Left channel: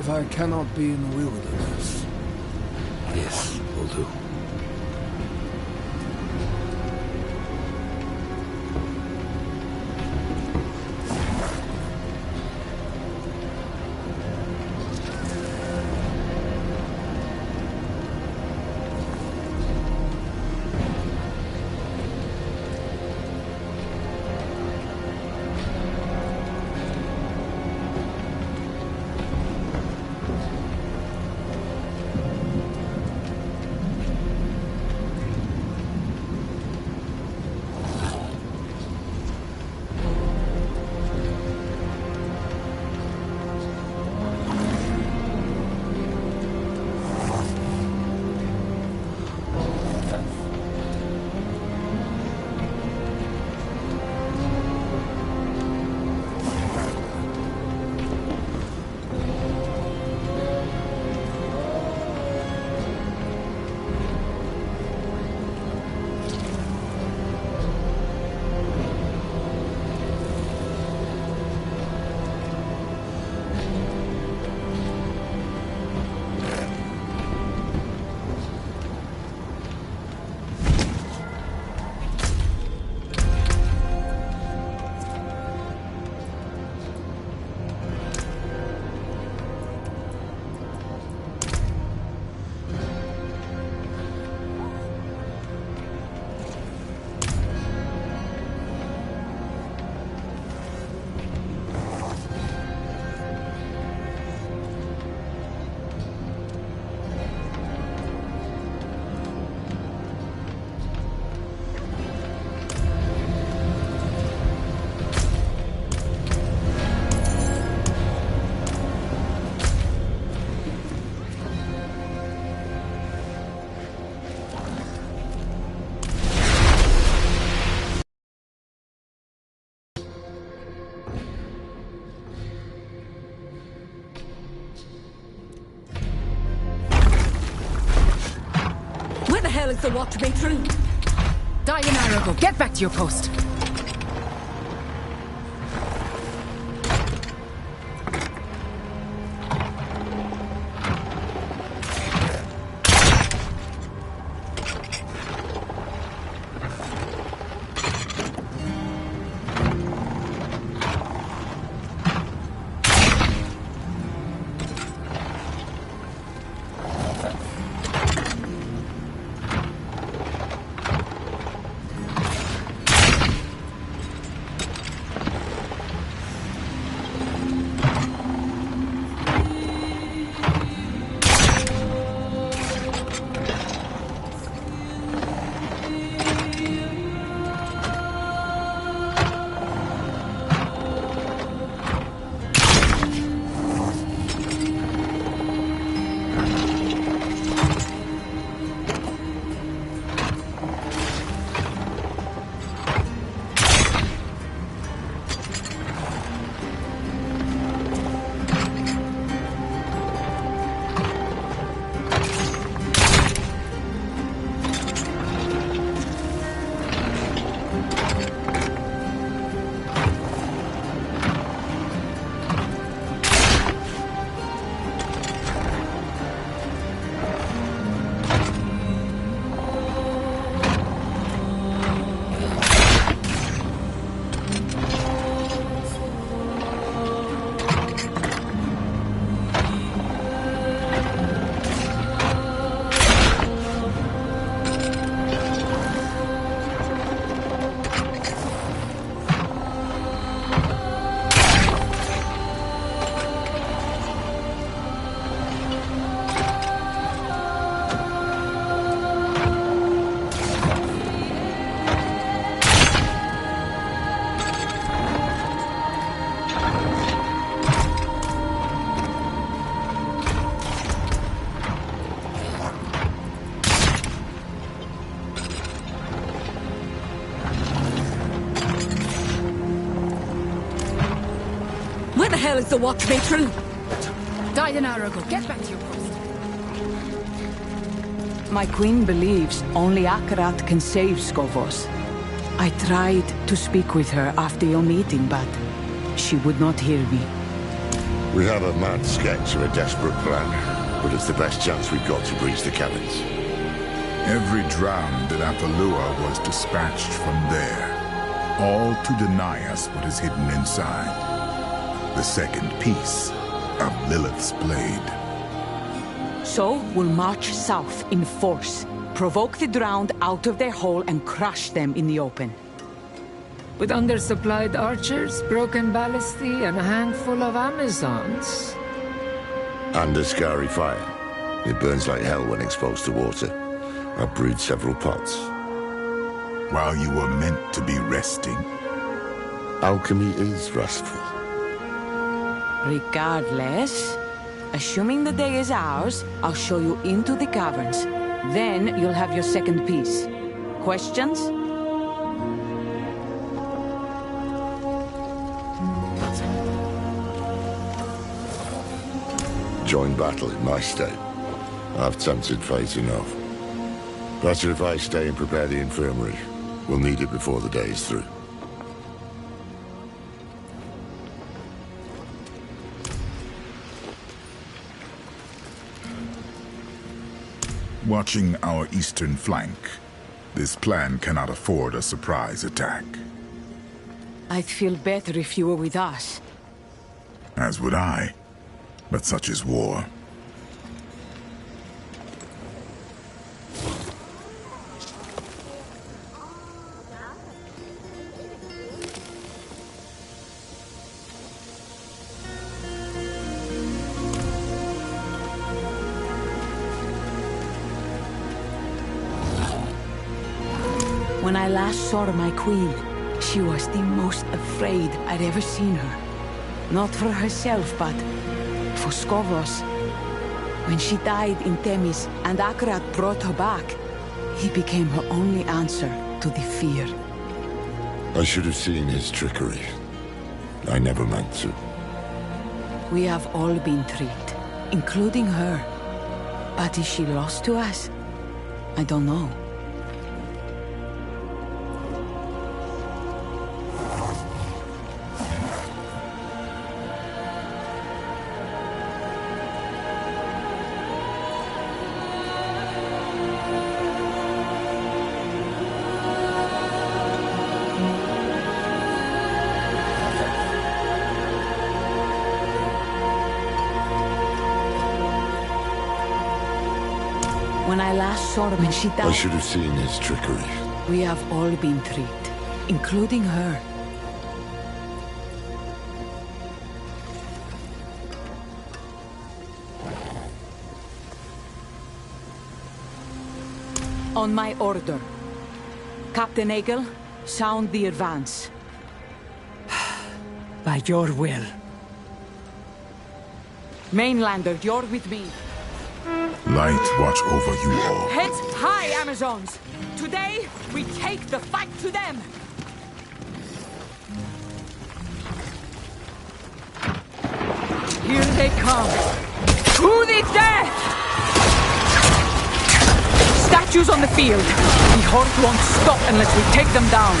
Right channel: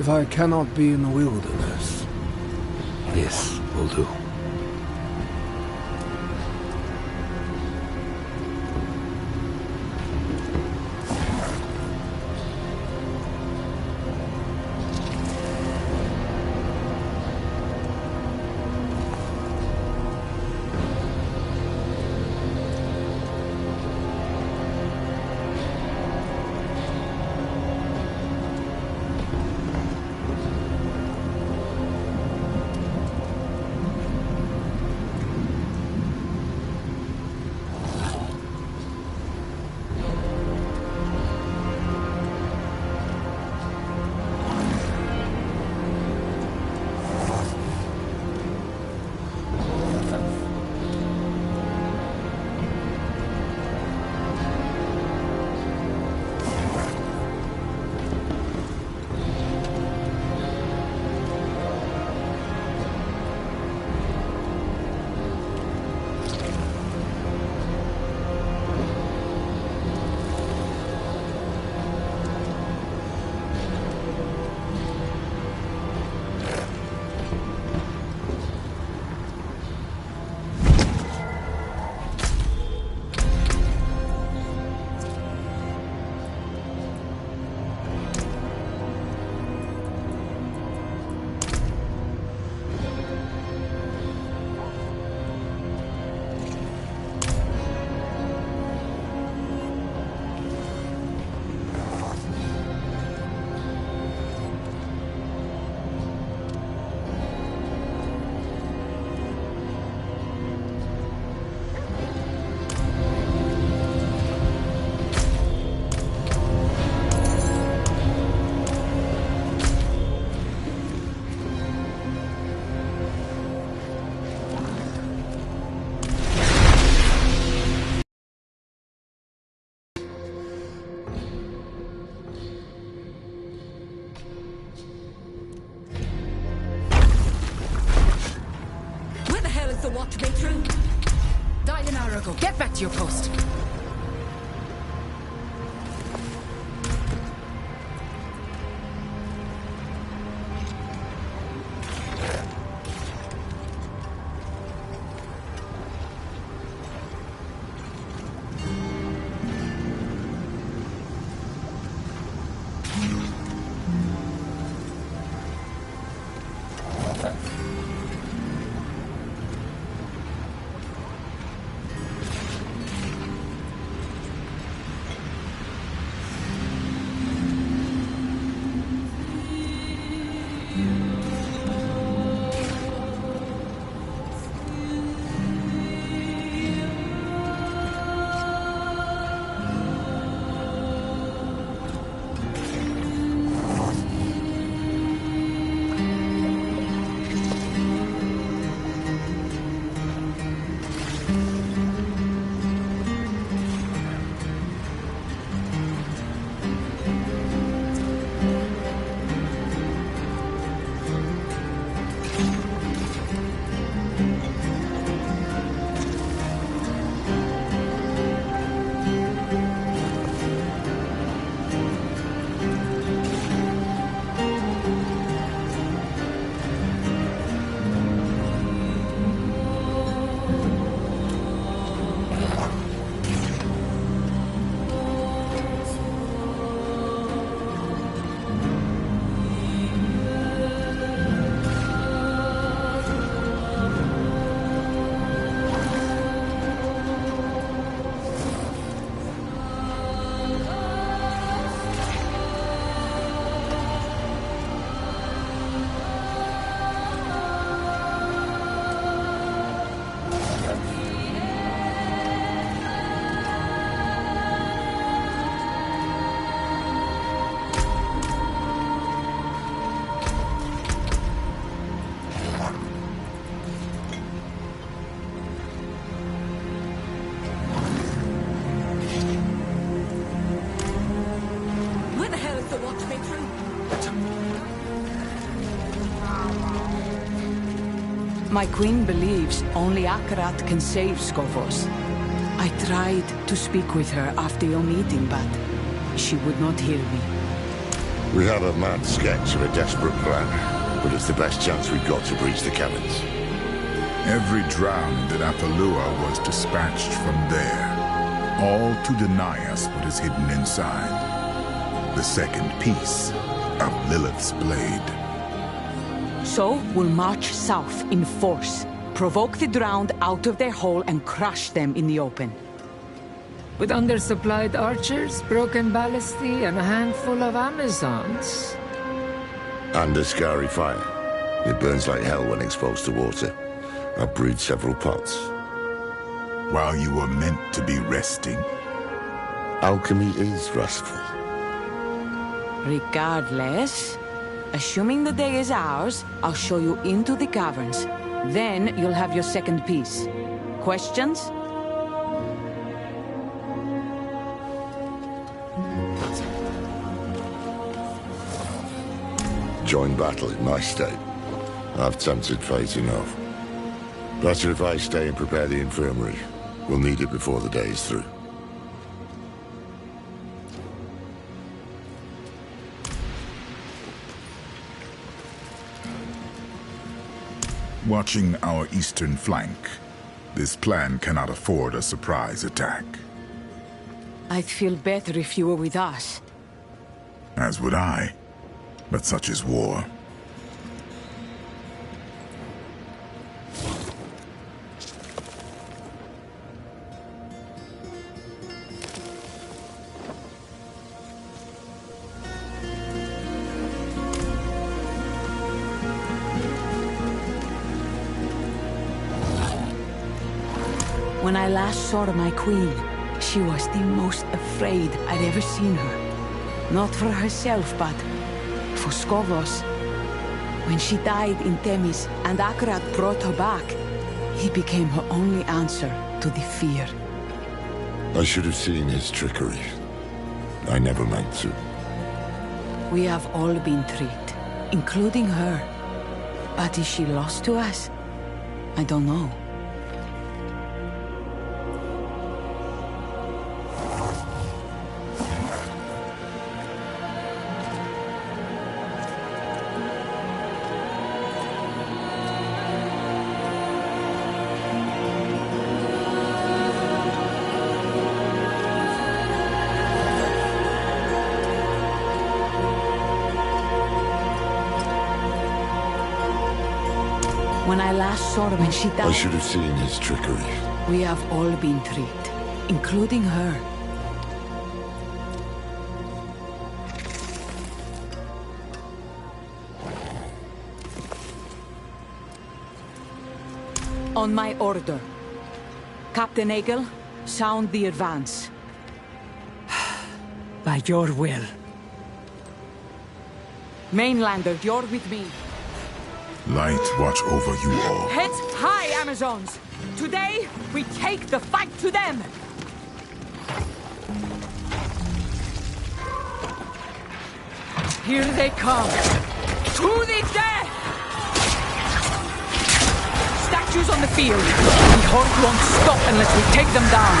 If I cannot be in the wilderness, this will do. The watch matron. Diane Arago, get back to your post. Where the hell is the watch matron? Diane Arago, get back here. My queen believes only Akarat can save Skovos. I tried to speak with her after your meeting, but she would not hear me. We have a mad sketch of a desperate plan, but it's the best chance we've got to breach the caverns. Every drowned in Apalua was dispatched from there, all to deny us what is hidden inside. The second piece of Lilith's blade. So we'll march south in force, provoke the drowned out of their hole and crush them in the open. With undersupplied archers, broken ballistae, and a handful of Amazons. And a scary fire. It burns like hell when exposed to water. I've brewed several pots. While you were meant to be resting. Alchemy is restful. Regardless, assuming the day is ours, I'll show you into the caverns. Then you'll have your second piece. Questions? Join battle in my state. I've tempted fate enough. Better if I stay and prepare the infirmary. We'll need it before the day is through. Watching our eastern flank, this plan cannot afford a surprise attack. I'd feel better if you were with us. As would I. But such is war. When I last saw my queen, she was the most afraid I'd ever seen her. Not for herself, but for Skovos. When she died in Themis and Akarat brought her back, he became her only answer to the fear. I should have seen his trickery. I never meant to. We have all been tricked, including her. But is she lost to us? I don't know. When I last saw her when she died... I should have seen his trickery. We have all been tricked, including her. On my order. Captain Egel, sound the advance. By your will. Mainlander, you're with me. Light watch over you all. Heads high, Amazons! Today, we take the fight to them! Here they come! To the death! Statues on the field! The Horde won't stop unless we take them down!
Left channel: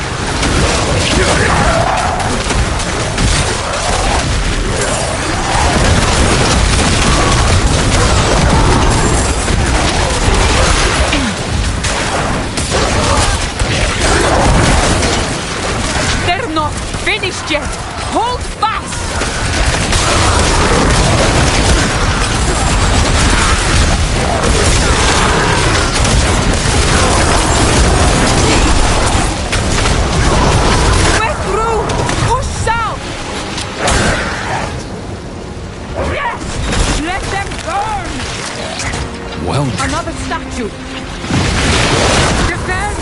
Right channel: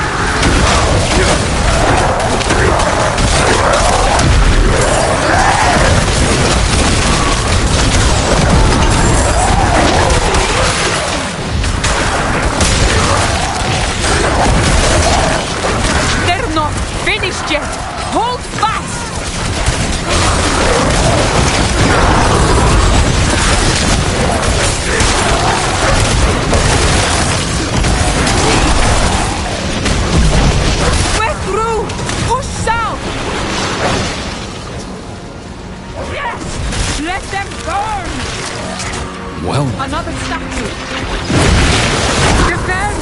They're not finished yet! Hold fast! We're through! Push south! Yes! Let them burn! Well, Another statue! Defend!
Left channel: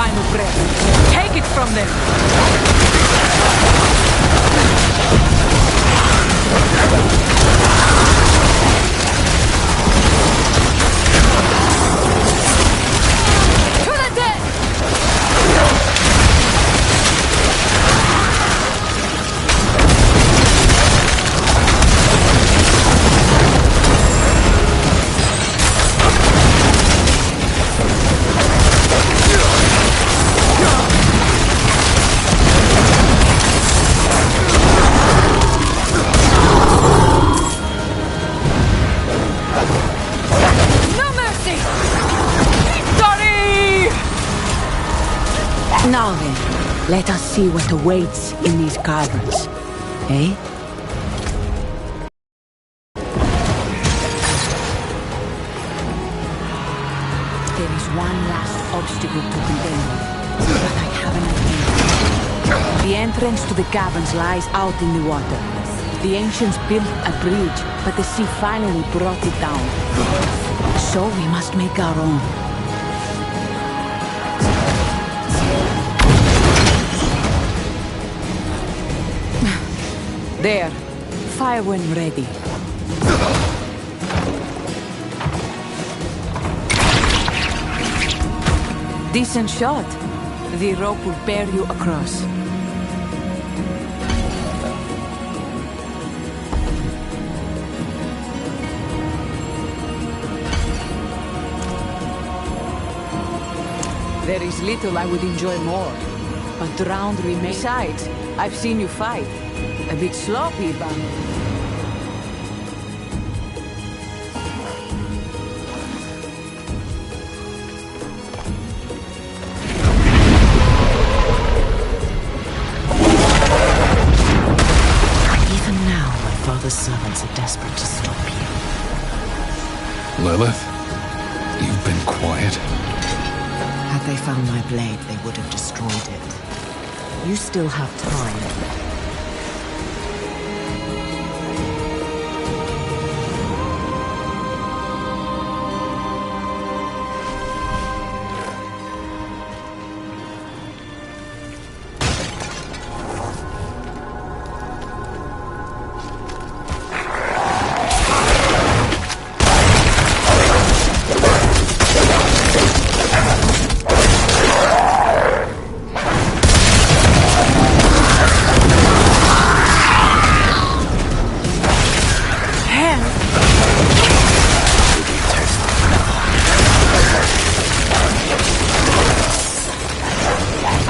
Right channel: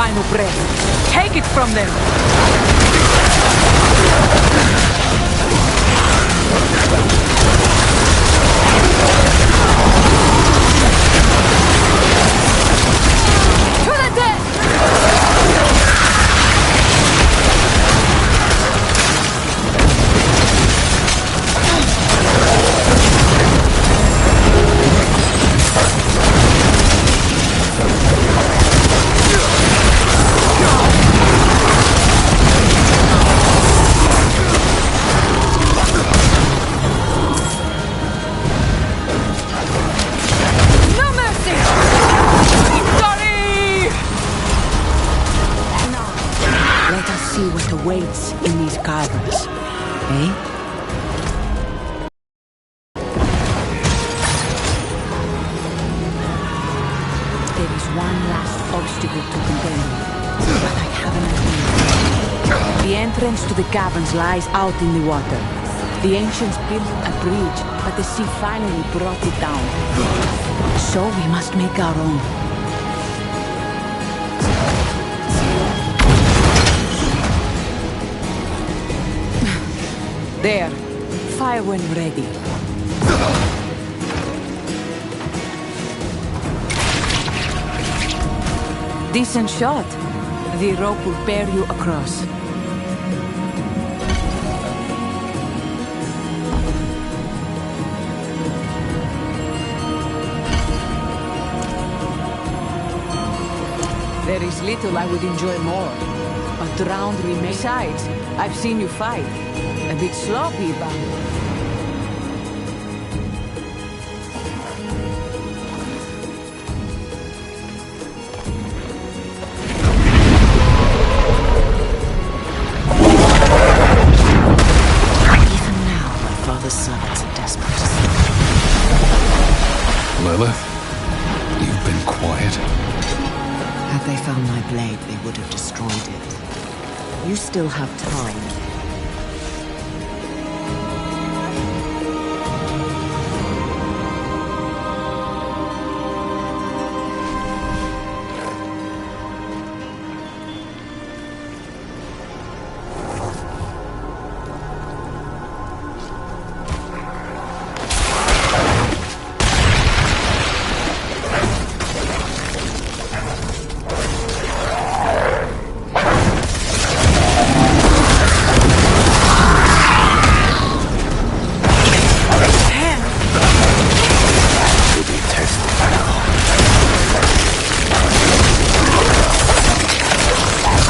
final breath. Take it from them! To the dead! No mercy! Victory! Now then, let us see what awaits in these caverns. Eh? There is one last obstacle to contend with, but I have an idea. The entrance to the caverns lies out in the water. The ancients built a bridge, but the sea finally brought it down. So we must make our own. There. Fire when ready. Decent shot. The rope will bear you across. There is little I would enjoy more, but drowned remains. Besides, I've seen you fight. A bit sloppy, but... Even now, my father's servants are desperate to stop me. Lilith, you've been quiet. Had they found my blade, they would have destroyed it. You still have time.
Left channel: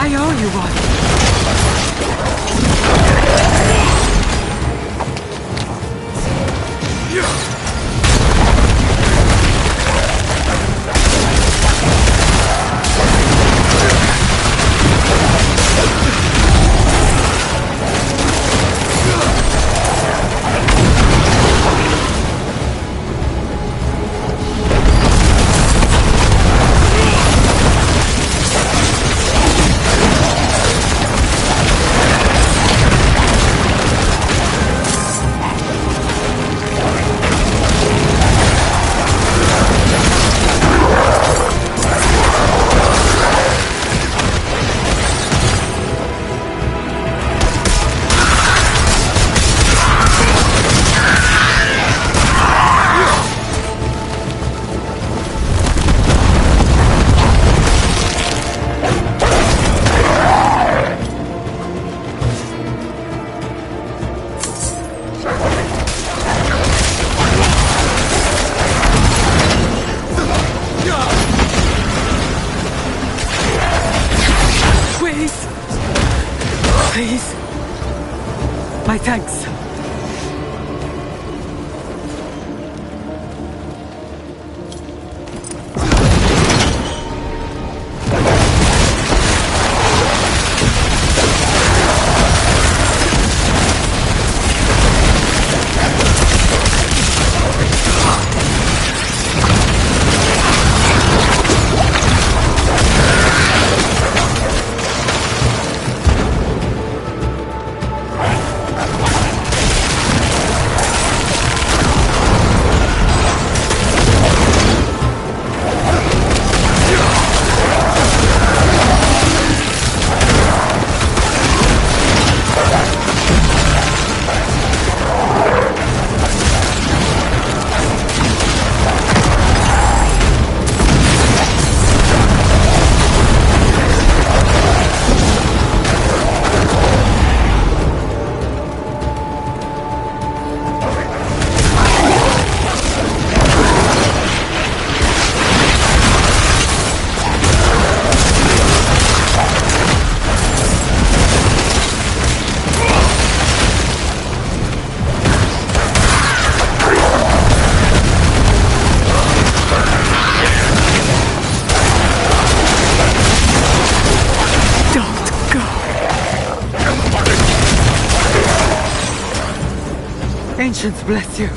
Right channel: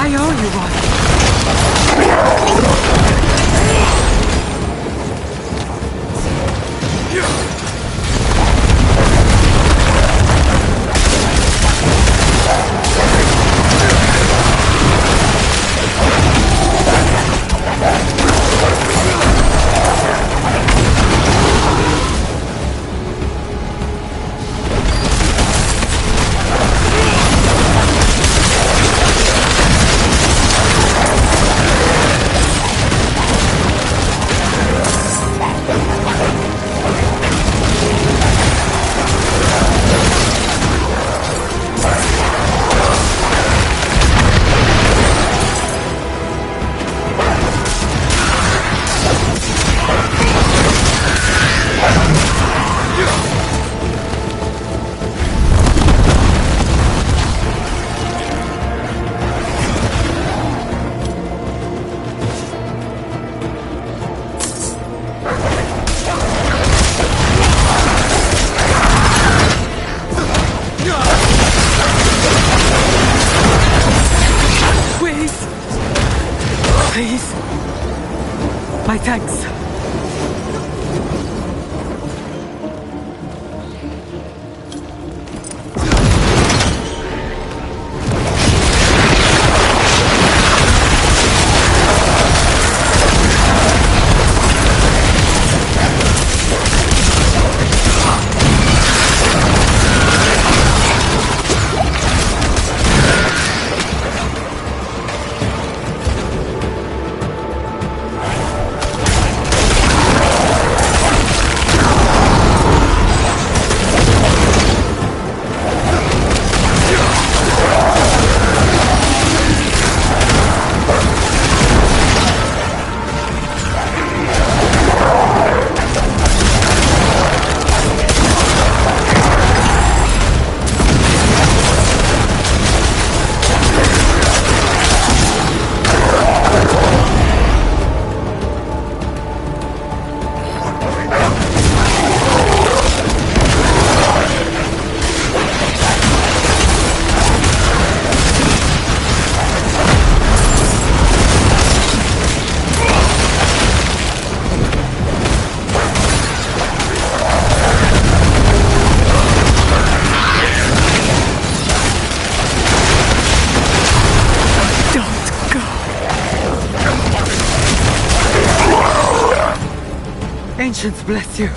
I owe you one. Please. My thanks. Ancients bless you.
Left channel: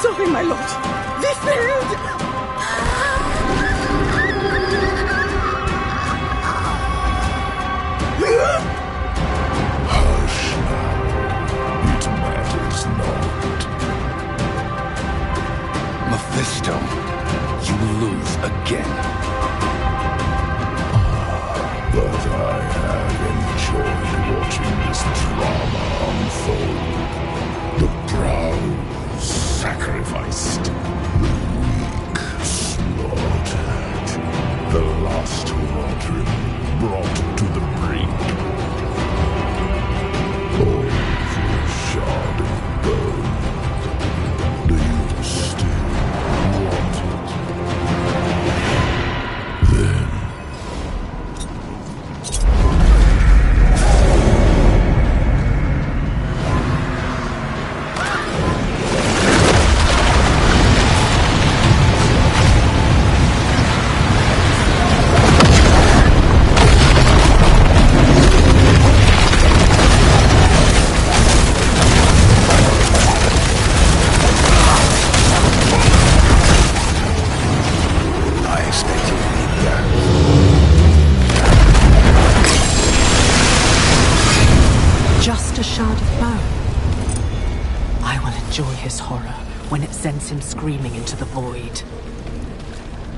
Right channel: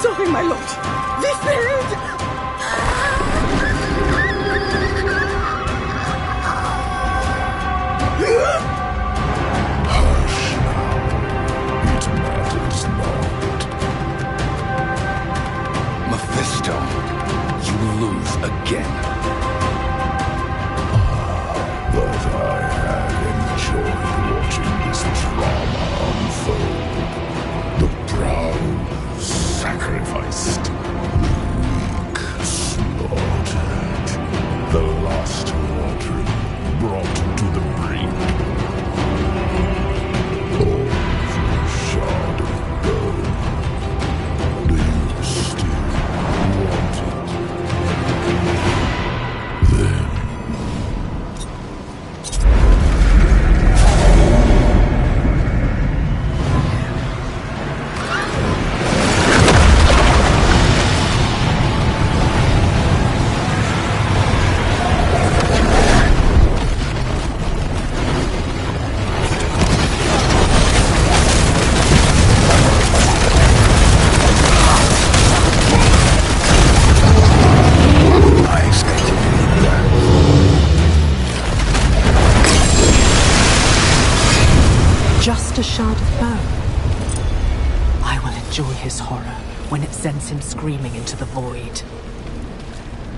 Sorry, my lord. We failed! Hush now. It matters not. Mephisto, you lose again. But I have enjoyed watching this drama unfold. The proud sacrificed, the weak slaughtered, the lost watering brought to the brink. All for a shard of bone. Do you still want it? Then a shard of bone. I will enjoy his horror when it sends him screaming into the void.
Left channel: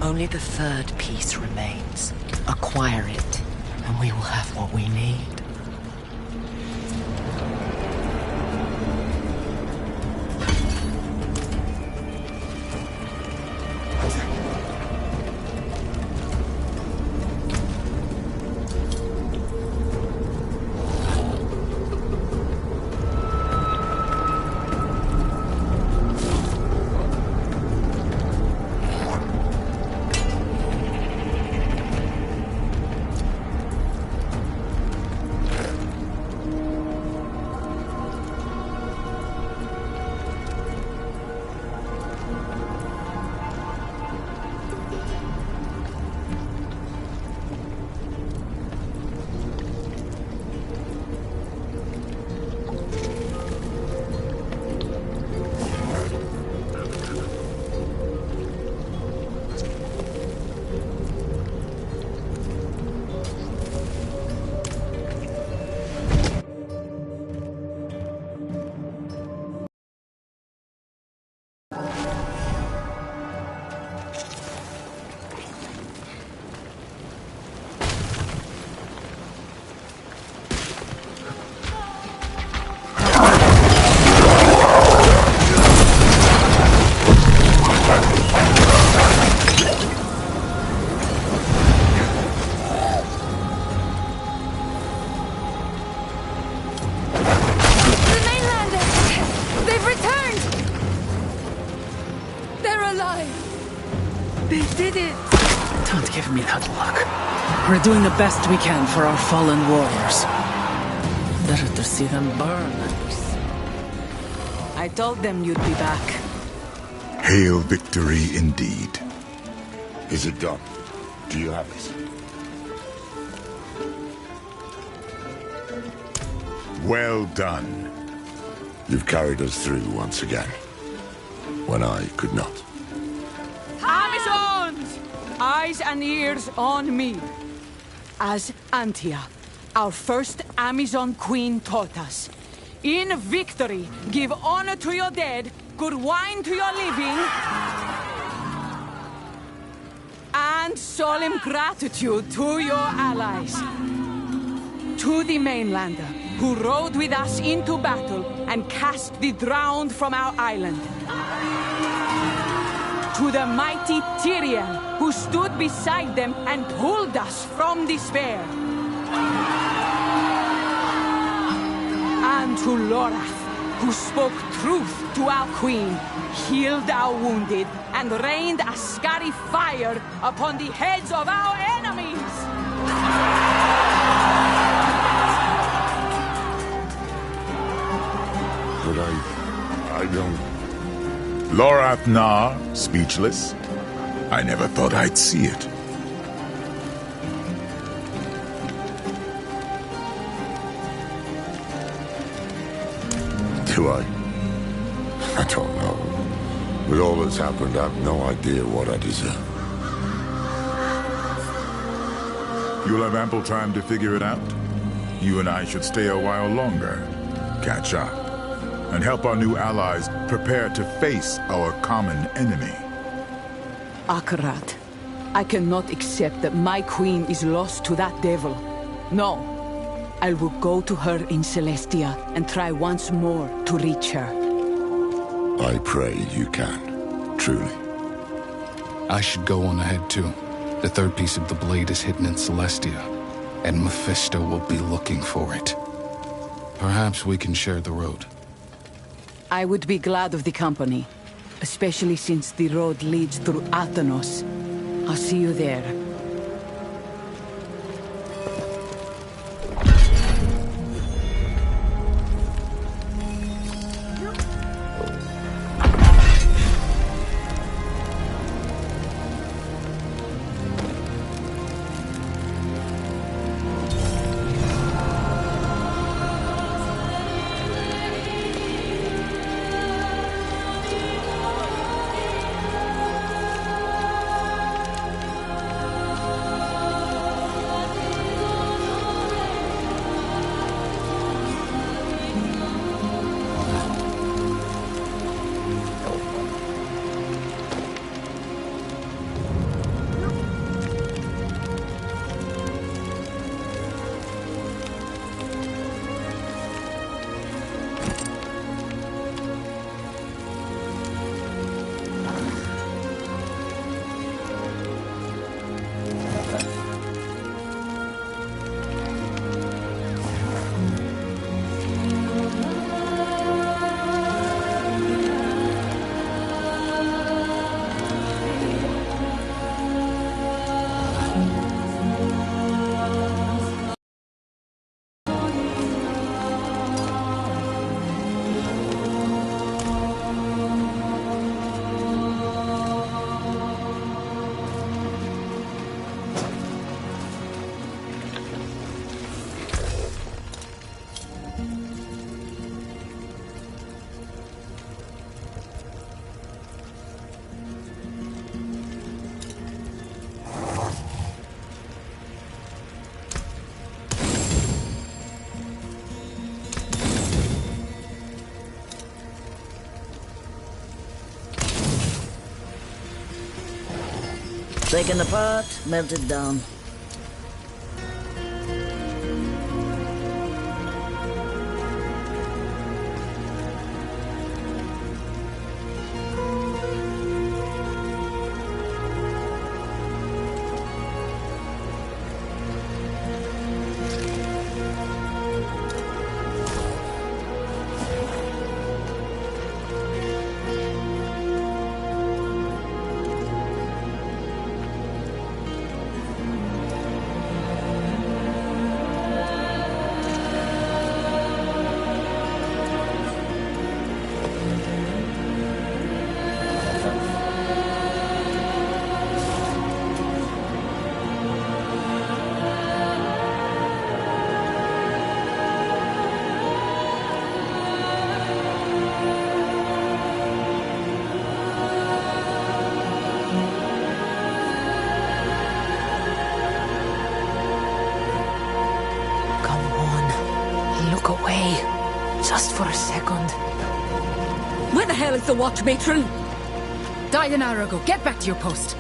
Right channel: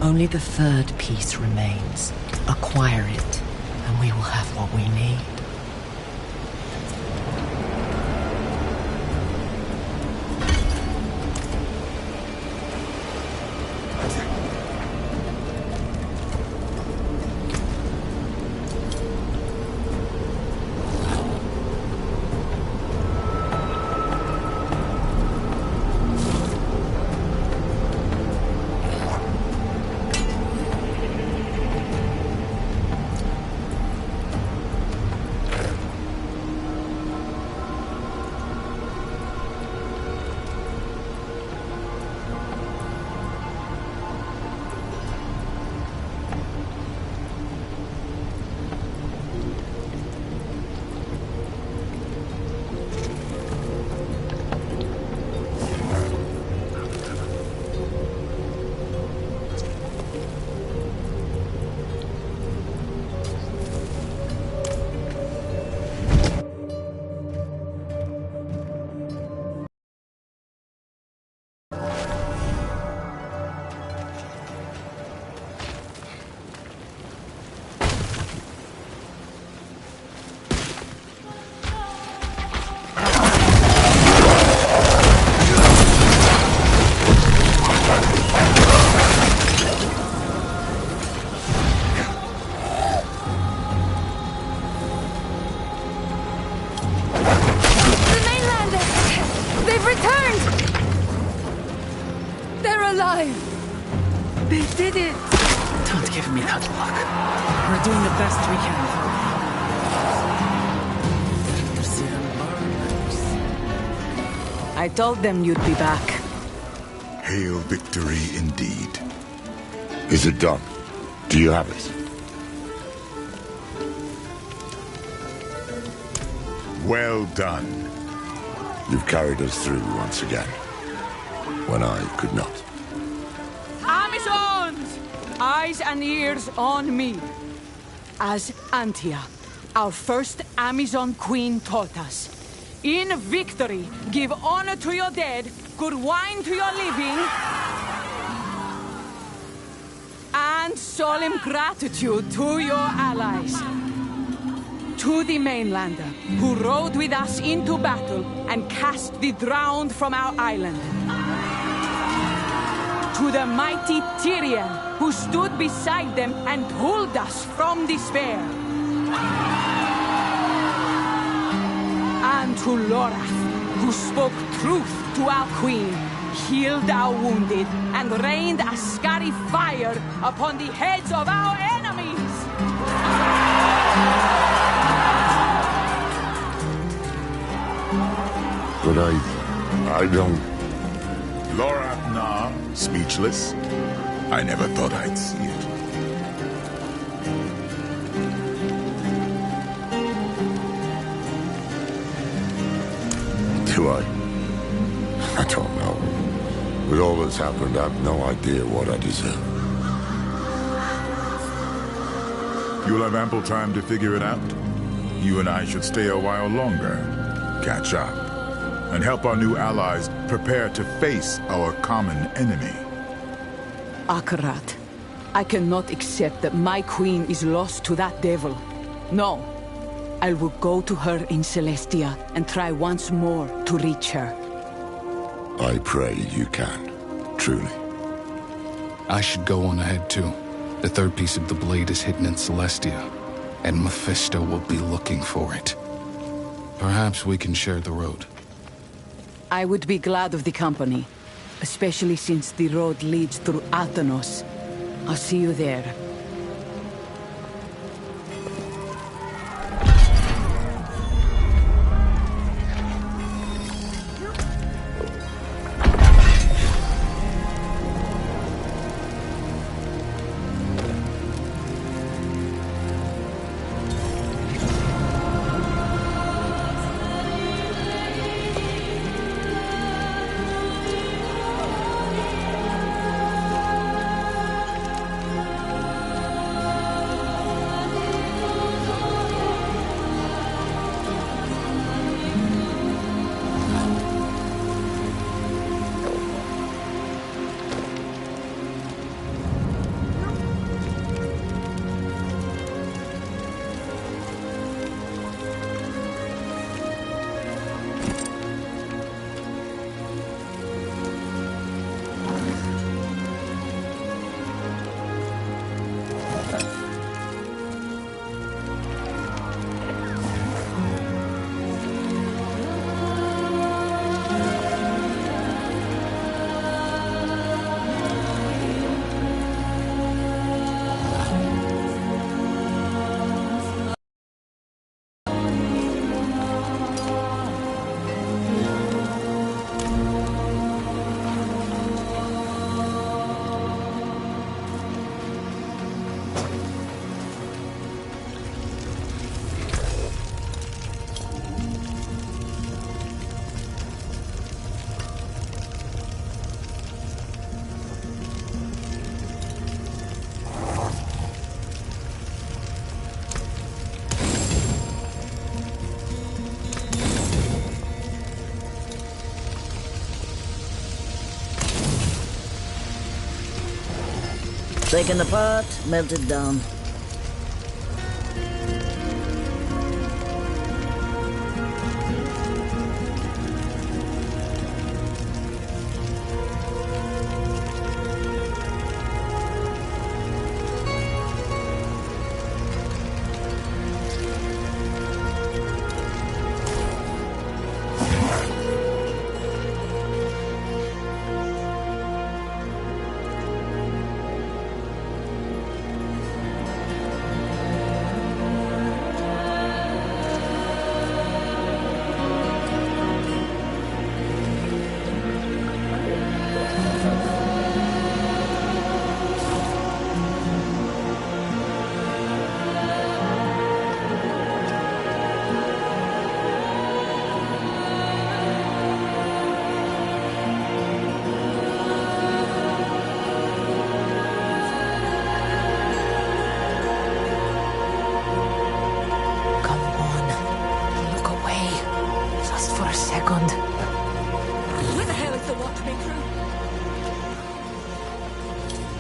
Only the third piece remains. Acquire it, and we will have what we need. alive! They did it! Don't give me that look. We're doing the best we can for our fallen warriors. Better to see them burn. I told them you'd be back. Hail victory indeed. Is it done? Do you have it? Well done. You've carried us through once again, when I could not. Amazons! Eyes and ears on me. As Antia, our first Amazon queen taught us, in victory, give honor to your dead, good wine to your living, and solemn gratitude to your allies. To the mainlander, who rode with us into battle and cast the drowned from our island. To the mighty Tyriel, who stood beside them and pulled us from despair. And to Lorath, who spoke truth to our queen, healed our wounded, and rained a scary fire upon the heads of our enemies! But I don't... Lorath Nar, speechless. I never thought I'd see it. Do I? I don't know. With all that's happened, I've no idea what I deserve. You'll have ample time to figure it out. You and I should stay a while longer, catch up, and help our new allies prepare to face our common enemy. Akarat, I cannot accept that my queen is lost to that devil. No. I will go to her in Celestia and try once more to reach her. I pray you can, truly. I should go on ahead too. The third piece of the blade is hidden in Celestia, and Mephisto will be looking for it. Perhaps we can share the road. I would be glad of the company, especially since the road leads through Athenos. I'll see you there. Taken apart, melted down. second. Where the hell is the watch matron? Dianarago, get back to your post.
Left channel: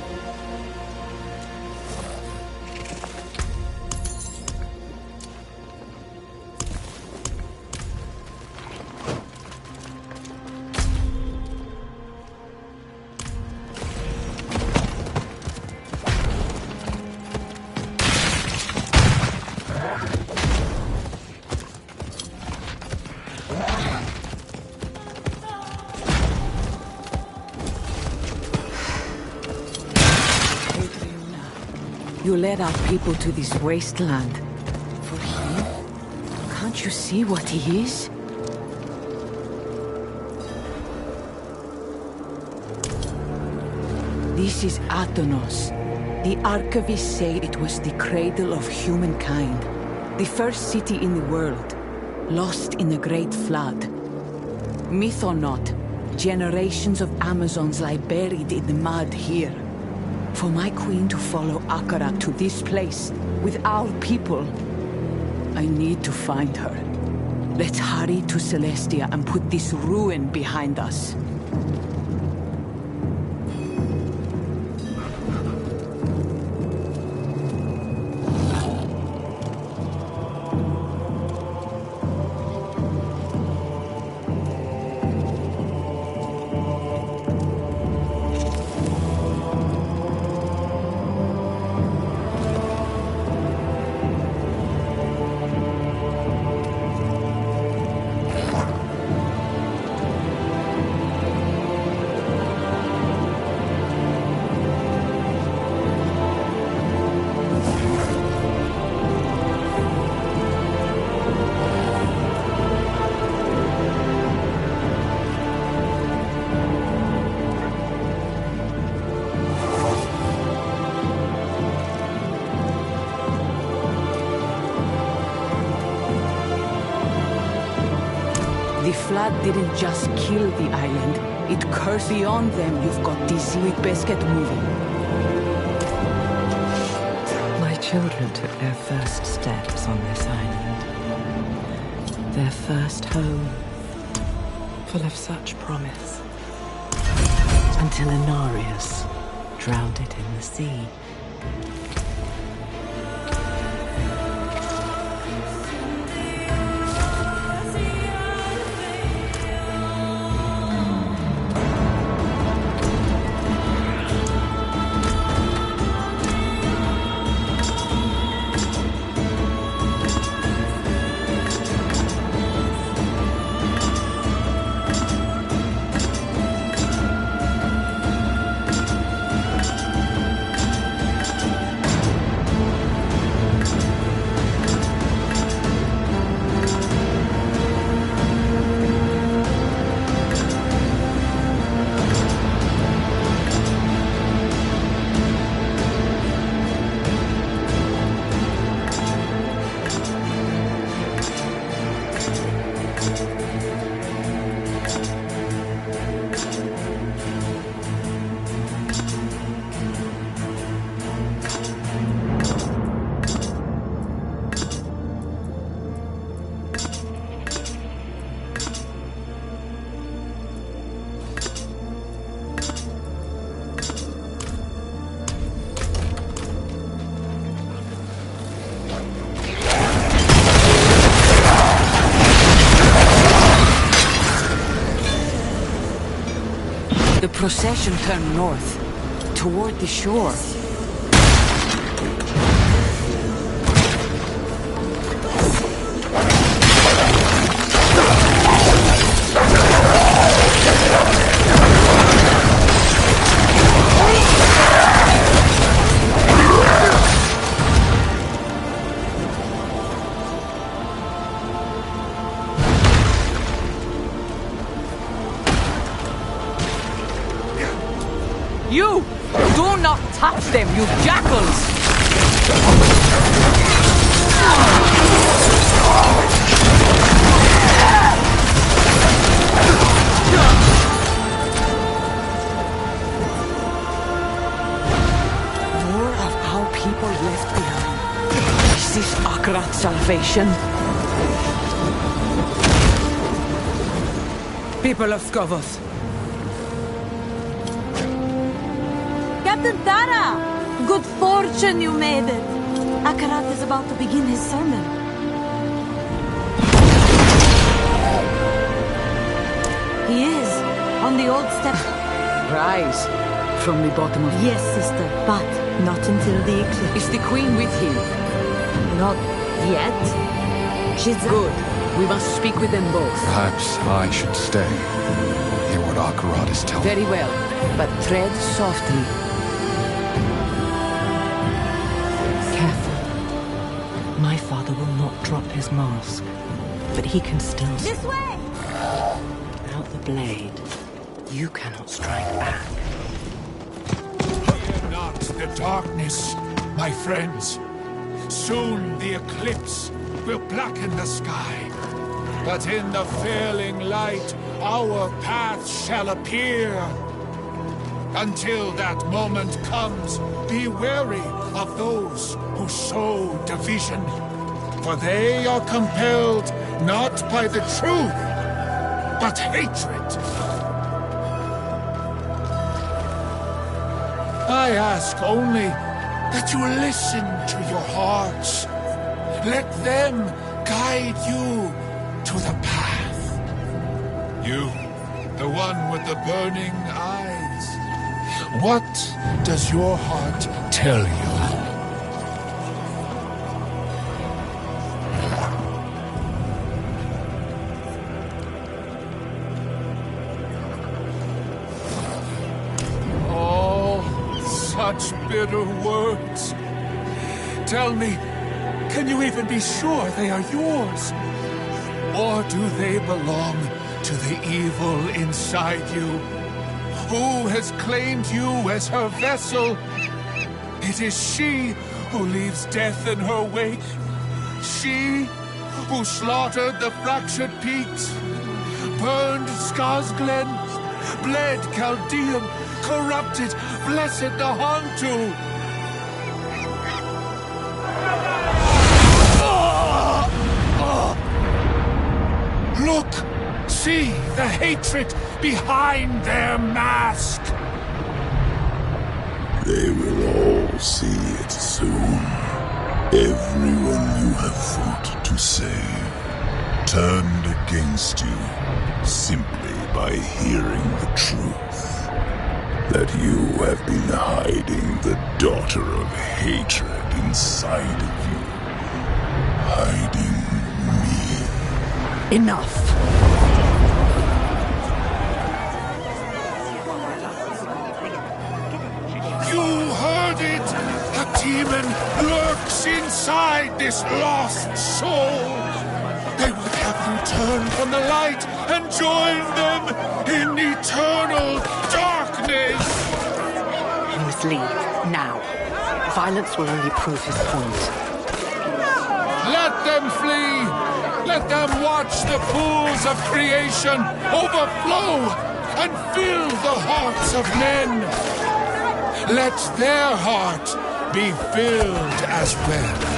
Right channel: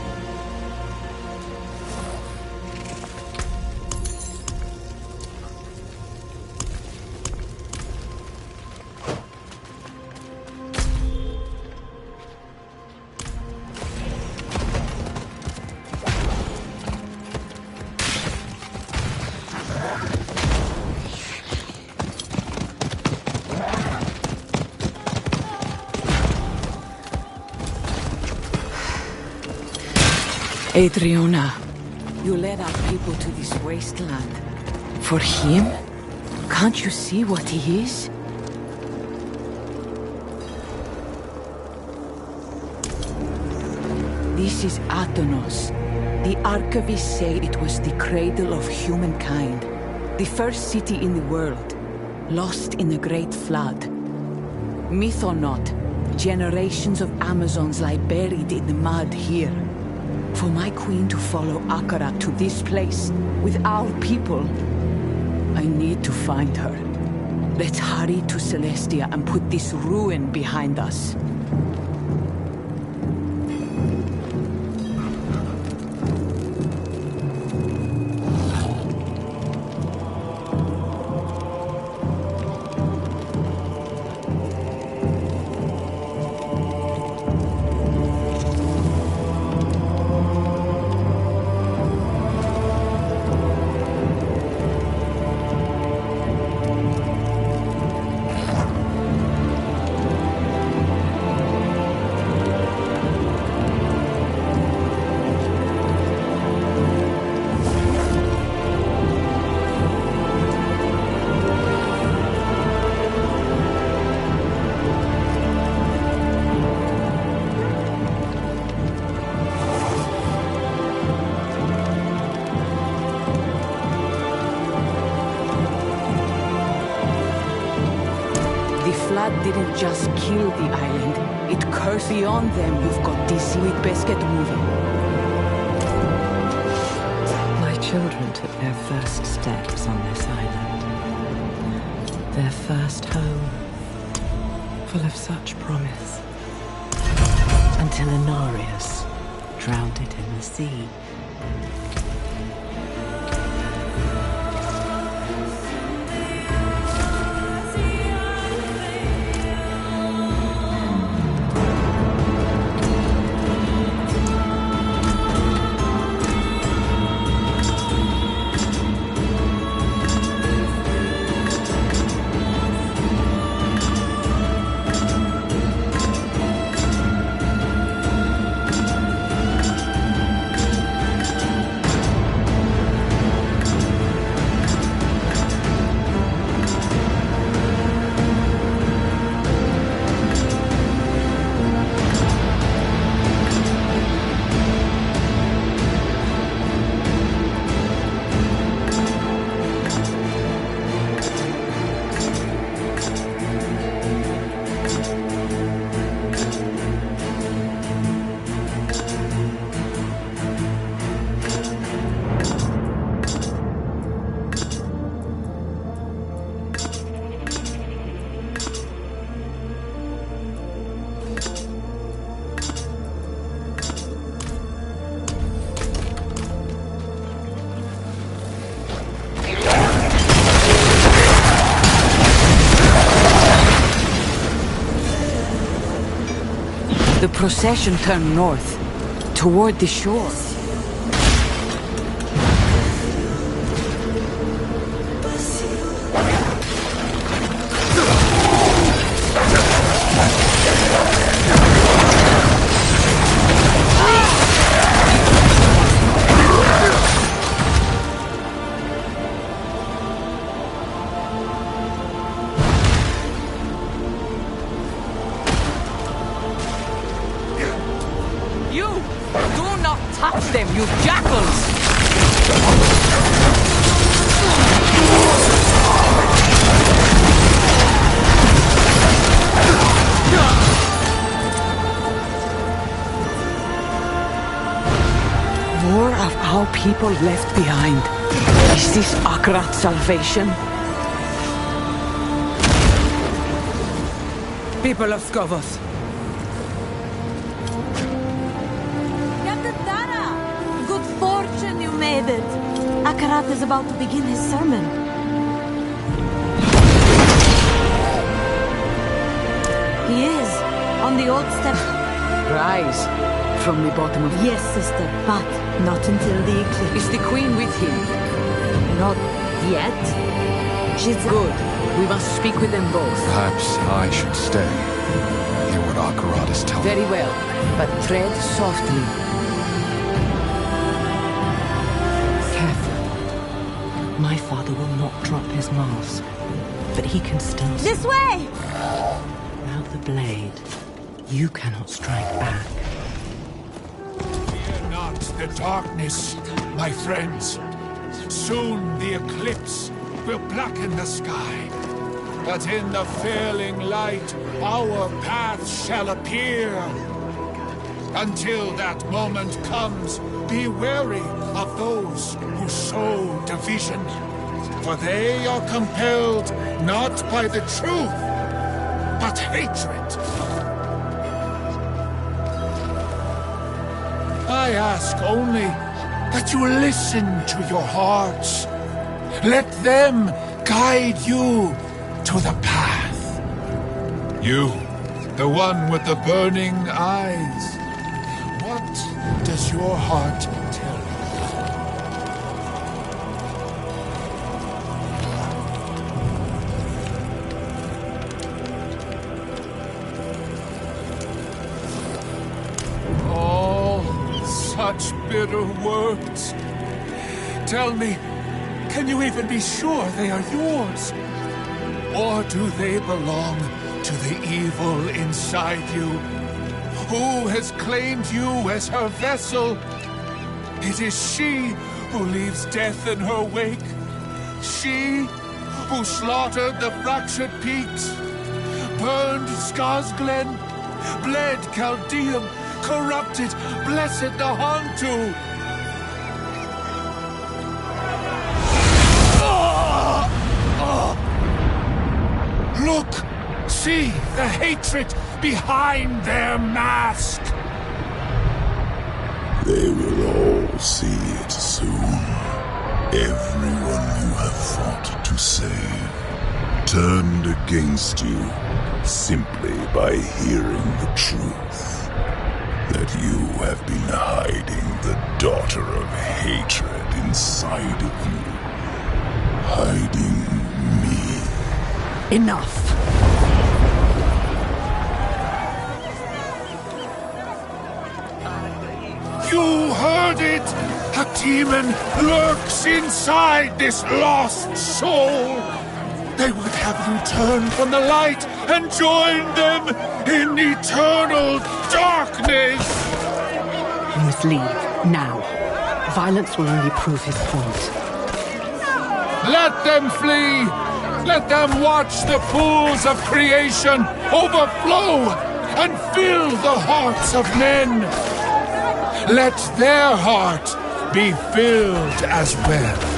Adriana, you led our people to this wasteland. For him? Can't you see what he is? This is Athenos. The archivists say it was the cradle of humankind. The first city in the world, lost in the Great Flood. Myth or not, generations of Amazons lie buried in the mud here. For my queen to follow Akara to this place, with our people, I need to find her. Let's hurry to Celestia and put this ruin behind us. The flood didn't just kill the island, it cursed beyond them. You've got this with Biscuit moving. My children took their first steps on this island. Their first home, full of such promise. Until Inarius drowned it in the sea. The procession turned north, toward the shore. You! Do not touch them, you jackals! More of our people left behind. Is this Akrat's salvation? People of Skovos. Captain Tara! Good fortune you made it. Akarat is about to begin his sermon. He is, on the old step. Rise from the bottom of... Yes, sister, but not until the eclipse. Is the Queen with him? Not yet. She's... Good. We must speak with them both. Perhaps I should stay. Hear what Akarat is telling. Very well, but tread softly. Careful. My father will not drop his mask, but he can still... This way! Without the blade, you cannot strike back. Fear not the darkness, my friends. Soon the eclipse will blacken the sky. But in the failing light, our path shall appear. Until that moment comes, be wary of those who sow division. For they are compelled not by the truth, but hatred. I ask only that you listen to your hearts. Let them guide you to the path. You, the one with the burning eyes. What does your heart tell you? Such bitter words. Tell me, can you even be sure they are yours? Or do they belong to the evil inside you? Who has claimed you as her vessel? It is she who leaves death in her wake. She who slaughtered the fractured peaks, burned Skarsglen, bled Chaldeum, corrupted Blessed the Hantu. Look! See the hatred behind their mask! They will all see it soon. Everyone you have fought to save turned against you simply by hearing the truth. That you have been hiding the daughter of hatred inside of you. Hiding me. Enough! You heard it! A demon lurks inside this lost soul! They would have you turn from the light and join them in eternal darkness! You must leave, now. Violence will only prove his point. Let them flee! Let them watch the pools of creation overflow and fill the hearts of men! Let their heart be filled as well.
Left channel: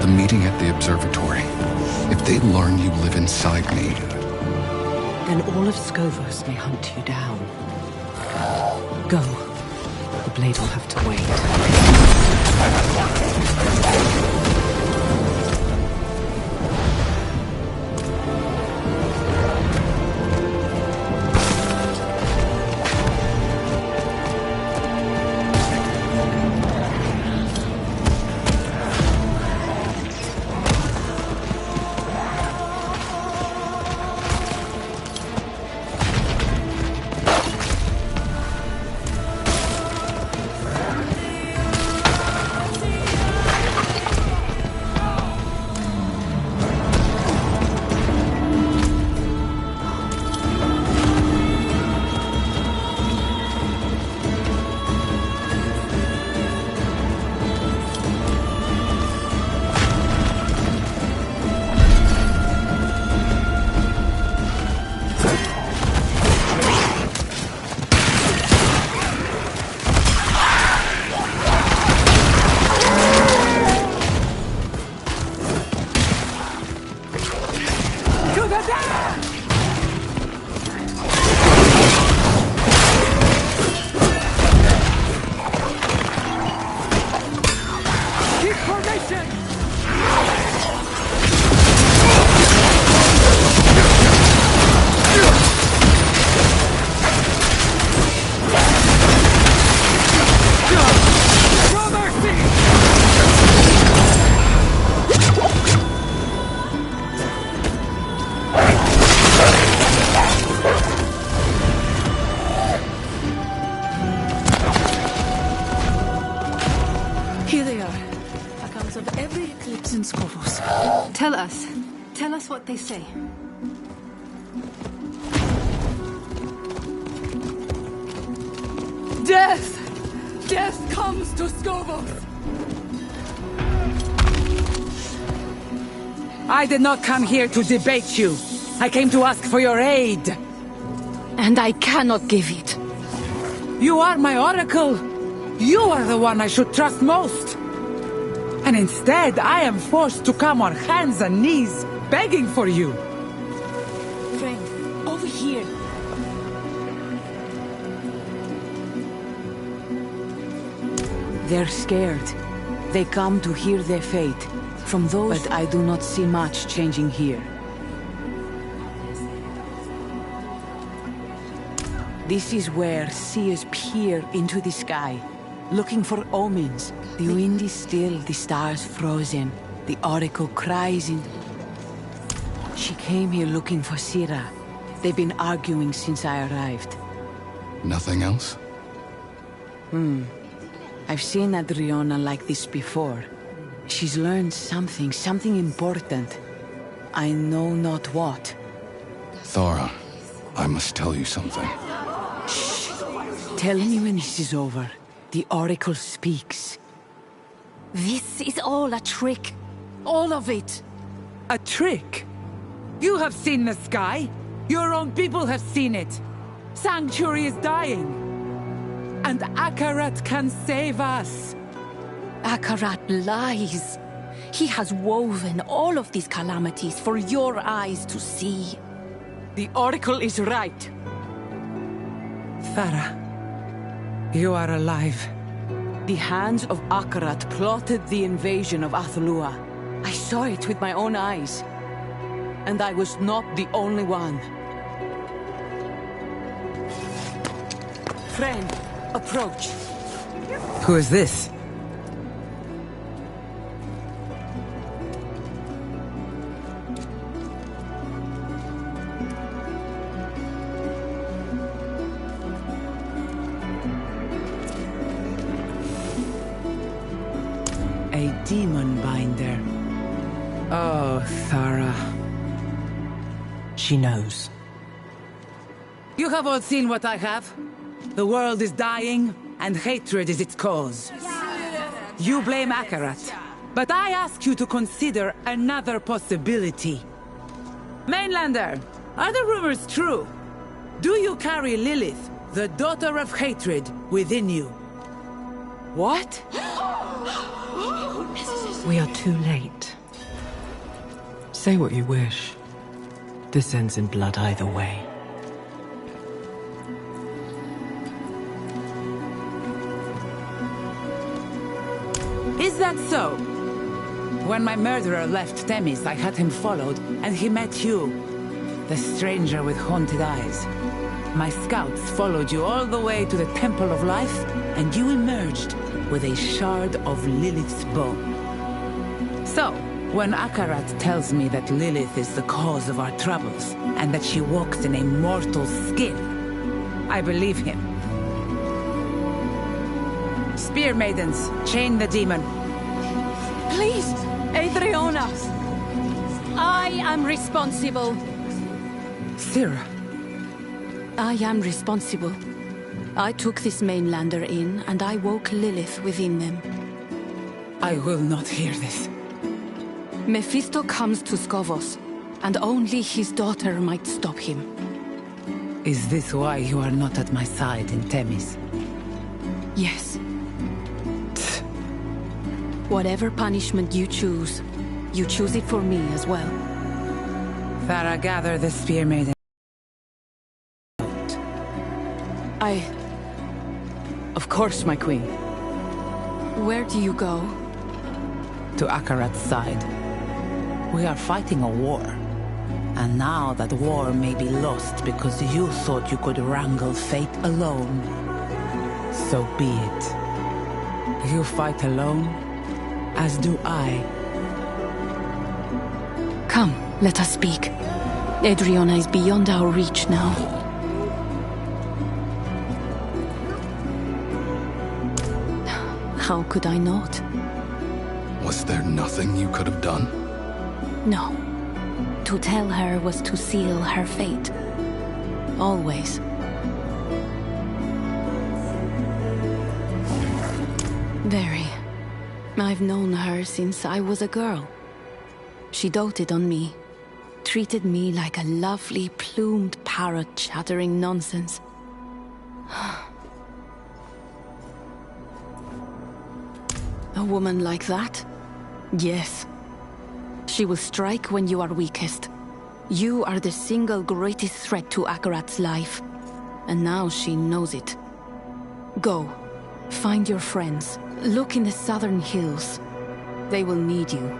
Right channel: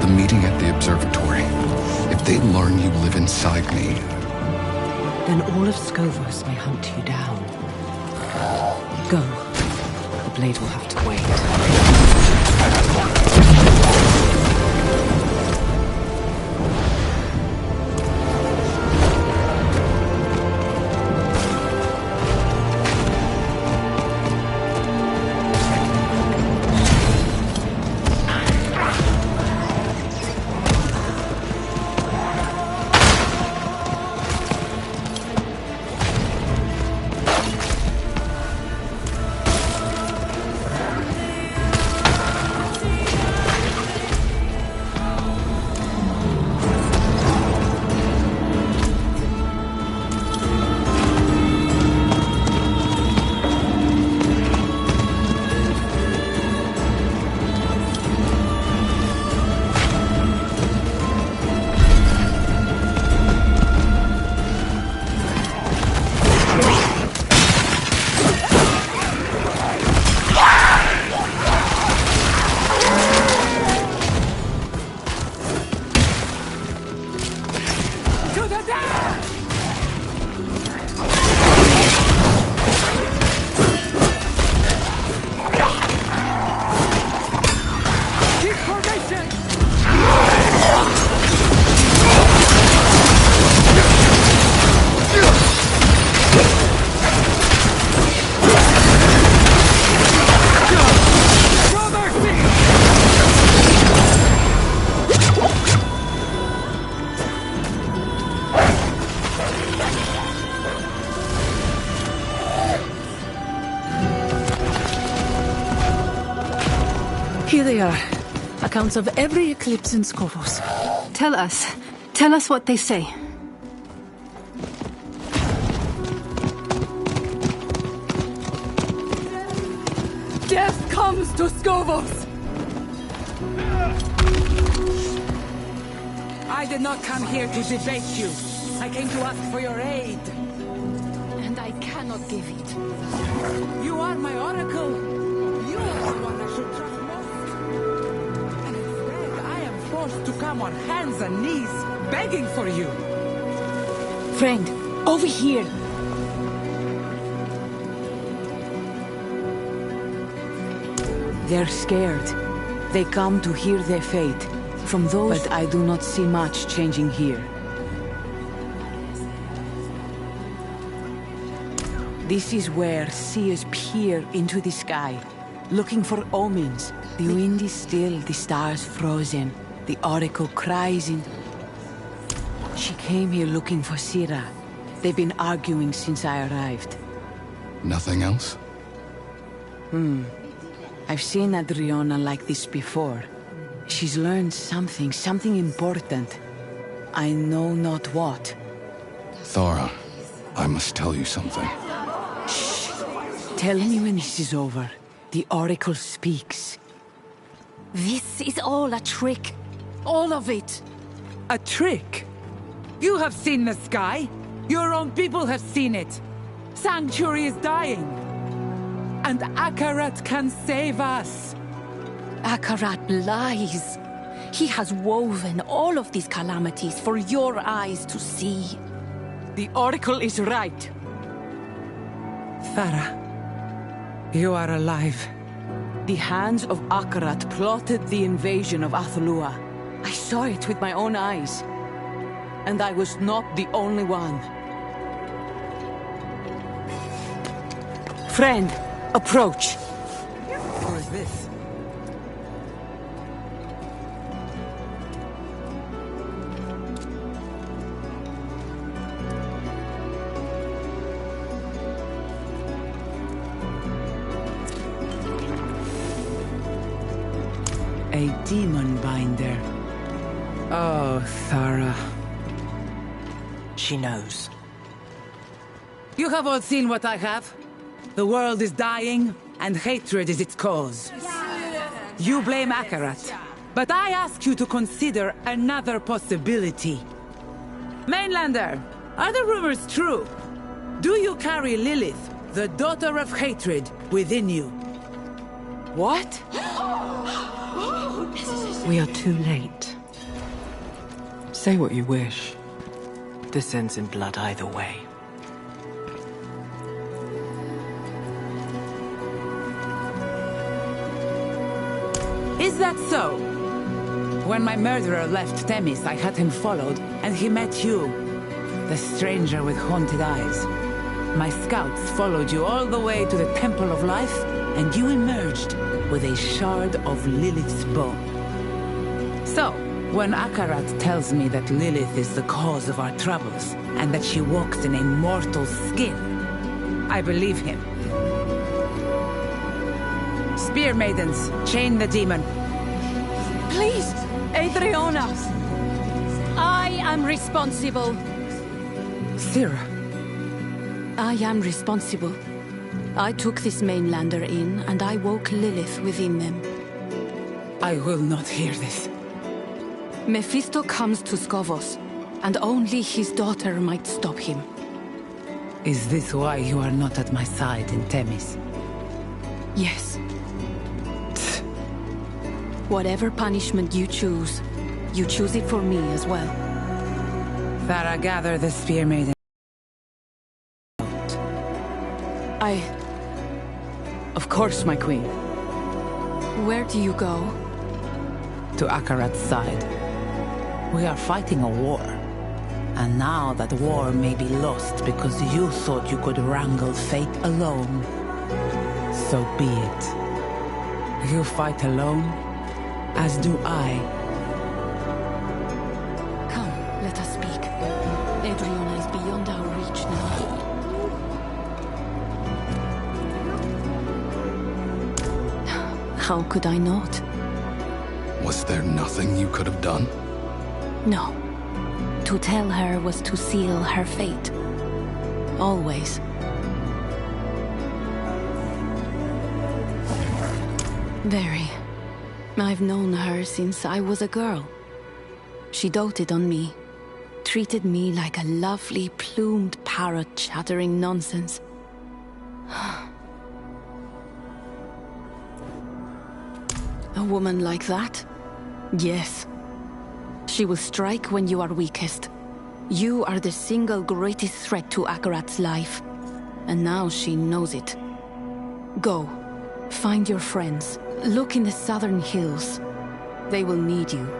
The meeting at the observatory. If they learn you live inside me... Then all of Skovos may hunt you down. Go. The blade will have to wait. Here they are. Accounts of every eclipse in Skovos. Tell us what they say. Death! Death comes to Skovos! I did not come here to debate you. I came to ask for your aid. And I cannot give it. You are my oracle. You are the one I should trust most. And instead, I am forced to come on hands and knees, begging for you. Friend, over here. They're scared. They come to hear their fate from those... But I do not see much changing here. This is where seers peer into the sky, looking for omens. The wind is still, the stars frozen. The oracle cries in... She came here looking for Sira. They've been arguing since I arrived. Nothing else? I've seen Adriana like this before. She's learned something important. I know not what. Thora, I must tell you something. Shh. Tell me when this is over. The oracle speaks. This is all a trick. All of it. A trick? You have seen the sky. Your own people have seen it. Sanctuary is dying. And Akarat can save us. Akarat lies. He has woven all of these calamities for your eyes to see. The oracle is right. Thara, you are alive. The hands of Akarat plotted the invasion of Athalua. I saw it with my own eyes. And I was not the only one. Friend, approach. Who is this? A demon binder. Oh, Thara. She knows. You have all seen what I have. The world is dying, and hatred is its cause. You blame Akarat, but I ask you to consider another possibility. Mainlander, are the rumors true? Do you carry Lilith, the daughter of hatred, within you? What? We are too late. Say what you wish. This ends in blood either way. that so? When my murderer left Themis, I had him followed, and he met you. The stranger with haunted eyes. My scouts followed you all the way to the Temple of Life, and you emerged with a shard of Lilith's bone. So, when Akarat tells me that Lilith is the cause of our troubles, and that she walks in a mortal skin, I believe him. Spear maidens, chain the demon. Please, Adriana. I am responsible. Sira. I am responsible. I took this mainlander in, and I woke Lilith within them. I will not hear this. Mephisto comes to Skovos, and only his daughter might stop him. Is this why you are not at my side in Themis? Yes. Whatever punishment you choose it for me as well. Thara, gather the spear maiden. Of course, my queen. Where do you go? To Akarat's side. We are fighting a war. And now that war may be lost because you thought you could wrangle fate alone. So be it. You fight alone, as do I. Come, let us speak. Adriana is beyond our reach now. How could I not? Was there nothing you could have done? No. To tell her was to seal her fate. Always. Very. I've known her since I was a girl. She doted on me. Treated me like a lovely, plumed parrot chattering nonsense. A woman like that? Yes. She will strike when you are weakest. You are the single greatest threat to Akarat's life. And now she knows it. Go. Find your friends. Look in the southern hills. They will need you.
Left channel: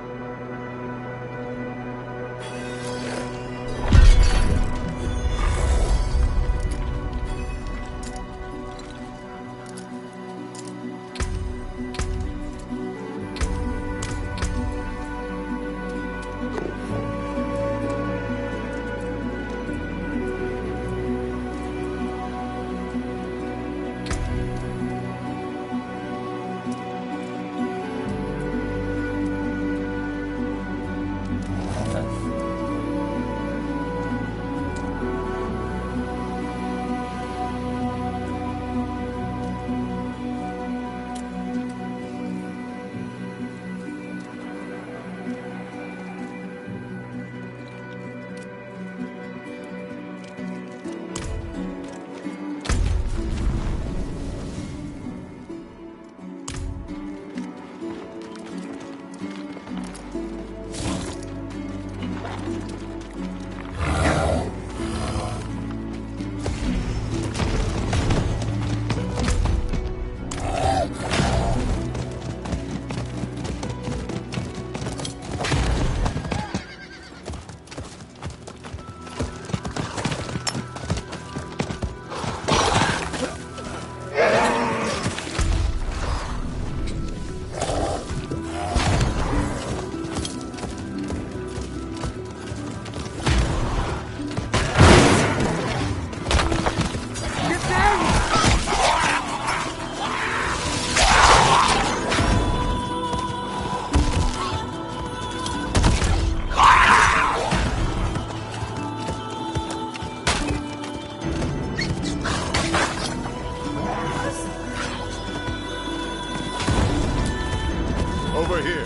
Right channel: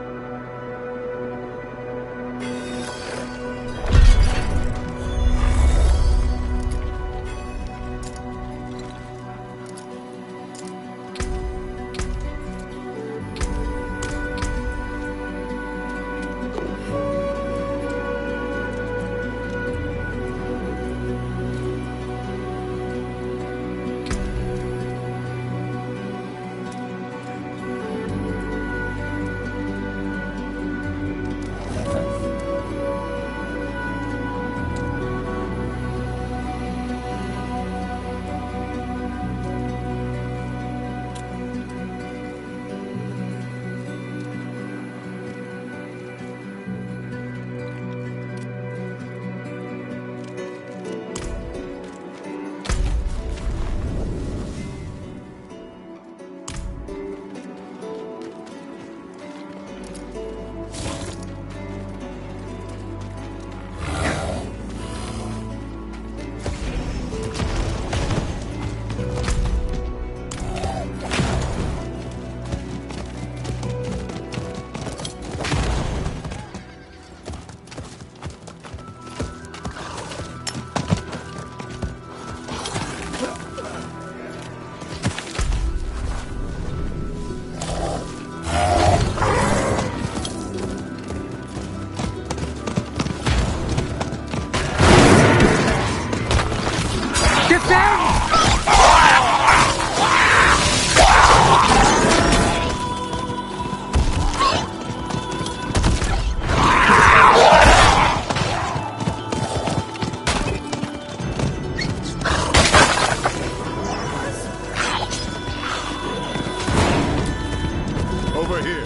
Over here.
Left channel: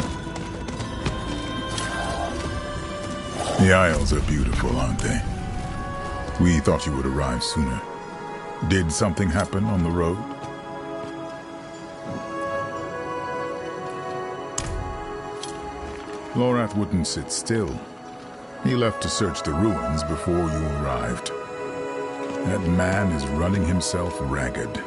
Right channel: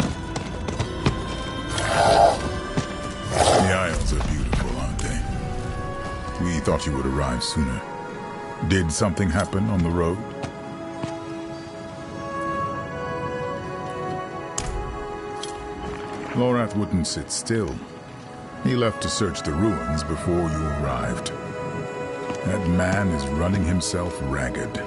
The Isles are beautiful, aren't they? We thought you would arrive sooner. Did something happen on the road? Lorath wouldn't sit still. He left to search the ruins before you arrived. That man is running himself ragged.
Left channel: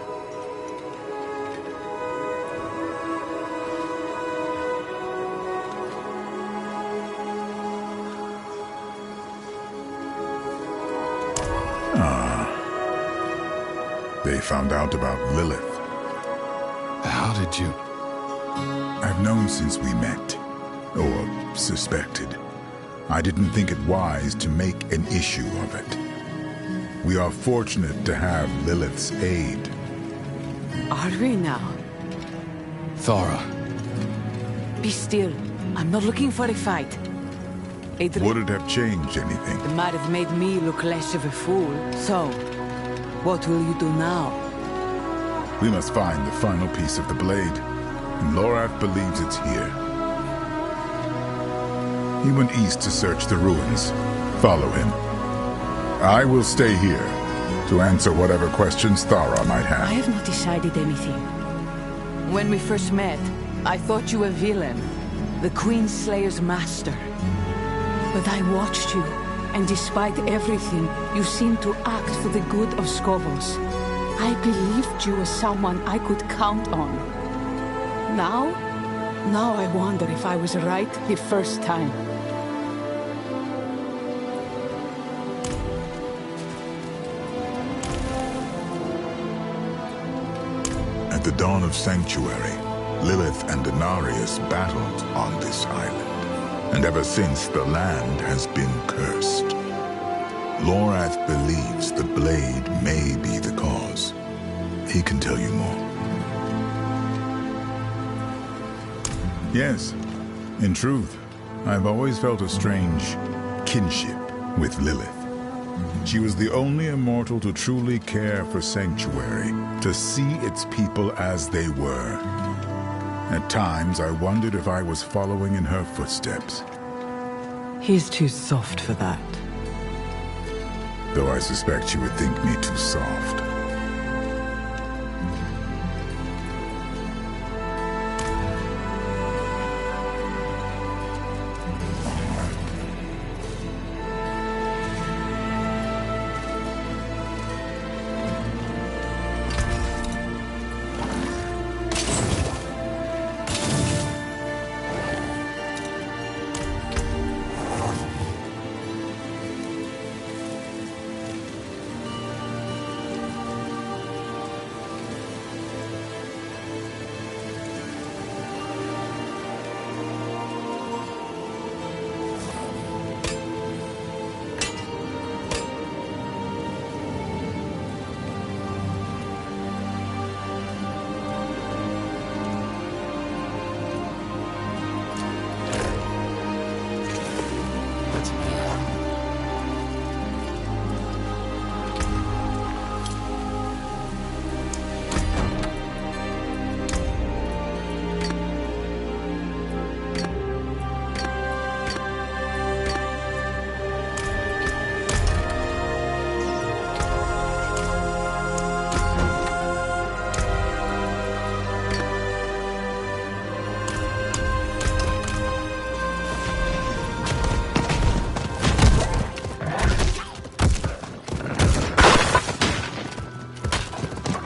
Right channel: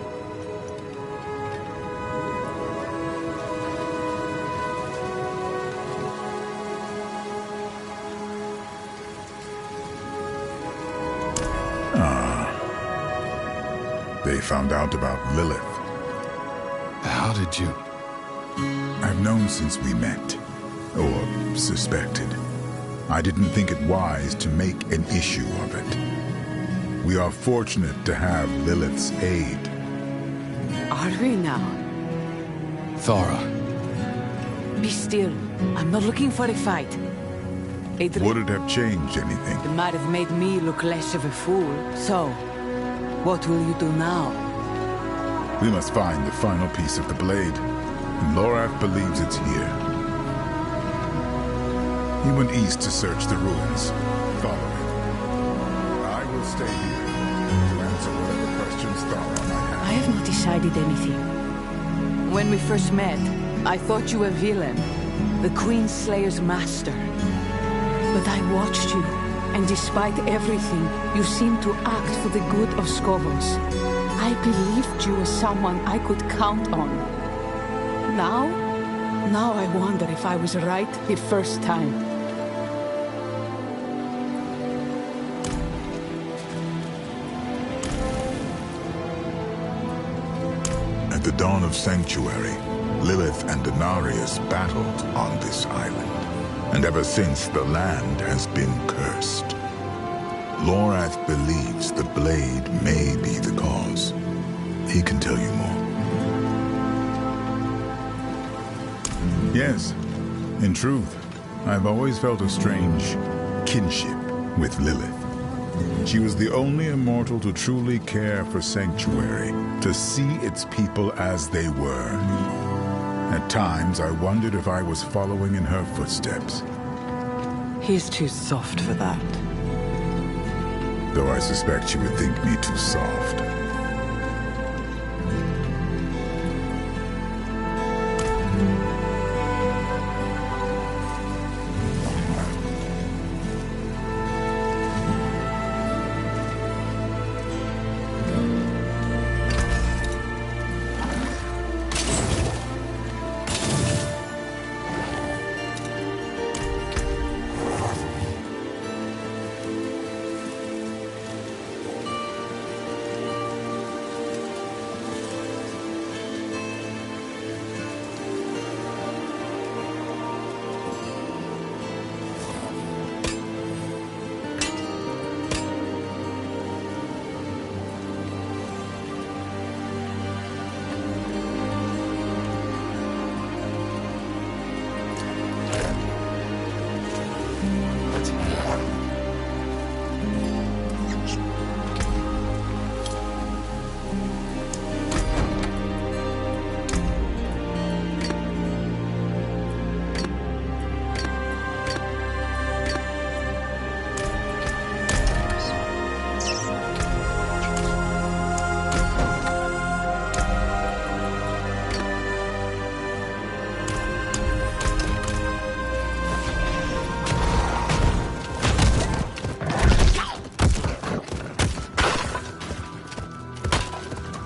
they found out about Lilith. How did you... I've known since we met, or suspected. I didn't think it wise to make an issue of it. We are fortunate to have Lilith's aid. Are we now? Thara. Be still. I'm not looking for a fight. Would it have changed anything? It might have made me look less of a fool. So, what will you do now? We must find the final piece of the blade, and Lorath believes it's here. He went east to search the ruins. Follow him. I will stay here to answer whatever questions Thara might have. I have not decided anything. When we first met, I thought you a villain, the Queen Slayer's master. But I watched you, and despite everything, you seemed to act for the good of Skovos. I believed you as someone I could count on. Now I wonder if I was right the first time. At the dawn of Sanctuary, Lilith and Denarius battled on this island. And ever since, the land has been cursed. Lorath believes the blade may be the cause. He can tell you more. Yes, in truth, I've always felt a strange kinship with Lilith. She was the only immortal to truly care for Sanctuary, to see its people as they were. At times, I wondered if I was following in her footsteps. He's too soft for that. Though I suspect you would think me too soft.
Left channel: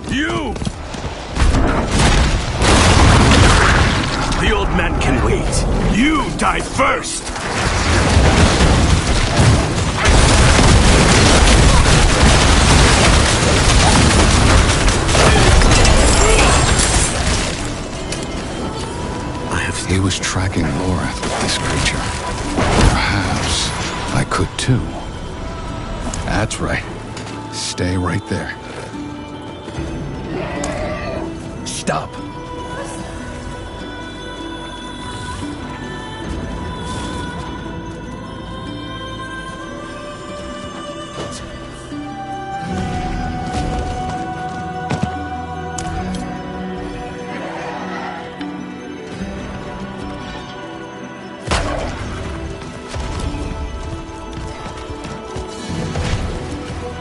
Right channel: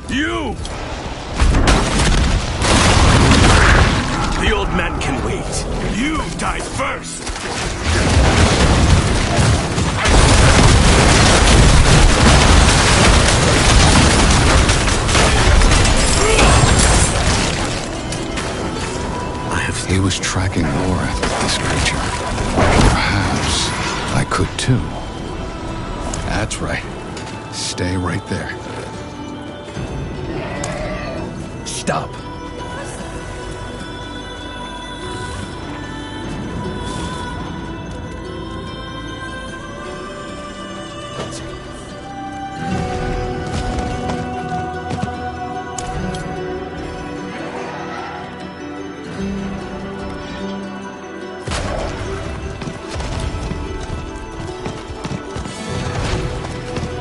You! The old man can wait. You die first! He was tracking Lorath with this creature. Perhaps I could too. That's right. Stay right there. Stop.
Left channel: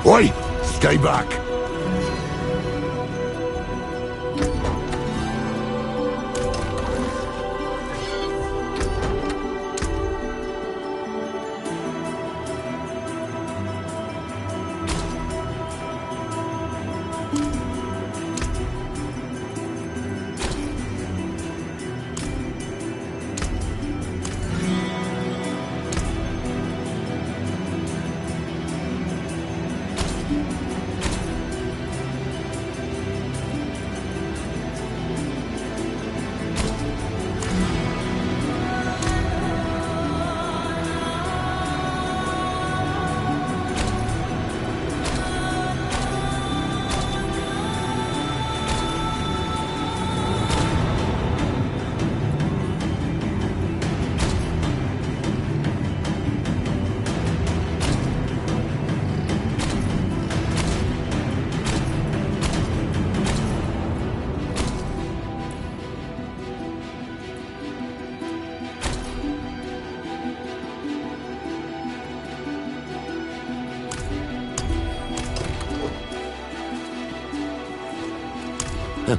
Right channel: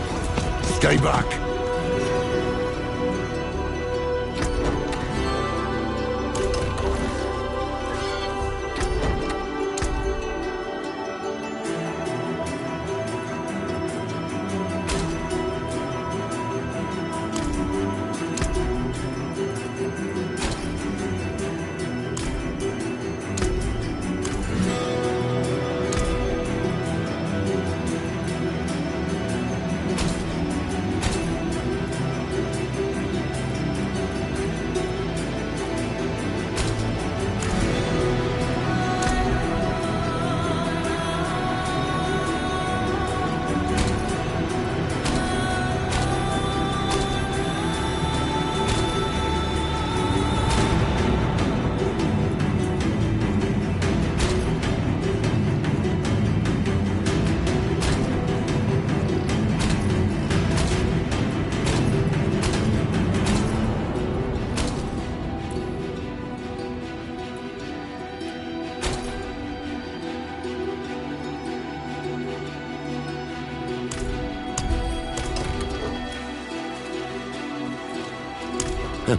Oi! Stay back!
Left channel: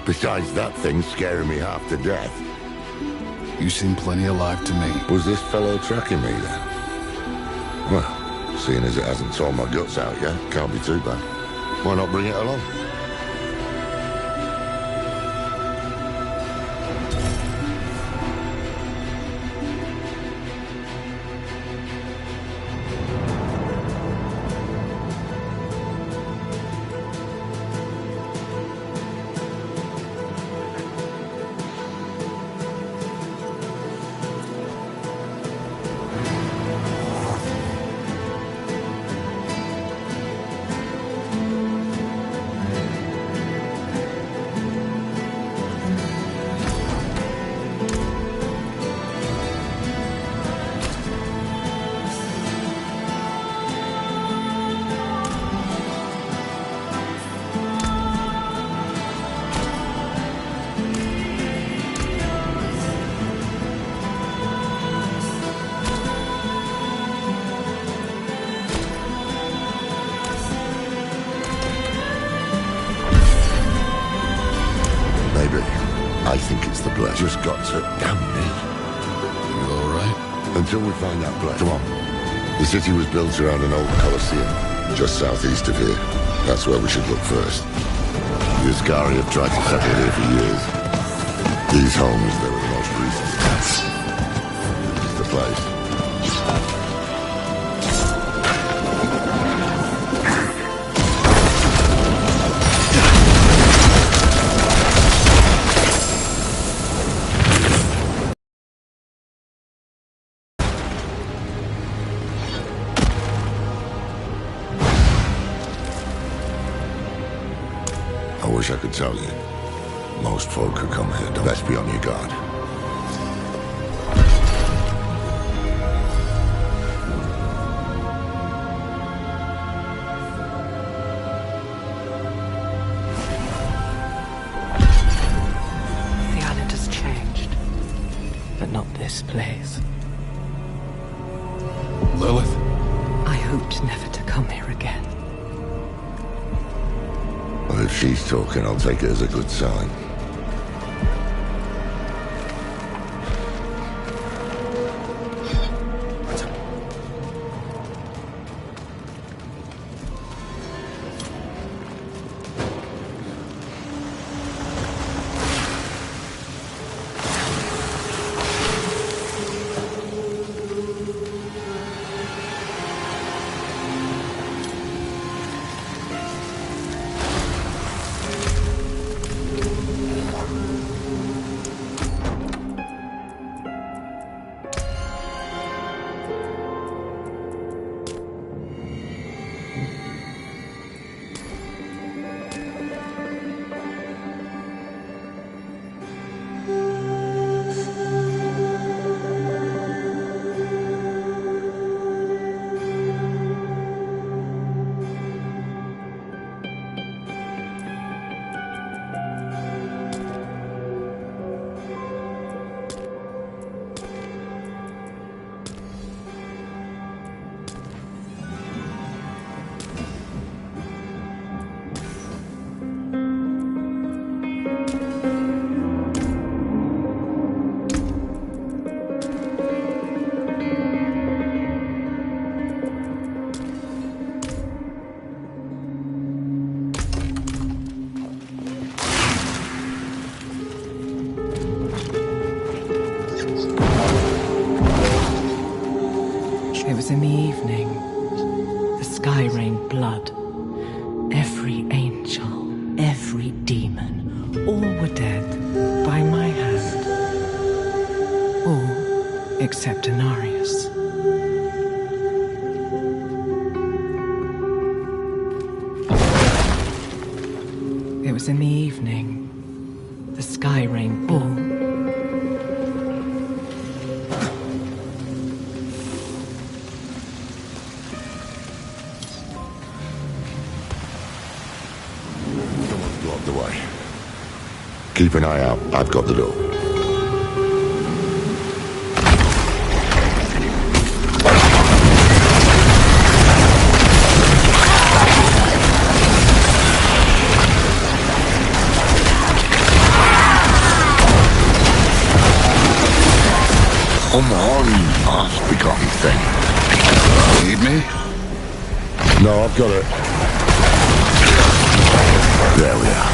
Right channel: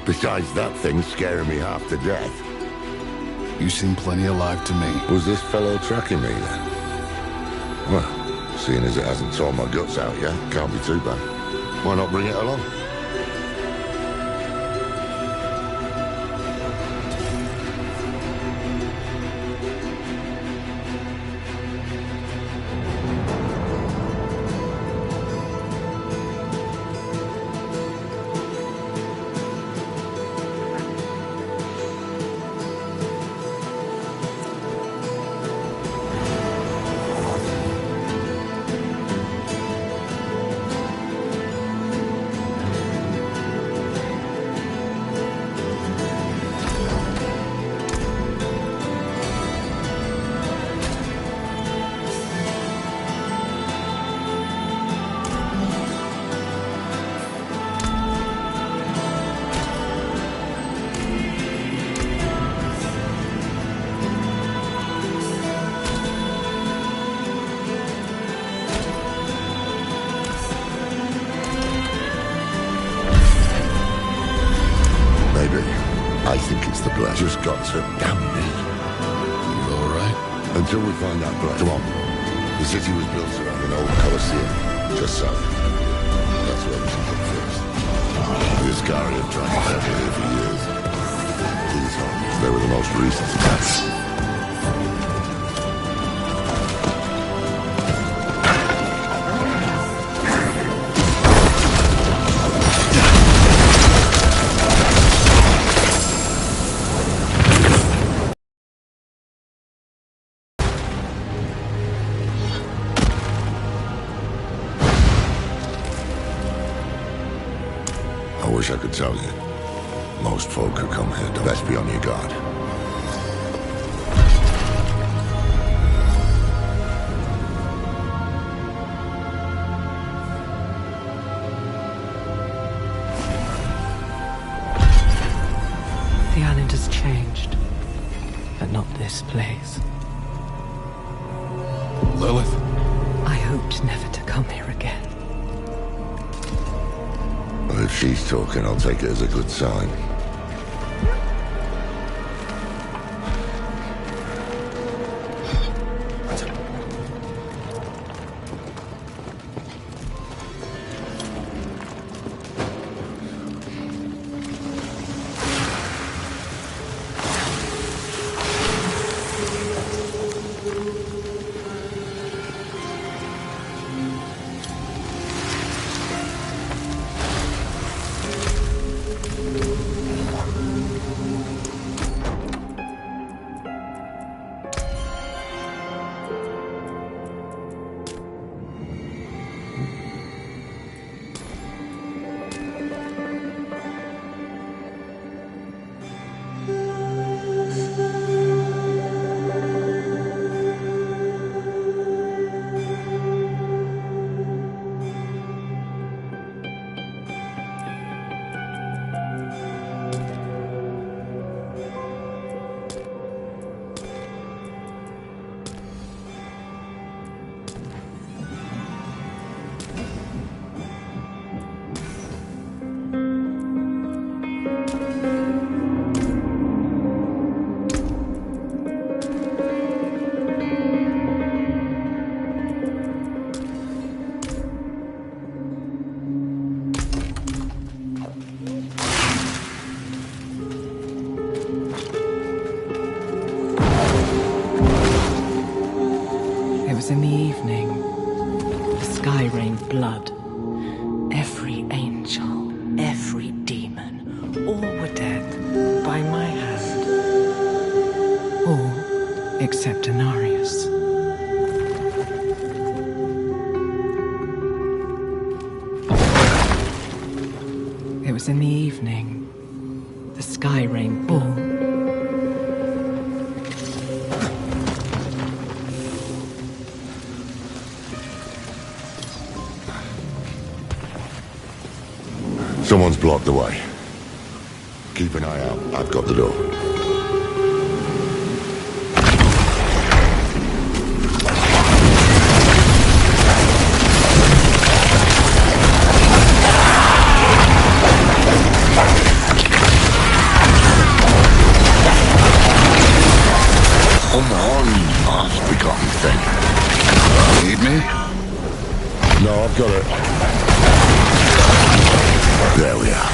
Besides that thing scaring me half to death. You seem plenty alive to me. Was this fellow tracking me then? Well, seeing as it hasn't torn my guts out yet, can't be too bad. Why not bring it along? Maybe. I think it's the blood. Just got to... Damn me. You alright? Until we find that blood. Come on. The city was built around an old Colosseum, just southeast of here. That's where we should look first. The Ascari have tried to settle here for years. These homes, they were the most recent attacks. The place. I wish I could tell you. Most folk who come here don't. Best be on your guard. The island has changed, but not this place. Lilith? I hoped never to come here again. Well, if she's talking, I'll take it as a good sign. It was in the evening. The sky rained blood. Every angel, every demon, all were dead by my hand. All except Anarius. It was in the evening. The sky rained blood. Someone's blocked the way. Keep an eye out. I've got the door. oft-begotten thing. Need me? No, I've got it. There we are.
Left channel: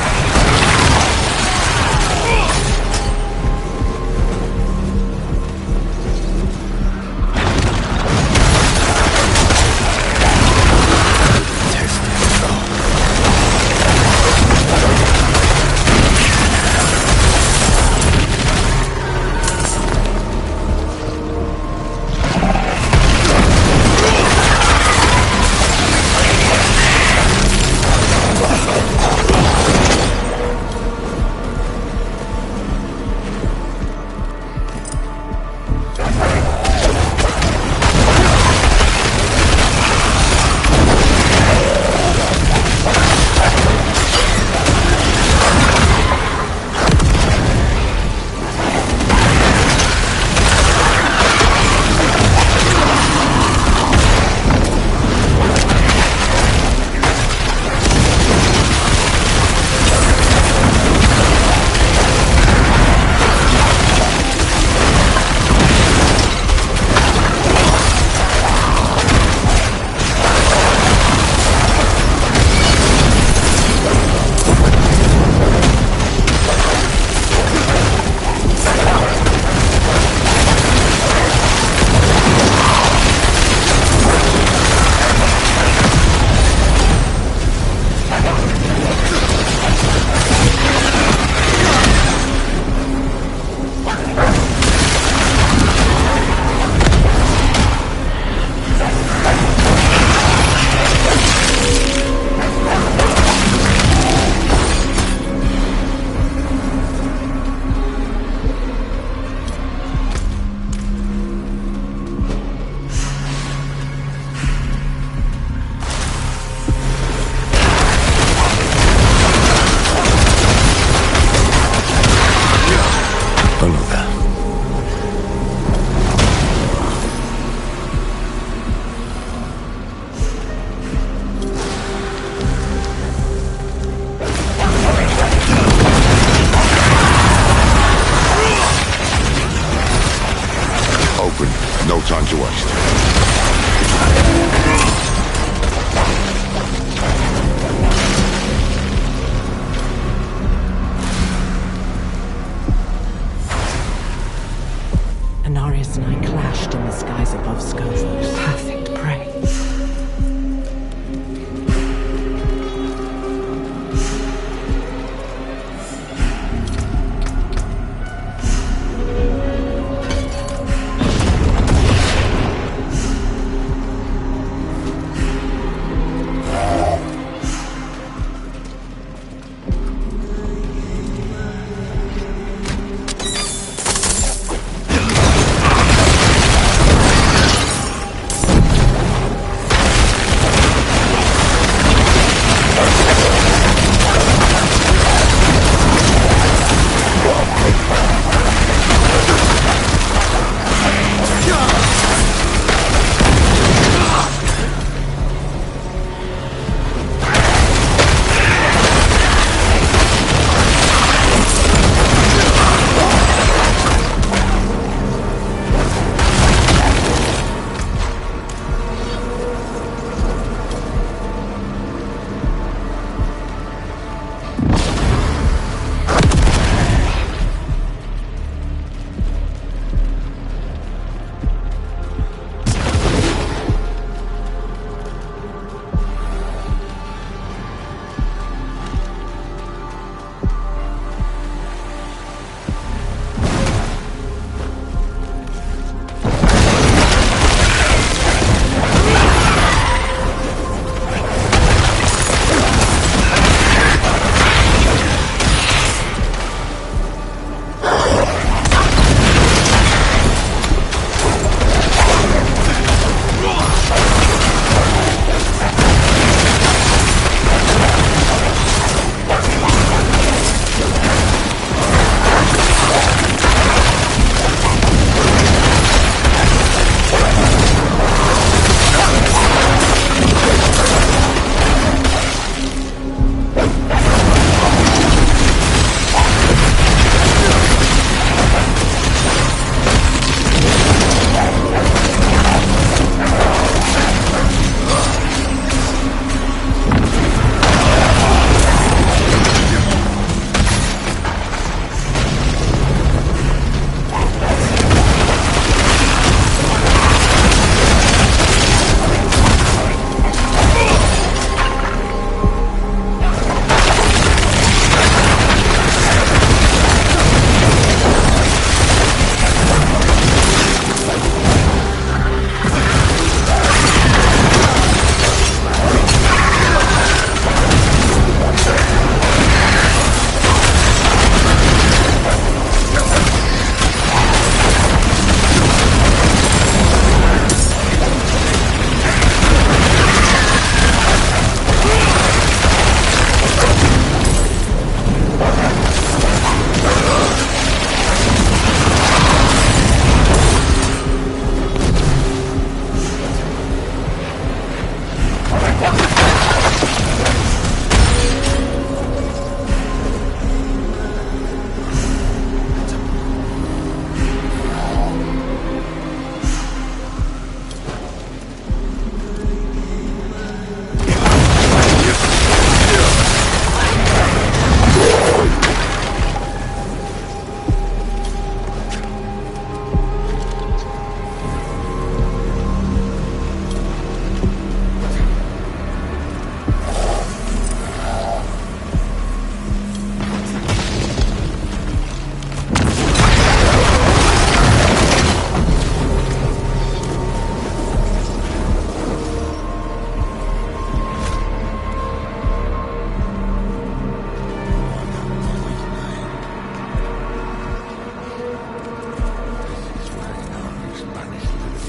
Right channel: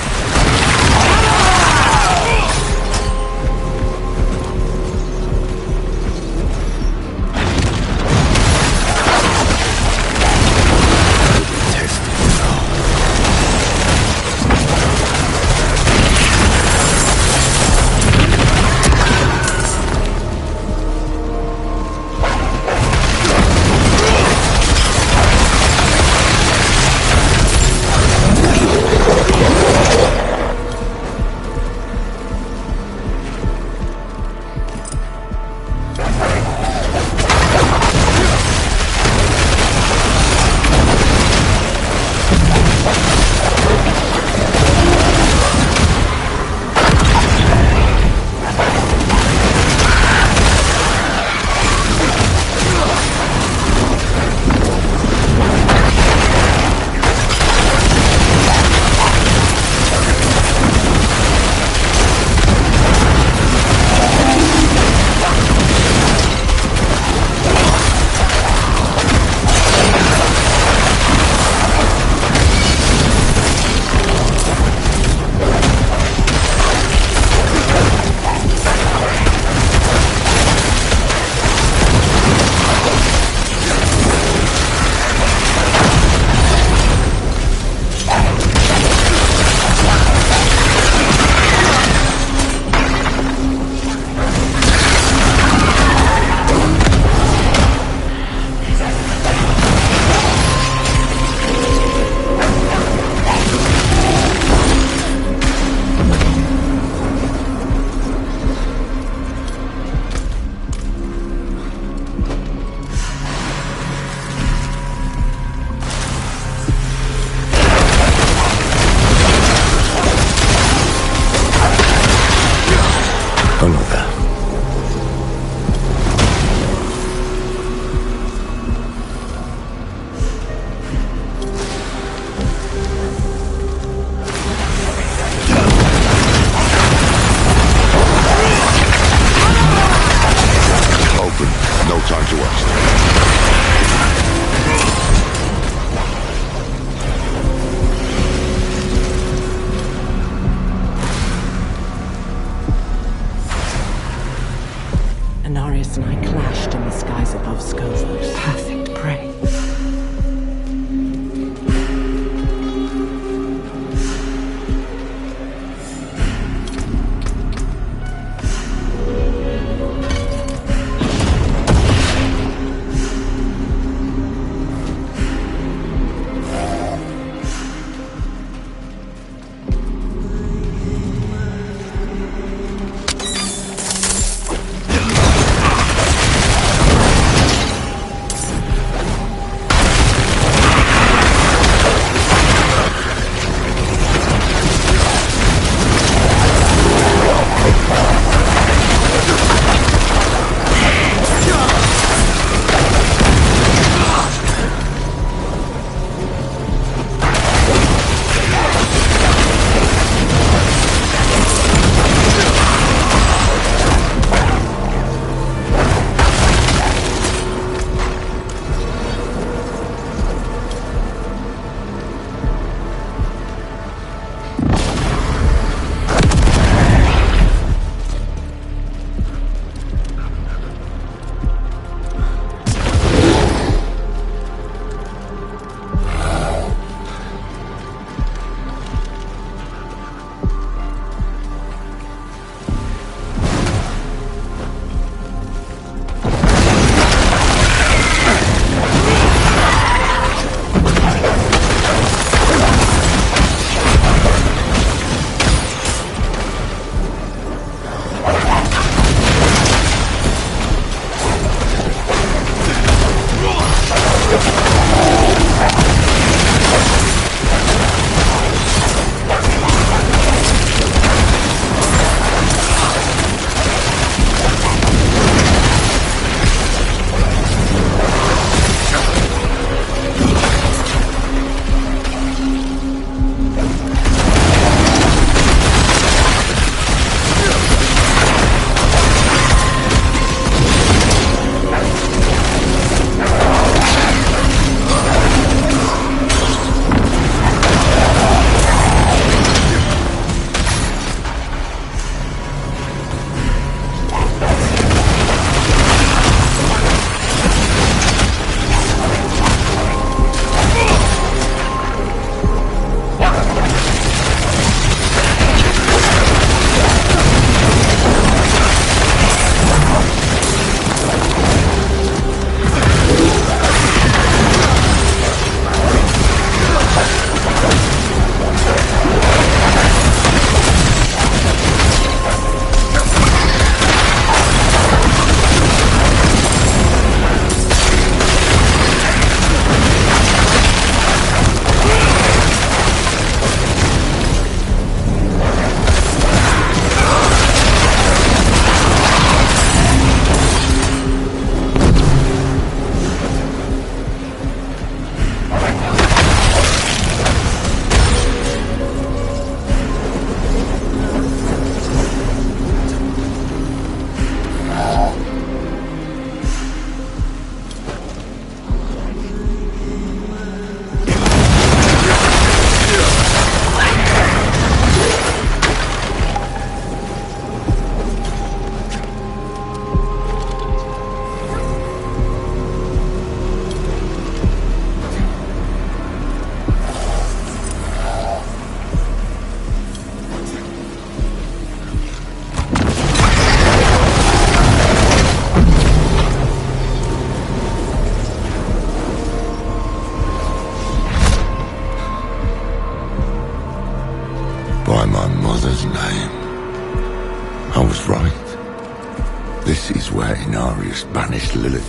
Time to waste. Anarius and I clashed in the skies above Scovos. Perfect prey.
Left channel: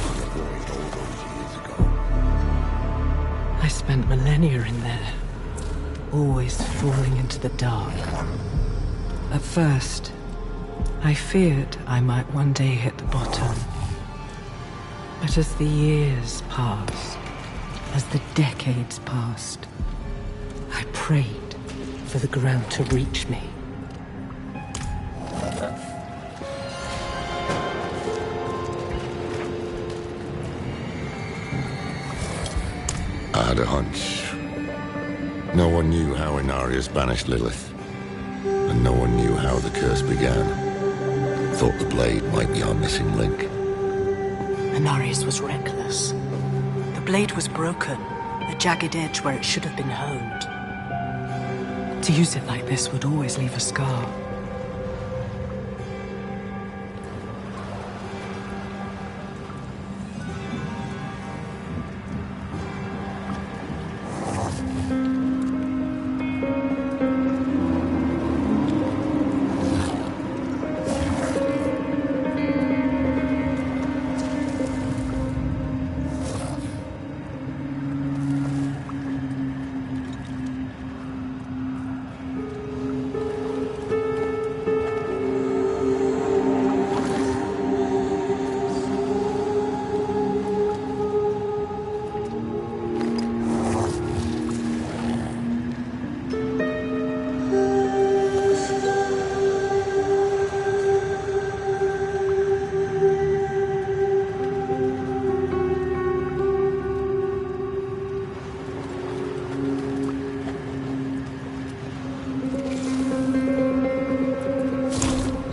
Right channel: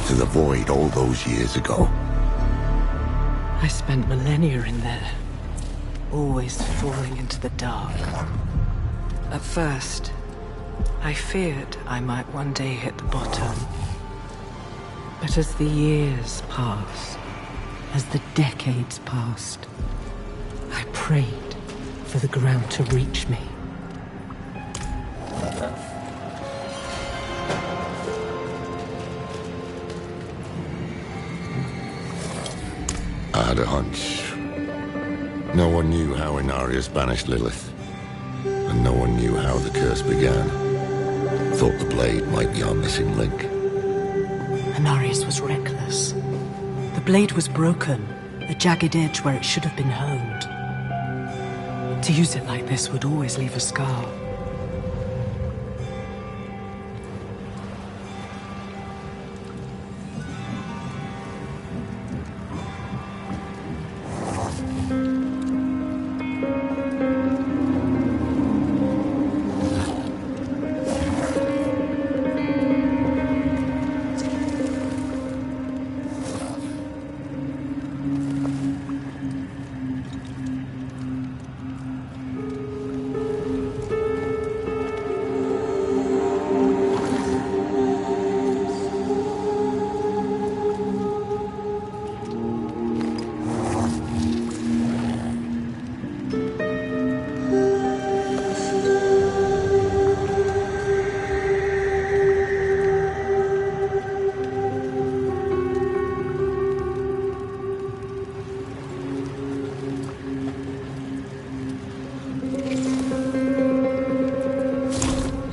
to the void all those years ago? I spent millennia in there, always falling into the dark. At first, I feared I might one day hit the bottom. But as the years passed, as the decades passed, I prayed for the ground to reach me. I had a hunch. No one knew how Inarius banished Lilith, and no one knew how the curse began. Thought the blade might be our missing link. Inarius was reckless. The blade was broken, a jagged edge where it should have been honed. To use it like this would always leave a scar.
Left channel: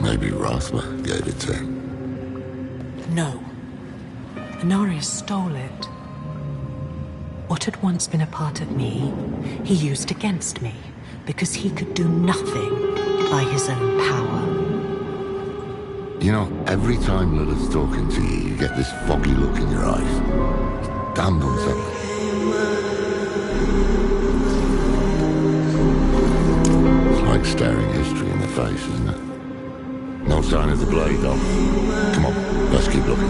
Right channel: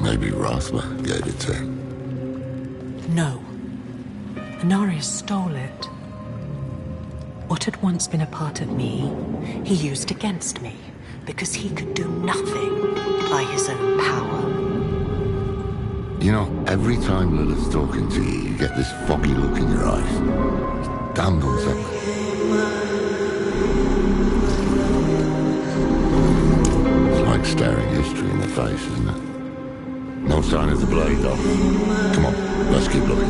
Maybe Rathma gave it to him. No. Inarius stole it. What had once been a part of me, he used against me, because he could do nothing by his own power. You know, every time Lilith's talking to you, you get this foggy look in your eyes. Damned unsettling. It's like staring history in the face, isn't it? No sign of the blade, though. Come on, let's keep looking.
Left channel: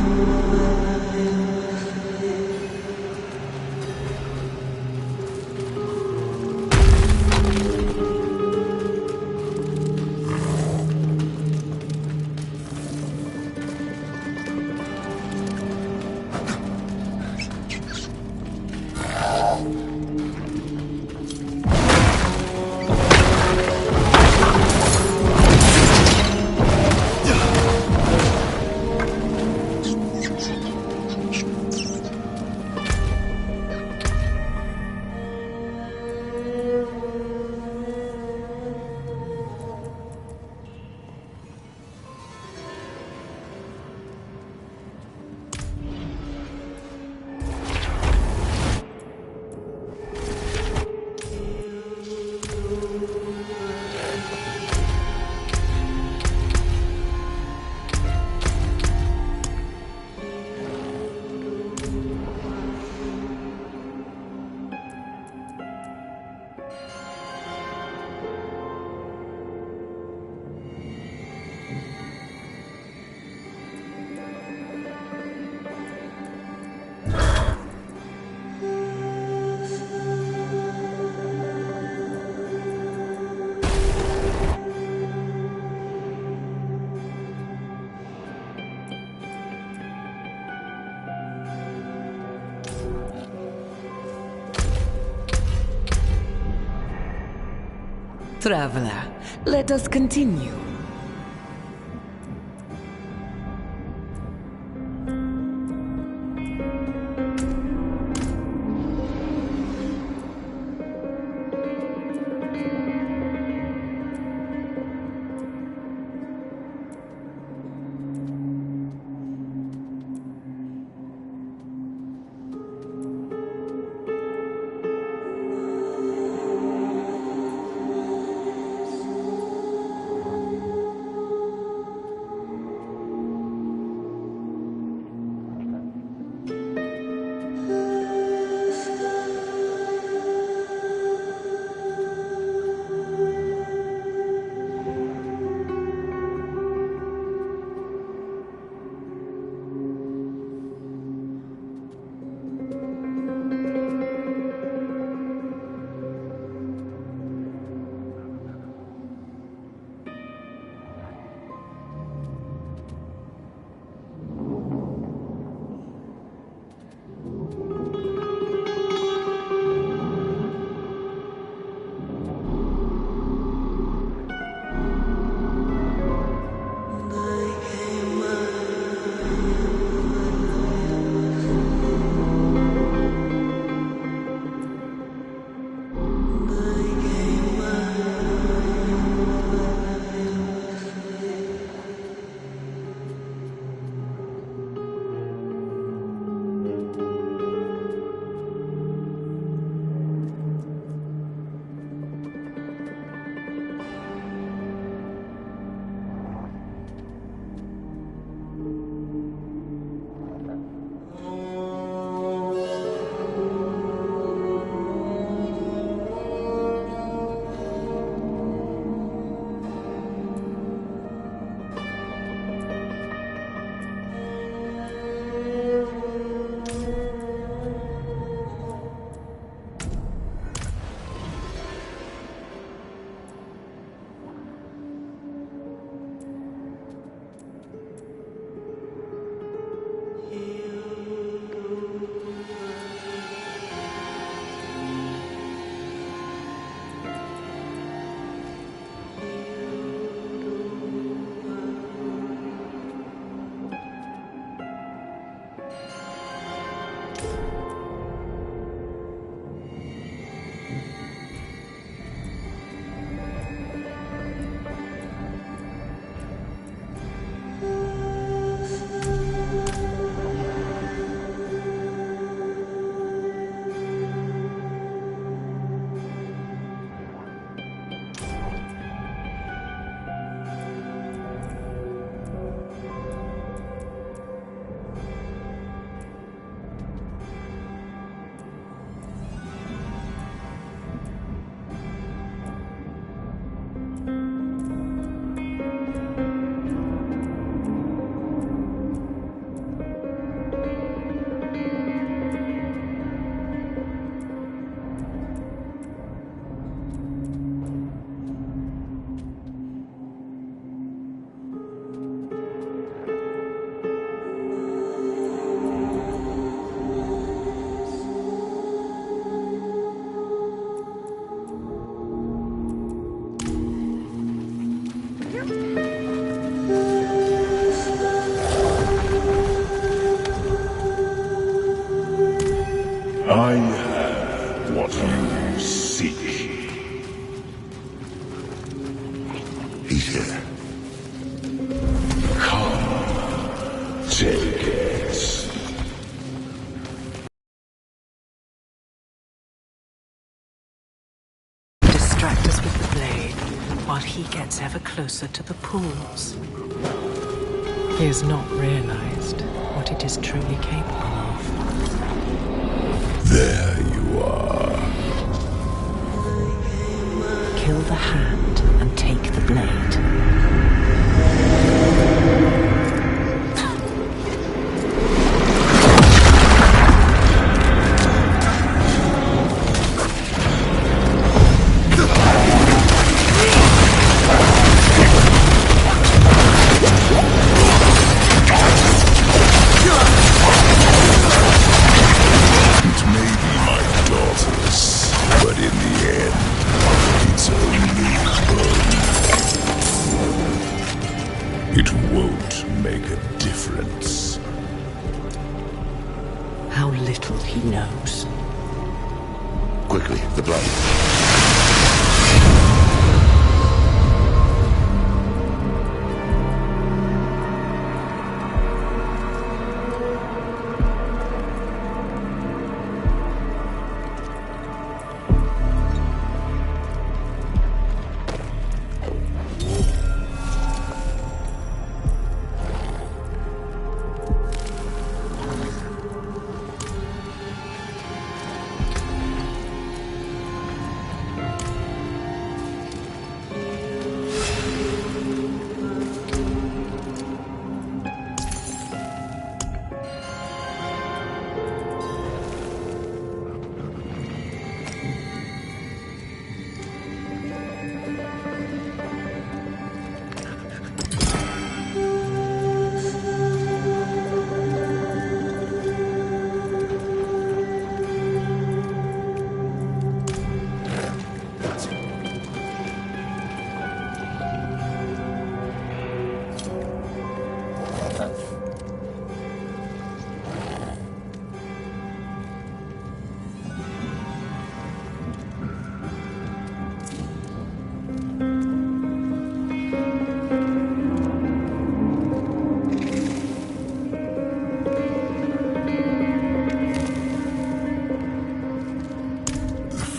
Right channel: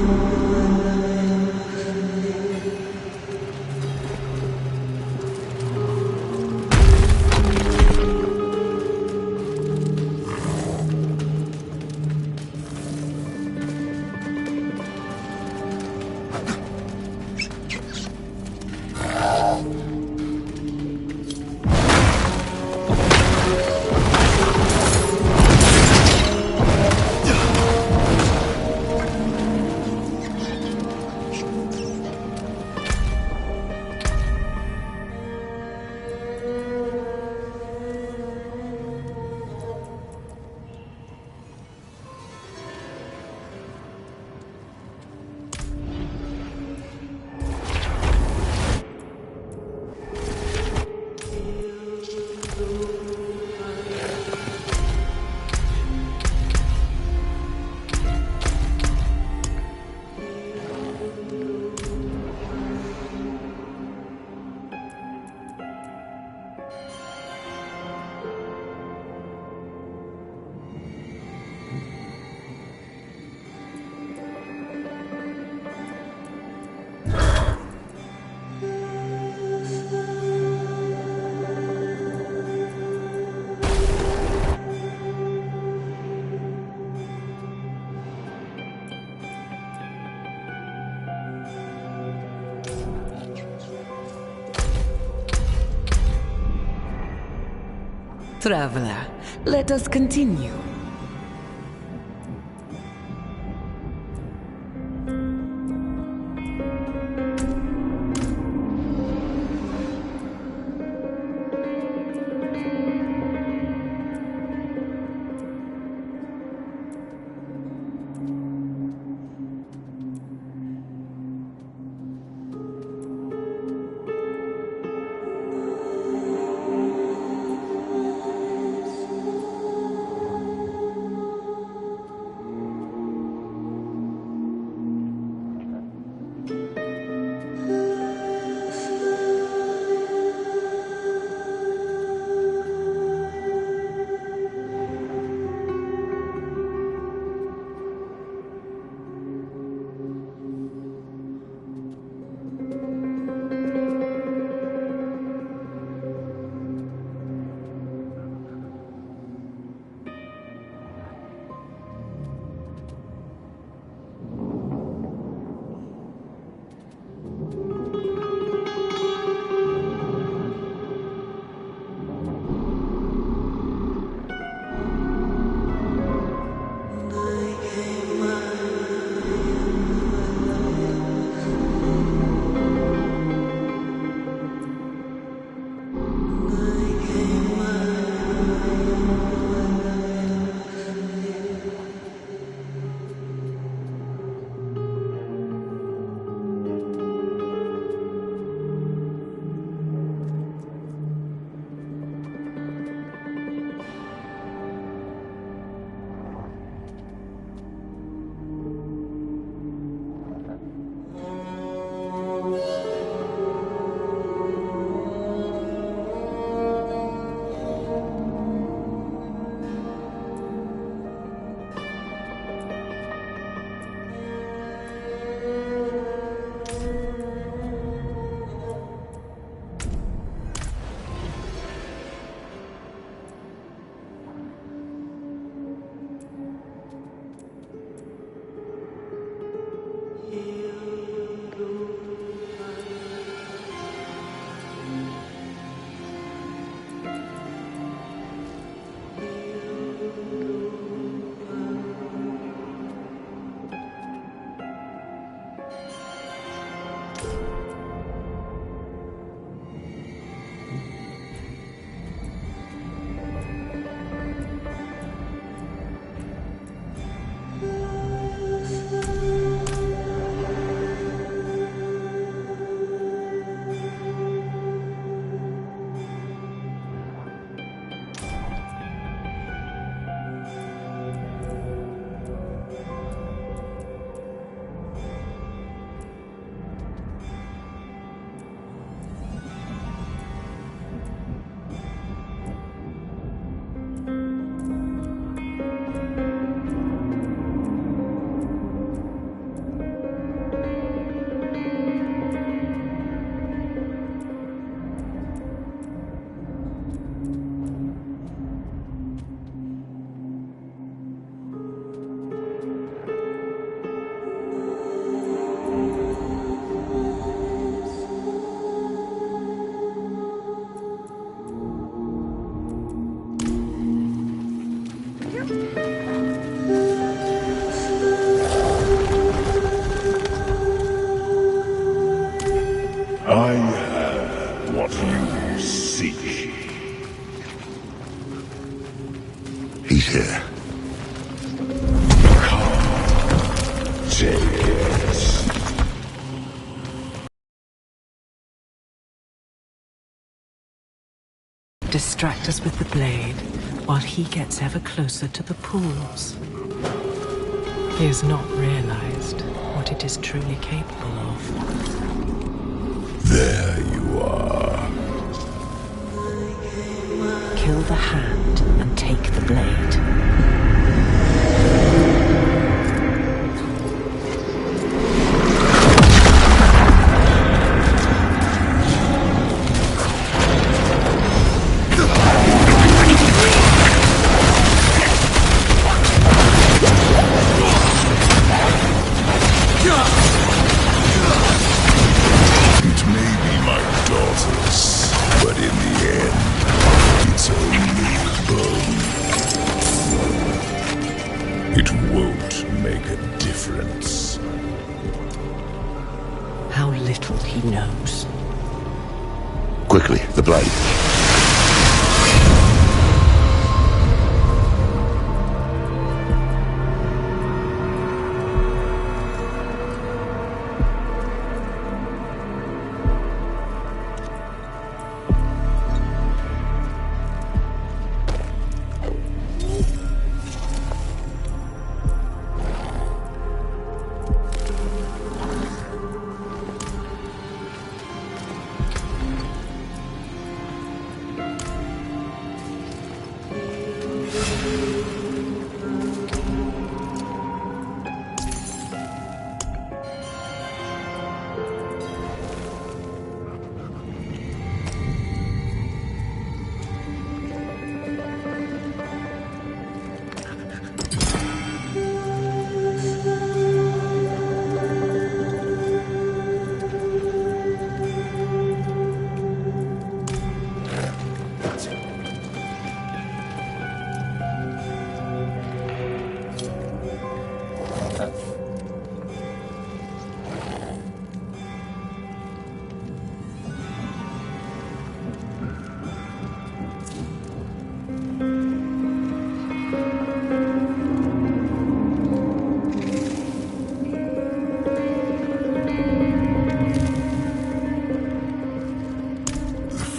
Traveler, let us continue. I have what you seek. He's here. Come, take it. Distract us with the blade, while he gets ever closer to the pools. He has not realized what it is truly capable of. There you are. Kill the hand and take the blade. It won't make a difference. How little he knows. Quickly, the blade.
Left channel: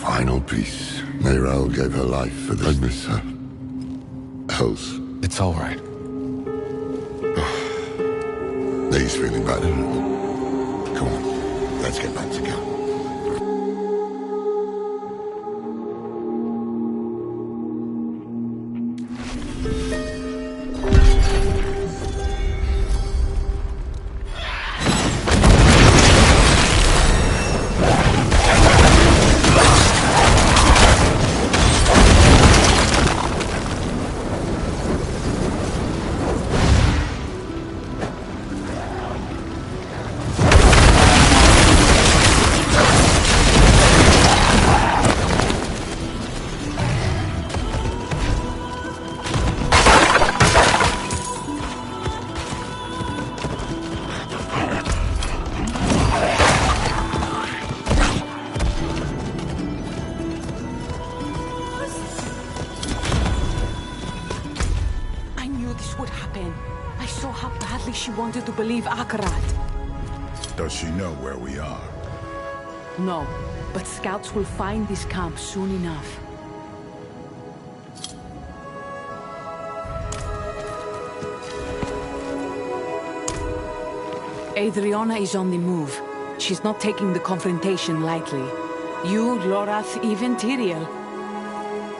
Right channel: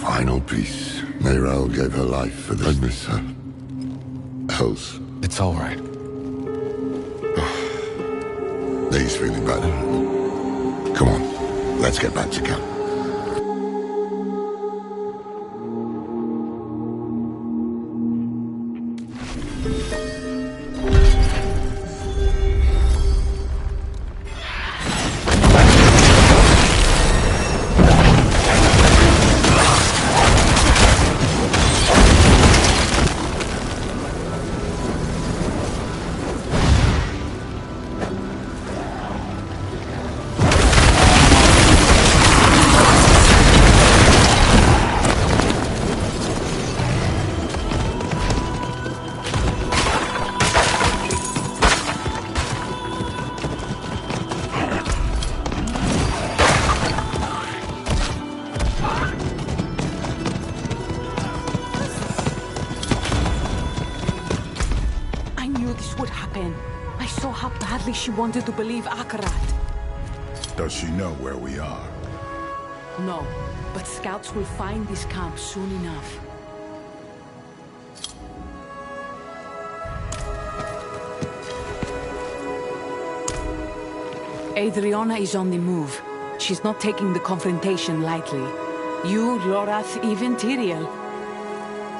Final piece. Mayral gave her life for this. I miss her. Else. It's all right. He's feeling better. Come on, let's get back to camp. She wanted to believe Akarat. Does she know where we are? No, but scouts will find this camp soon enough. Adriana is on the move. She's not taking the confrontation lightly. You, Lorath, even Tyrael.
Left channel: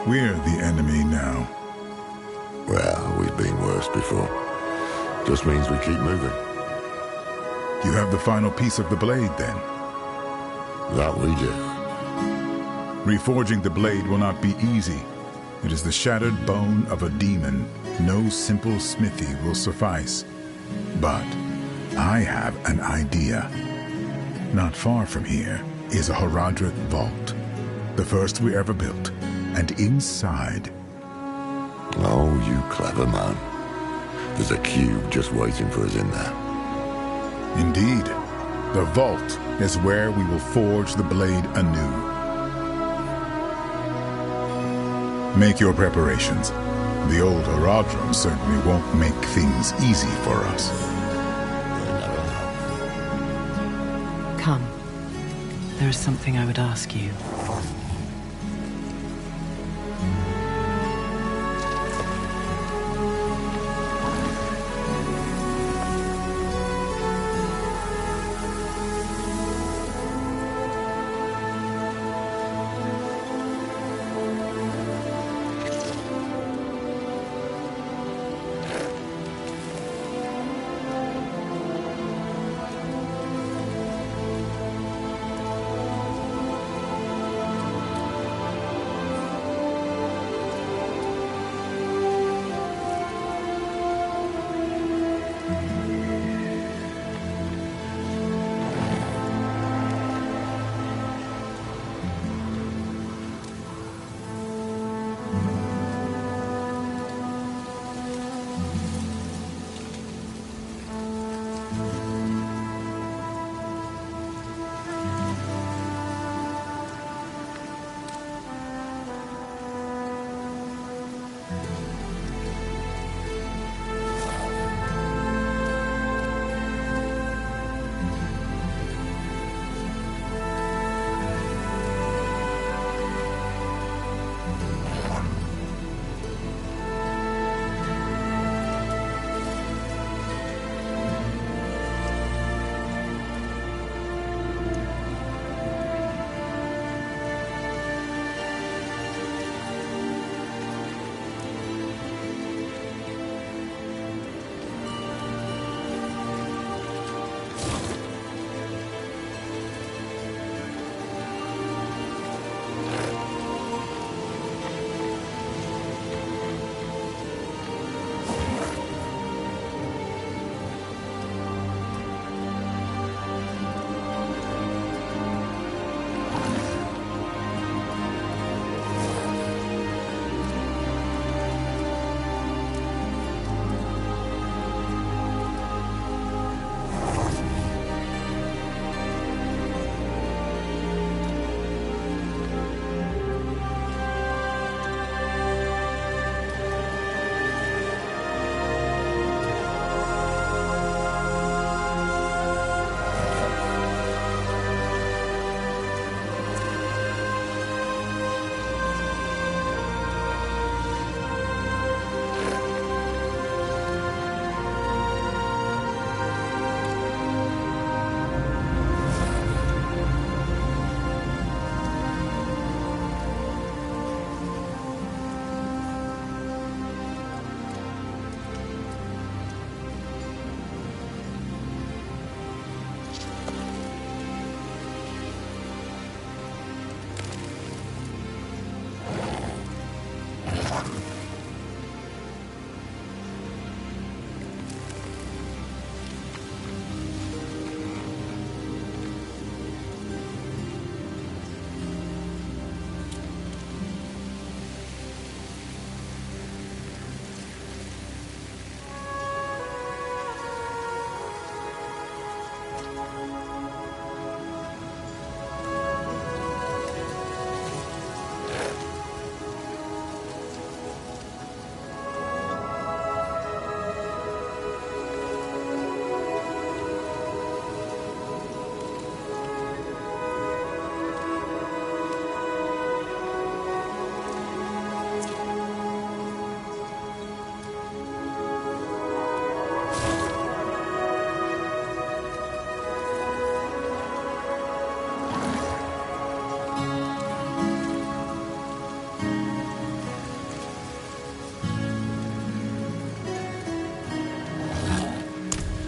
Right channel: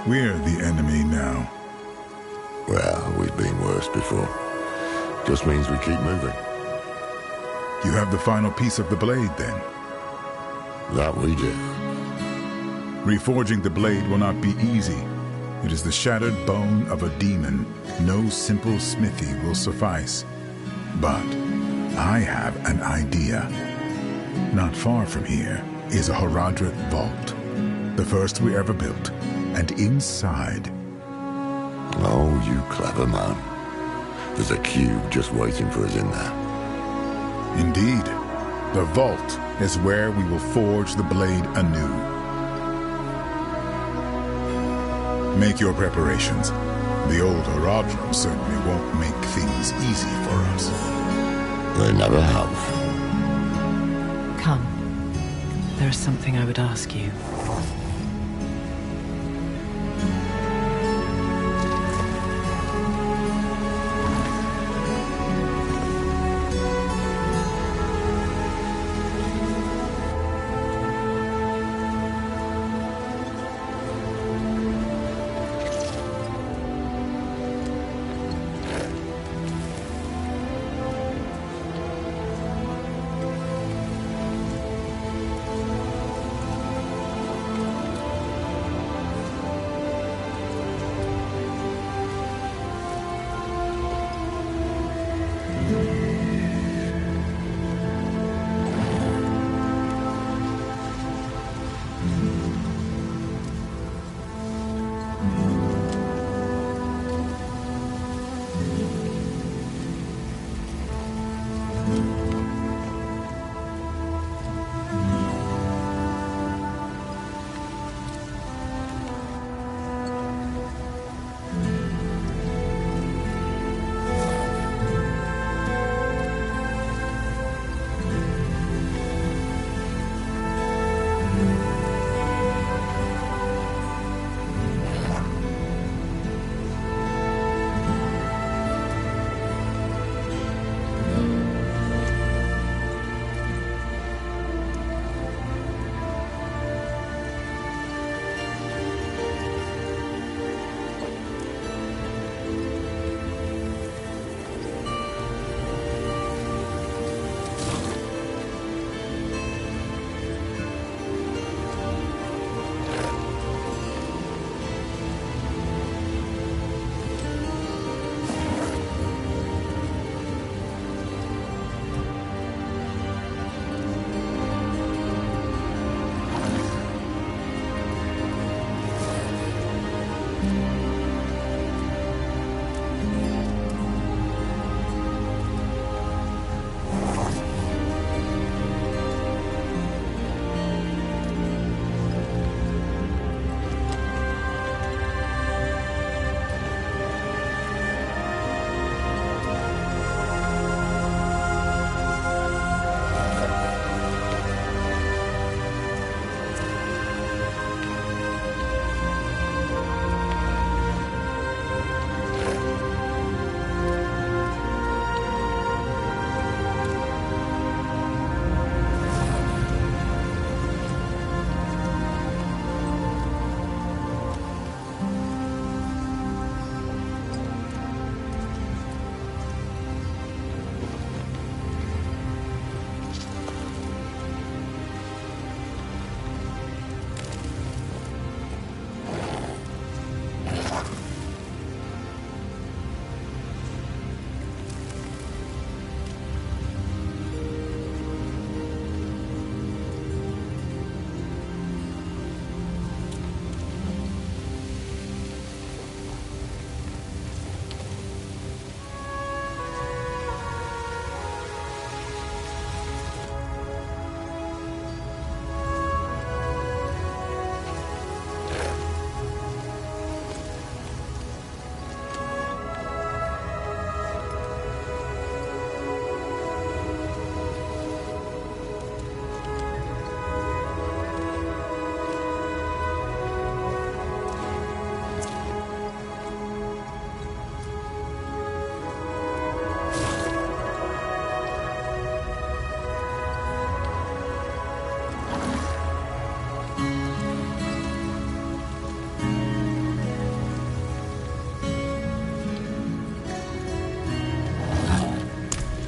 We're the enemy now. Well, we've been worse before. Just means we keep moving. You have the final piece of the blade, then? That we do. Reforging the blade will not be easy. It is the shattered bone of a demon. No simple smithy will suffice. But I have an idea. Not far from here is a Horadric vault. The first we ever built. And inside... Oh, you clever man. There's a cube just waiting for us in there. Indeed. The vault is where we will forge the blade anew. Make your preparations. The old Horadrim certainly won't make things easy for us. They never have. Come. There is something I would ask you.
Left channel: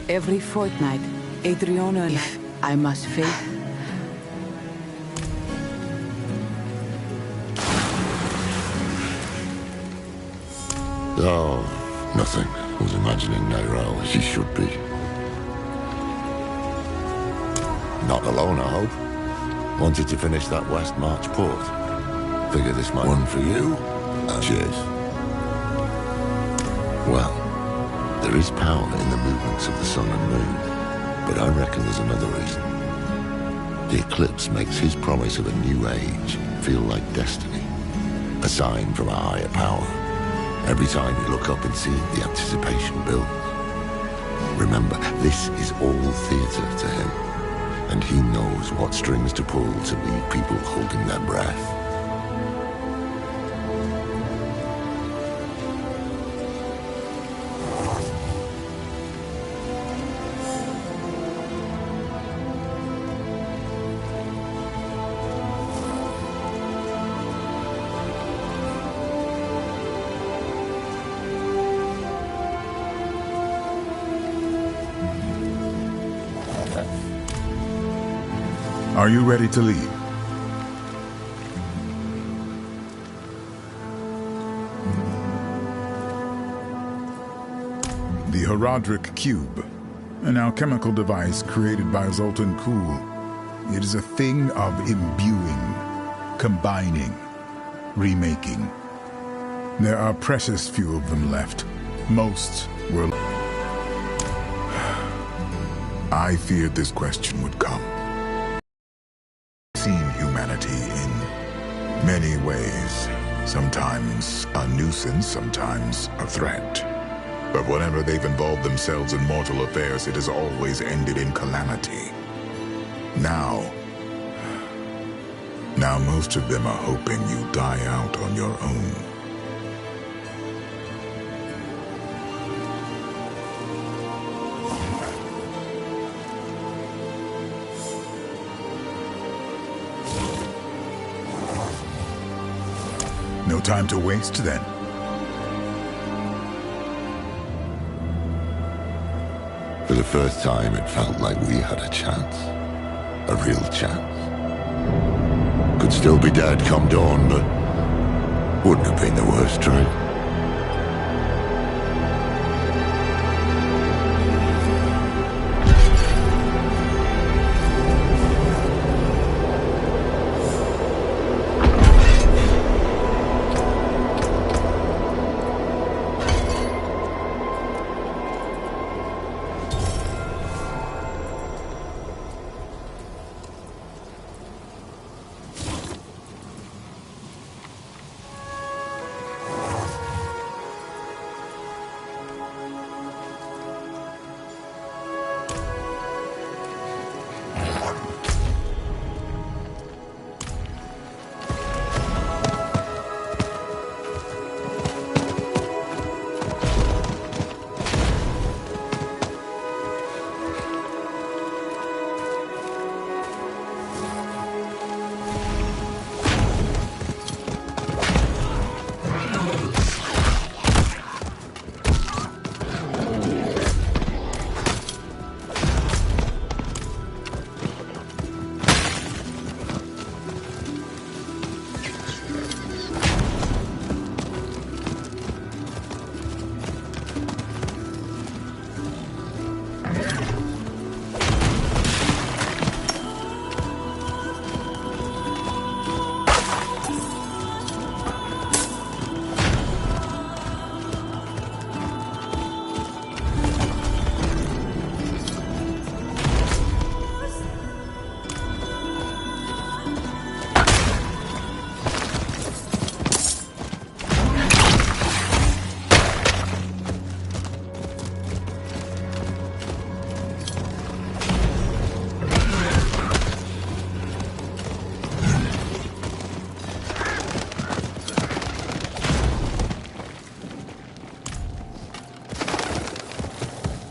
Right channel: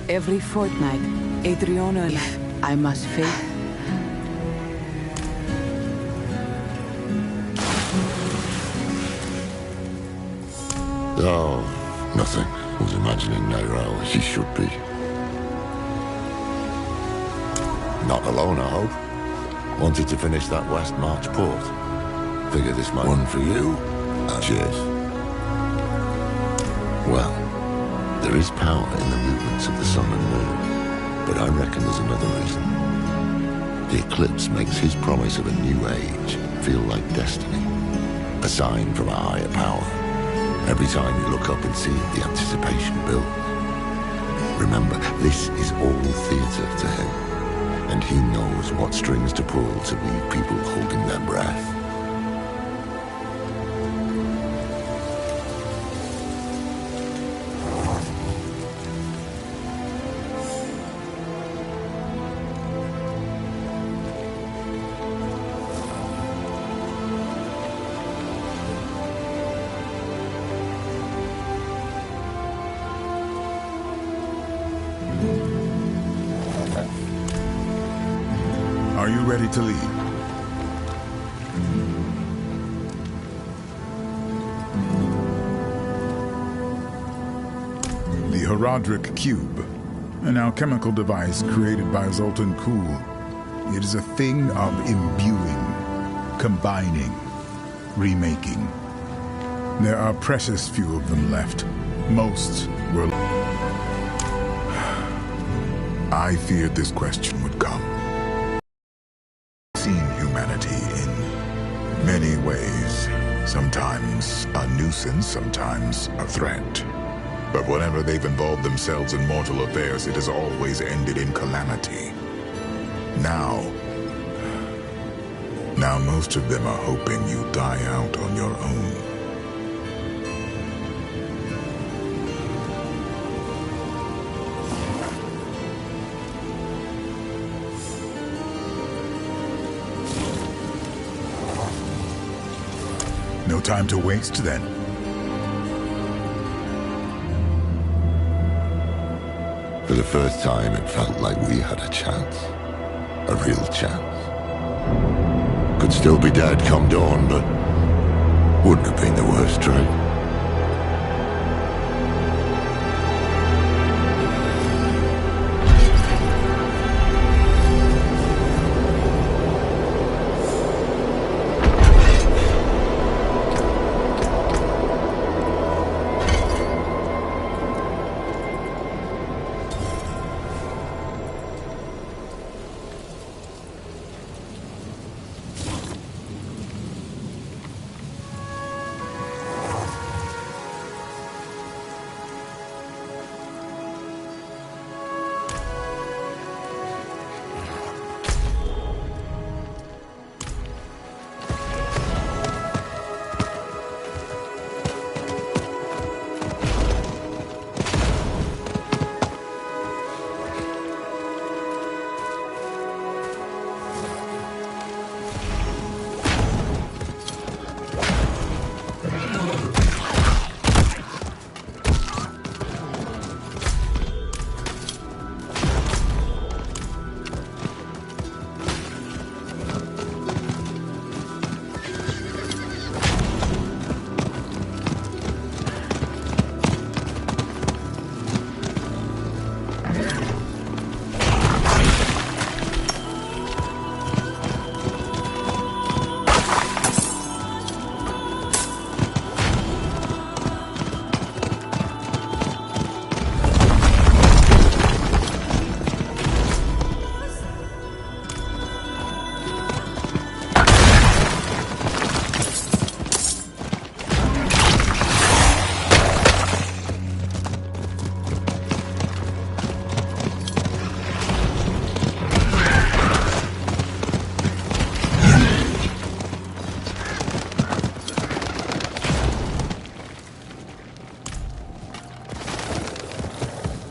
Every fortnight, Adriana and I must face... Oh, nothing. I was imagining Nairo as she should be. Not alone, I hope. Wanted to finish that West March port. Figure this might one for you. Cheers. Well, there is power in the movements of the sun and moon, but I reckon there's another reason. The eclipse makes his promise of a new age feel like destiny, a sign from a higher power. Every time you look up and see it, the anticipation builds. Remember, this is all theater to him, and he knows what strings to pull to leave people holding their breath. Are you ready to leave? The Horadric Cube, an alchemical device created by Zoltan Kuhl. It is a thing of imbuing, combining, remaking. There are precious few of them left. Most were... I feared this question would come. Seen humanity in many ways. Sometimes a nuisance, sometimes a threat. But whenever they've involved themselves in mortal affairs, it has always ended in calamity. Now most of them are hoping you die out on your own. No time to waste, then. For the first time, it felt like we had a chance. A real chance. Could still be dead come dawn, but wouldn't have been the worst trade.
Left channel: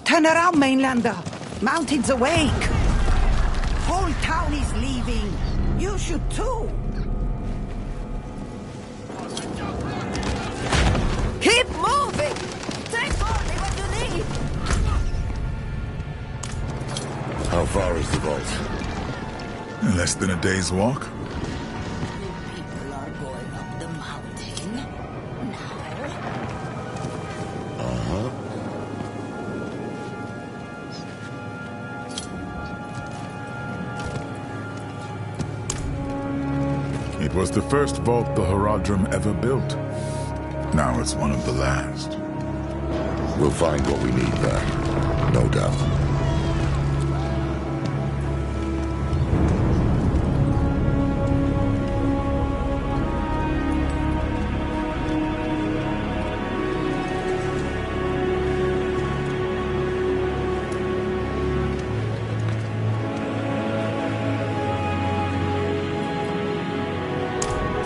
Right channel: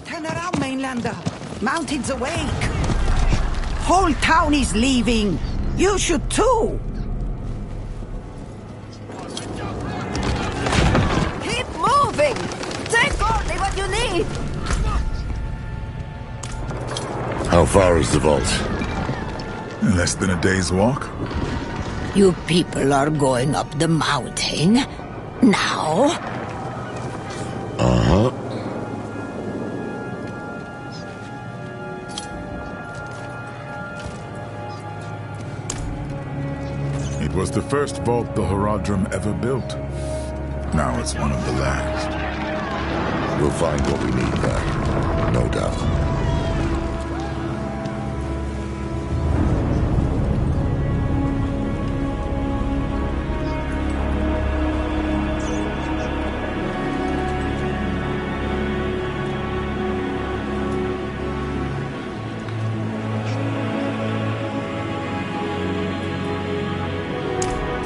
Turn around, Mainlander. Mountain's awake. Whole town is leaving. You should too. Keep moving. Take only what you need. How far is the vault? Less than a day's walk. You people are going up the mountain now? Uh-huh. It was the first vault the Horadrim ever built. Now it's one of the last. We'll find what we need there, no doubt.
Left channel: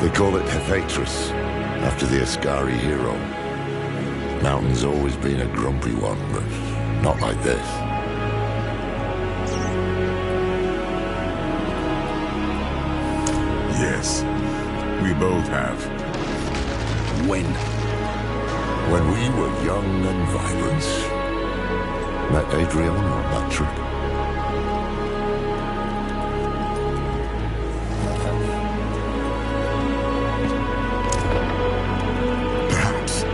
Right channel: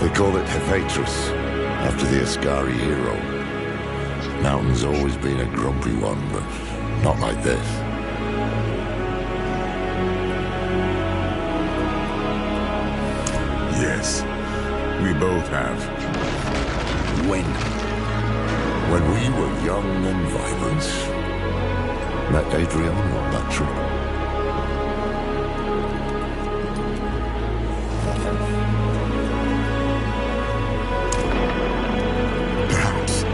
They call it SS13, after the Ascari hero. Mountain's always been a grumpy one, but not like this. Yes, we both have. When? When we were young and vibrant. Met Adriana on that trip. Perhaps,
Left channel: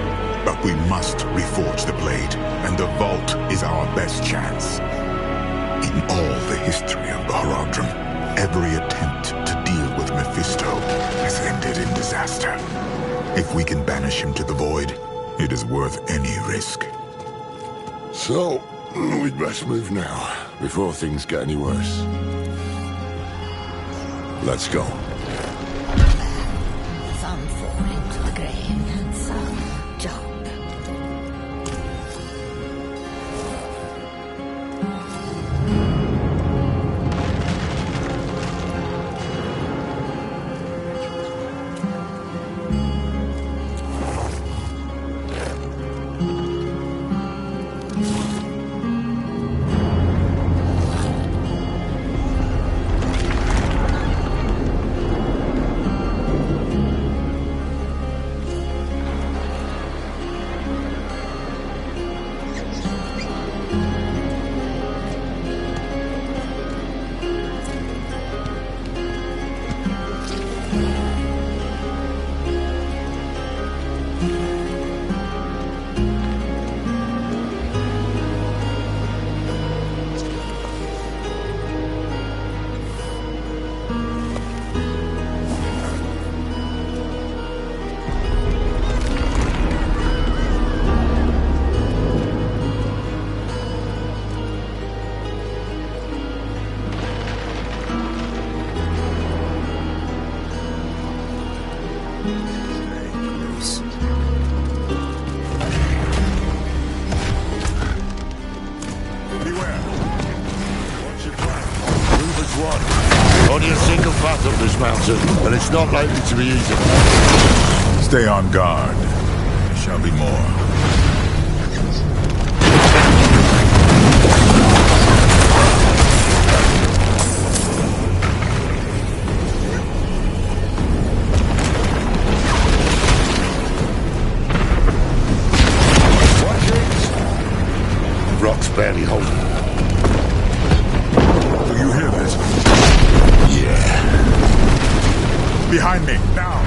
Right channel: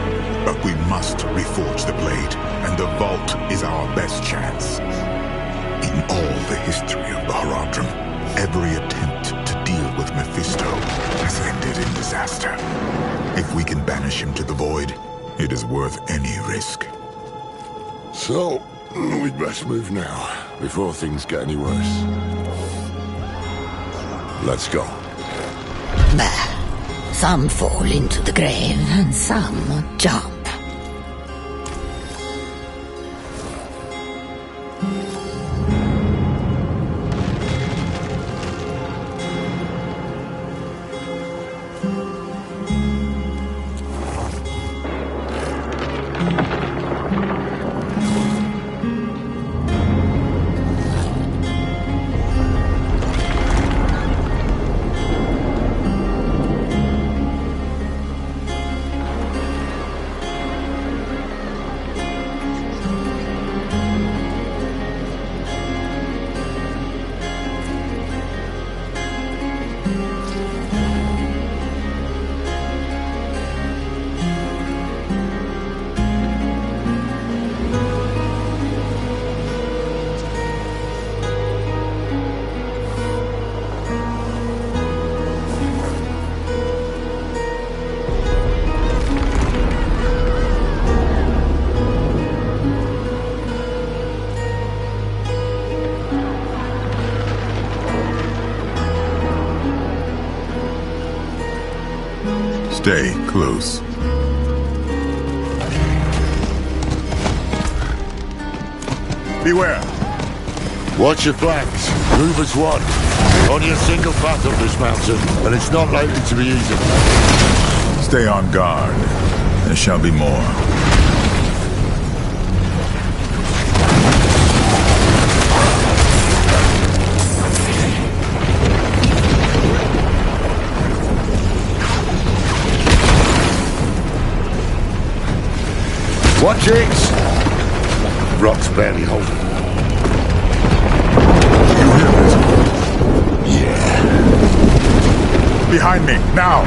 but we must reforge the blade, and the vault is our best chance. In all the history of the Horadrim, every attempt to deal with Mephisto has ended in disaster. If we can banish him to the void, it is worth any risk. So, we'd best move now, before things get any worse. Let's go. Some fall into the grave, and some jump. Stay close. Beware. Watch your flanks. Move as one. Only a single path up this mountain, and it's not likely to be easy. Stay on guard. There shall be more. Watch it! The rock's barely holding. You hear this? Yeah. Behind me, now!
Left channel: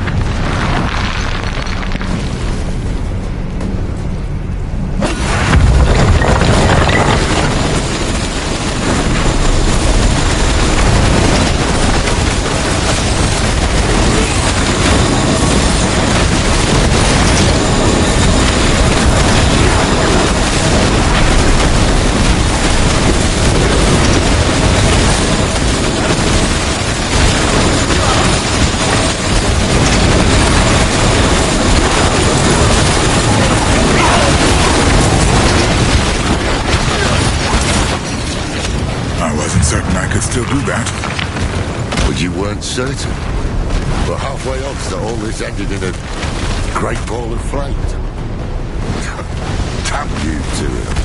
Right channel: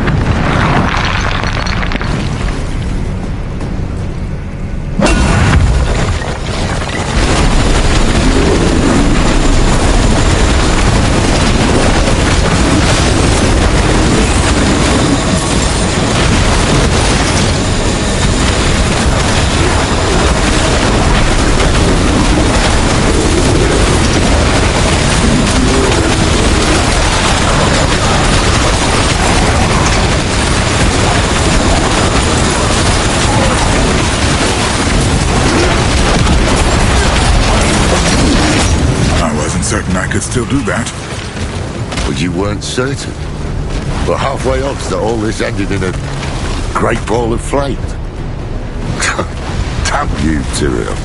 Certain I could still do that. But you weren't certain. We're halfway odds that all this ended in a great ball of flame. Damn you, Tyrion.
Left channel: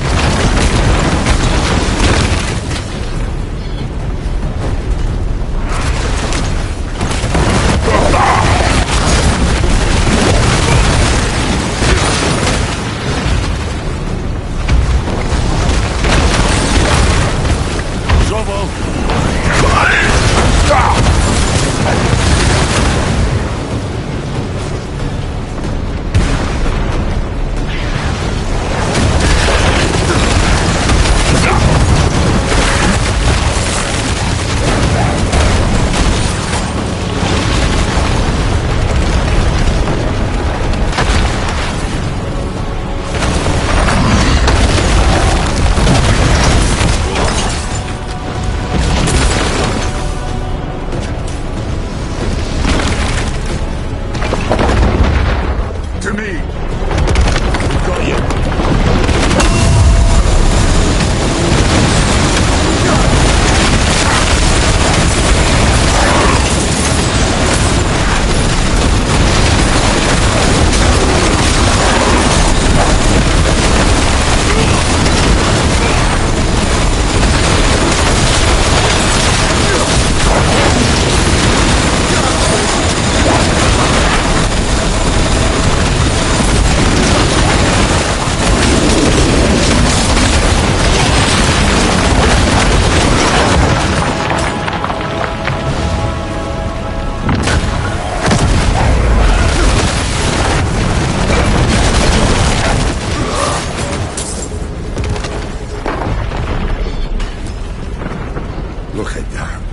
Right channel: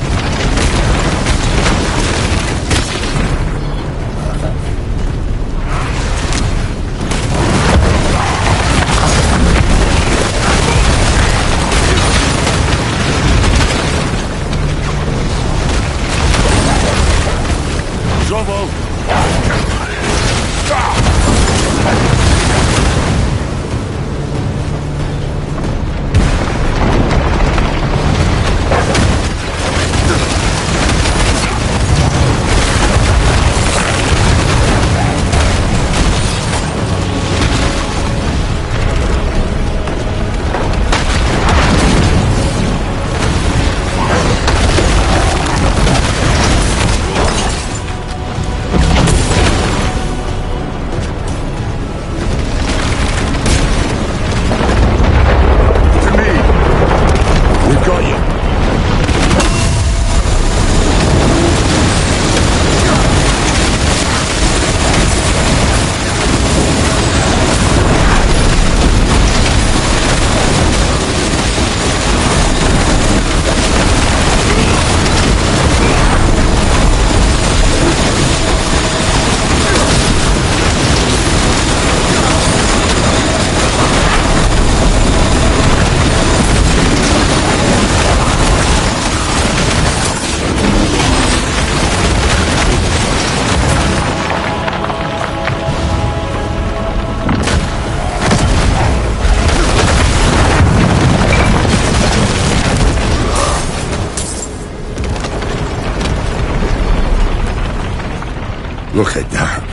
Look at that.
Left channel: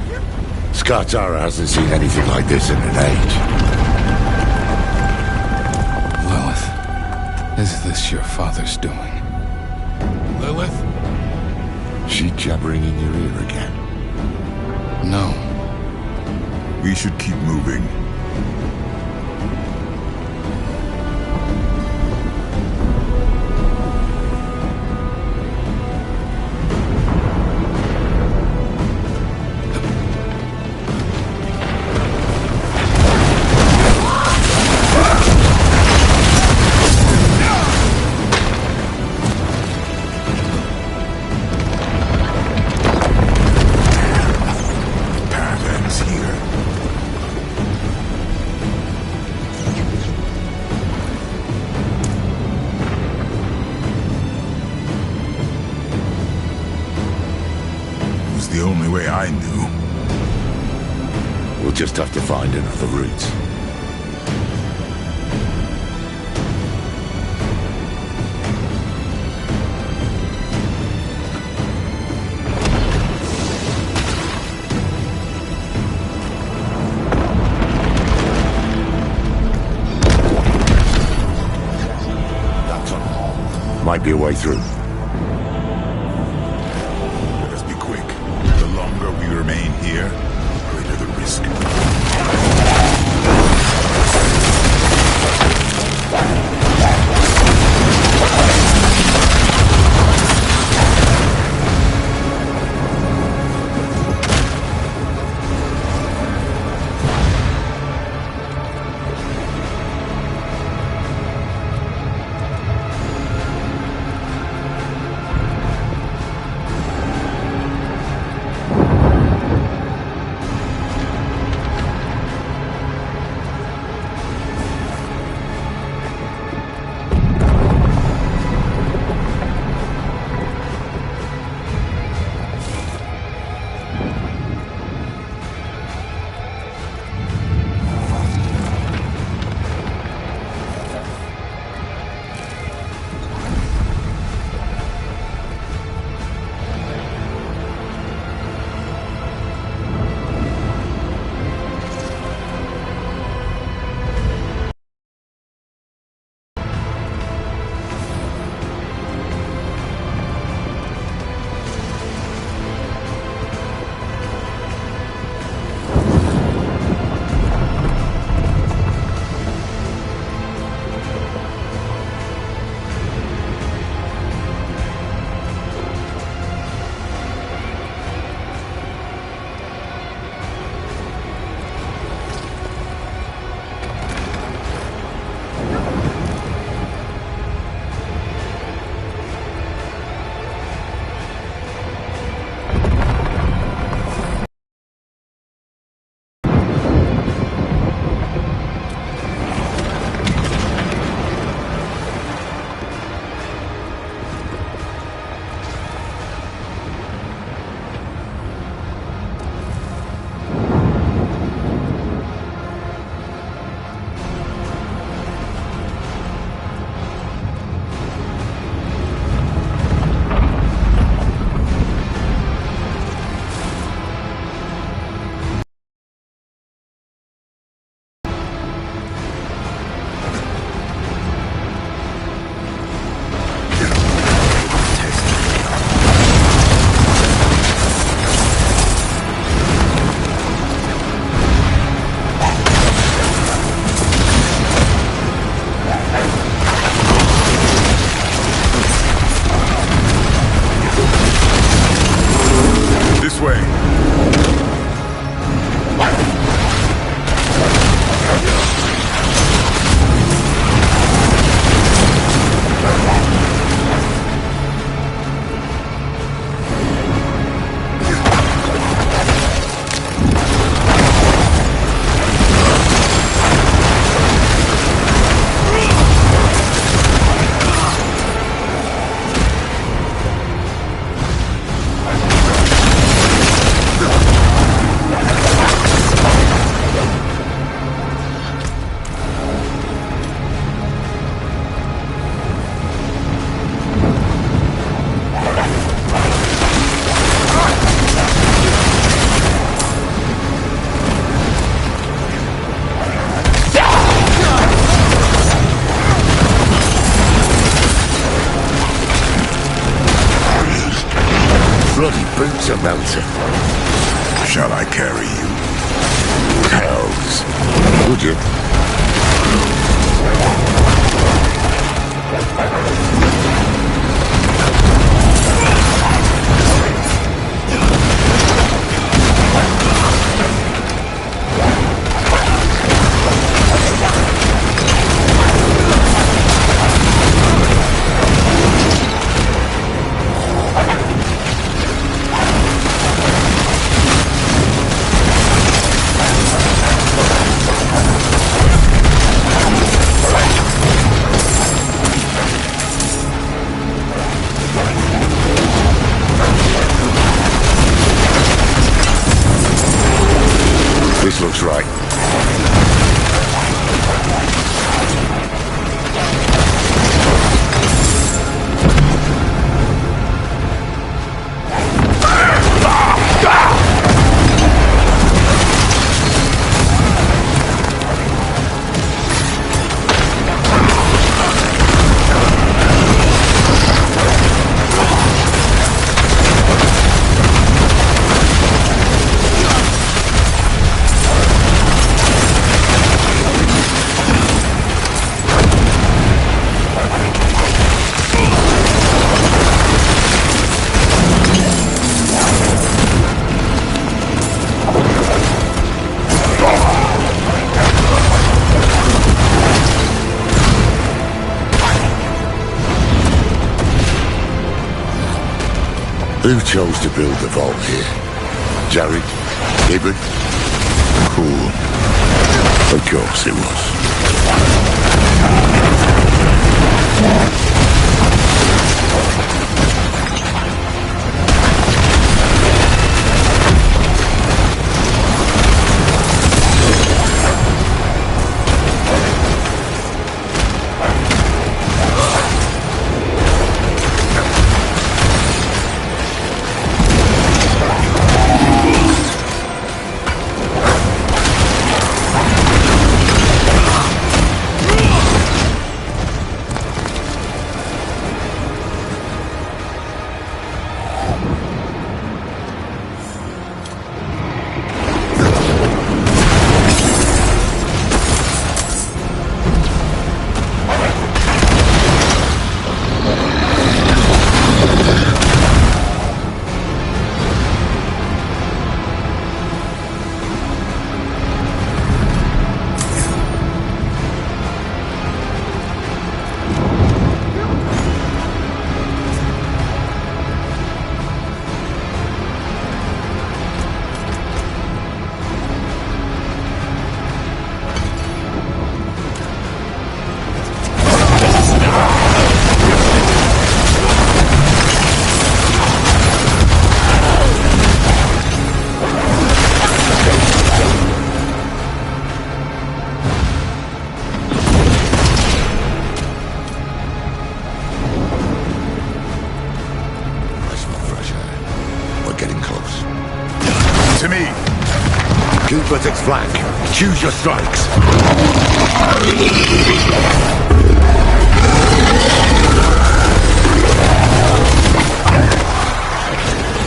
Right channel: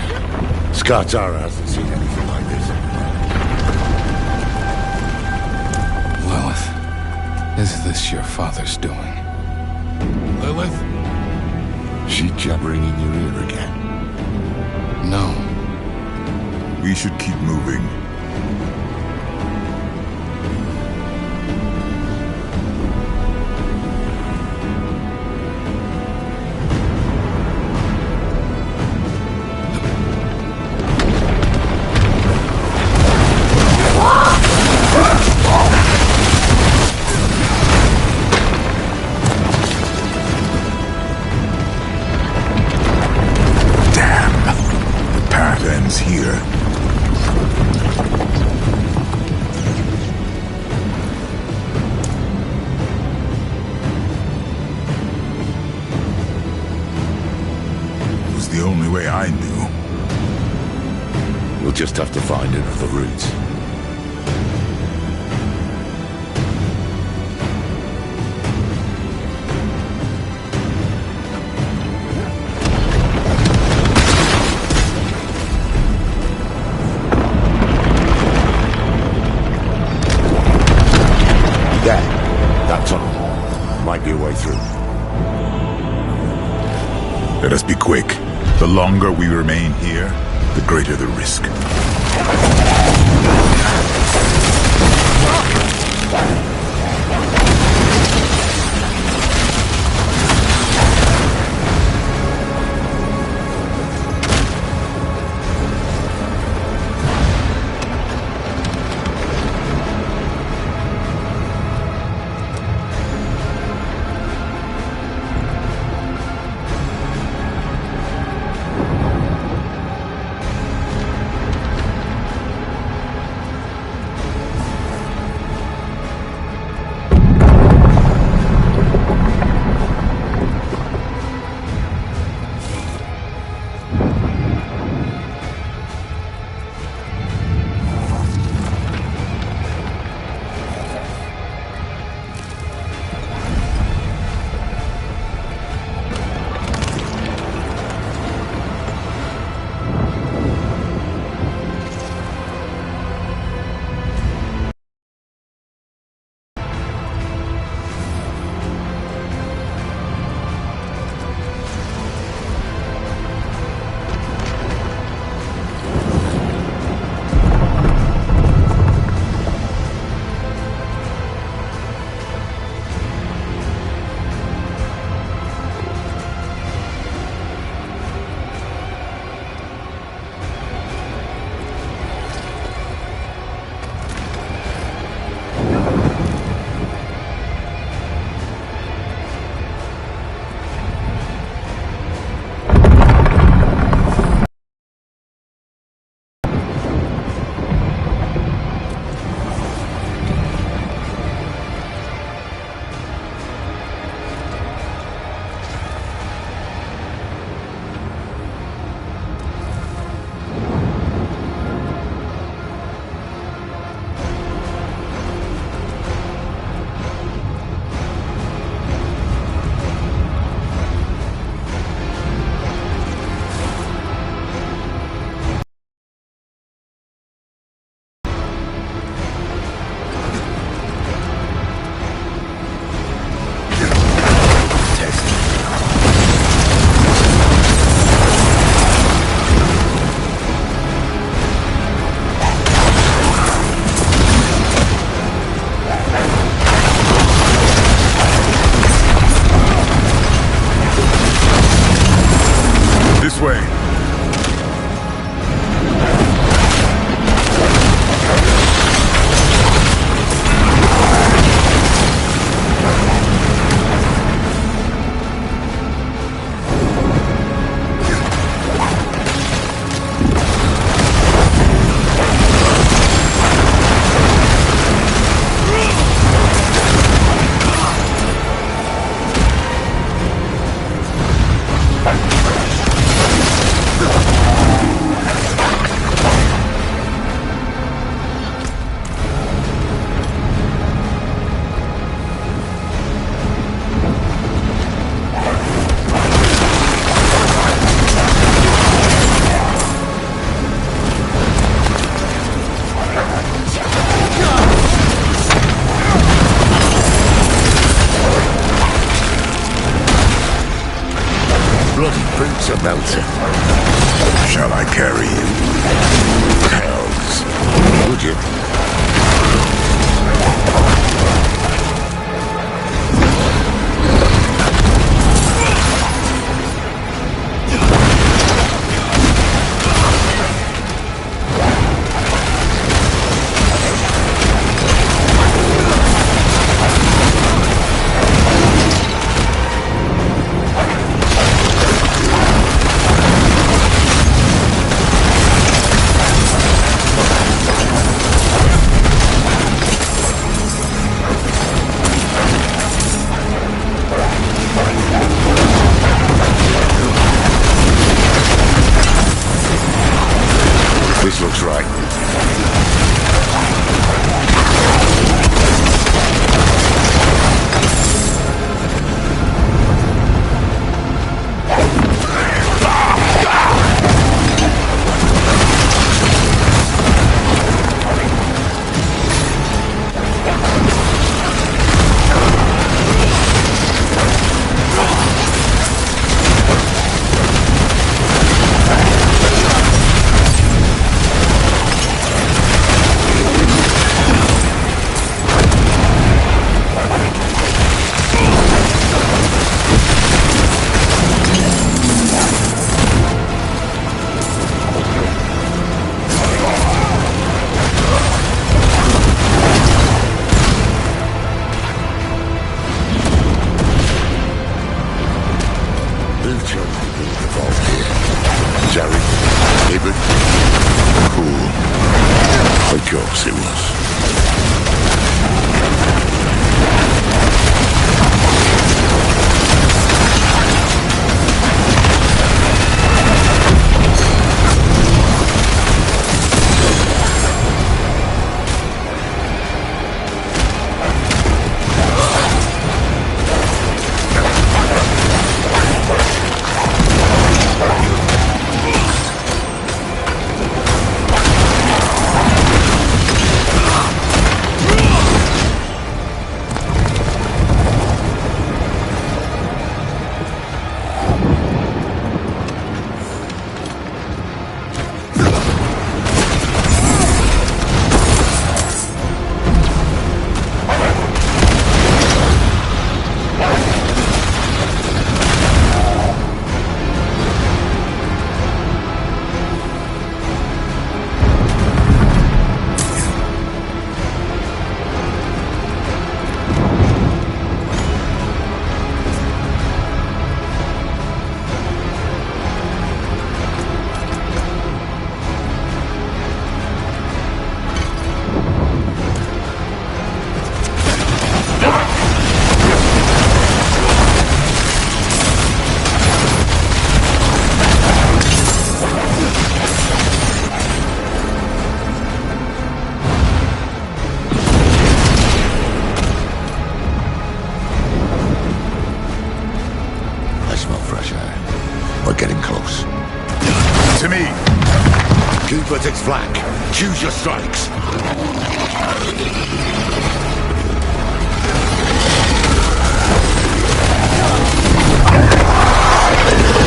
Skartara hasn't seen anything like this in an age. Lilith, is this your father's doing? Lilith? She jabbering in your ear again? No. We should keep moving. Here. It was the only way I knew. We'll just have to find another route. Might be a way through. Let us be quick. The longer we remain here, the greater the risk. boots are melting. Shall I carry you? Hells. Would you? This looks right. Who chose to build the vault here? Jared? Hibbert? Cool. Of course it was. We're getting close. To me! Keep at its flank. Choose your strikes.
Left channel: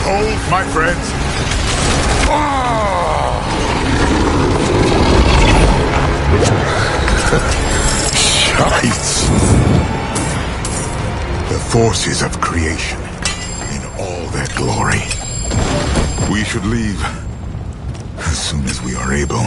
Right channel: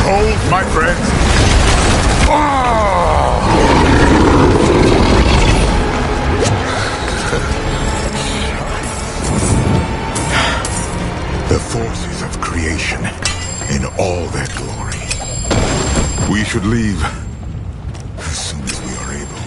Hold, my friends. Shites. The forces of creation in all their glory. We should leave as soon as we are able.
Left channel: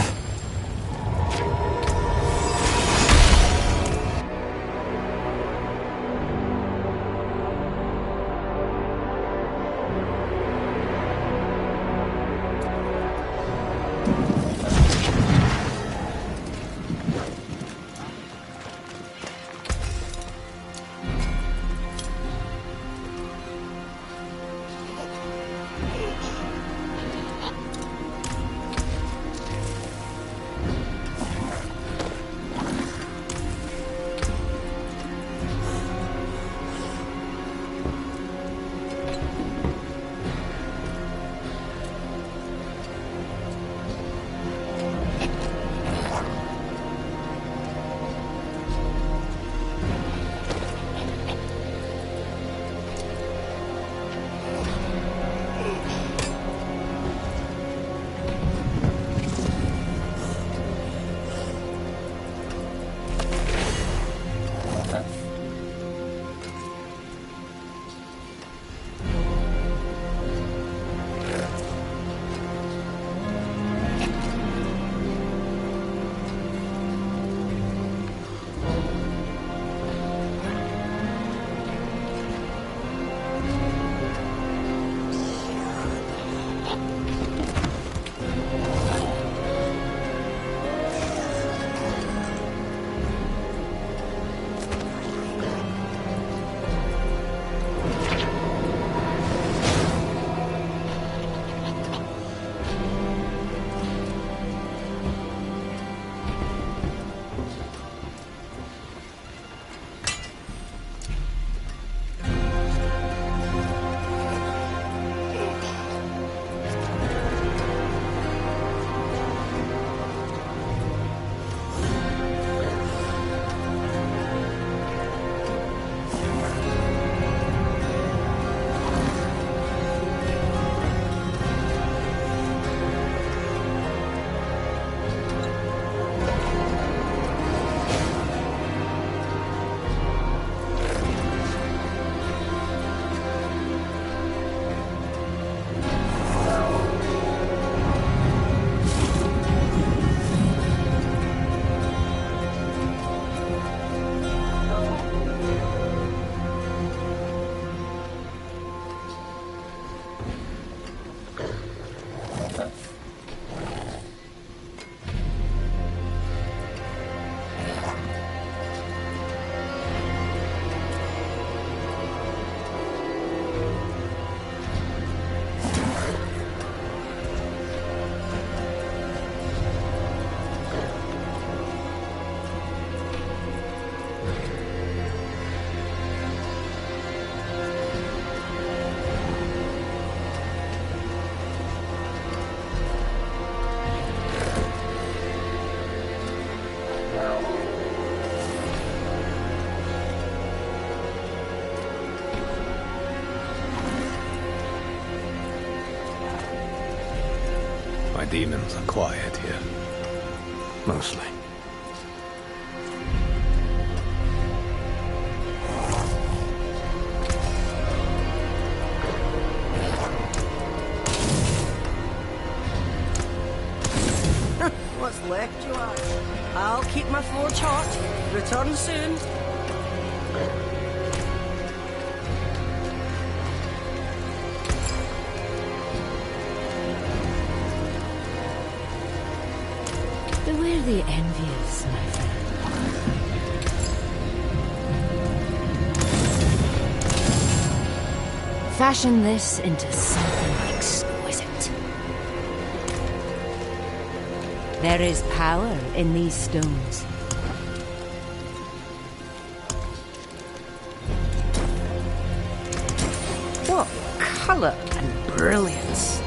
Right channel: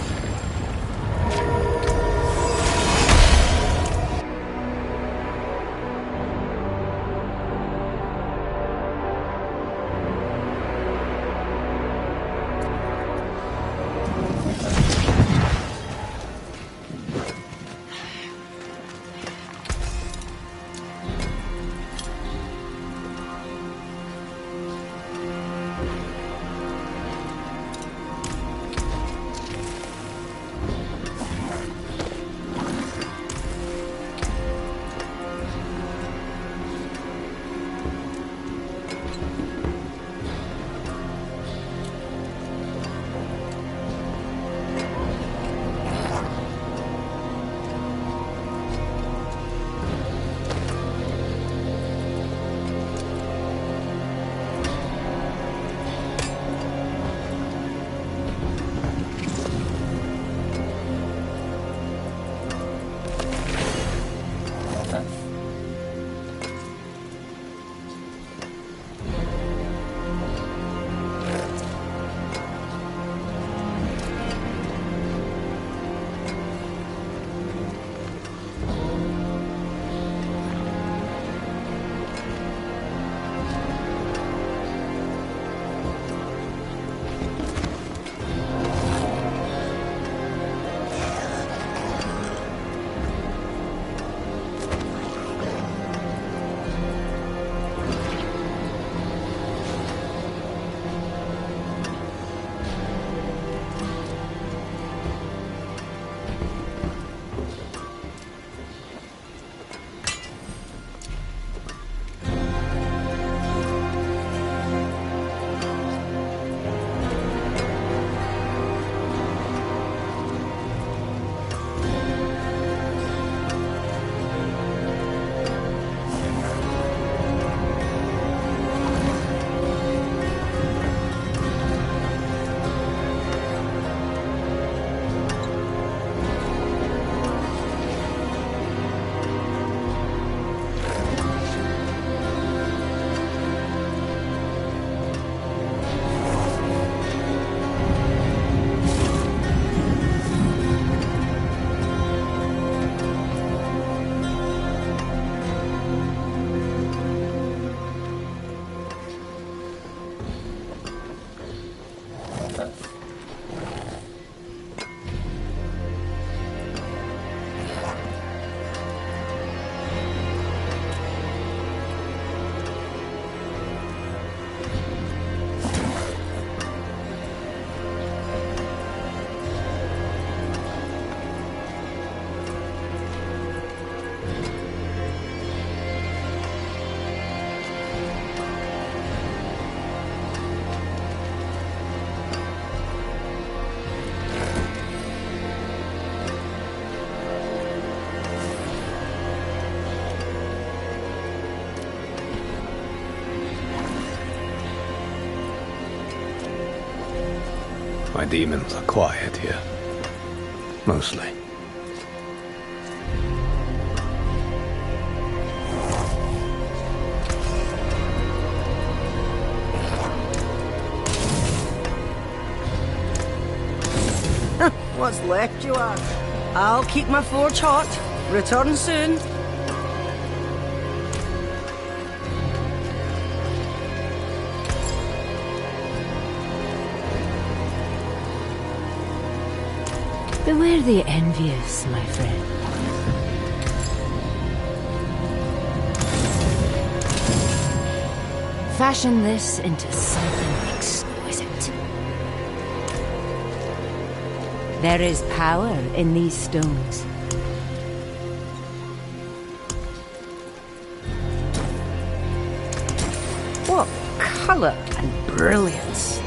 My demons are quiet here. Mostly. What's left, you are? I'll keep my forge hot. Return soon. Beware the envious, my friend. Fashion this into something exquisite. There is power in these stones. What color and brilliance.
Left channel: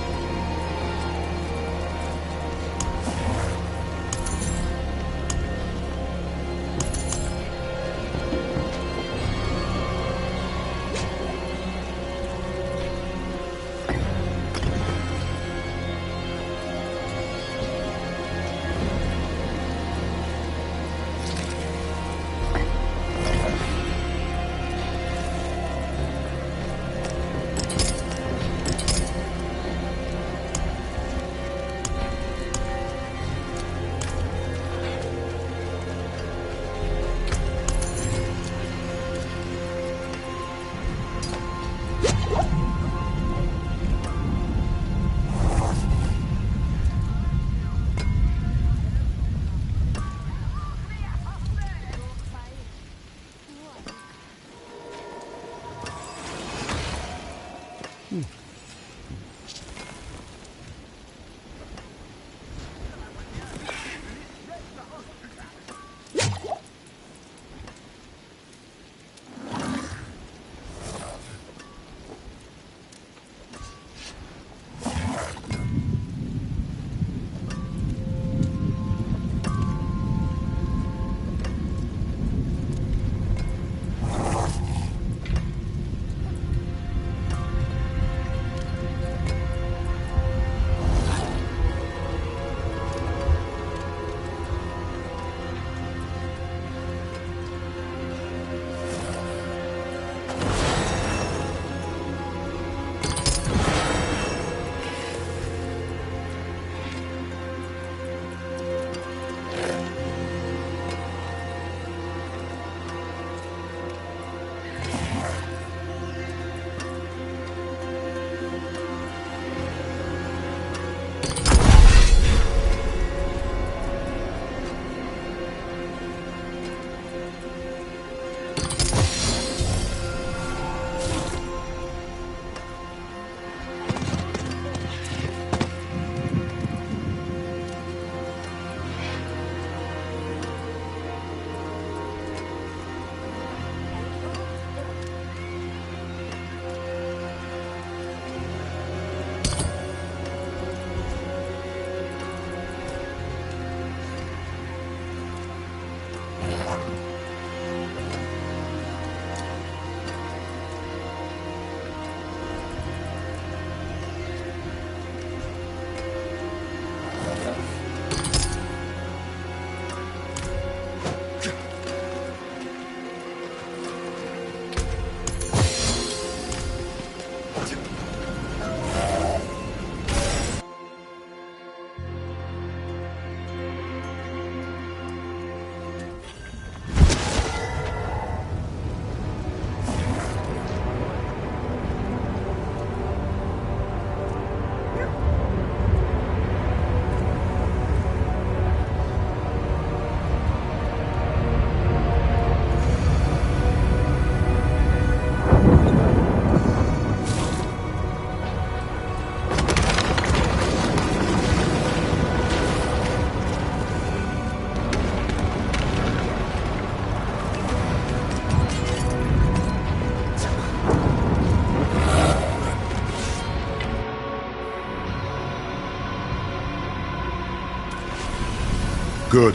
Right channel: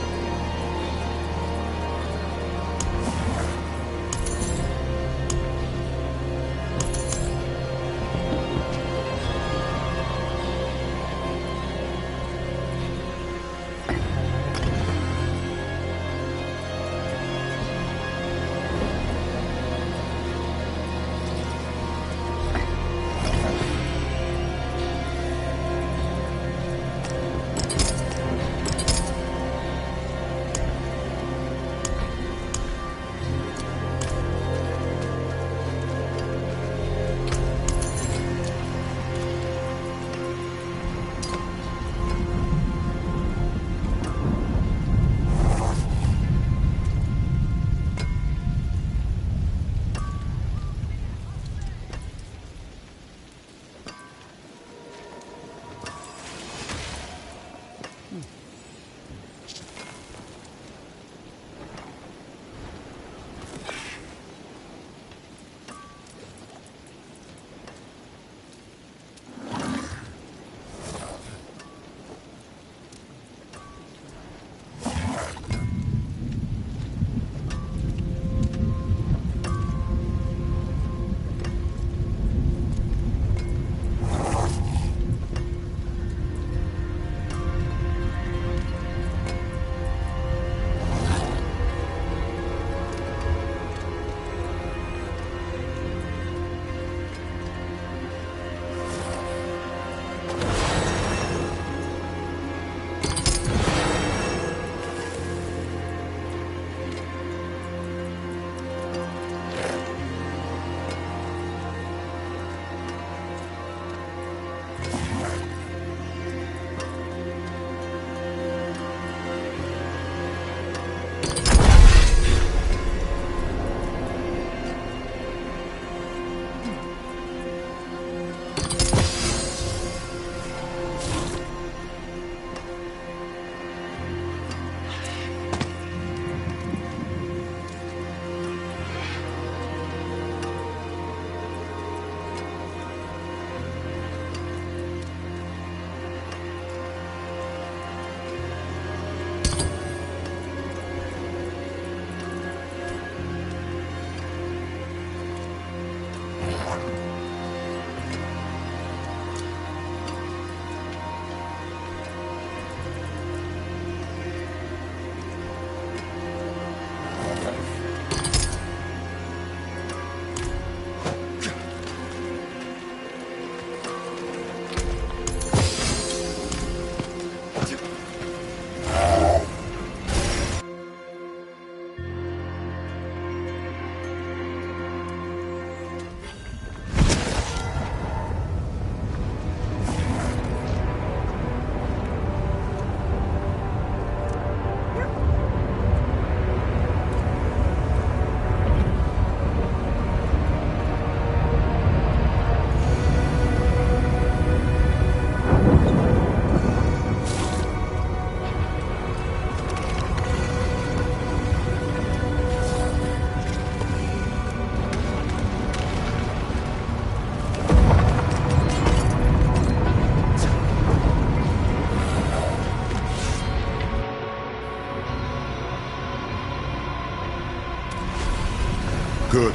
Good.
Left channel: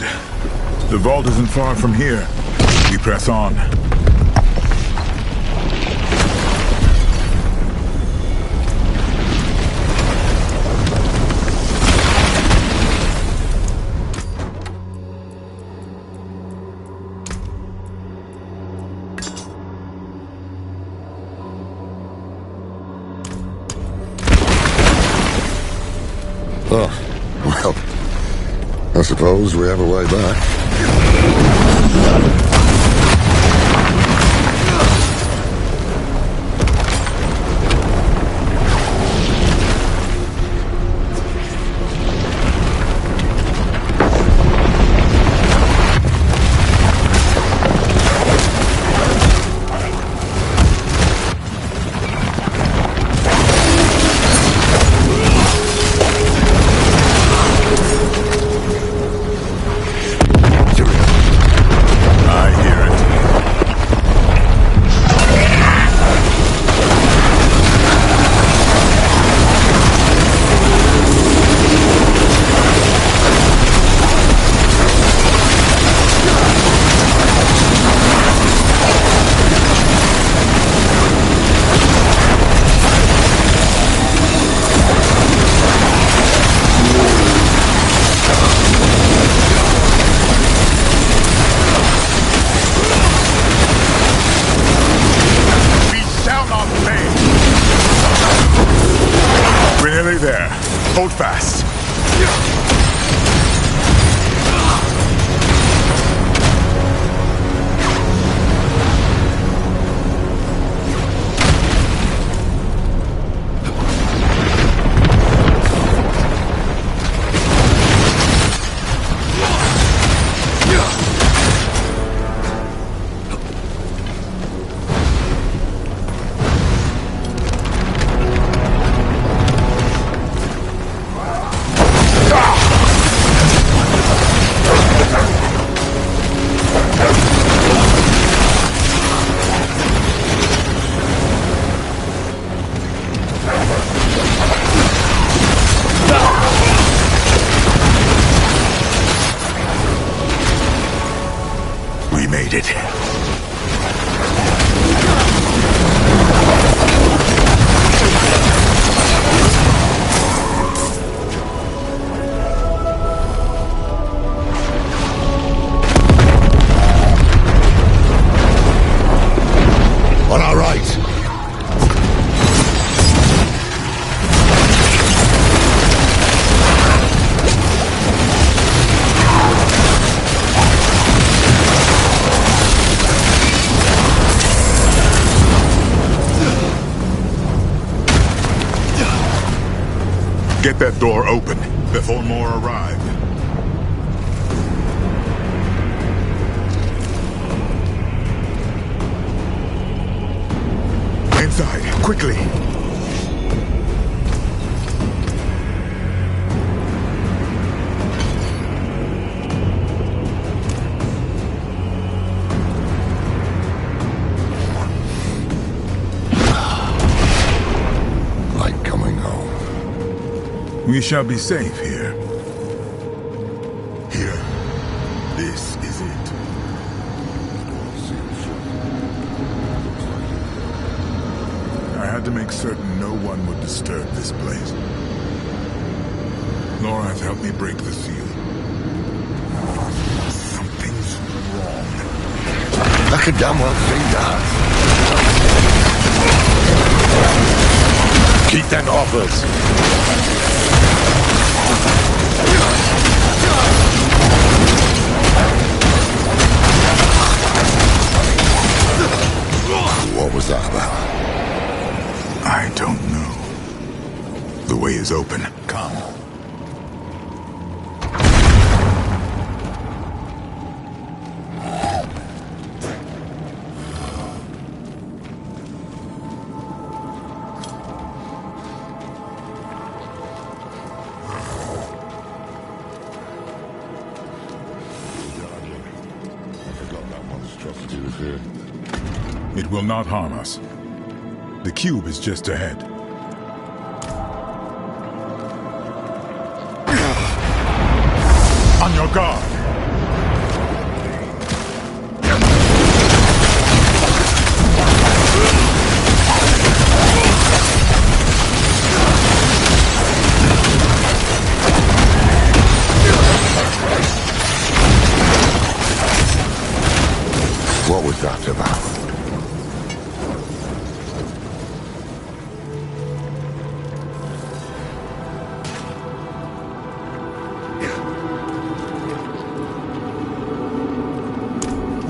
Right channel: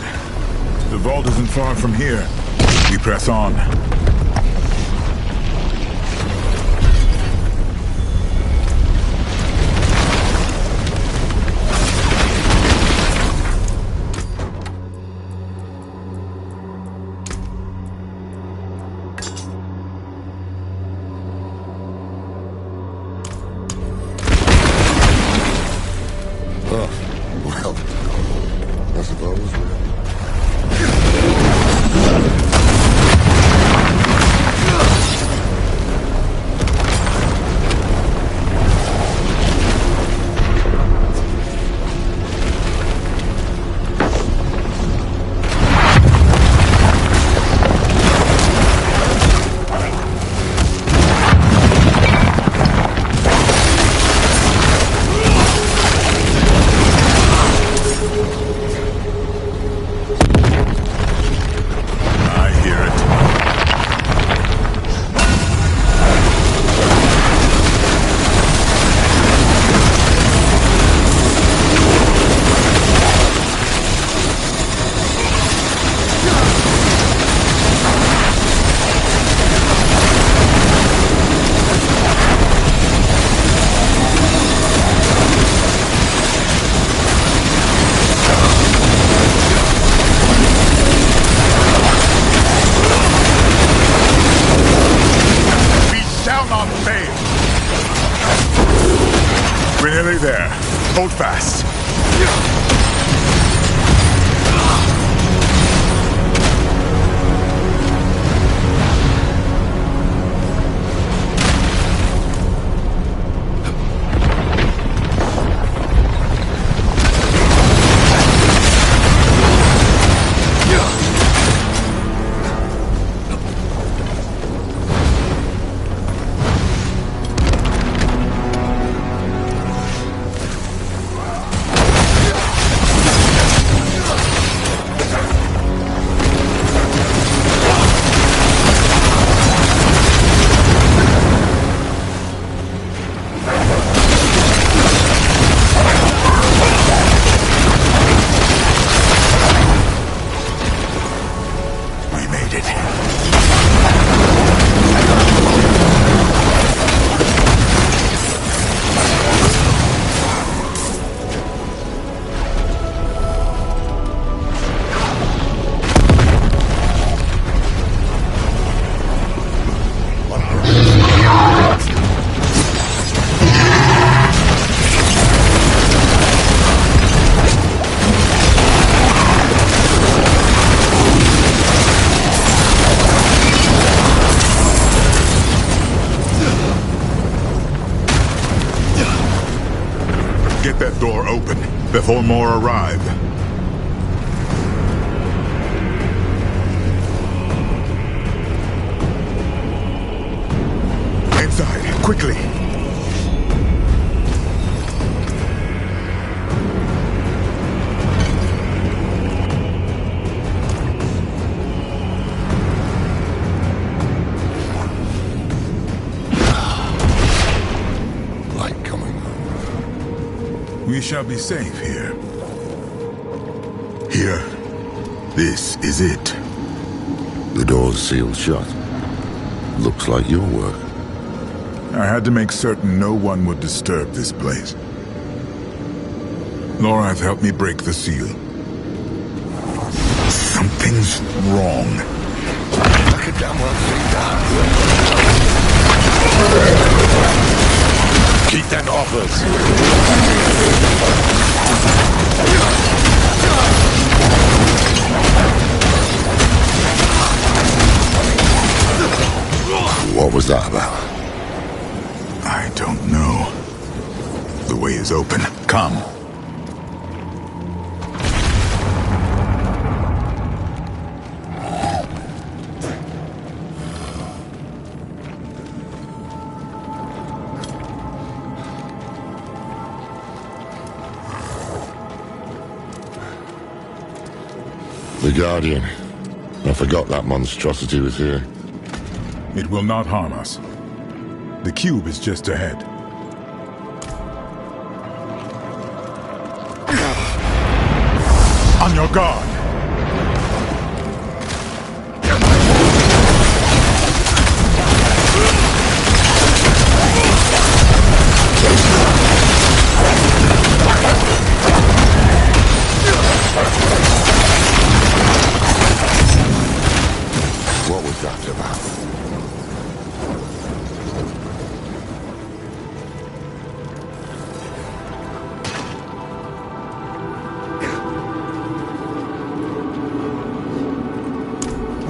The vault isn't far from here. We press on. I suppose we have a way back. There. Hold fast. Get that door open before more arrive. Inside, quickly! We shall be safe here. Here. This is it. The door's sealed shut. Looks like your work. I had to make certain no one would disturb this place. Lorath helped me break the seal. Something's wrong. I could damn well see that. Keep them off us. What was that about? I don't know. The way is open. Come. The Guardian. I forgot that monstrosity was here. It will not harm us. The cube is just ahead. On your guard! What was that about?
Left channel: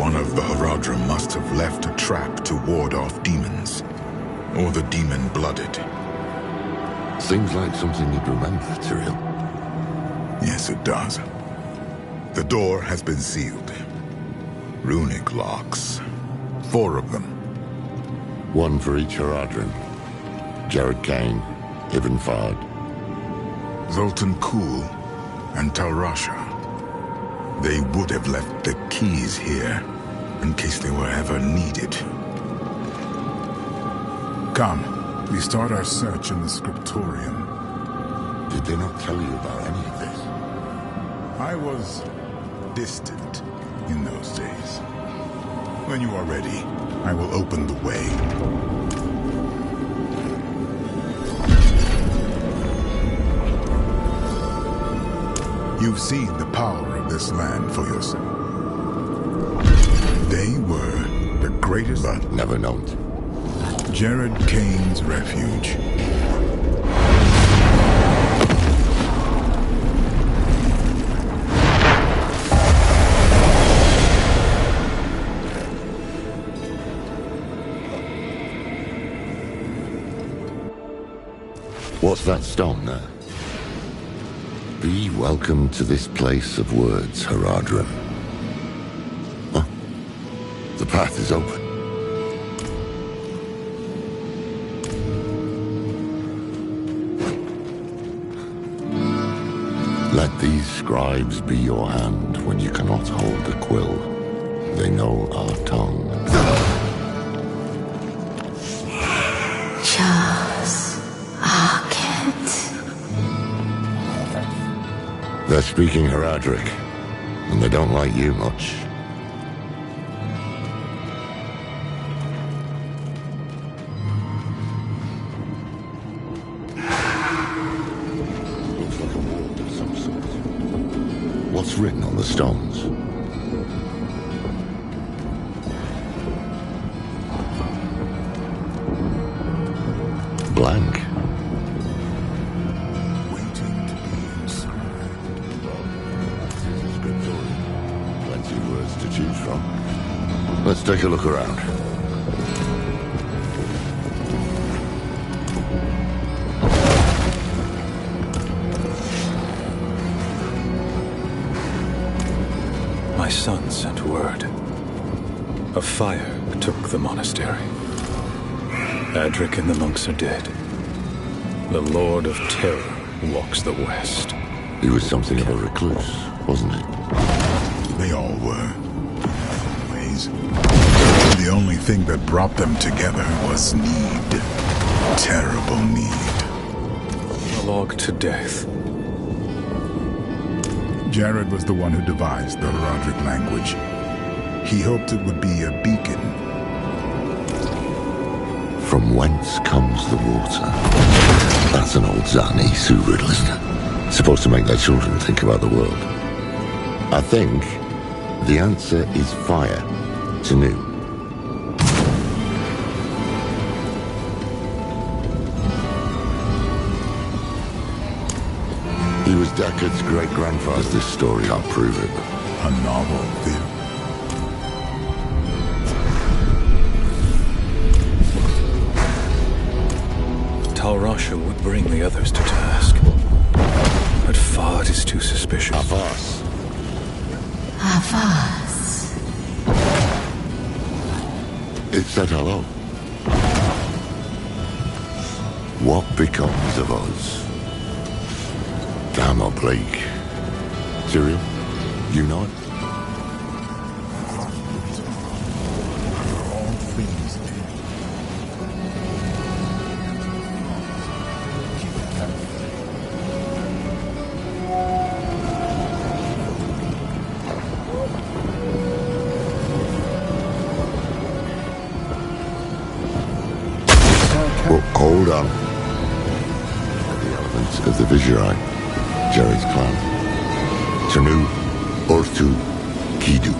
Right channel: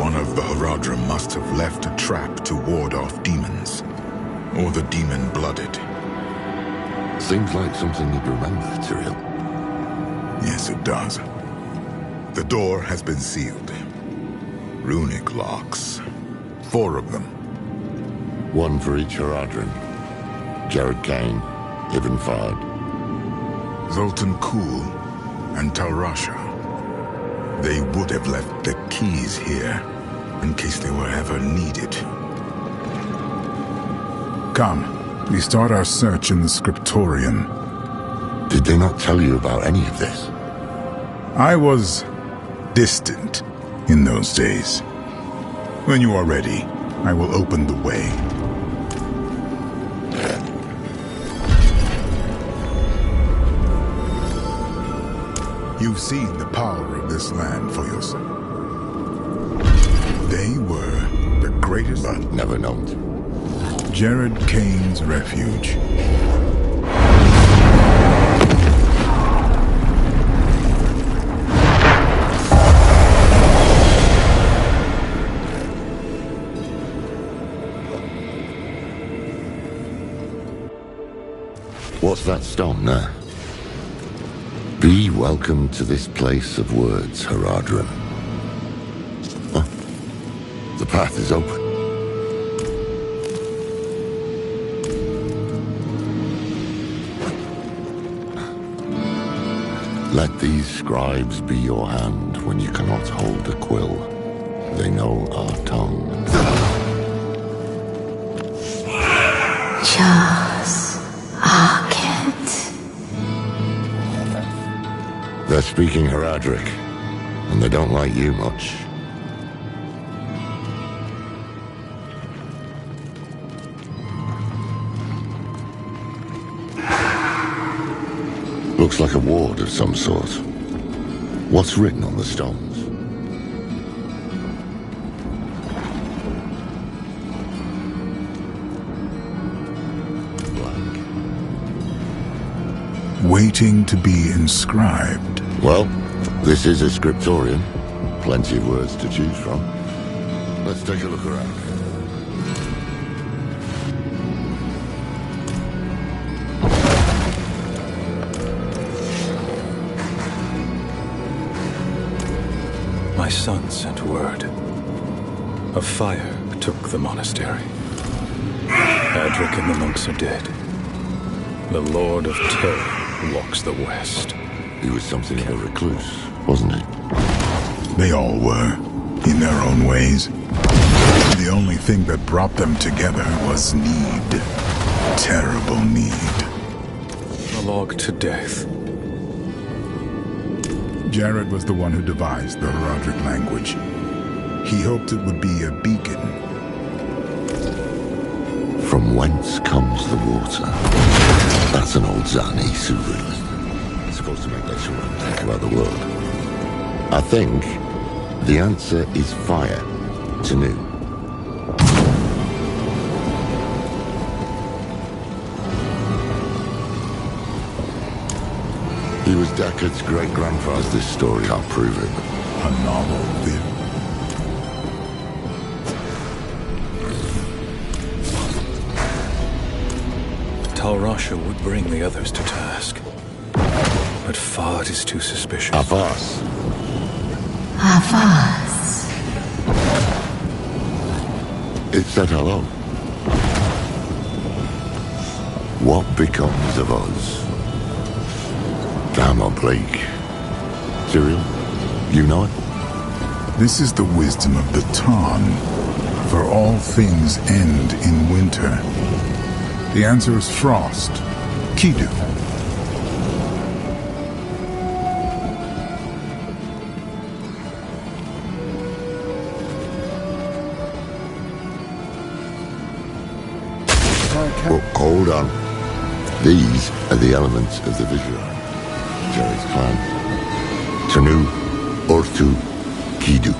One of the Haradrim must have left a trap to ward off demons. Or the demon-blooded. Seems like something you'd remember, Tyrael. Yes, it does. The door has been sealed. Runic locks. 4 of them. One for each Haradrim. Jared Kane, Ibn Fard. Zoltan Kuhl and Talrasha. They would have left the keys here, in case they were ever needed. Come, we start our search in the scriptorium. Did they not tell you about any of this? I was distant in those days. When you are ready, I will open the way. You've seen the power of this land for yourself. They were the greatest, but never known. Jared Kane's refuge. What's that stone there? Be welcome to this place of words, Haradrim. Huh? The path is open. Let these scribes be your hand when you cannot hold a quill. They know our tongue. Charles Arquette. They're speaking Haradric, and they don't like you much. Looks like a ward of some sort. What's written on the stones? Blank. Waiting to be inscribed. Well, this is a scriptorium. Plenty of words to choose from. Let's take a look around. My son sent word. A fire took the monastery. Adric and the monks are dead. The Lord of Terror walks the west. He was something of a recluse, wasn't he? They all were, in their own ways. The only thing that brought them together was need. Terrible need. A log to death. Jared was the one who devised the Haradric language. He hoped it would be a beacon. From whence comes the water? That's an old Zani Sioux riddle, isn't it? Supposed to make their children think about the world. I think the answer is fire. Tanu. He was Deckard's great-grandfather. This story can't prove it. A novel theory. Talrasha would bring the others to task. But Fard is too suspicious. Avas. Avas. It said hello. What becomes of us? Damn oblique. Tyrael, you know it? This is the wisdom of the Tarn. For all things end in winter. The answer is frost. Kidu. Well, hold on. These are the elements of the Viserai, Jared's clan. Tanu, Orthu, Kidu.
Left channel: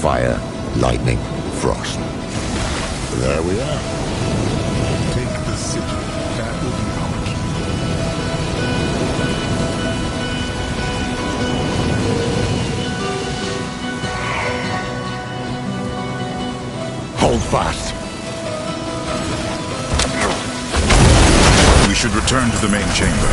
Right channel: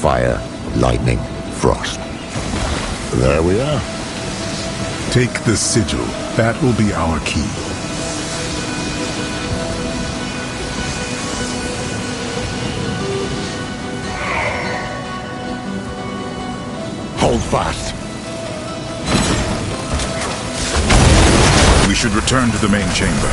Fire, lightning, frost. There we are. Take the sigil. That will be our key. fast. We should return to the main chamber.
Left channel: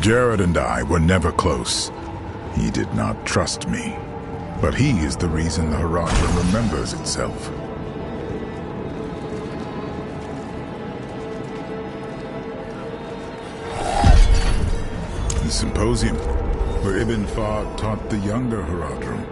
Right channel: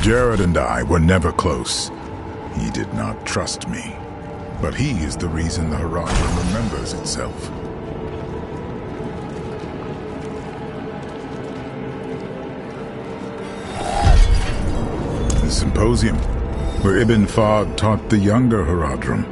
Jared and I were never close. He did not trust me. But he is the reason the Heradrim remembers itself. The symposium, where Ibn Fahd taught the younger Heradrim.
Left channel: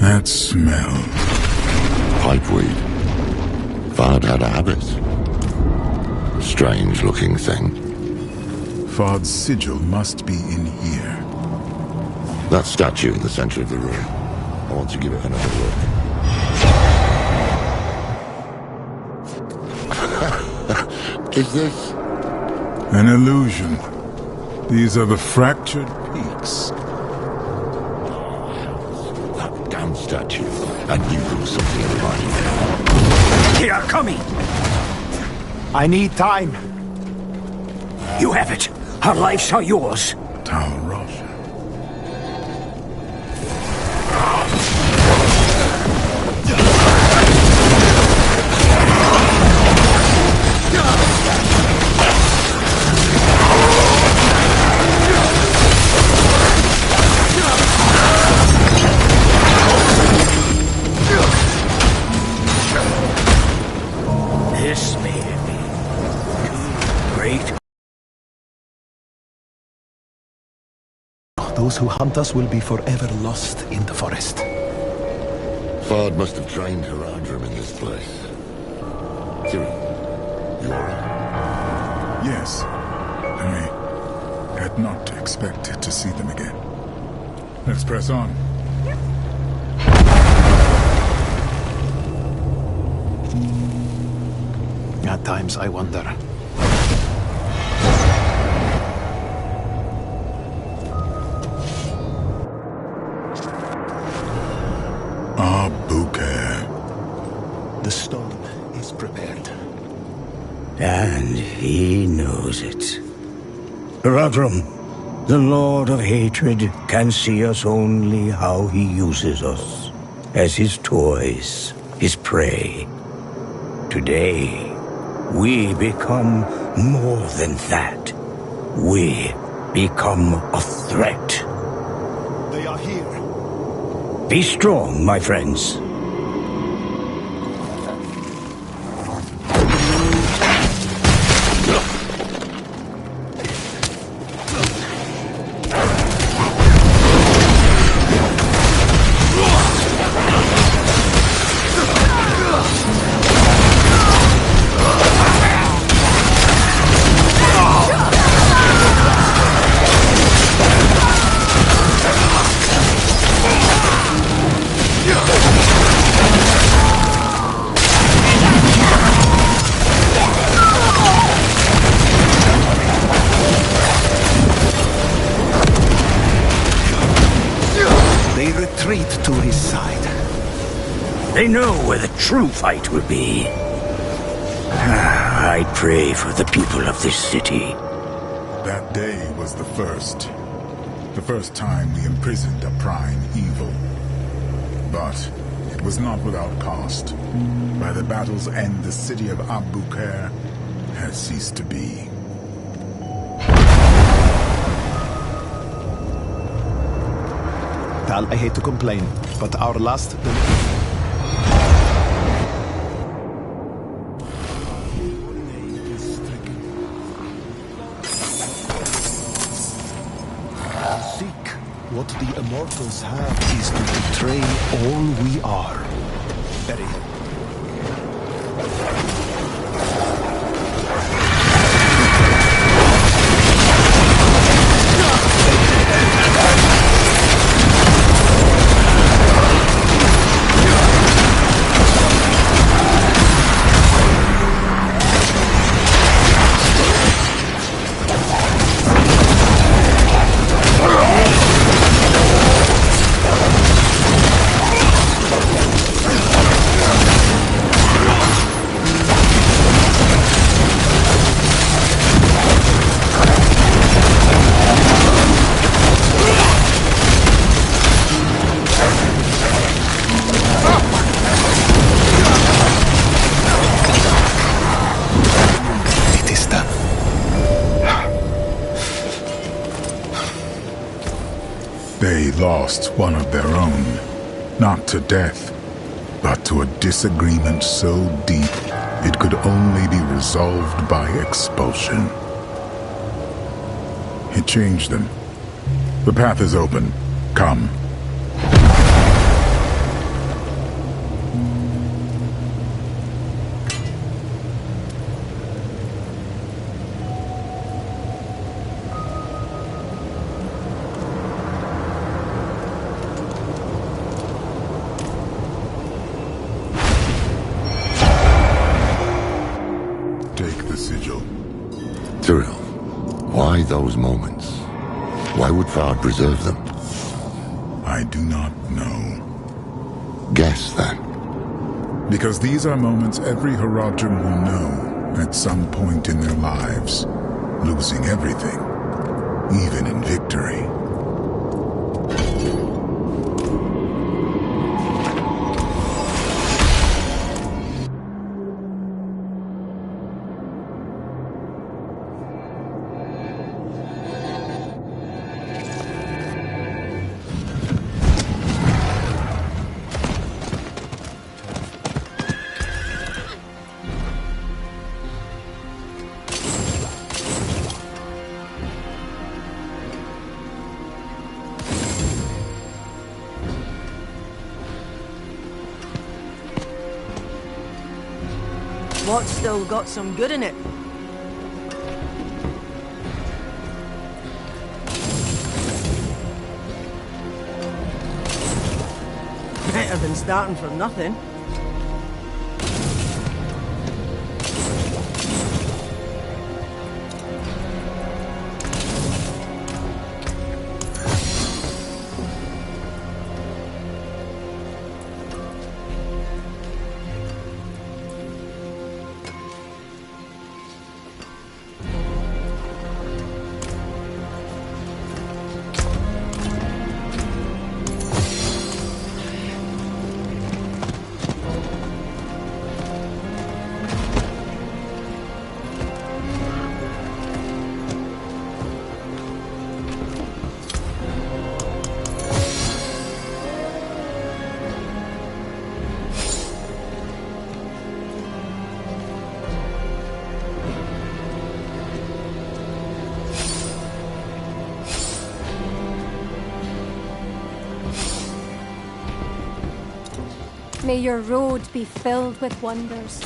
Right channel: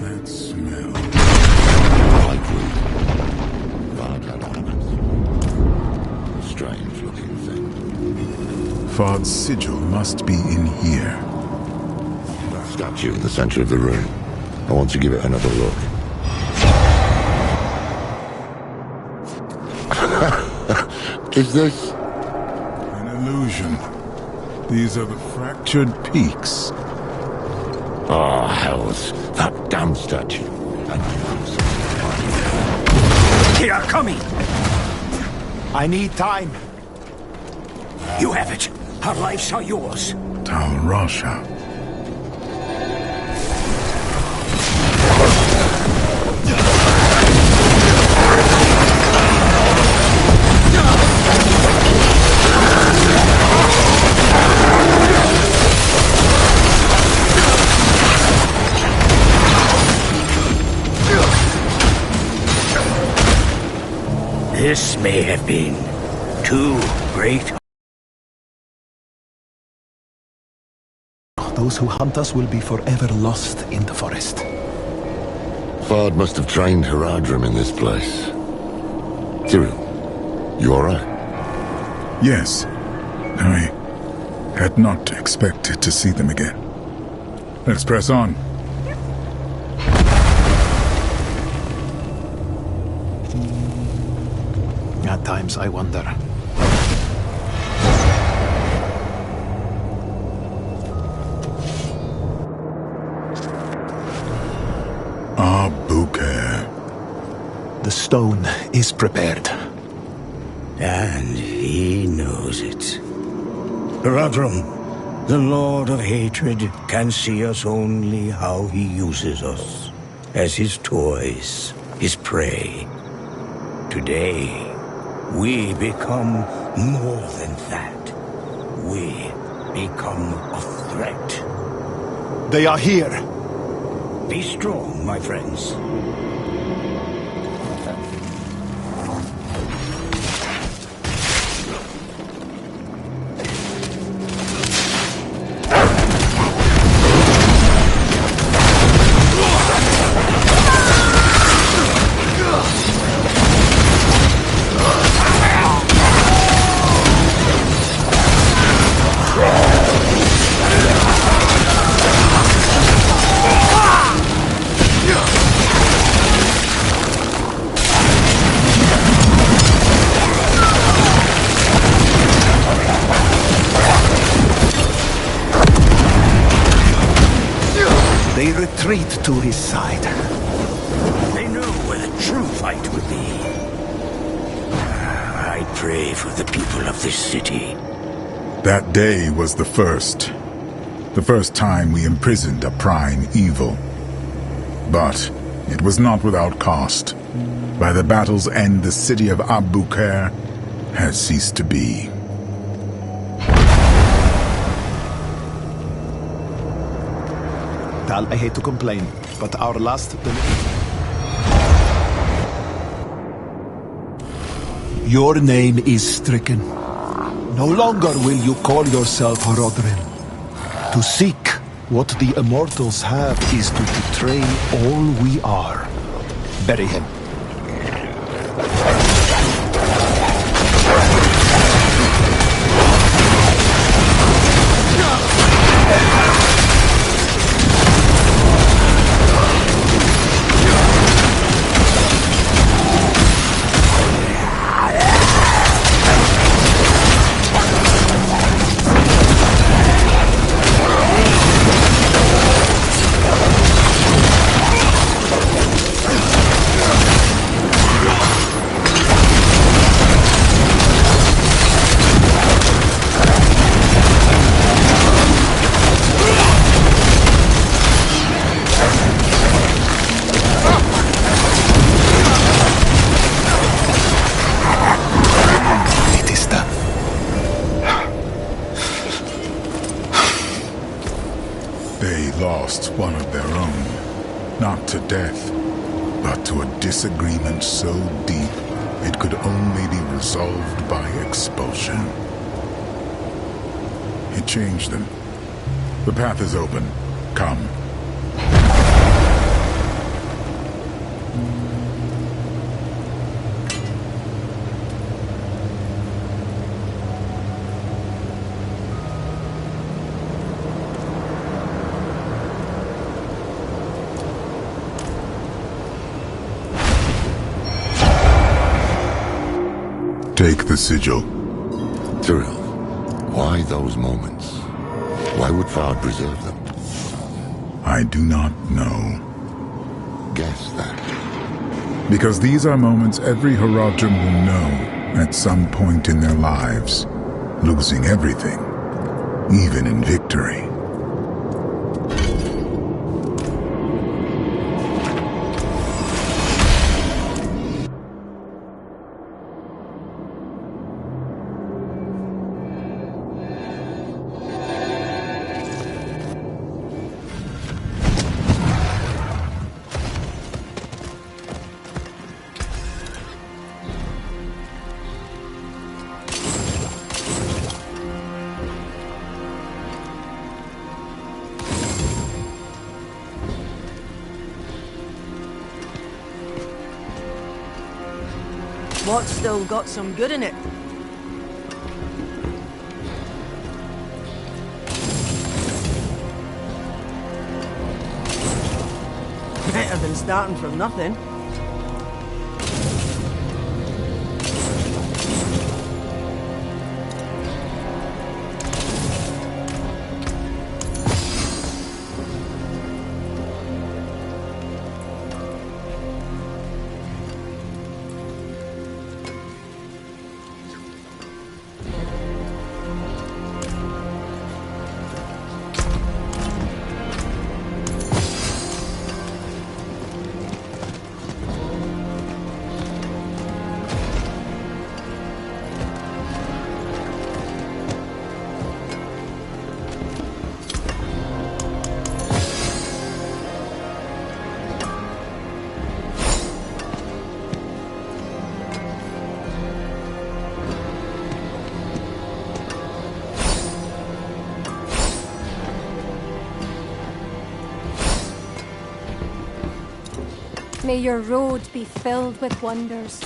That smell. Pipeweed. Fahd had a habit. Strange-looking thing. Fahd's sigil must be in here. That statue in the center of the room. I want to give it another look. Is this... an illusion. These are the fractured peaks. Oh, hells. That damn statue. I knew there was something about it. They are coming! I need time. You have it. Our lives are yours. Tal Rasha. This may have been too great. Those who hunt us will be forever lost in the forest. Fahd must have trained Heradrim in this place. Cyril, you alright? Yes. I had not expected to see them again. Let's press on. At times I wonder. Bouquet. The stone is prepared. And he knows it. Heradrim, the Lord of Hatred, can see us only how he uses us. As his toys, his prey. Today, we become more than that. We become a threat. They are here. Be strong, my friends. They retreat to his side. They know where the true fight will be. I pray for the people of this city. That day was the first. The first time we imprisoned a prime evil. But it was not without cost. By the battle's end, the city of Abu Khair has ceased to be. Tal, I hate to complain, but our last... Your name is stricken. No longer will you call yourself Rodrin. To seek what the Immortals have is to betray all we are. Bury him. They lost one of their own, not to death, but to a disagreement so deep it could only be resolved by expulsion. It changed them. The path is open. Come. Take the sigil. Tyrell, why those moments? Why would Fard preserve them? I do not know. Guess that. Because these are moments every Haradrim will know at some point in their lives, losing everything, even in victory. What's still got some good in it? Better than starting from nothing. May your road be filled with wonders.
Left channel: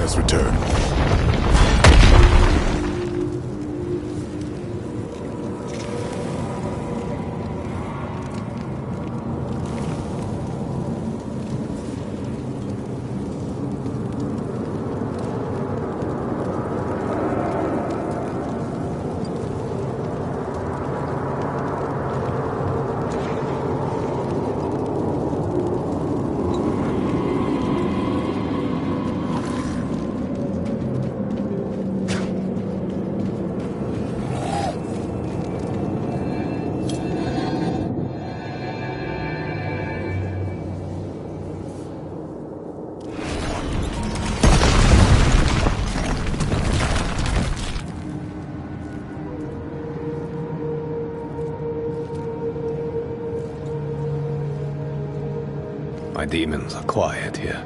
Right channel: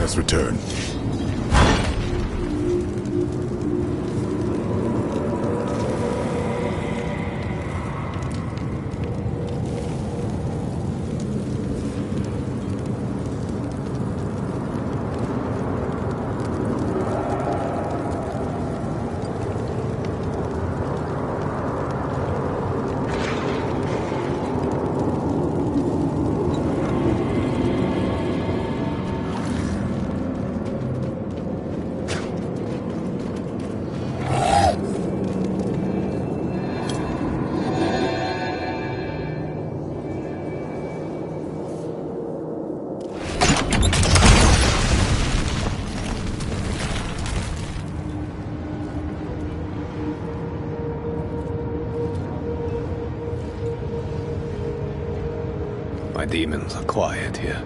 Let us return. My demons are quiet here.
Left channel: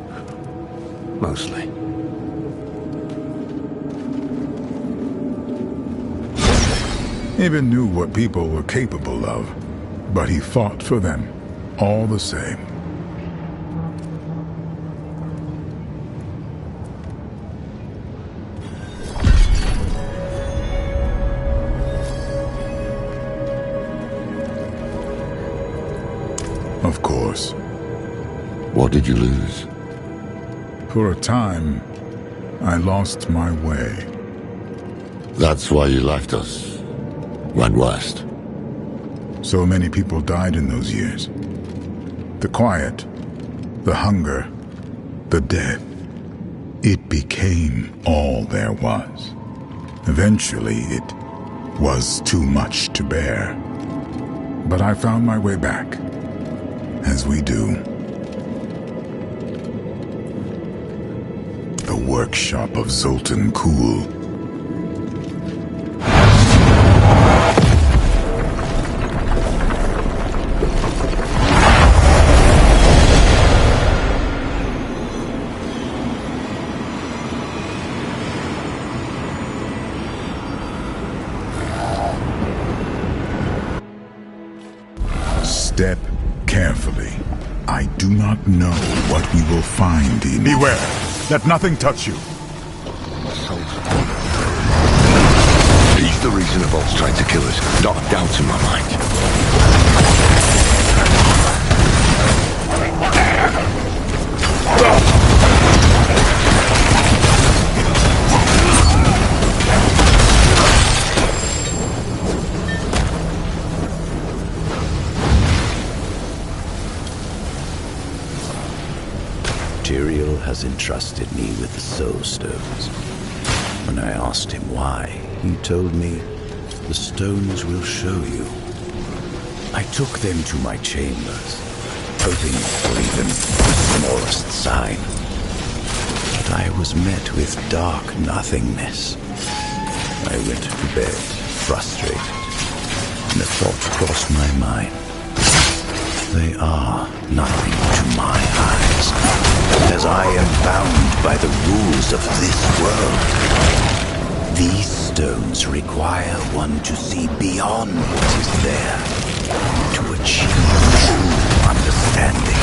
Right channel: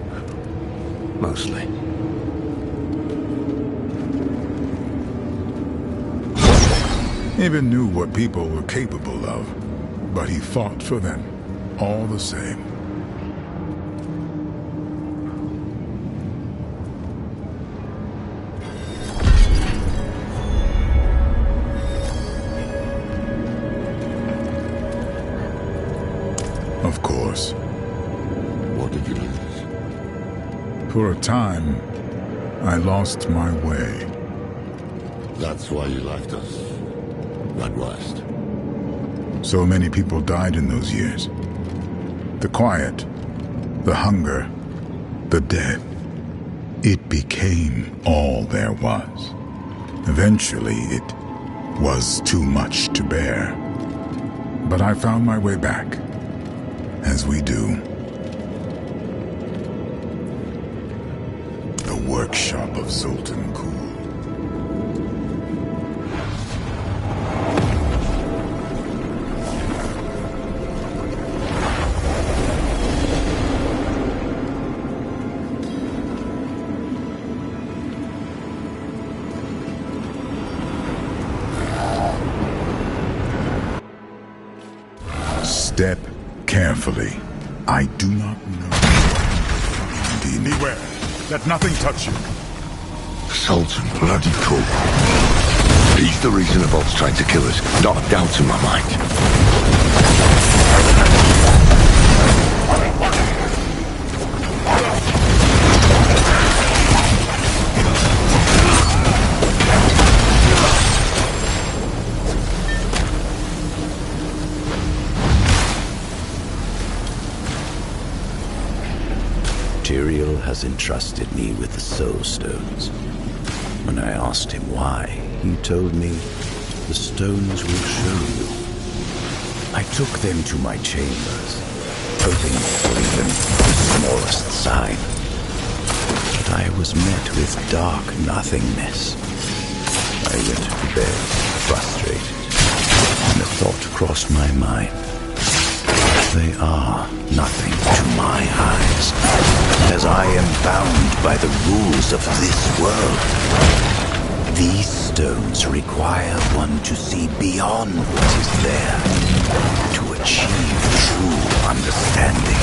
Mostly. Even knew what people were capable of, but he fought for them, all the same. Of course. What did you lose? For a time, I lost my way. That's why you left us. Went west. So many people died in those years. The quiet, the hunger, the death. It became all there was. Eventually, it was too much to bear. But I found my way back, as we do. The workshop of Zoltan Kuhl. Step carefully. I do not know what we will find in... Beware! Let nothing touch you! Sultan bloody Kuhl. He's the reason the Vault's tried to kill us. Not a doubt in my mind. Tyrael has entrusted me with the Soul Stones. When I asked him why, he told me, the stones will show you. I took them to my chambers, hoping for even the smallest sign. But I was met with dark nothingness. I went to bed, frustrated, and a thought crossed my mind. They are nothing to my eyes, as I am bound by the rules of this world. These stones require one to see beyond what is there, to achieve true understanding.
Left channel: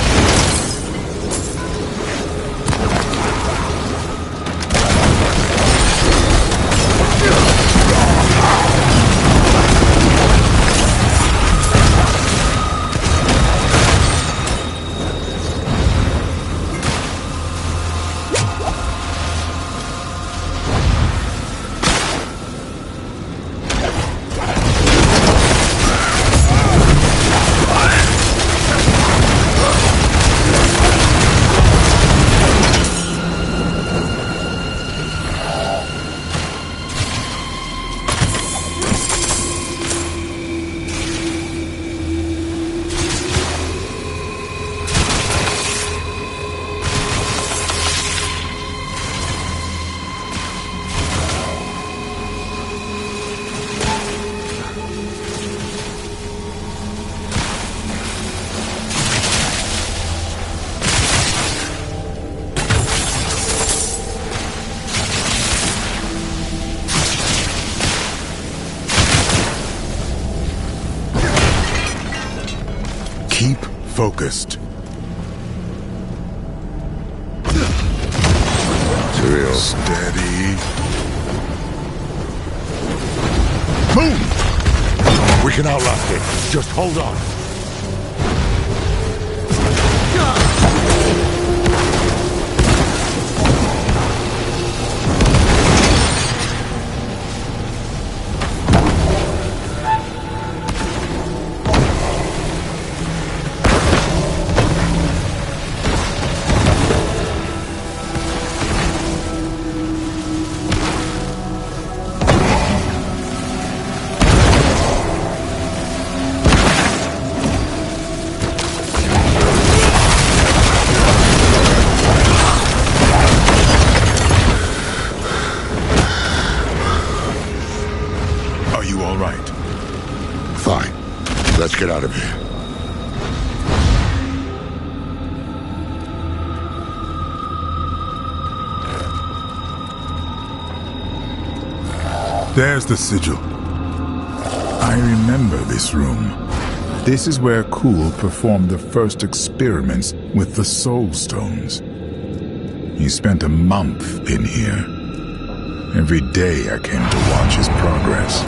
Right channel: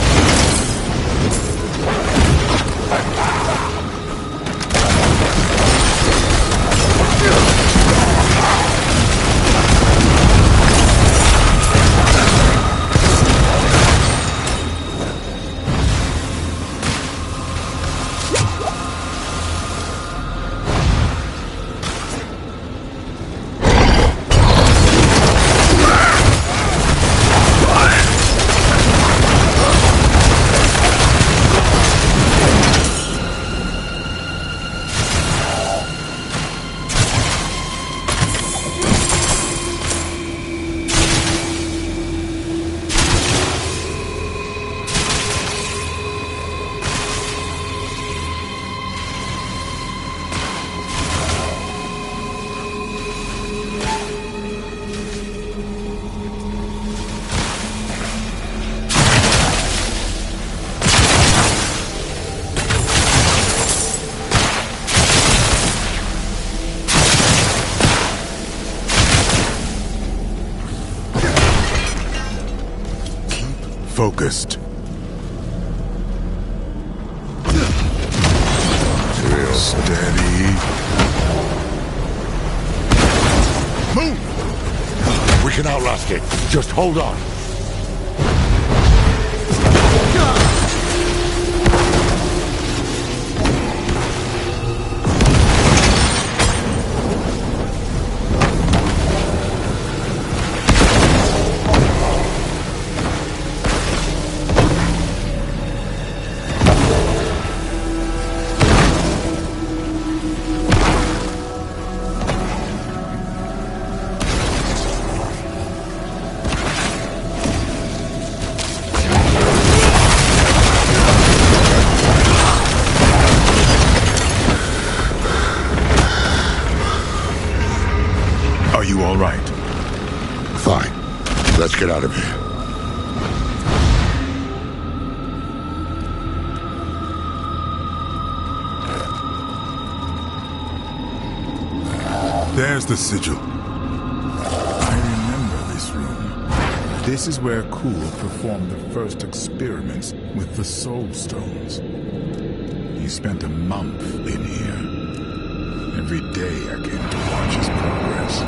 Focused. Tyrael Steady. Move! We can outlast it. Just hold on. Are you all right? Fine. Let's get out of here. There's the sigil. I remember this room. This is where Kuhl performed the first experiments with the Soul Stones. He spent a month in here. Every day I came to watch his progress.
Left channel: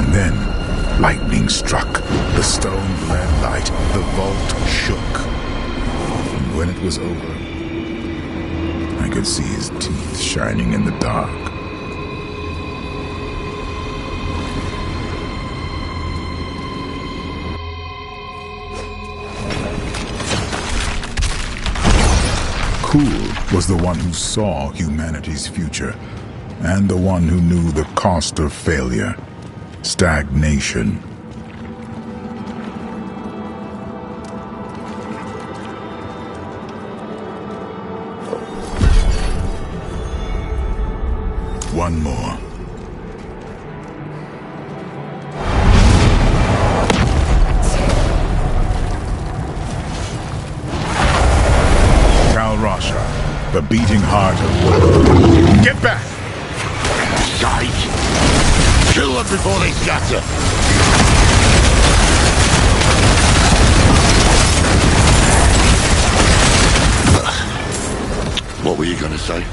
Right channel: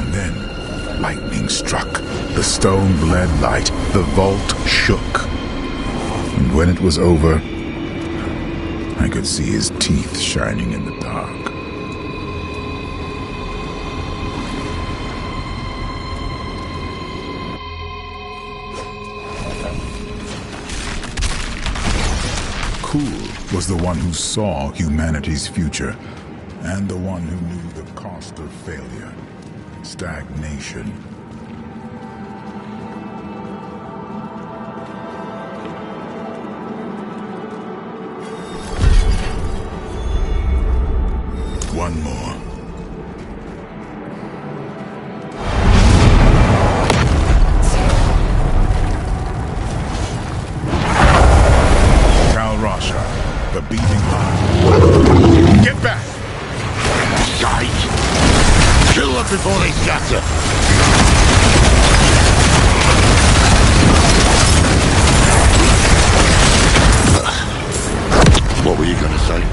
And then, lightning struck. The stone bled light. The vault shook. And when it was over, I could see his teeth shining in the dark. Kuhl was the one who saw humanity's future, and the one who knew the cost of failure, stagnation. One more. The beating heart. Get back! Shite! Kill them before they scatter! What were you gonna say?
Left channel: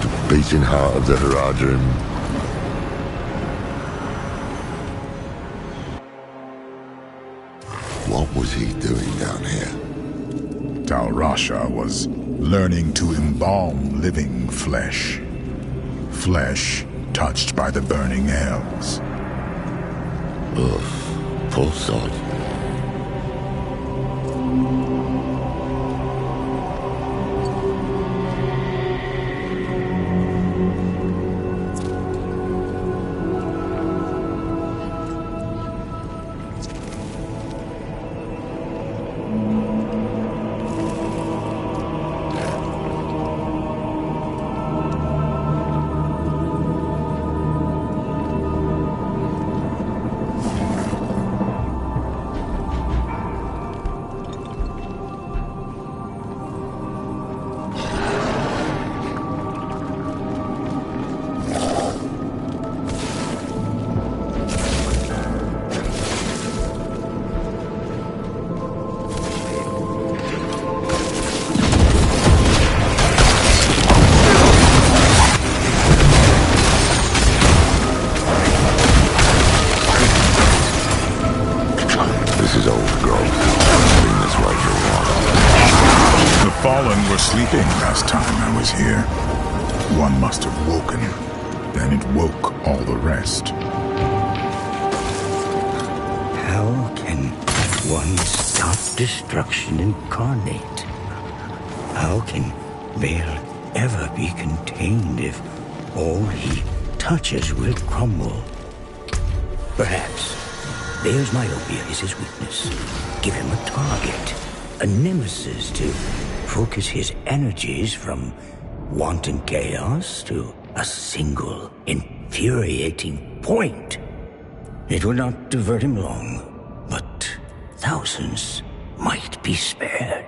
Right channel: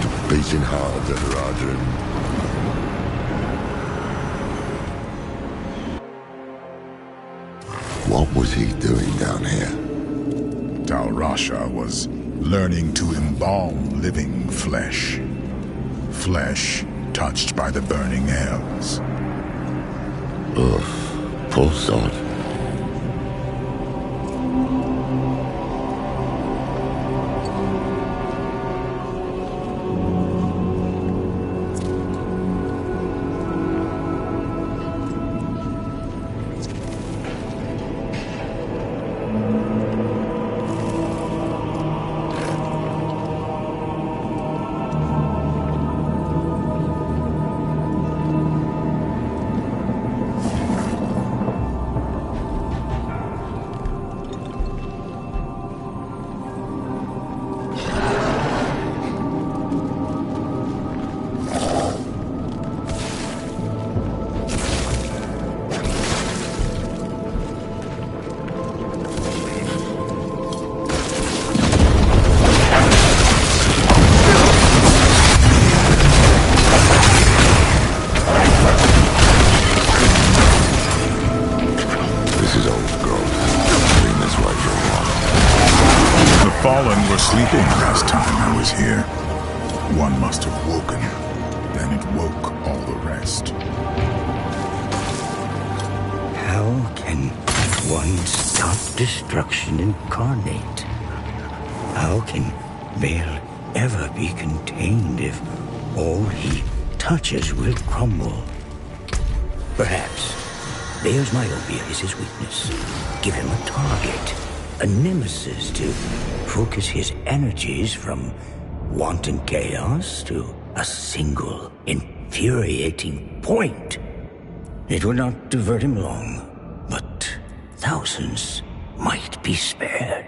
The beating heart of the Haradrim. What was he doing down here? Tal Rasha was learning to embalm living flesh. Flesh touched by the burning hells. Ugh, poor sod. Sleeping last time I was here. One must have woken. Then it woke all the rest. How can one stop destruction incarnate? How can Baal ever be contained if all he touches will crumble? Perhaps Baal's myopia is his weakness. Give him a target, a nemesis to focus his energies from wanton chaos to a single infuriating point. It would not divert him long, but thousands might be spared.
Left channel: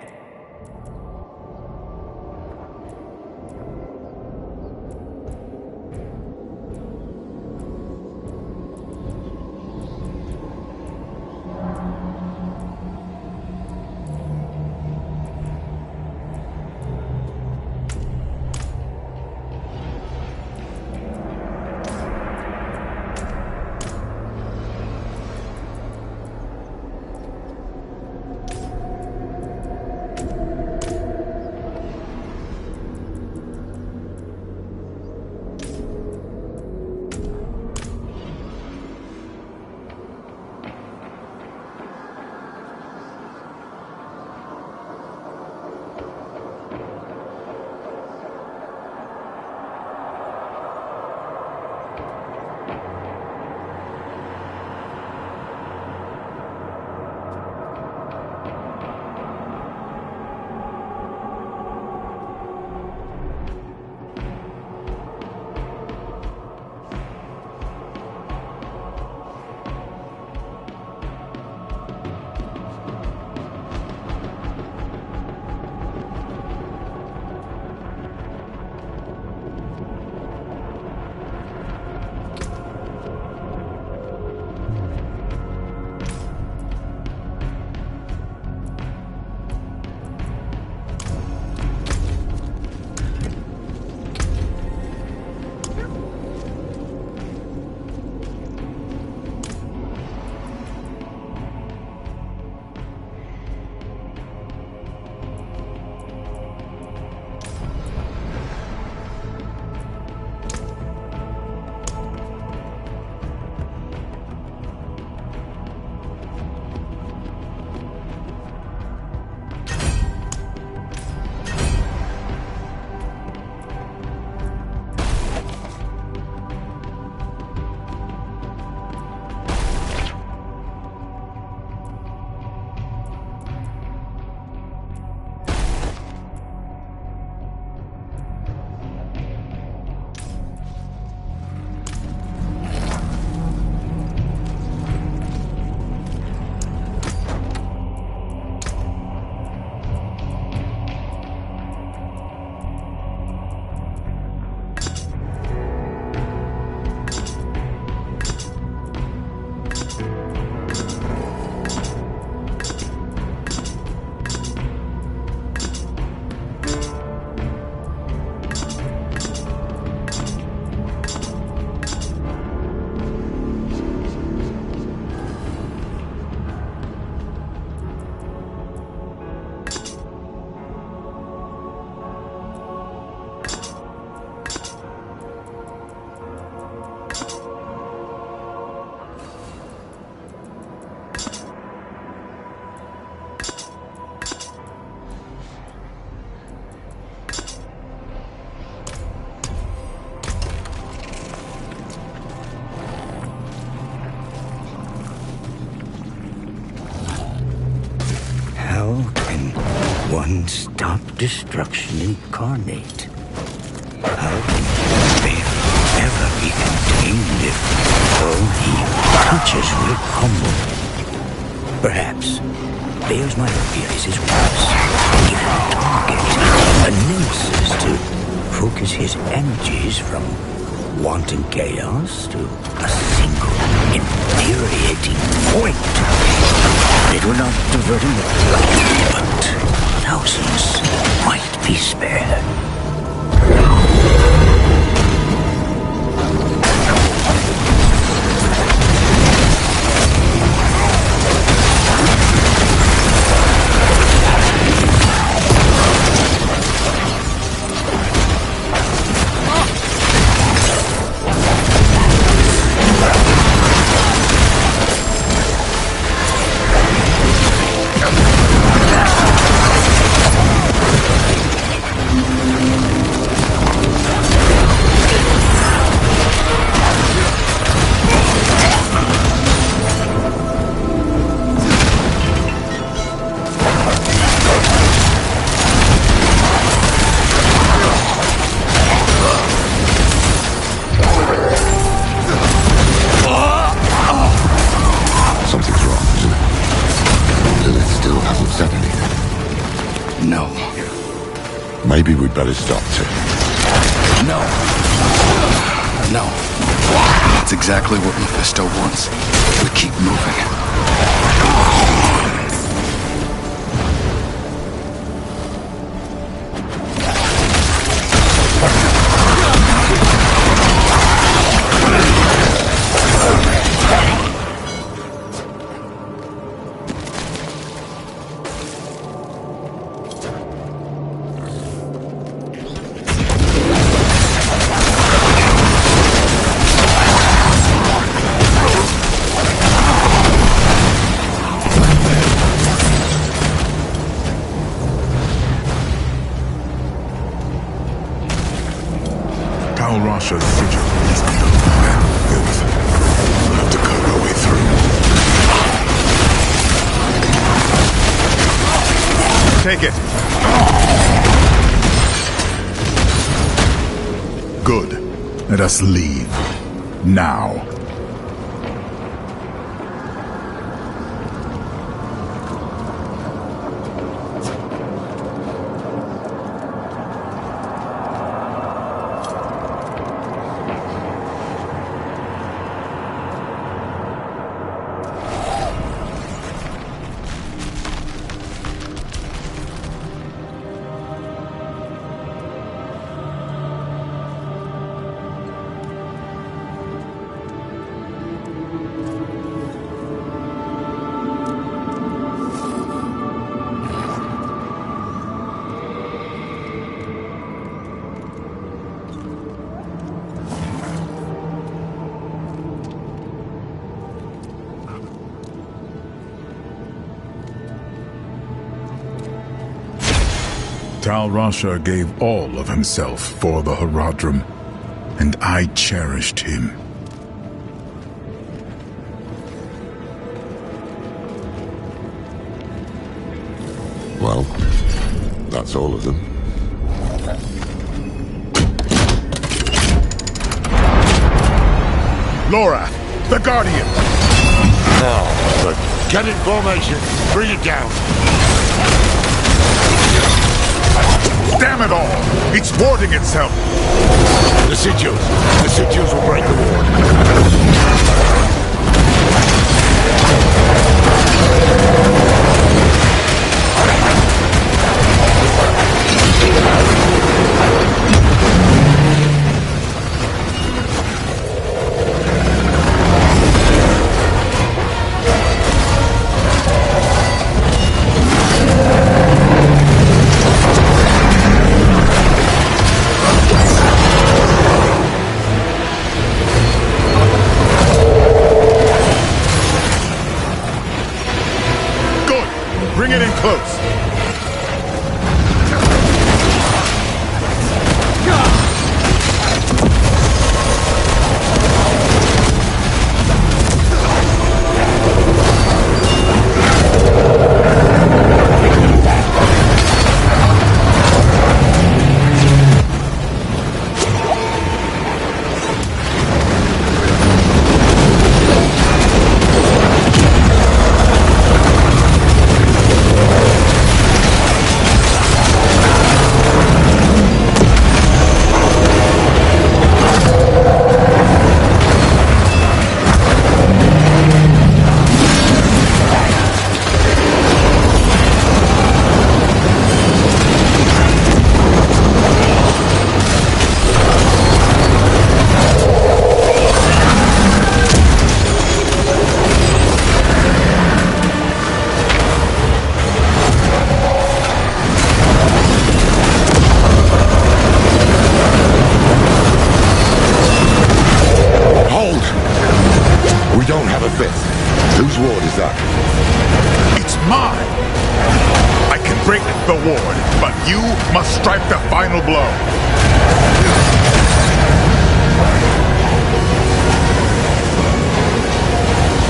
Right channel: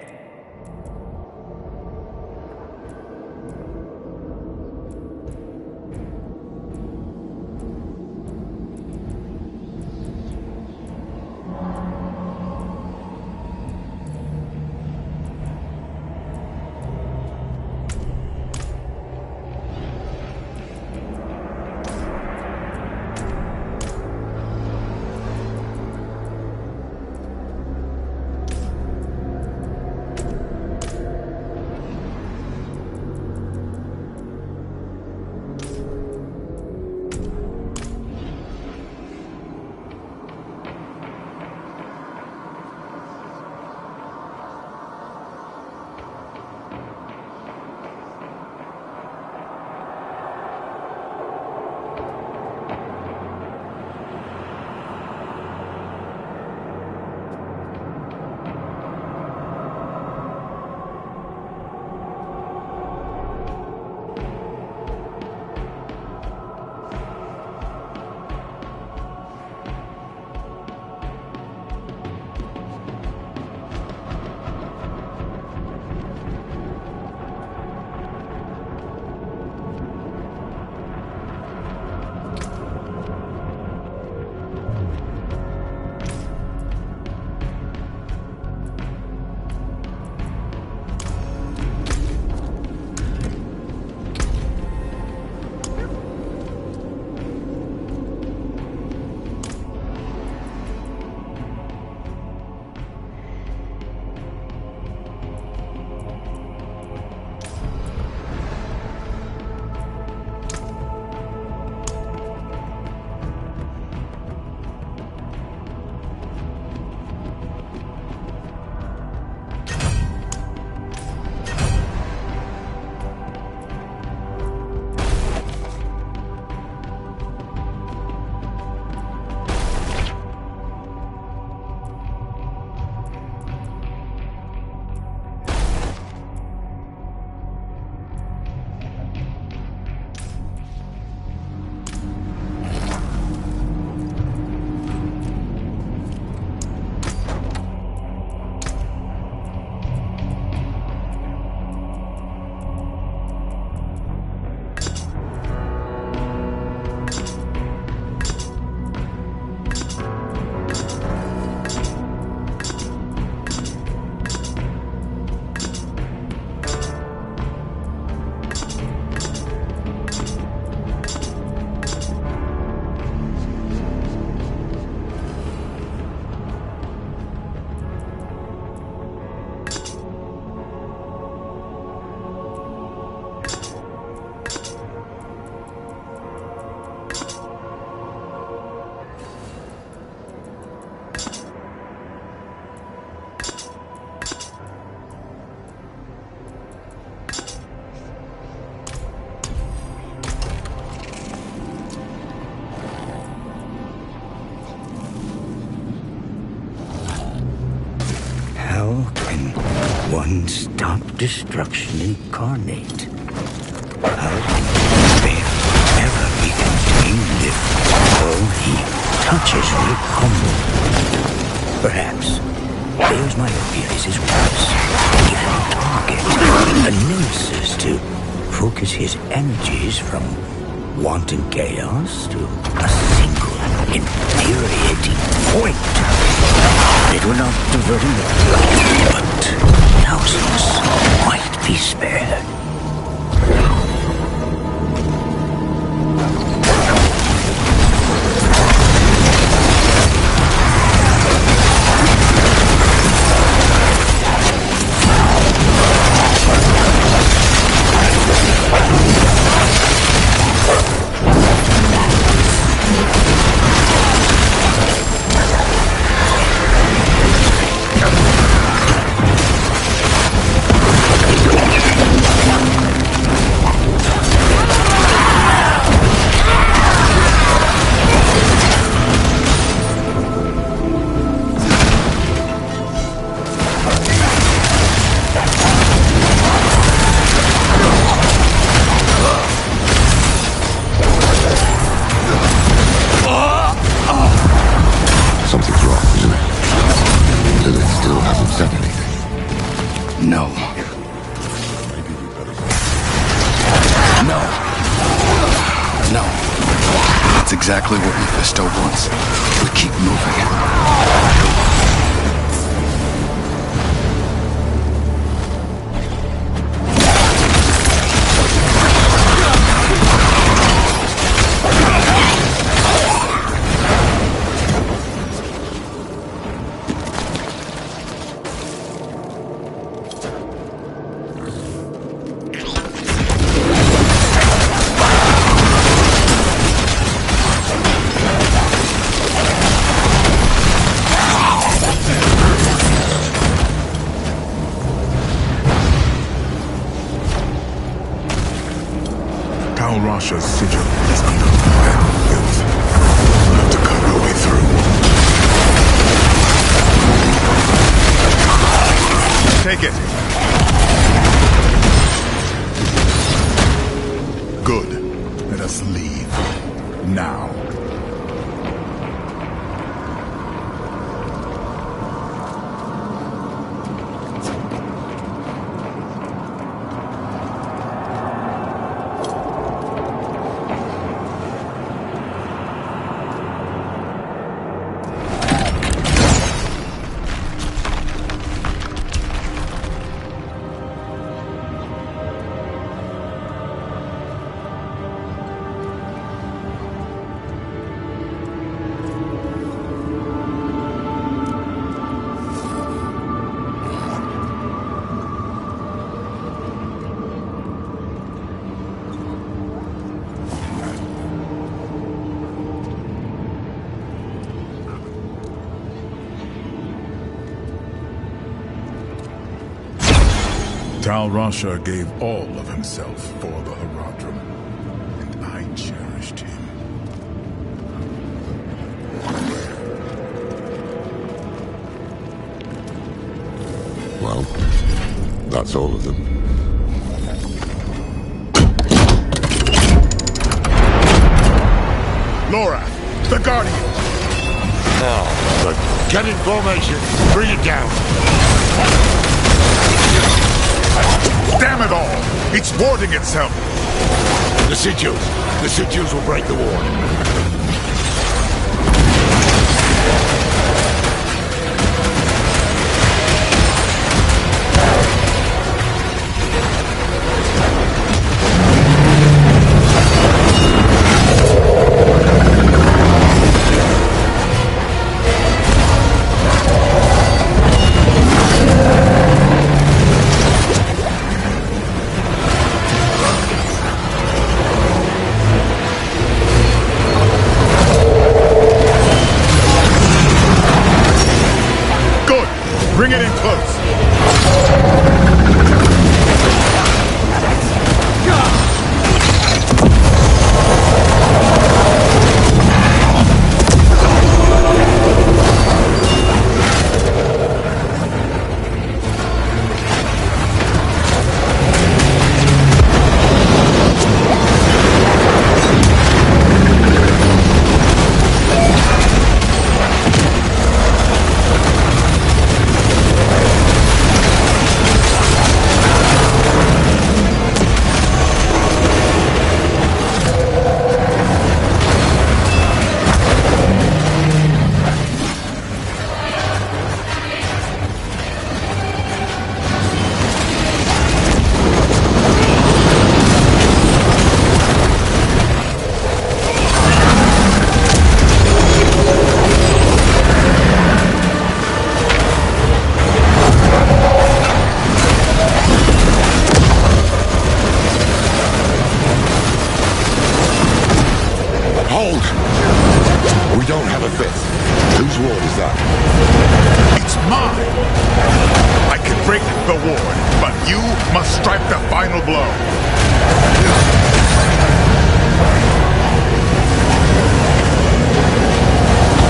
One-stop destruction incarnate. How can Bear ever be contained if all he touches will crumble? Perhaps Bear's myopia is his weakness. Give him a target, a nemesis to focus his energies from wanton chaos to a single infuriating point. It will not divert him all, but thousands might be spared. Something's wrong, isn't it? Lilith still hasn't said anything. No. Maybe we'd better stop too. No. No. That's exactly what Mephisto wants. We keep moving. Rasha's sigil is under fire. We'll have to cut our way through. Take it. Good. Let us leave. Now. Tal Rasha gave all of himself for the Haradrim, and I cherished him. Well, that's all of them. Lorath, the Guardian! Now, but get in formation. Bring it down. Damn it all! It's warding itself! The sigils will break the ward. Bring it in close. have a fifth. Whose ward is that? It's mine! I can break the ward, but you must strike the final blow.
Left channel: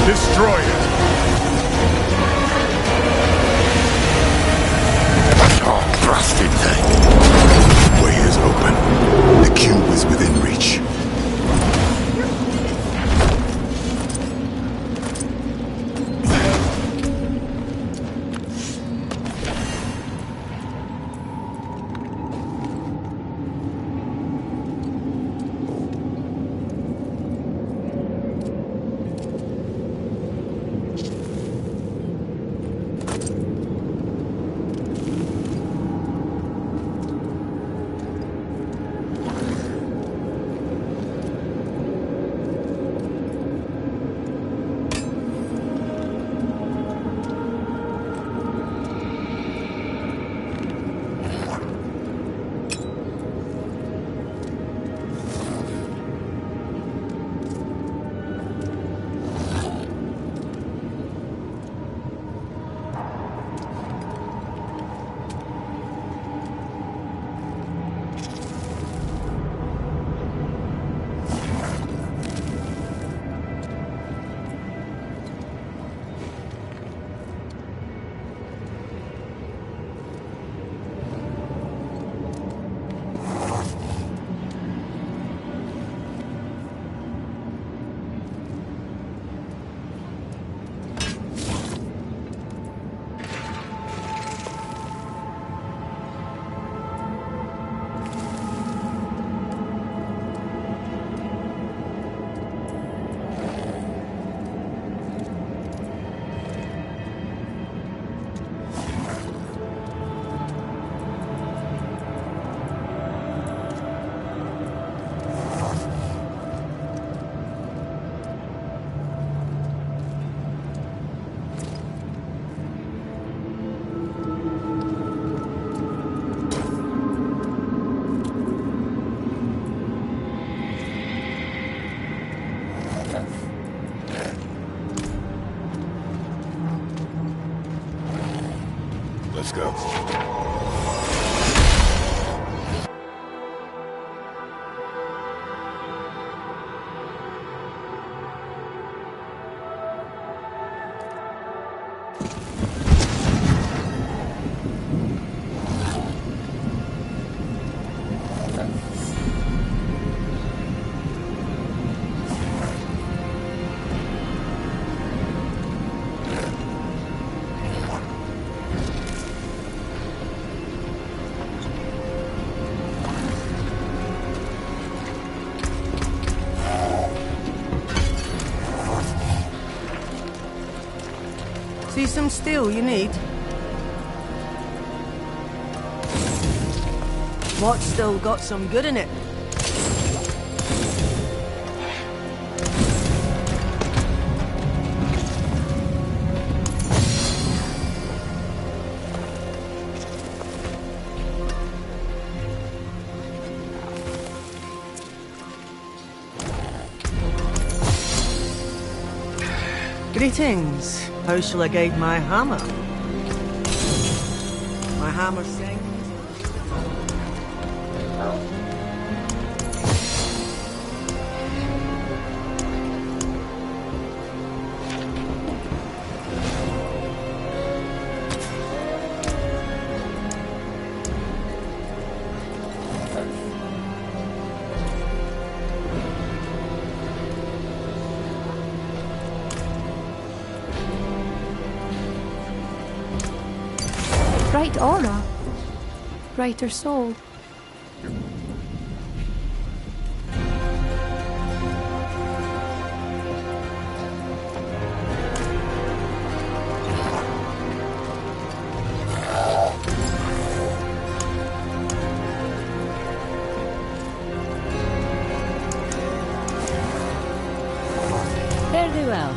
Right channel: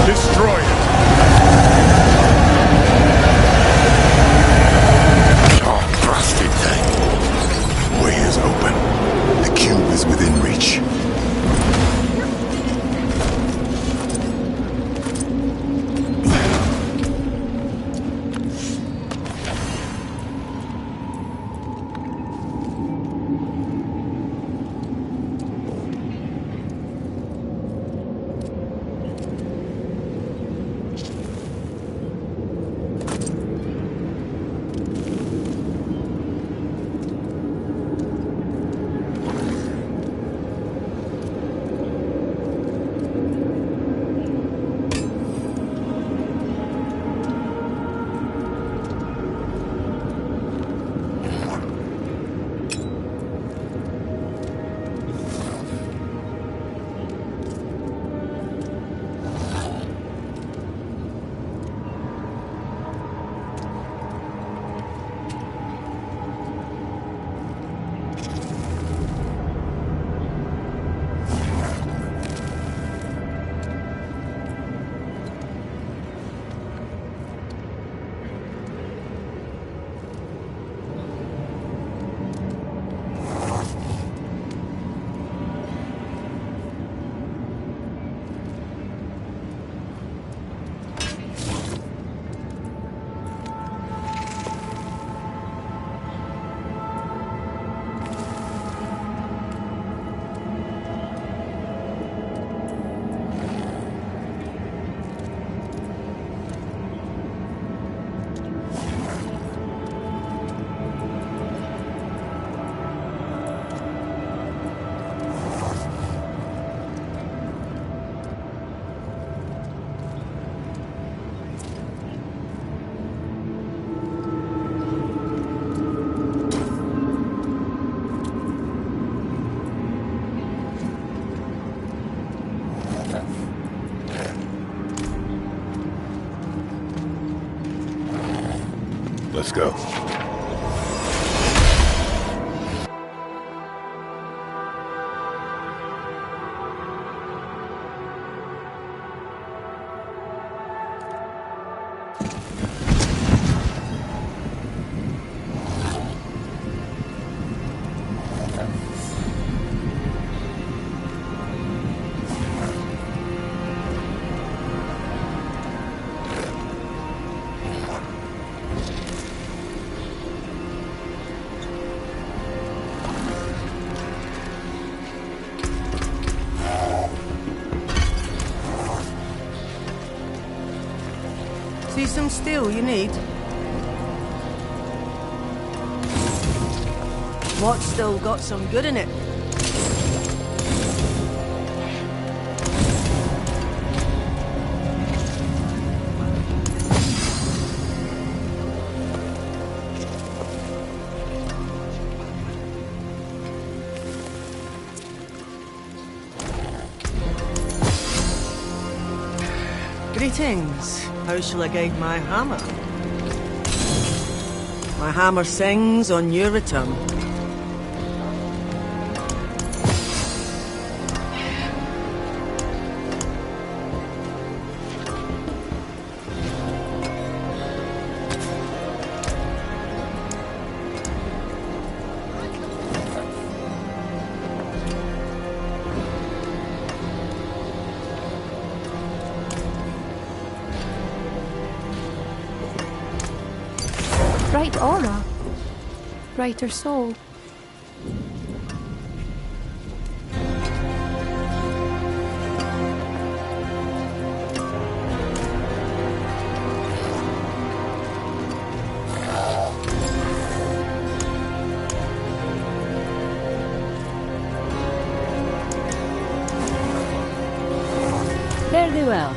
Destroy it! Oh, blasted thing. Way is open. The cube is within reach. Let's go. See some steel you need? What's still got some good in it? Greetings. How shall I guide my hammer? My hammer sings on your return. Bright aura. Brighter soul. Very well.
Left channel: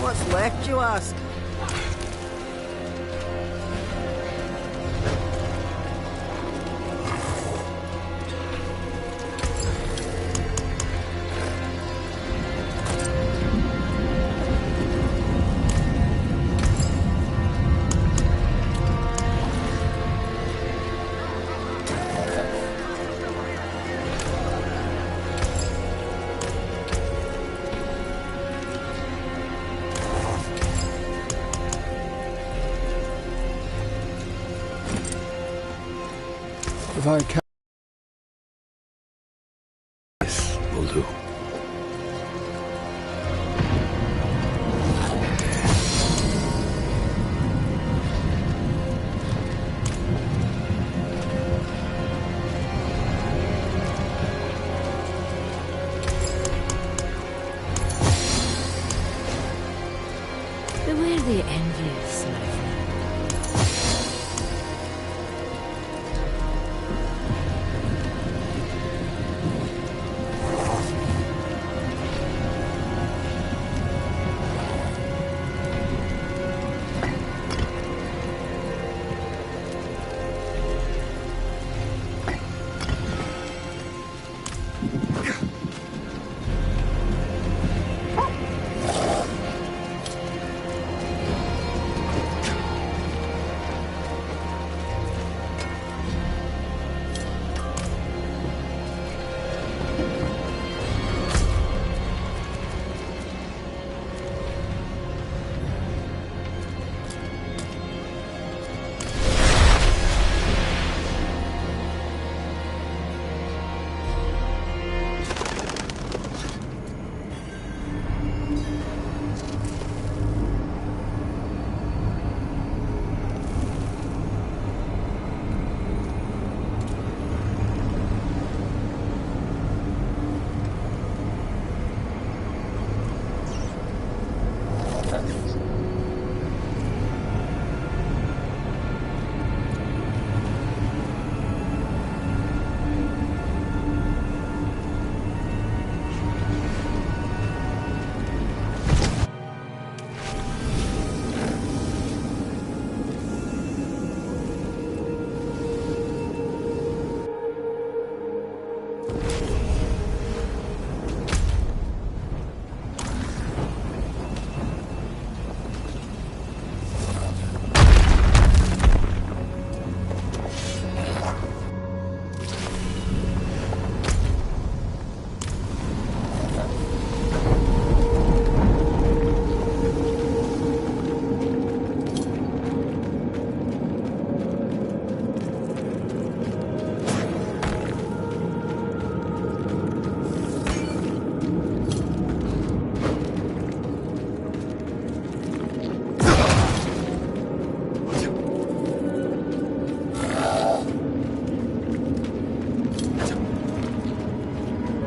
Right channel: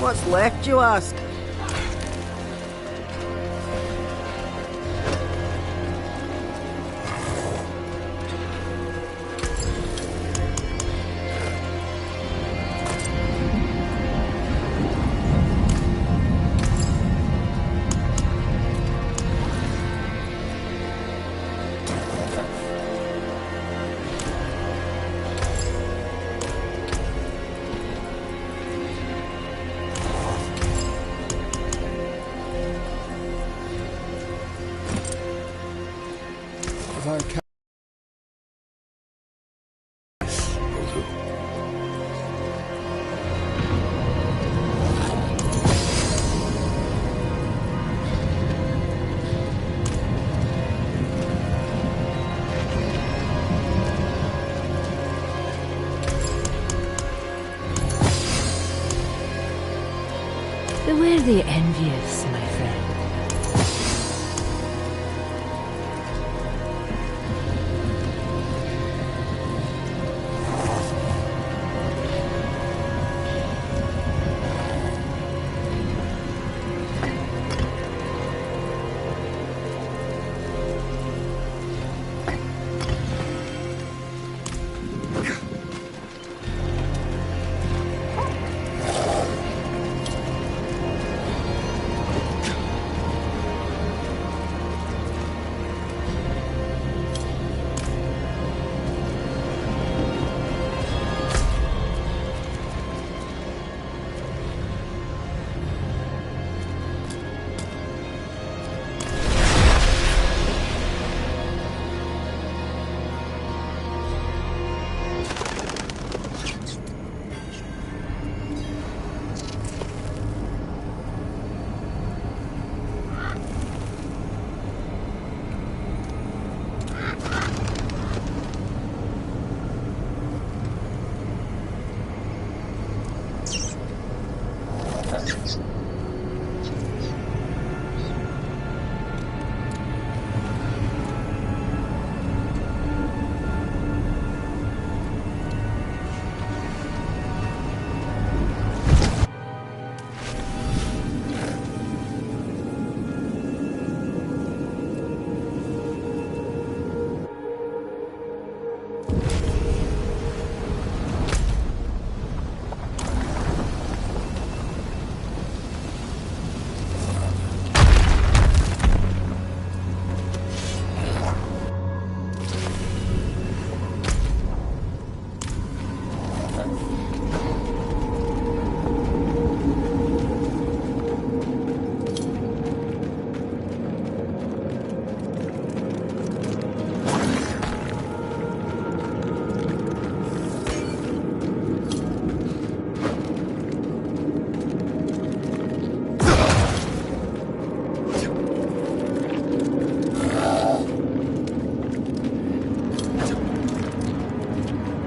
What's left, you ask? If I can... This will do. Beware the envious, my friend.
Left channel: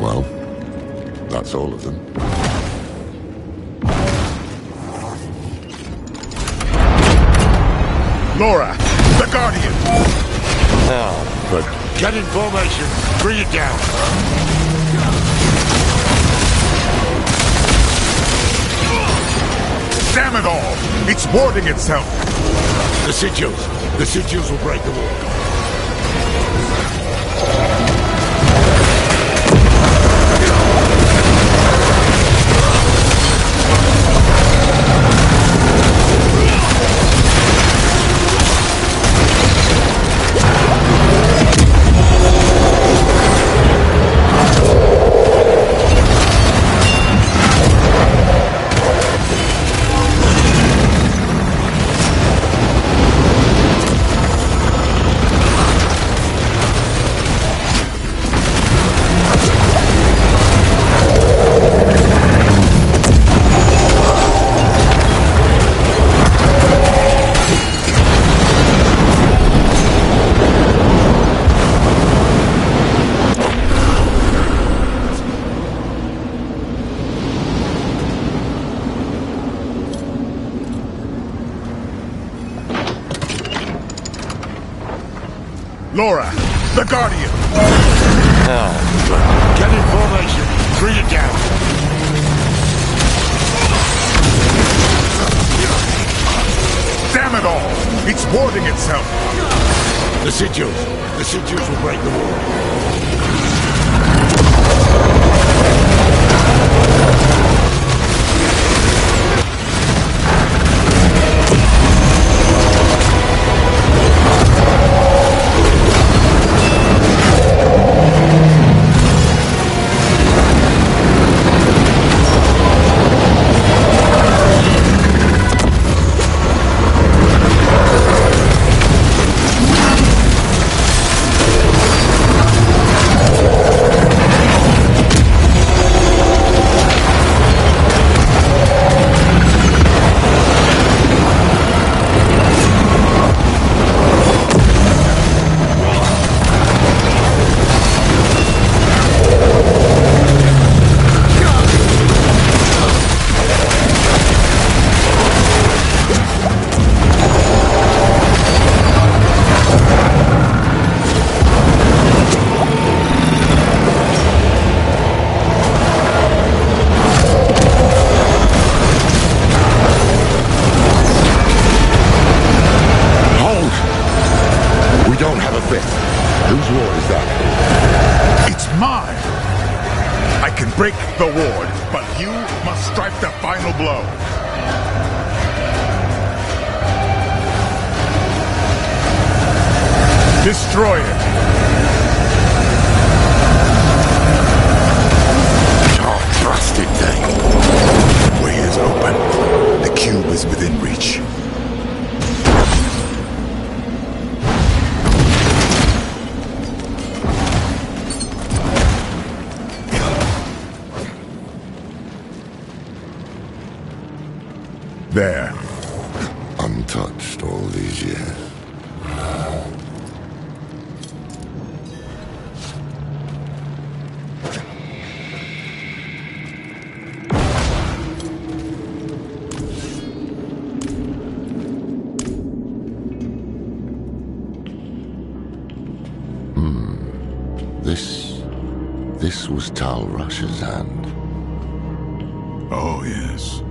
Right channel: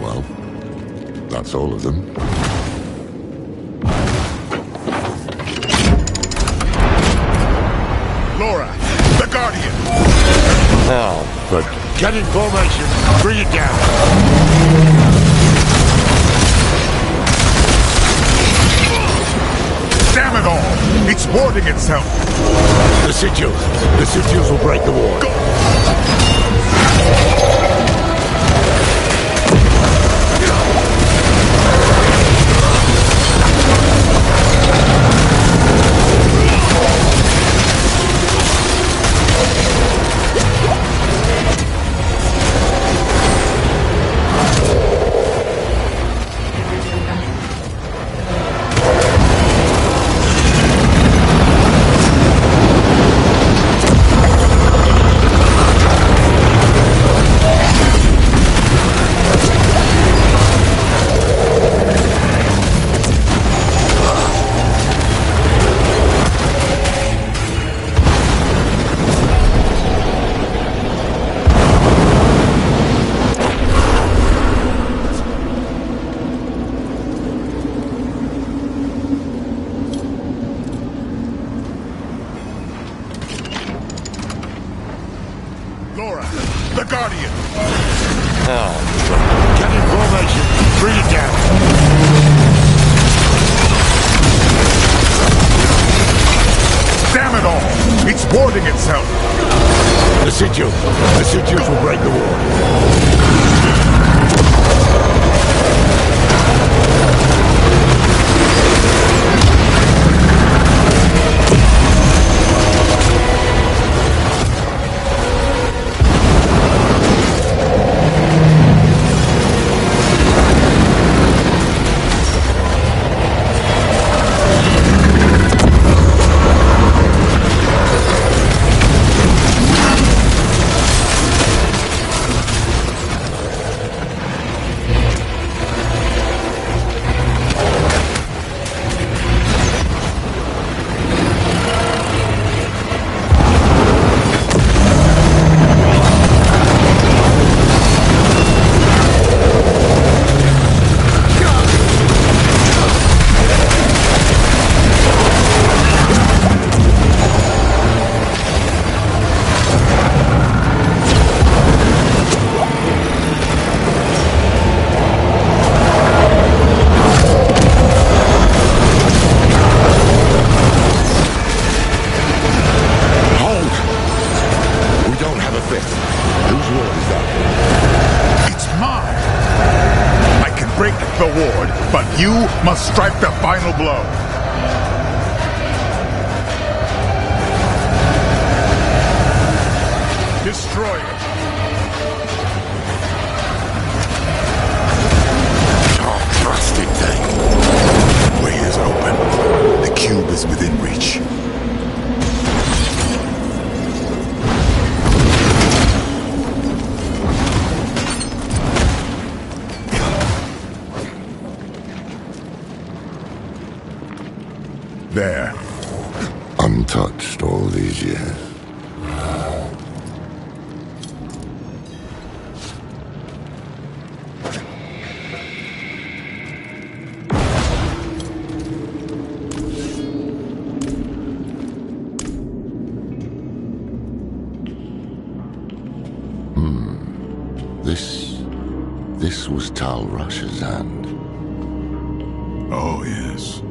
Well, that's all of them. Laura, the Guardian! Oh, but get in formation. Bring it down. Damn it all! It's warding itself! The sigils. The sigils will break the ward. Laura, the Guardian! Oh, but get in formation. Bring it down. Damn it all! It's warding itself! The sigils. The sigils will break the ward. Break the ward, but you must strike the final blow. Destroy it. Oh, trusted thing. The way is open. The cube is within reach. There. Untouched all these years. This was Tal Rush's hand. Oh, yes.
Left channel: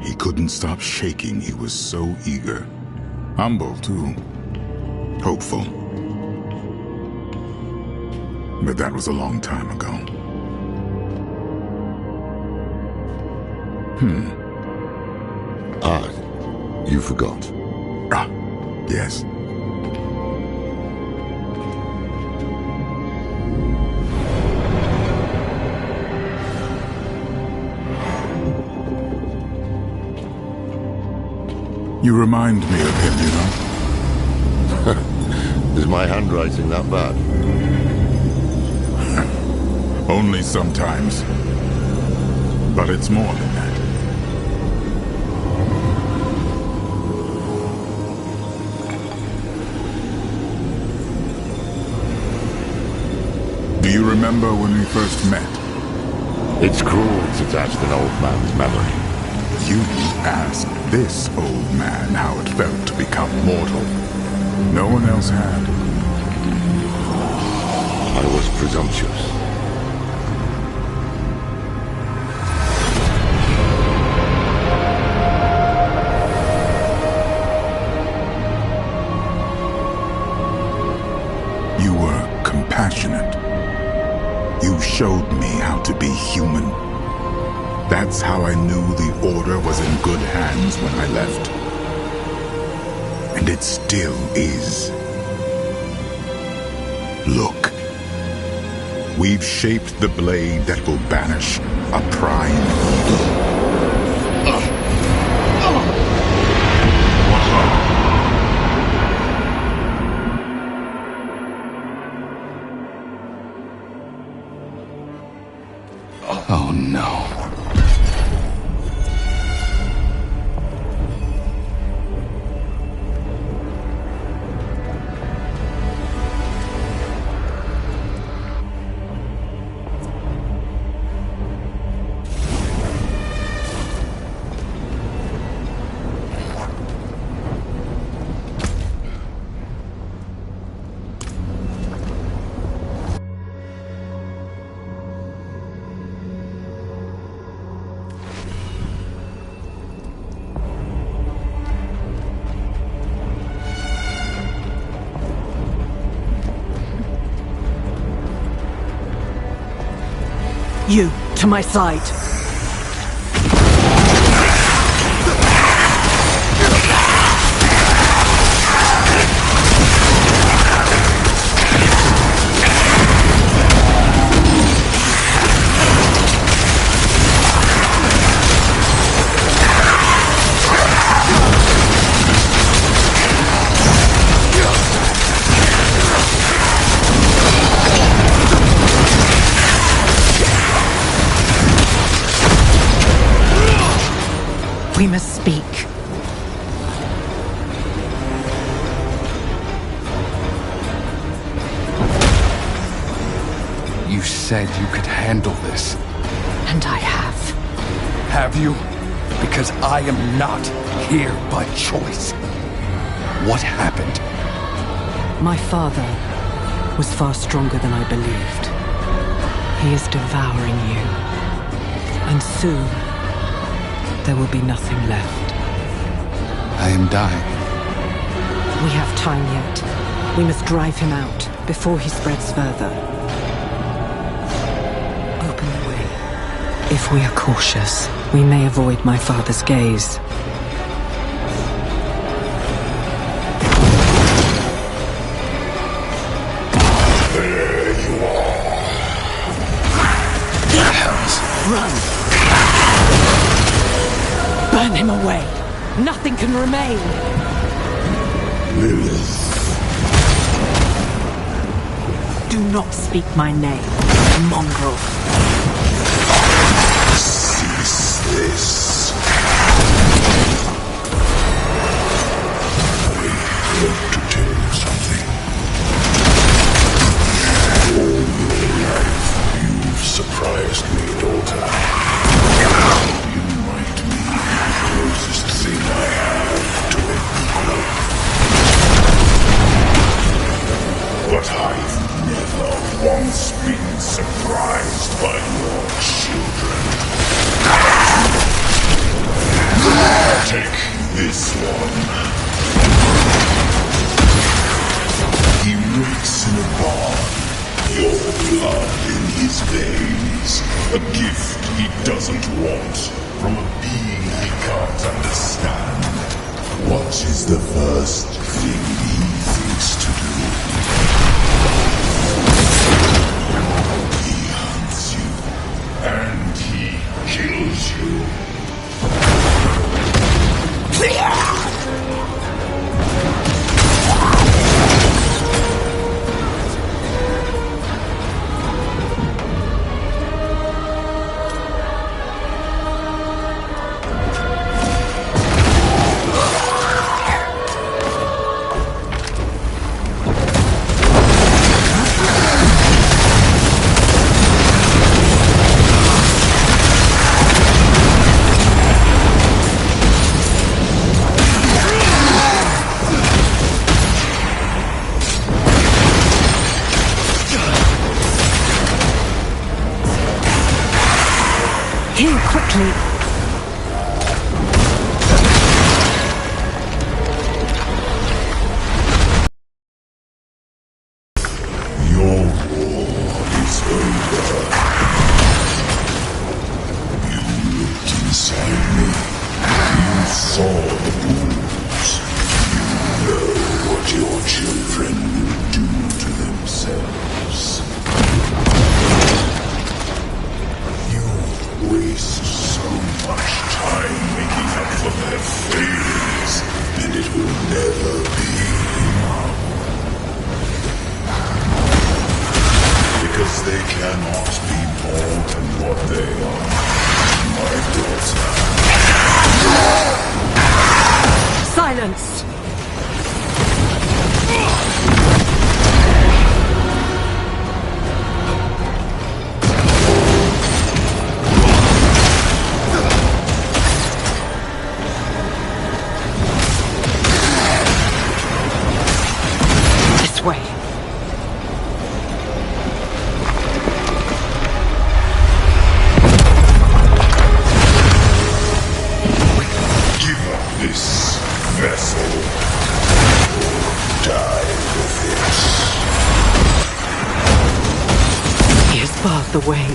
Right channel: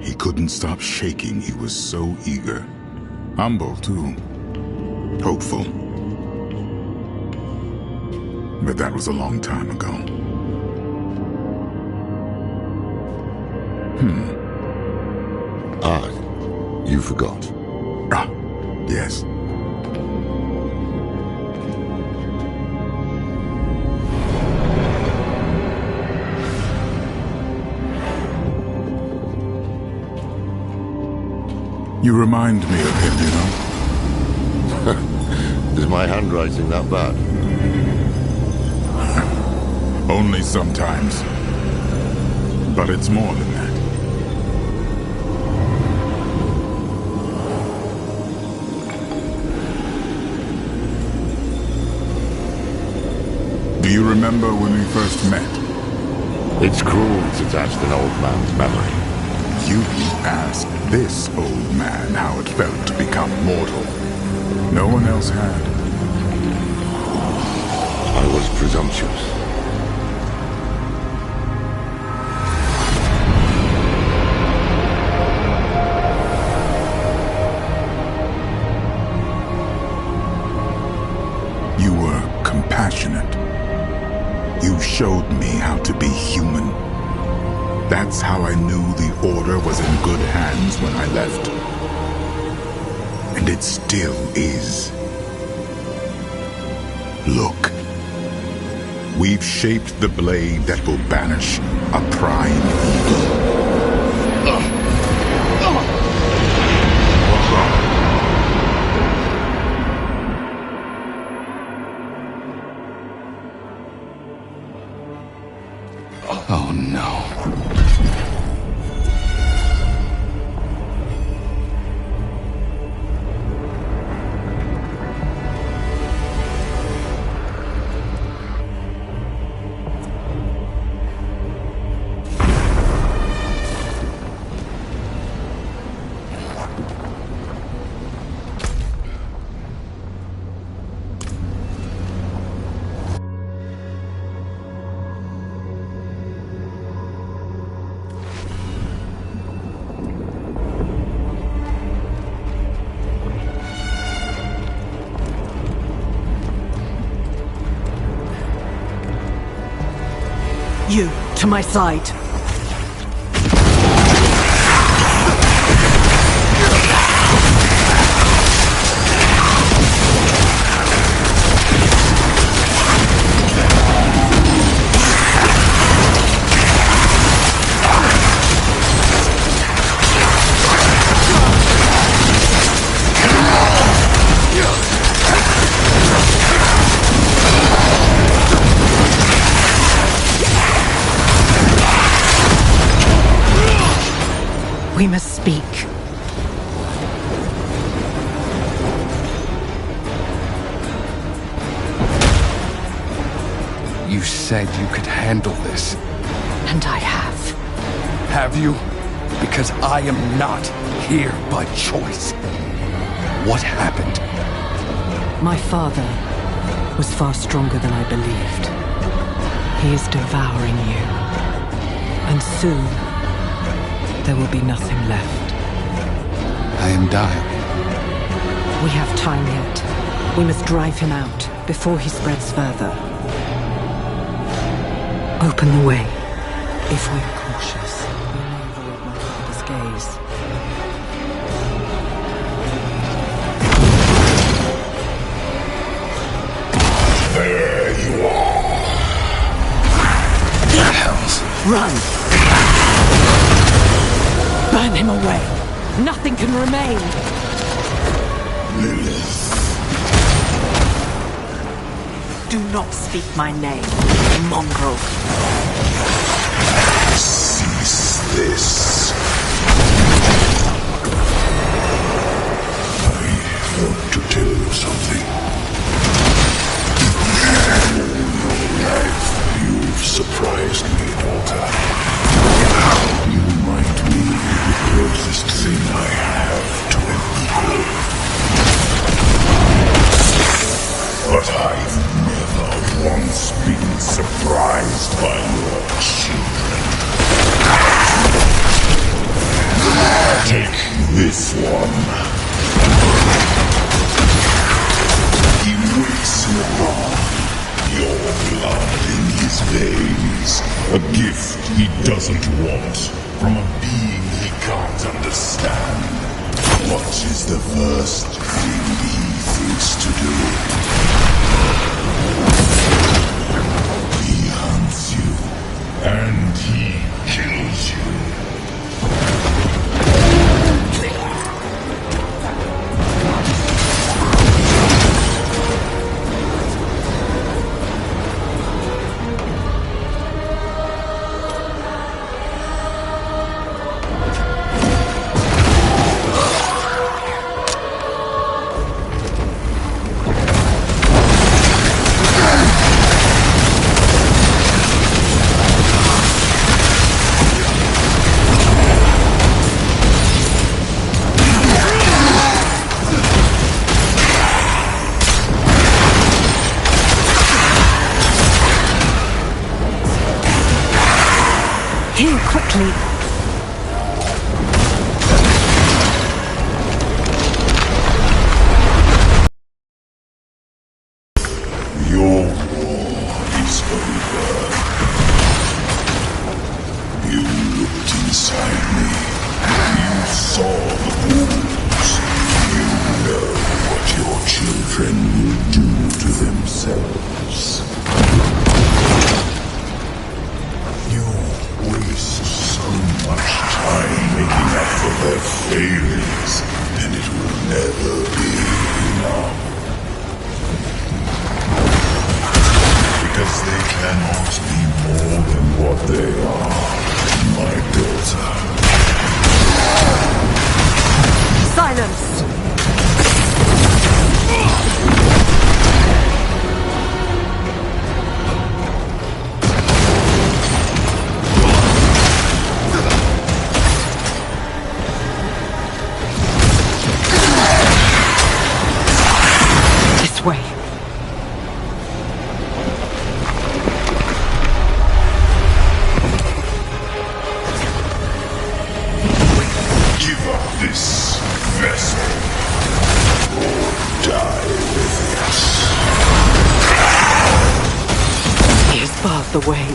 He couldn't stop shaking. He was so eager. Humble, too. Hopeful. But that was a long time ago. Ah, you forgot. Ah, yes. You remind me of him, you know? Is my handwriting that bad? Only sometimes. But it's more than that. Do you remember when we first met? It's cruel to test an old man's memory. You asked this old man how it felt to become mortal. No one else had. I was presumptuous. You were compassionate. You showed me how to be human. That's how I knew the Order was in good hands when I left. And it still is. Look. We've shaped the blade that will banish a prime evil. What's wrong? Oh no. You, to my side. We must speak. You said you could handle this. And I have. Have you? Because I am not here by choice. What happened? My father was far stronger than I believed. He is devouring you. And soon, there will be nothing left. I am dying. We have time yet. We must drive him out before he spreads further. Open the way. If we are cautious, we may avoid my father's gaze. There you are. Hells. Run! Burn him away! Nothing can remain! Lilith. Do not speak my name, mongrel. Cease this. I want to tell you something. All your life, you've surprised me, daughter. You might be the closest thing I have to an equal. But I've never once been surprised by your children. Take this one. He wakes in a barn. Your blood in his veins. A gift he doesn't want from a being he can't understand. What is the first thing he thinks to do? He hunts you, and he kills you. Heal quickly. Your war is over. You looked inside me. You saw the wounds. You know what your children will do to themselves. You waste so much time making up for their failings, and it will never be enough. Because they cannot be more than what they are, my daughter. Silence! This way. Give up this vessel, or die with it. Here's barred the way.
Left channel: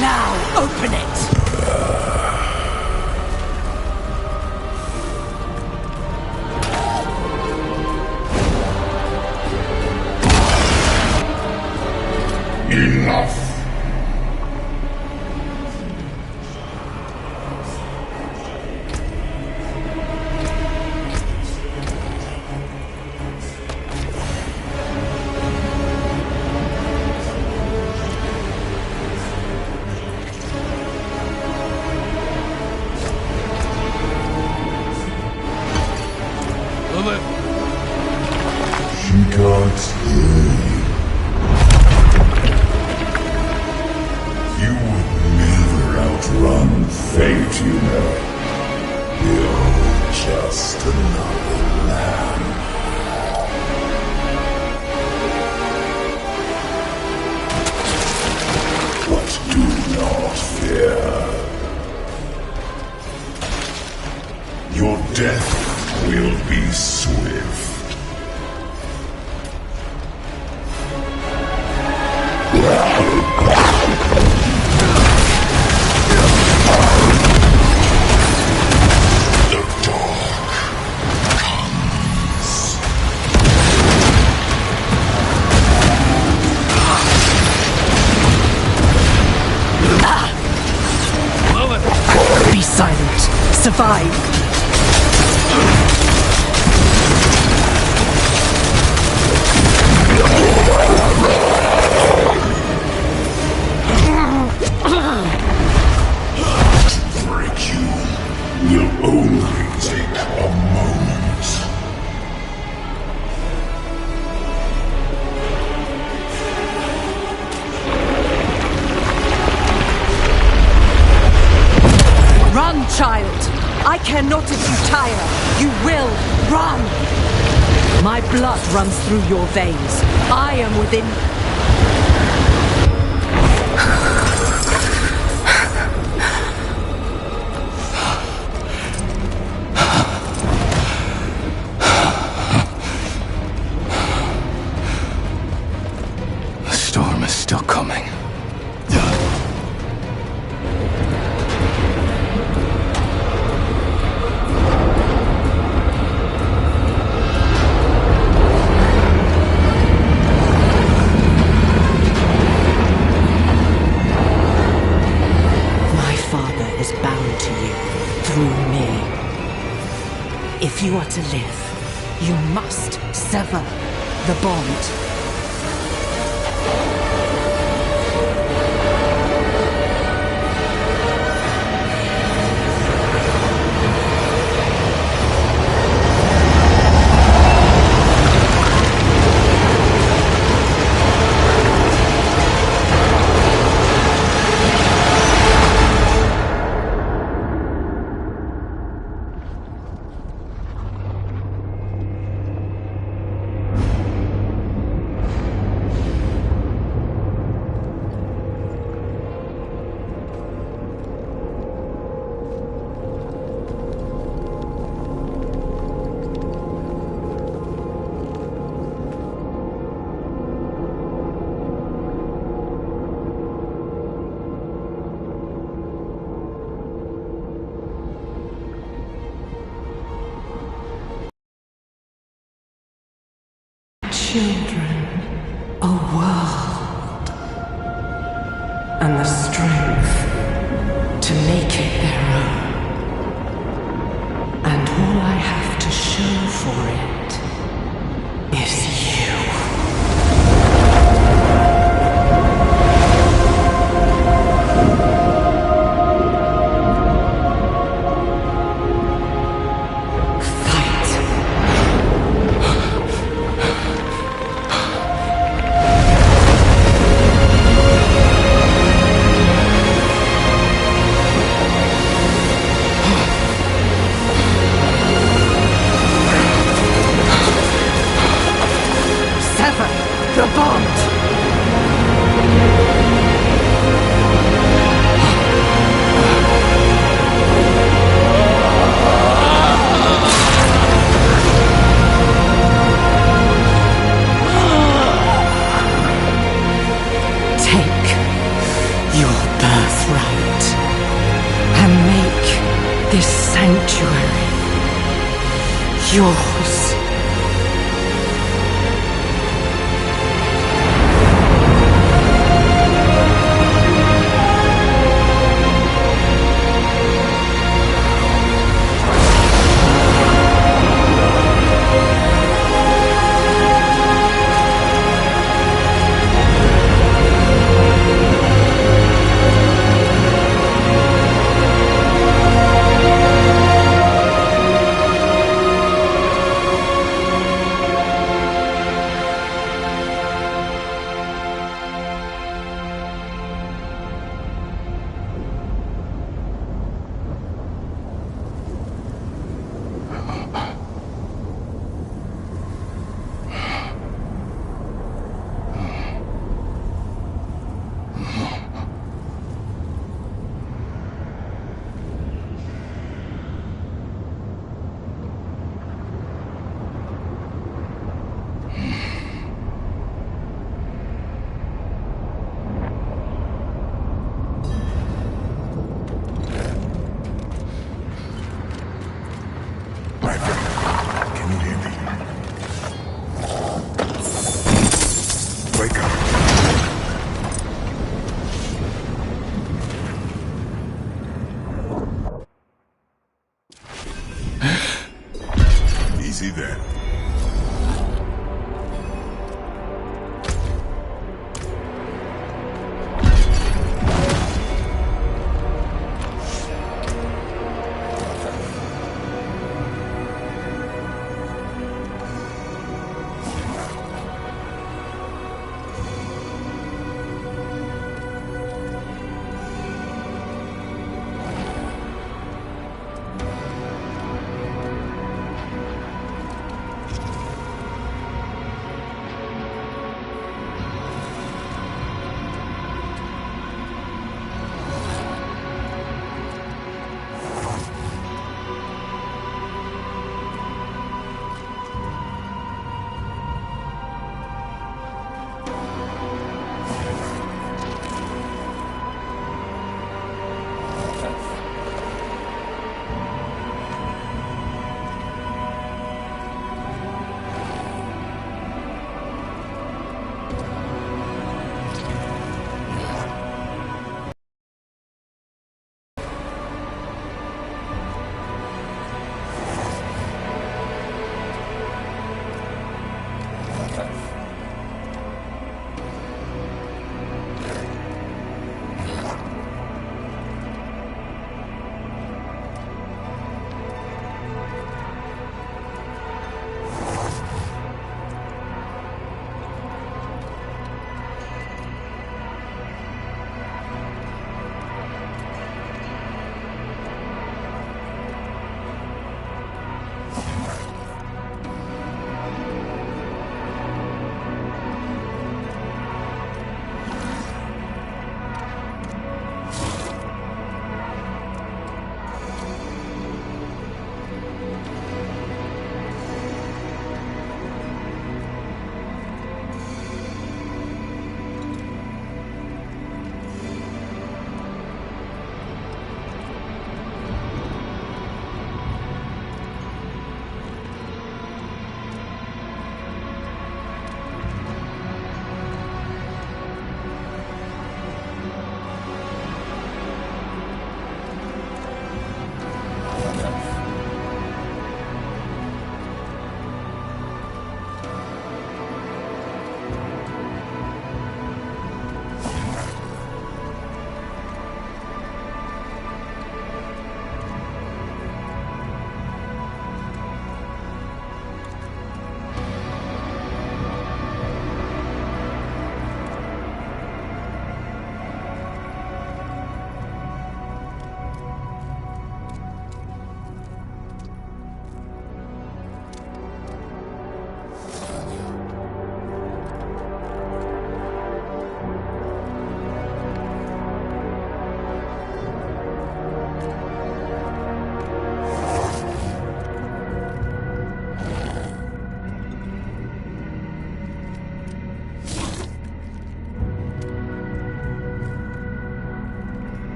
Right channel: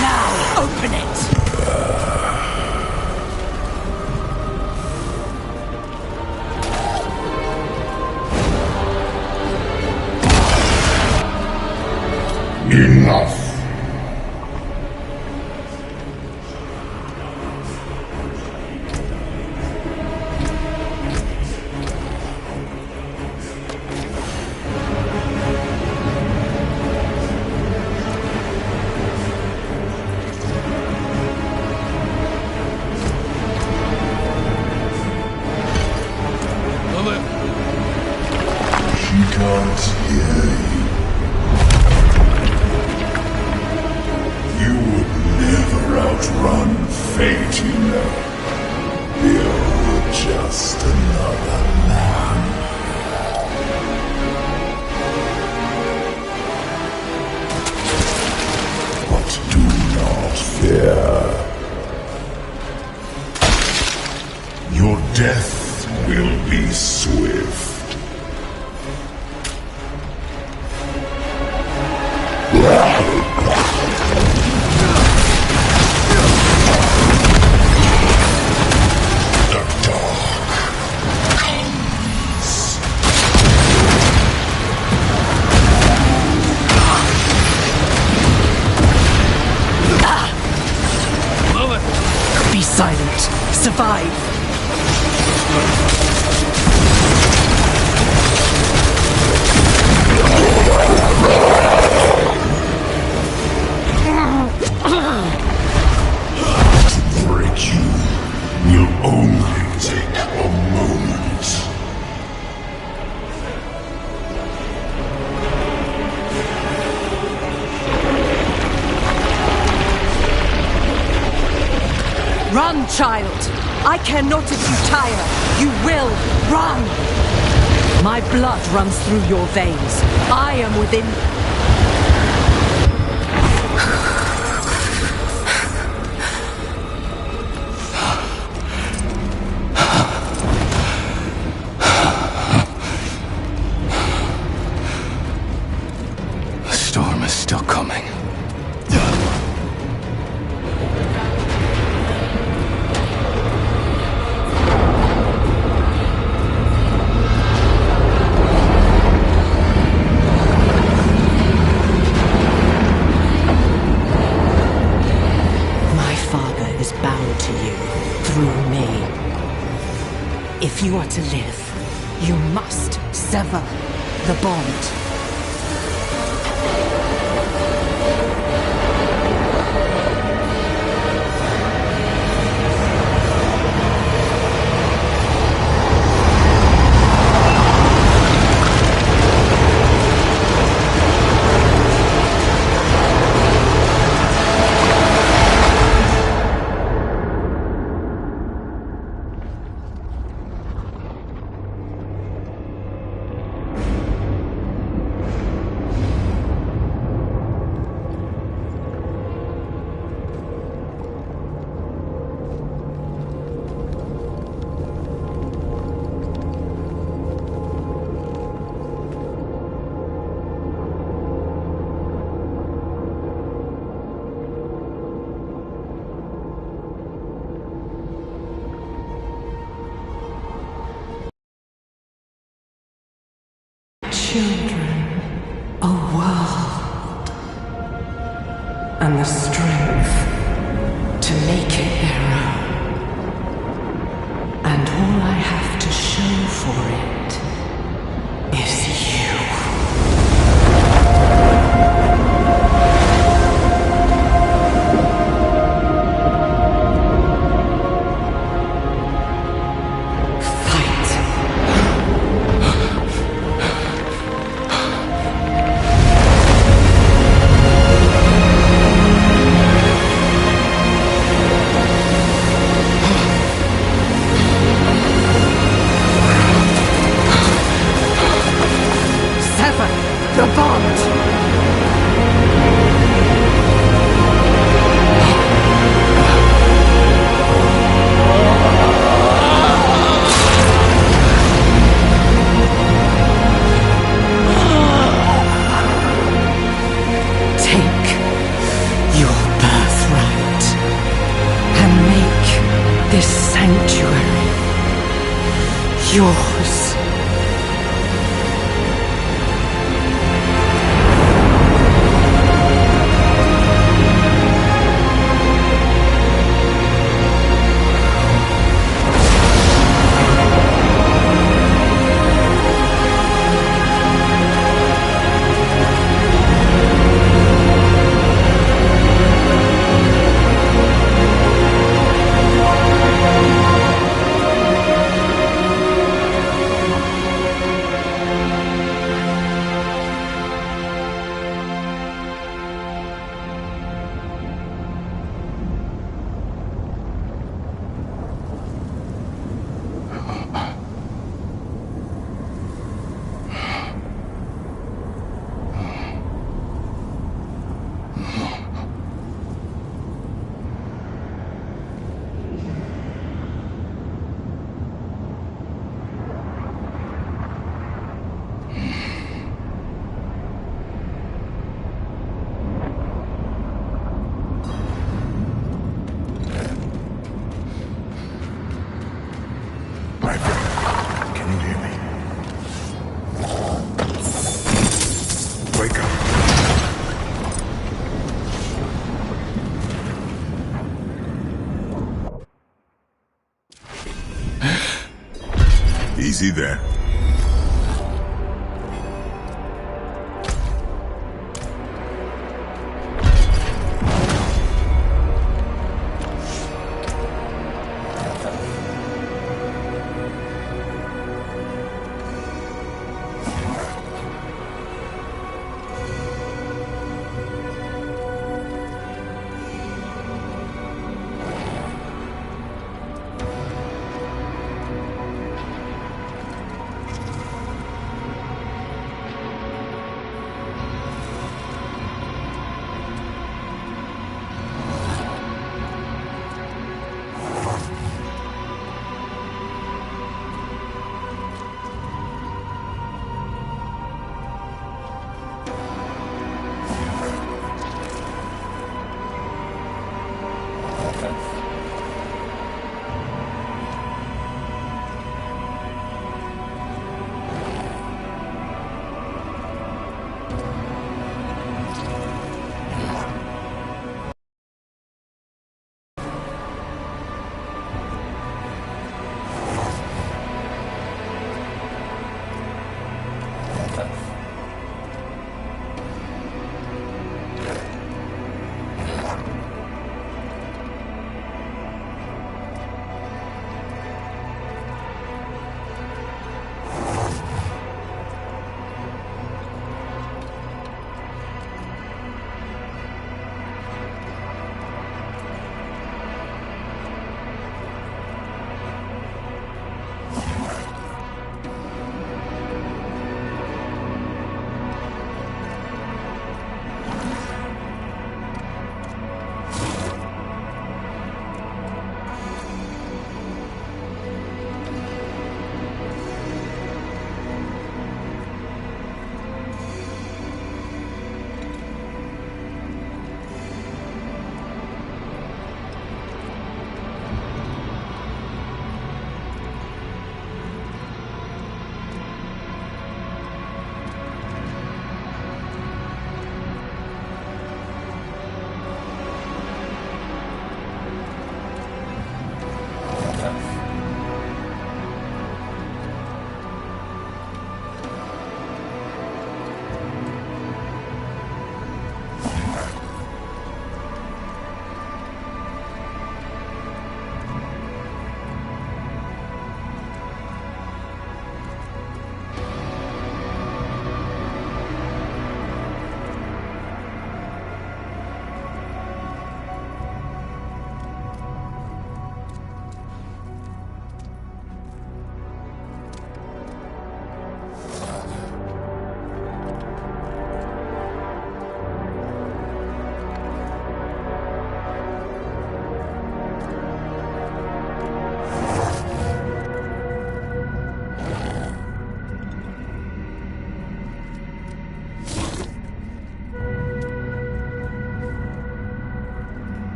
Now, open it! Enough. Lilith! She can't hear you. You would never outrun fate, you know. You're just another lamb. But do not fear. Your death will be swift. The dark comes. Be silent. Survive. To break you will only take a moment. Run, child! I care not if you tire. You will run! My blood runs through your veins. I am within... The storm is still coming. My father is bound to you through me. If you are to live, you must sever the bond. children a world and the strength to make it their own. And all I have to show for it is you. The bond! Take your birthright and make this sanctuary yours. Easy there.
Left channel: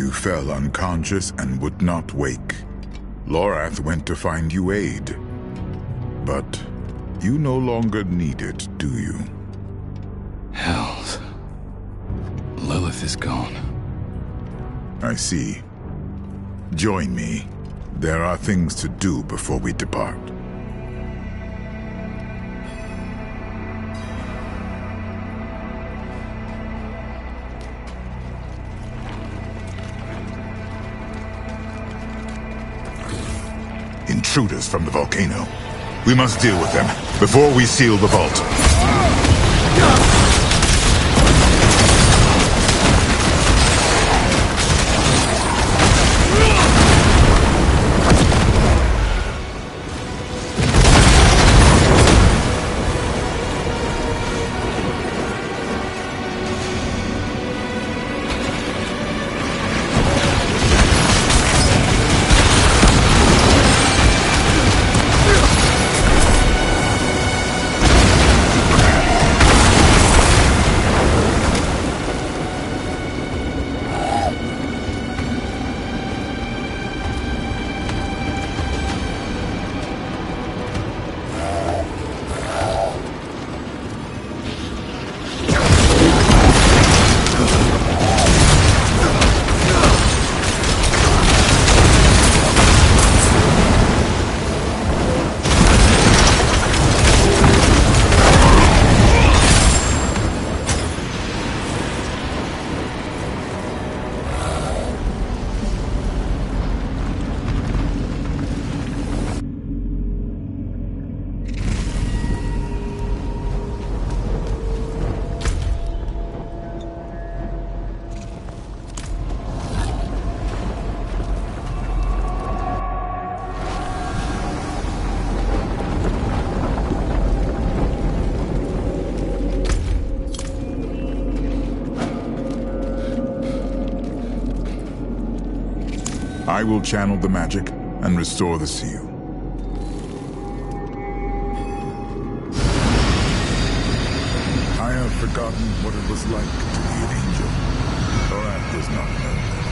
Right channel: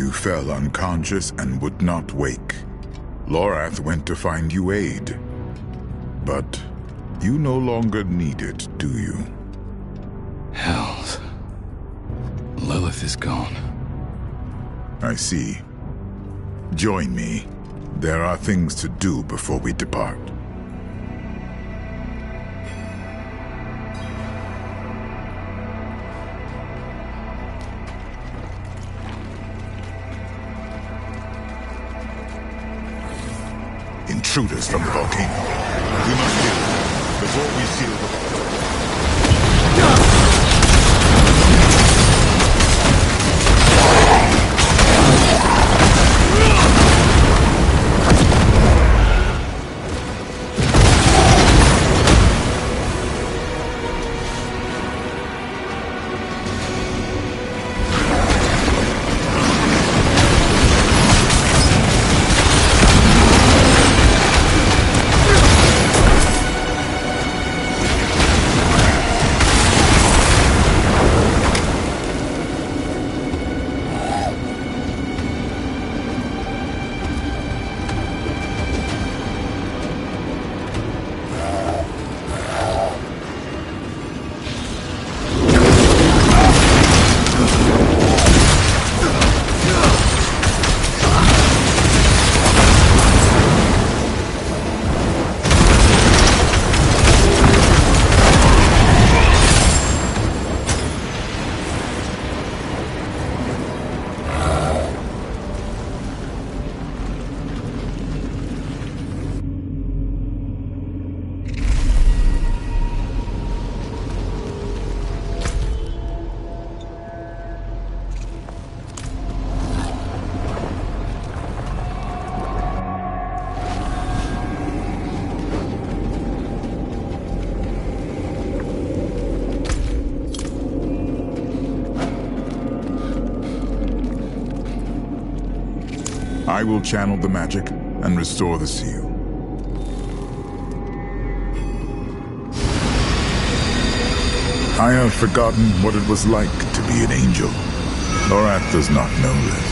You fell unconscious and would not wake. Lorath went to find you aid. But you no longer need it, do you? Hells. Lilith is gone. I see. Join me. There are things to do before we depart. Intruders from the volcano. We must deal with them before we seal the vault. I will channel the magic and restore the seal. I have forgotten what it was like to be an angel. Lorath does not know this.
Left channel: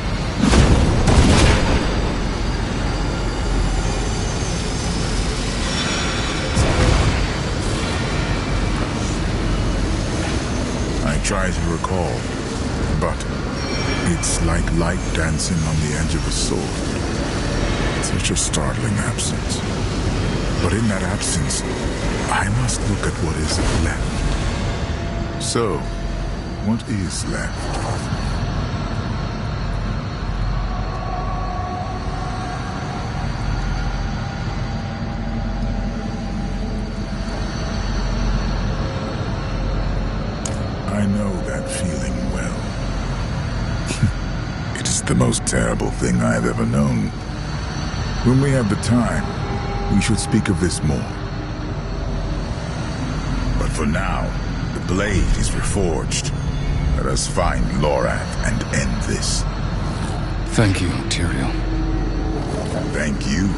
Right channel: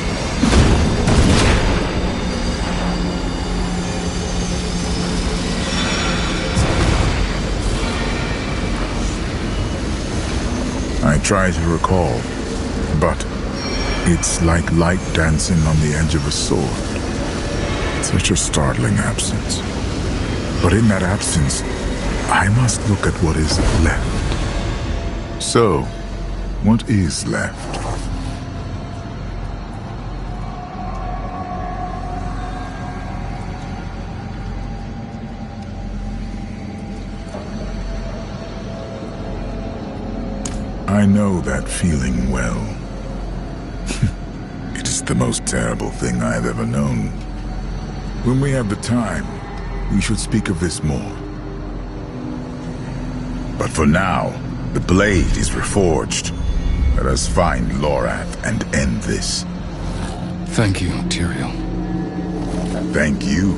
I try to recall, but it's like light dancing on the edge of a sword. Such a startling absence. But in that absence, I must look at what is left. So, what is left? I know that feeling well. It is the most terrible thing I have ever known. When we have the time, we should speak of this more. But for now, the blade is reforged. Let us find Lorath and end this. Thank you, Tyrael. Thank you.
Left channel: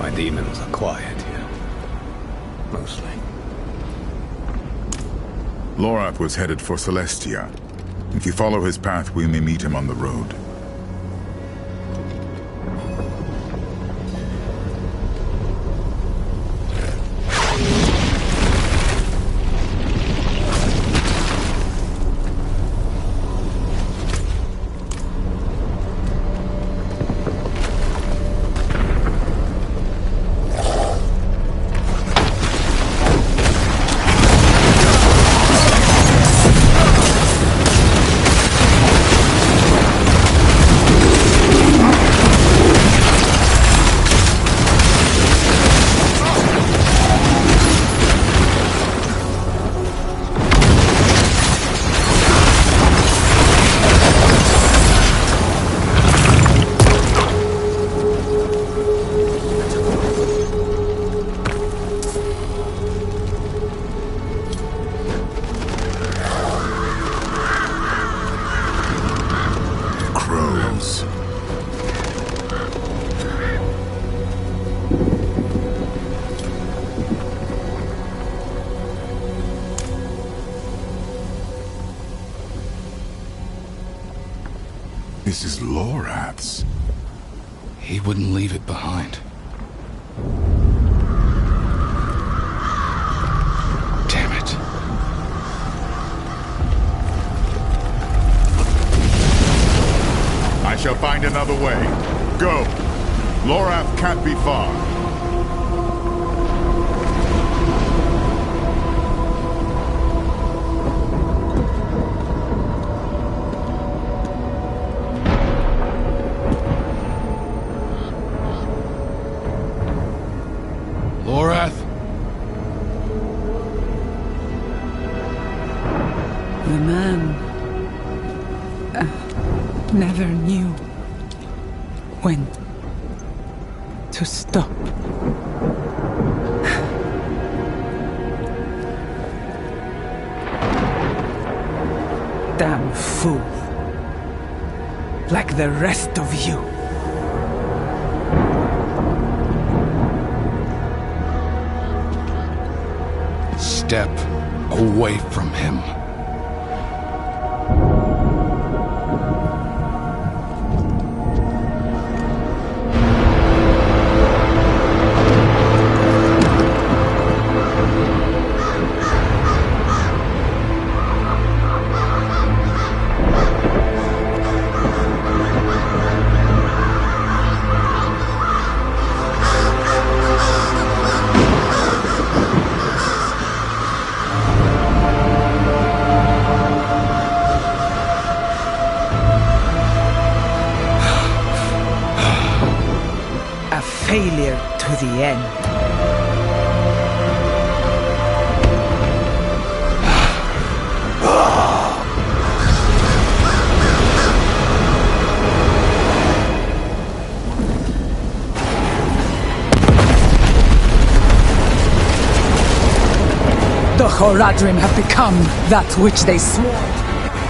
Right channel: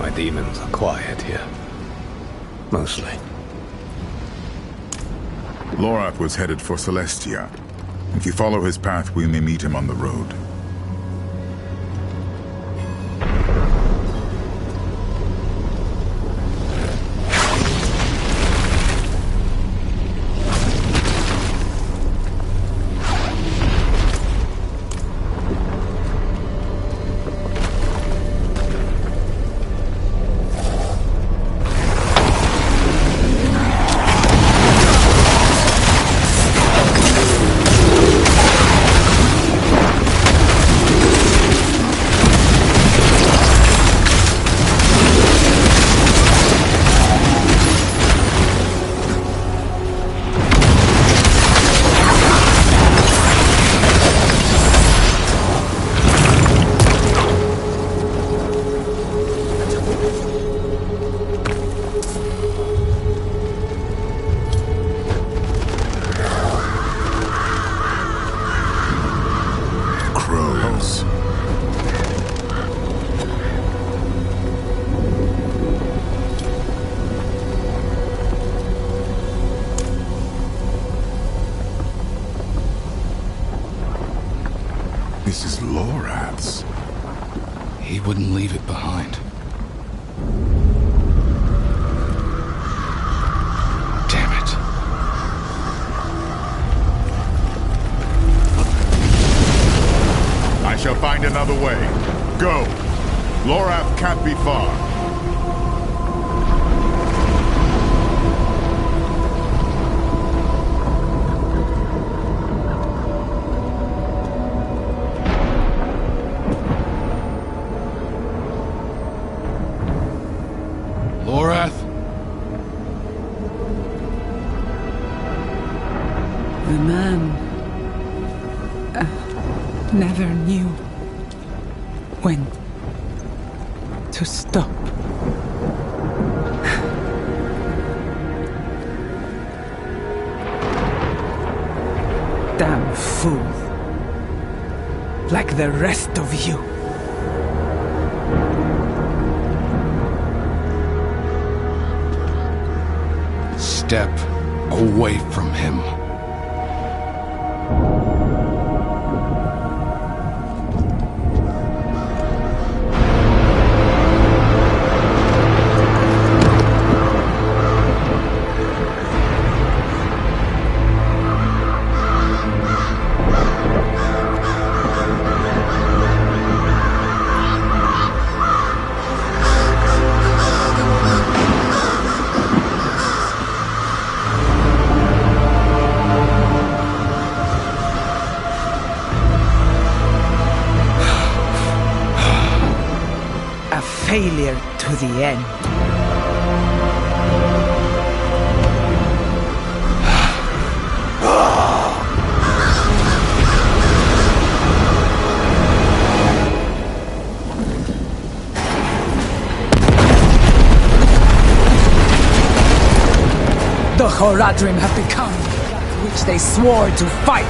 My demons are quiet here. Mostly. Lorath was headed for Celestia. If you follow his path, we may meet him on the road. This is Lorath's. He wouldn't leave it behind. Damn it. I shall find another way. Go. Lorath can't be far. Lorath? The man never knew when to stop. Damn fool. Like the rest of you. Step away from him. Failure to the end. The Horadrim have become that which they swore to fight.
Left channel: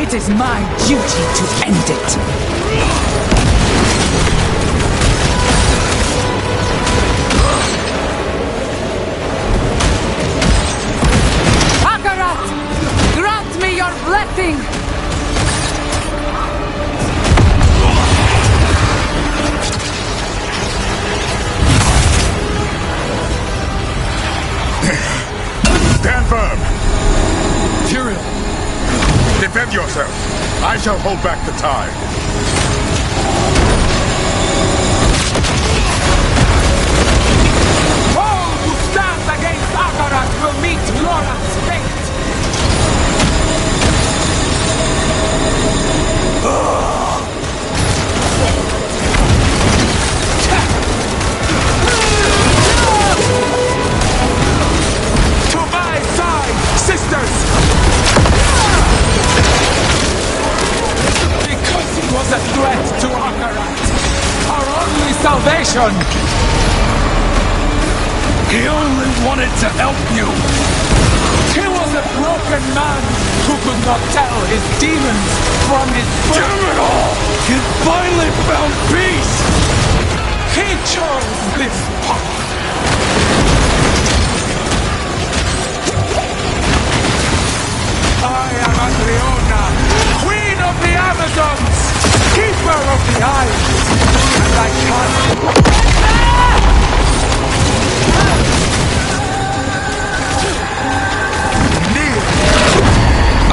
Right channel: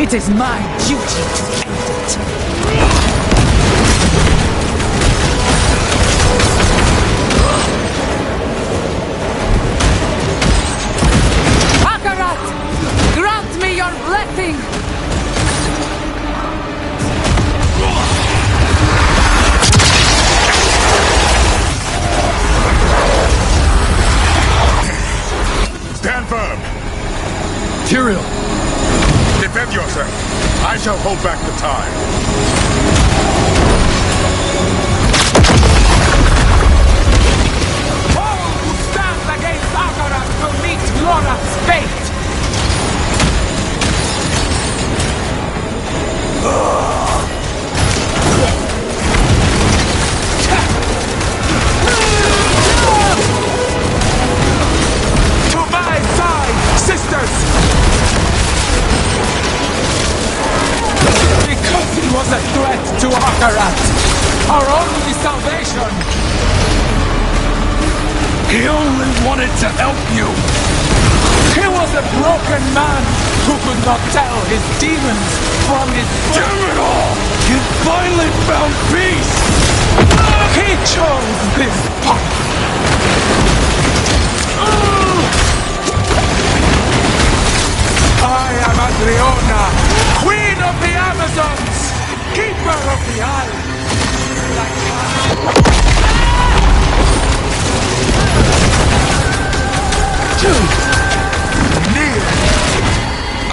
It is my duty to end it. Grant me your blessing! Stand firm! Tyrael! Defend yourself! I shall hold back the tide. All who stand against Akarat will meet Lorath's fate! To my side, sisters! Because he was a threat to Akarat, our only salvation! He only wanted to help you! He was a broken man who could not tell his demons from his friends. Damn it all! He finally found peace! He chose this path! I am Adriona, Queen of the Amazons, Keeper of the Isles, and I can't...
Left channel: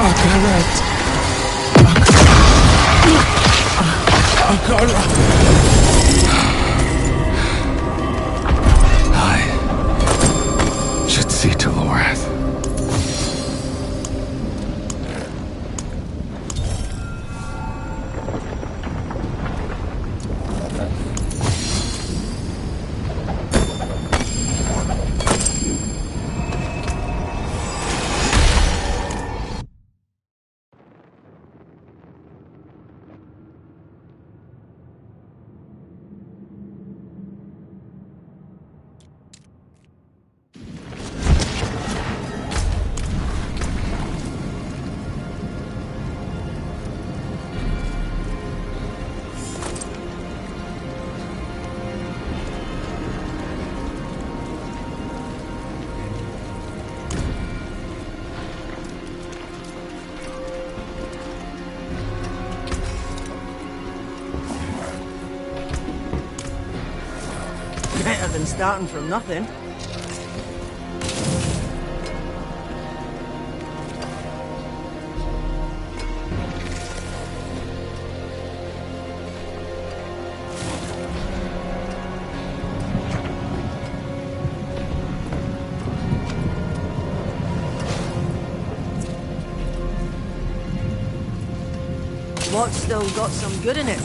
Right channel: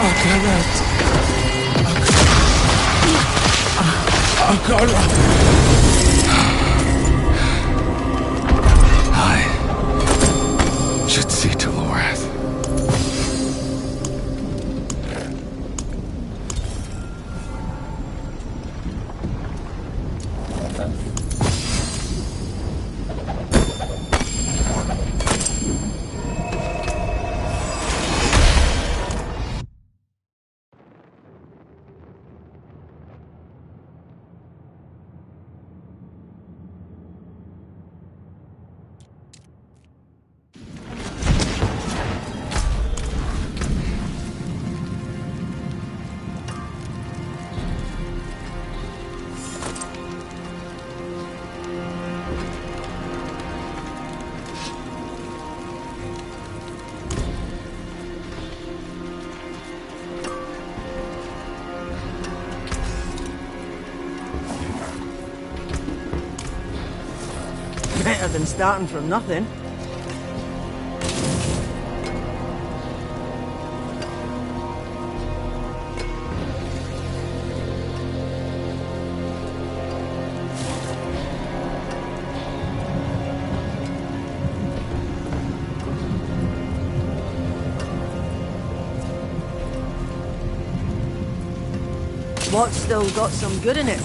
Akarat. Akarat. I should see to Lorath. Better than starting from nothing. What's still got some good in it?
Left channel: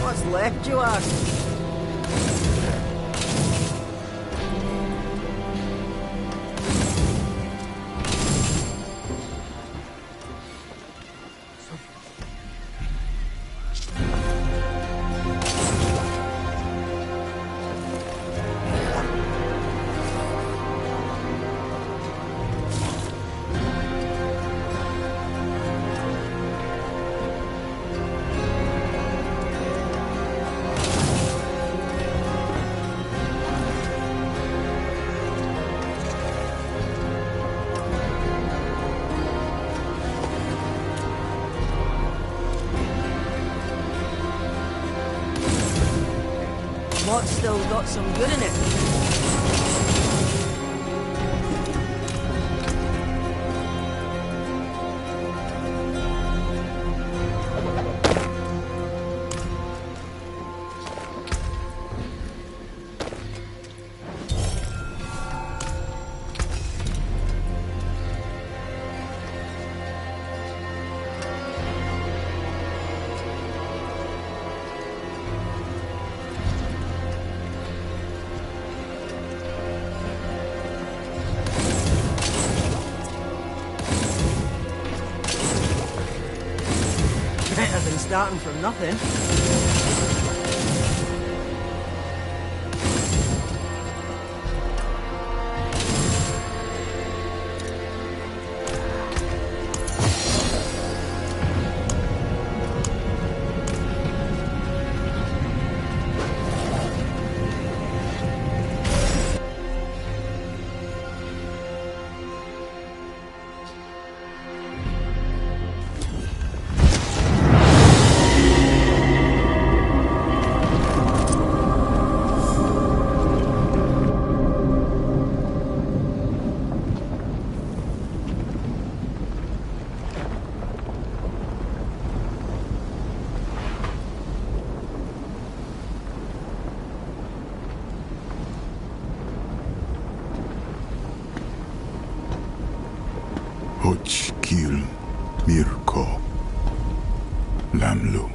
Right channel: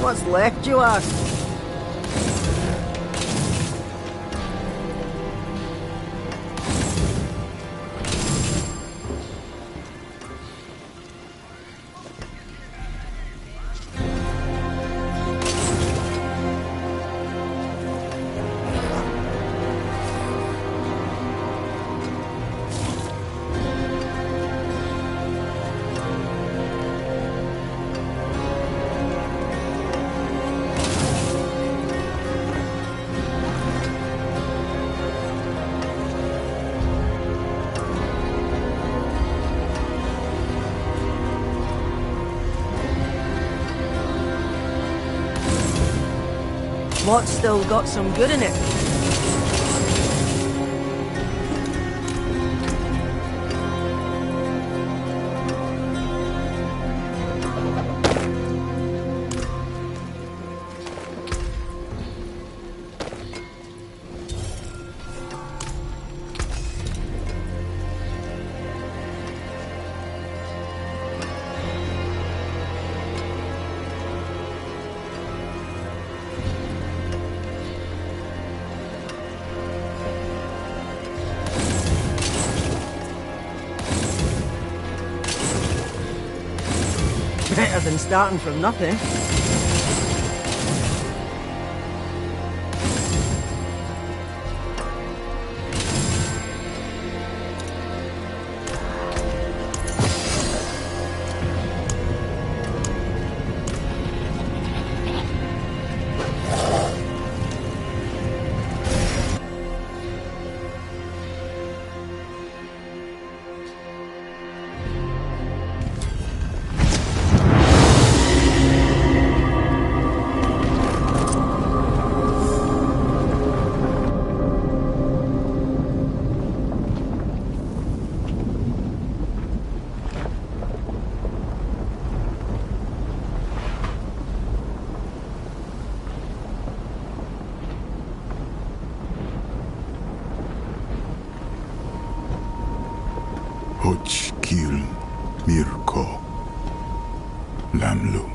What's left, you ask? What's still got some good in it? Better than starting from nothing. Kil Mirko Lamlu.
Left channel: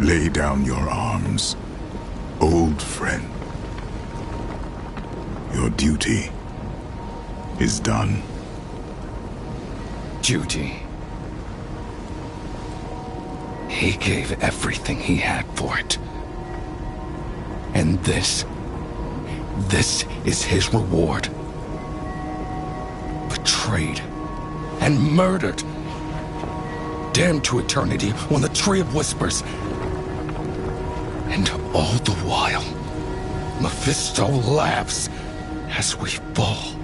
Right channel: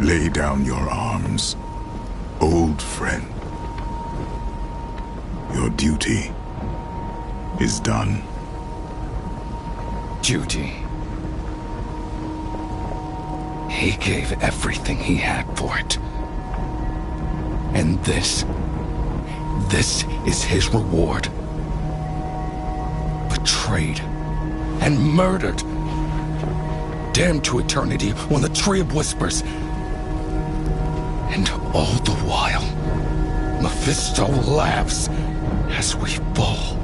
Lay down your arms, old friend. Your duty is done. Duty. He gave everything he had for it. And this is his reward. Betrayed and murdered. Damned to eternity on the Tree of Whispers. And all the while, Mephisto laughs as we fall.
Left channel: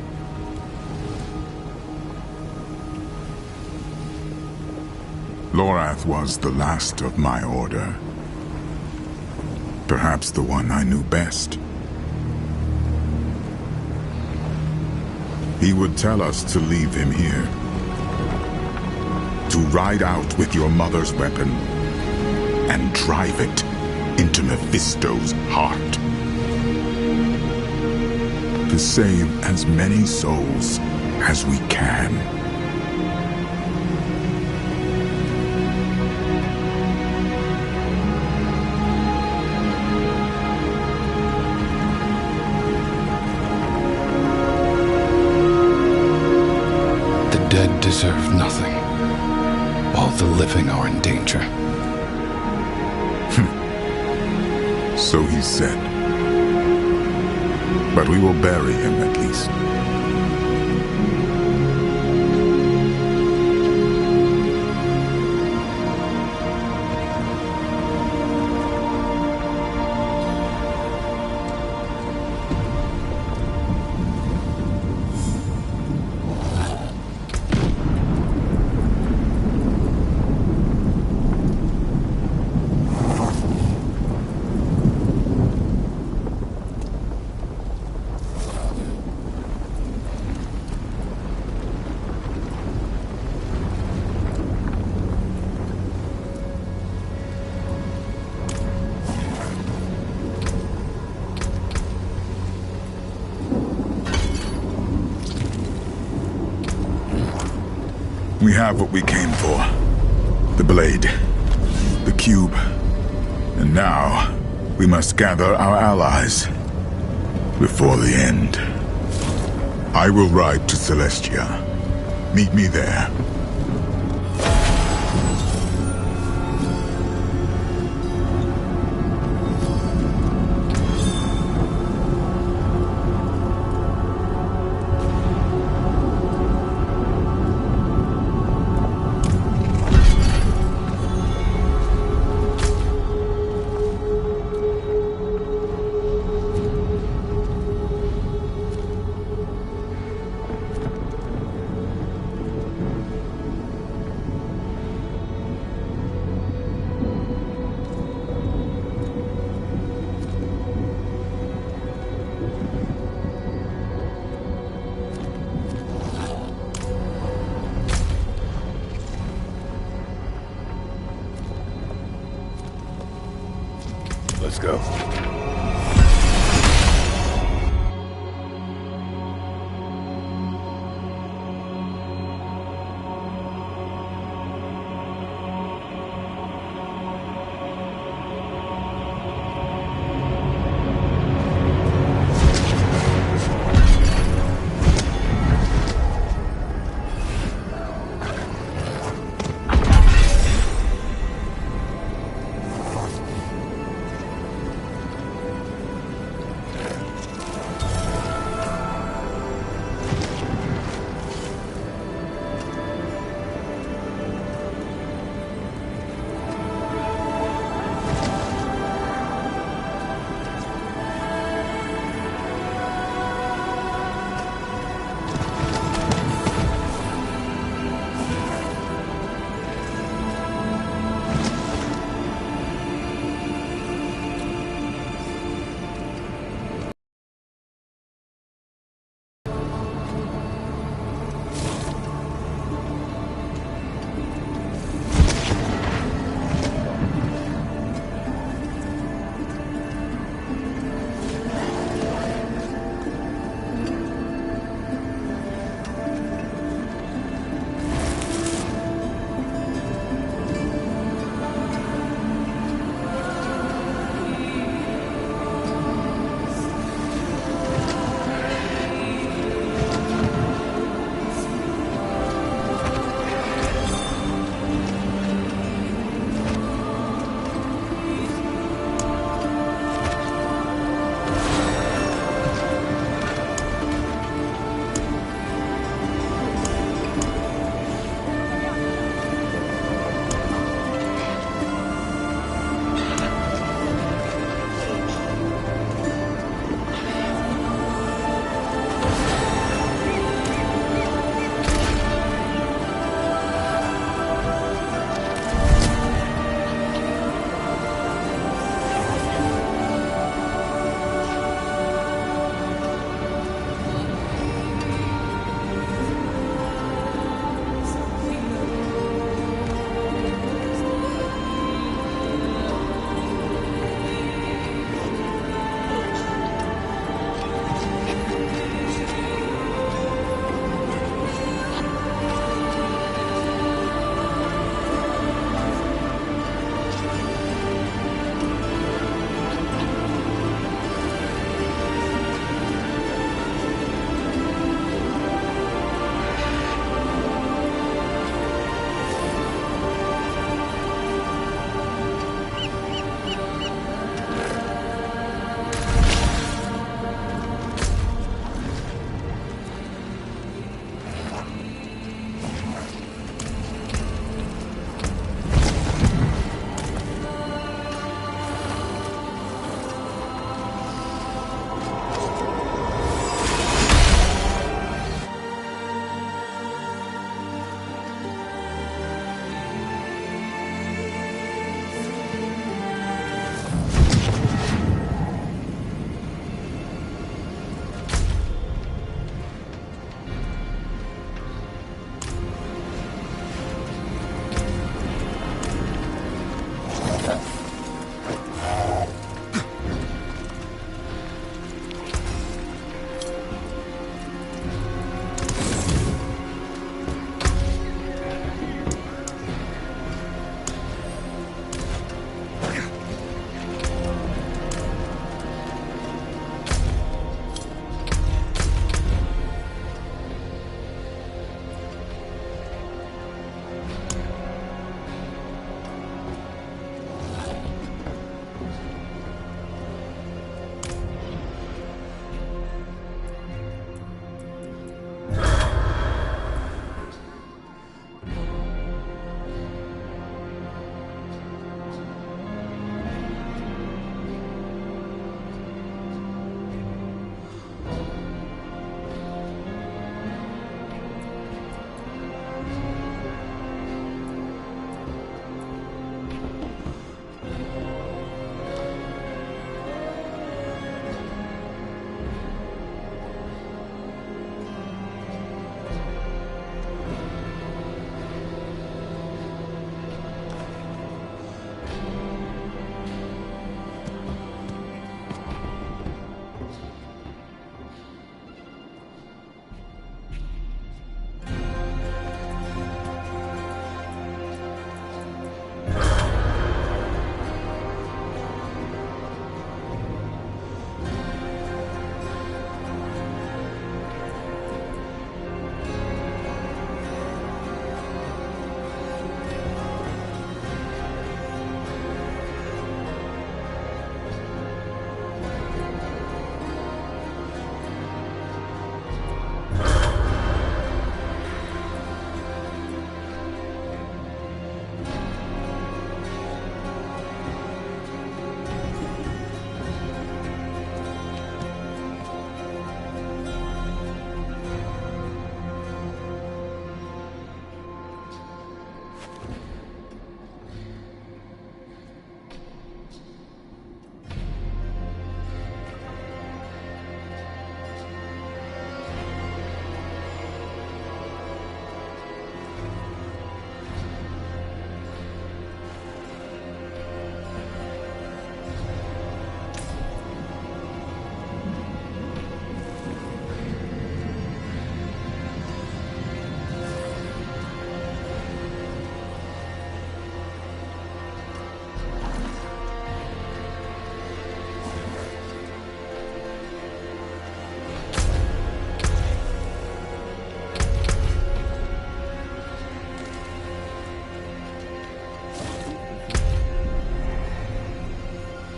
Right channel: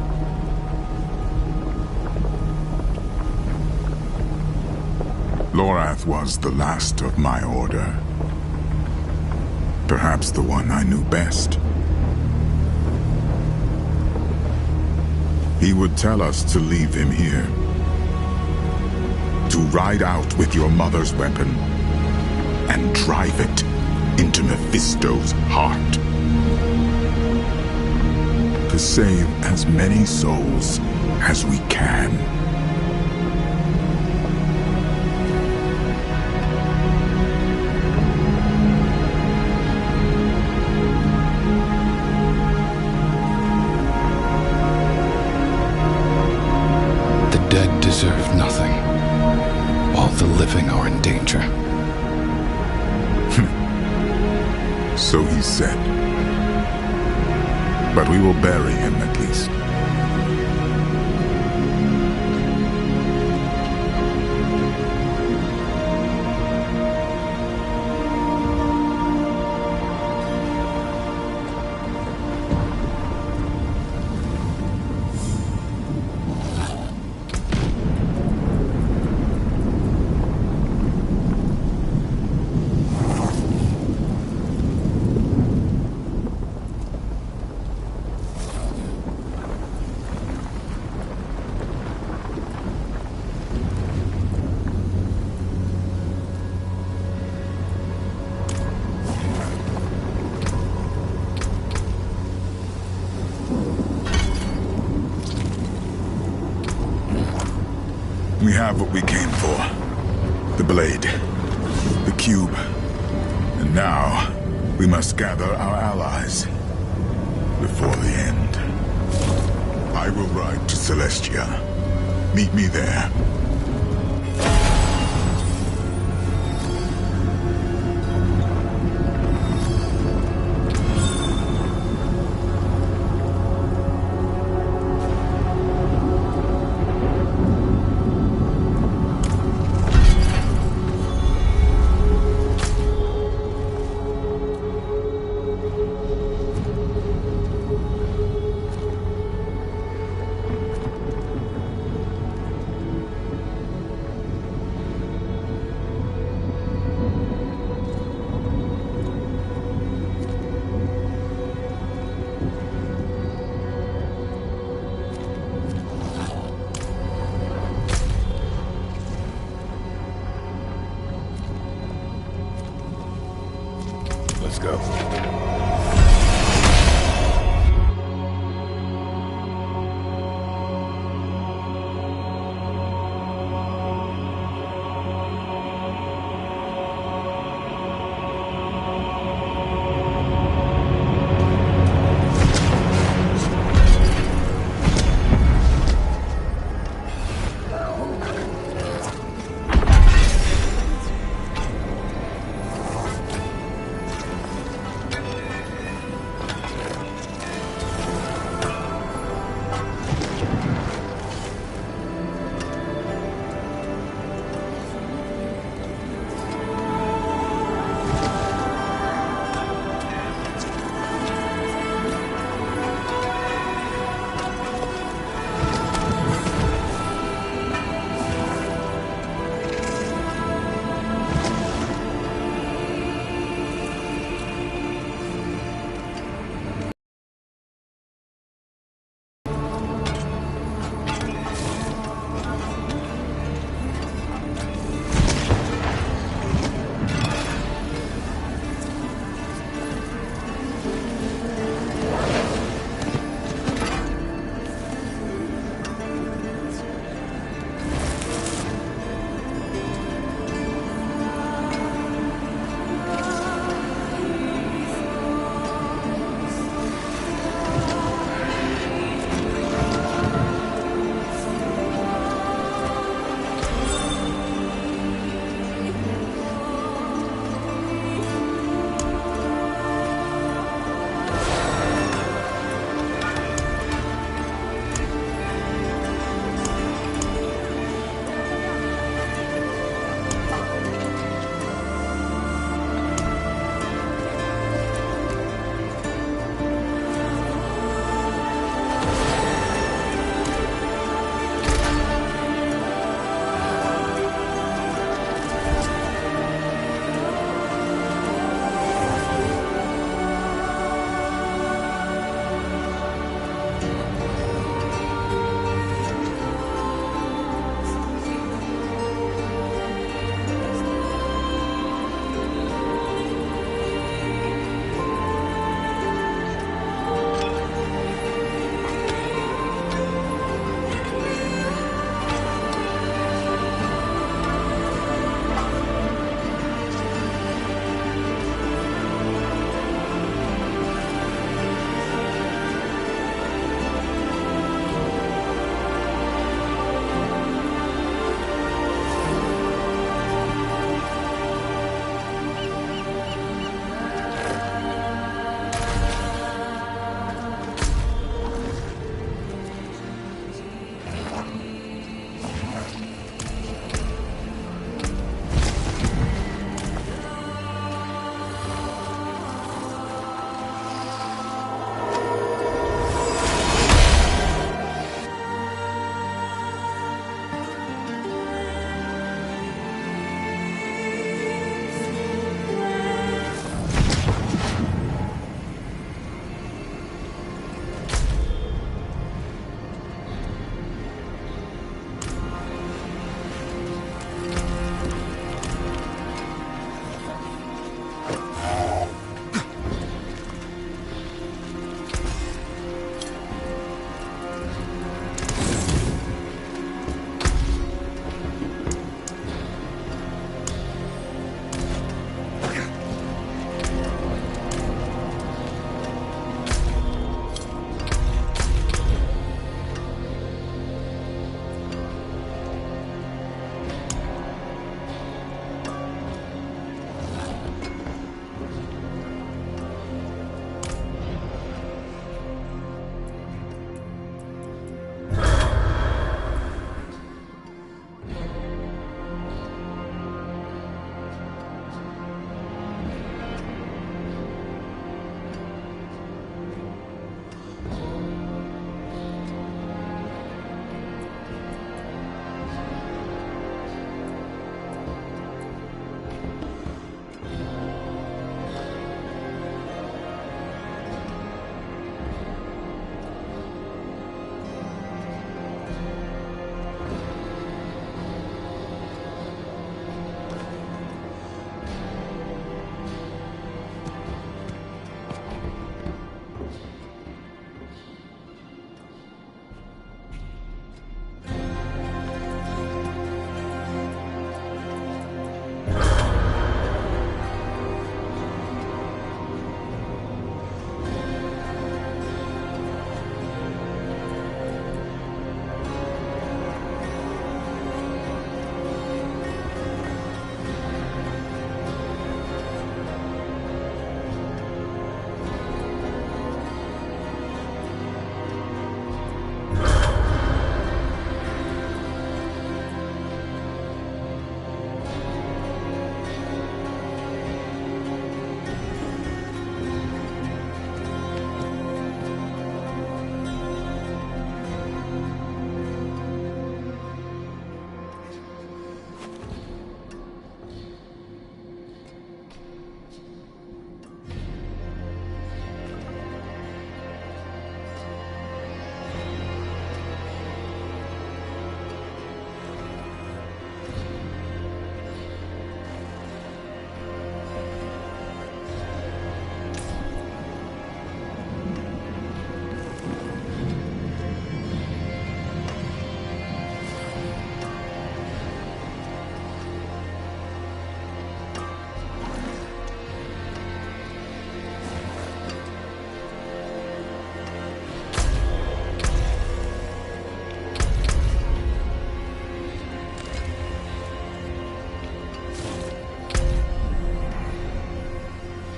Lorath was the last of my order. Perhaps the one I knew best. He would tell us to leave him here. To ride out with your mother's weapon and drive it into Mephisto's heart. To save as many souls as we can. The dead deserve nothing. All the living are in danger. So he said. But we will bury him at least. We have what we came for. The blade. The cube. And now, we must gather our allies. Before the end. I will ride to Celestia. Meet me there. Let's go.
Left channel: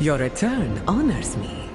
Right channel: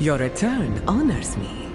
Your return honors me.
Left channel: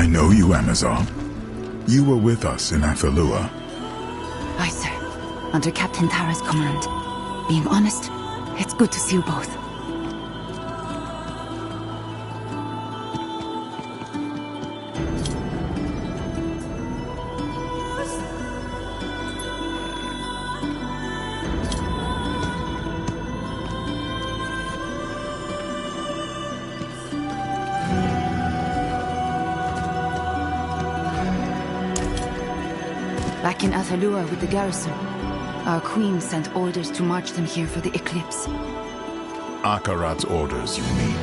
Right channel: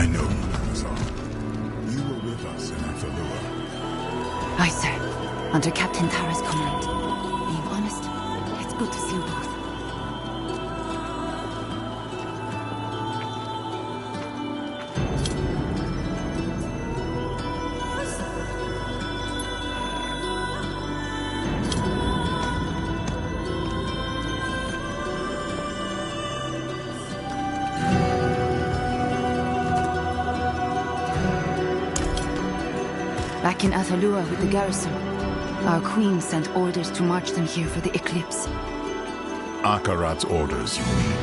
I know you, Amazon. You were with us in Athalua. Aye, sir. Under Captain Tara's command. Being honest, it's good to see you both. Back in Athalua with the garrison, our queen sent orders to march them here for the eclipse. Akarat's orders, you mean?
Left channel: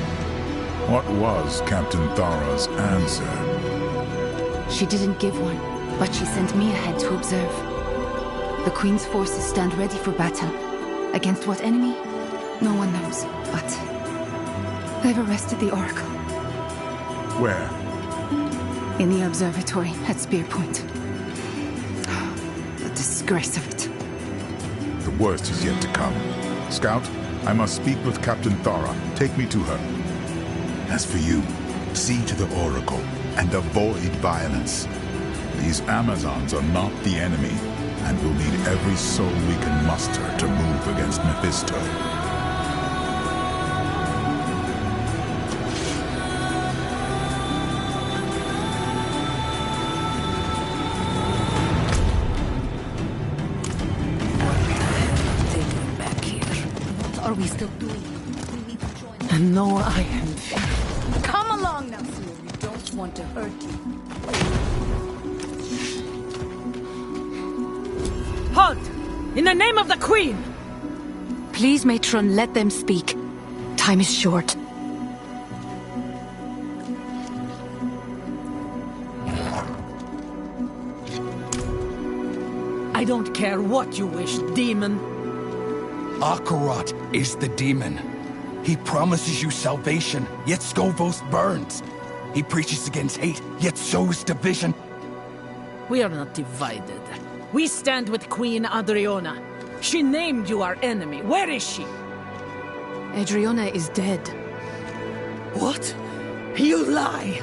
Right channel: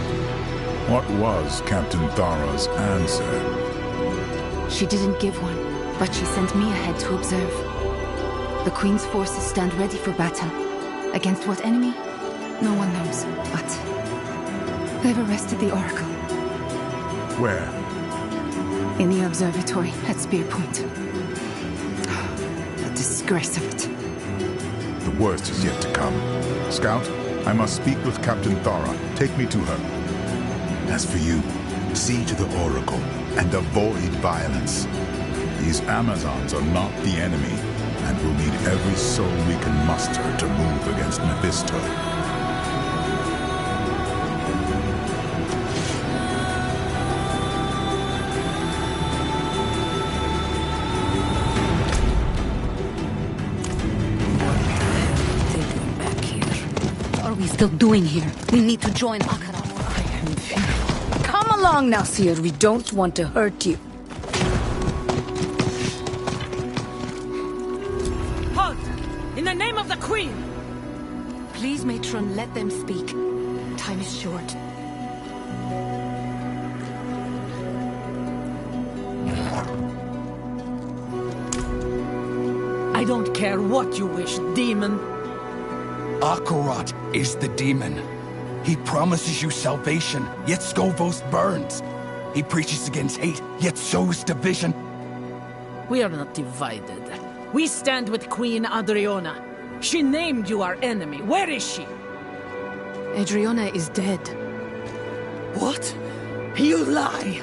What was Captain Thara's answer? She didn't give one, but she sent me ahead to observe. The queen's forces stand ready for battle. Against what enemy? No one knows, but they've arrested the Oracle. Where? In the observatory at Spear Point. The disgrace of it. The worst is yet to come. Scout, I must speak with Captain Thara. Take me to her. As for you, see to the Oracle and avoid violence. These Amazons are not the enemy, and we'll need every soul we can muster to move against Mephisto. What are we still doing here? We need to join them. I know I am fearful. Come along now, Seer. We don't want to hurt you. Halt! In the name of the Queen! Please, Matron, let them speak. Time is short. I don't care what you wish, demon. Akarat is the demon. He promises you salvation, yet Skovos burns. He preaches against hate, yet sows division. We are not divided. We stand with Queen Adriana. She named you our enemy. Where is she? Adriana is dead. What? You lie!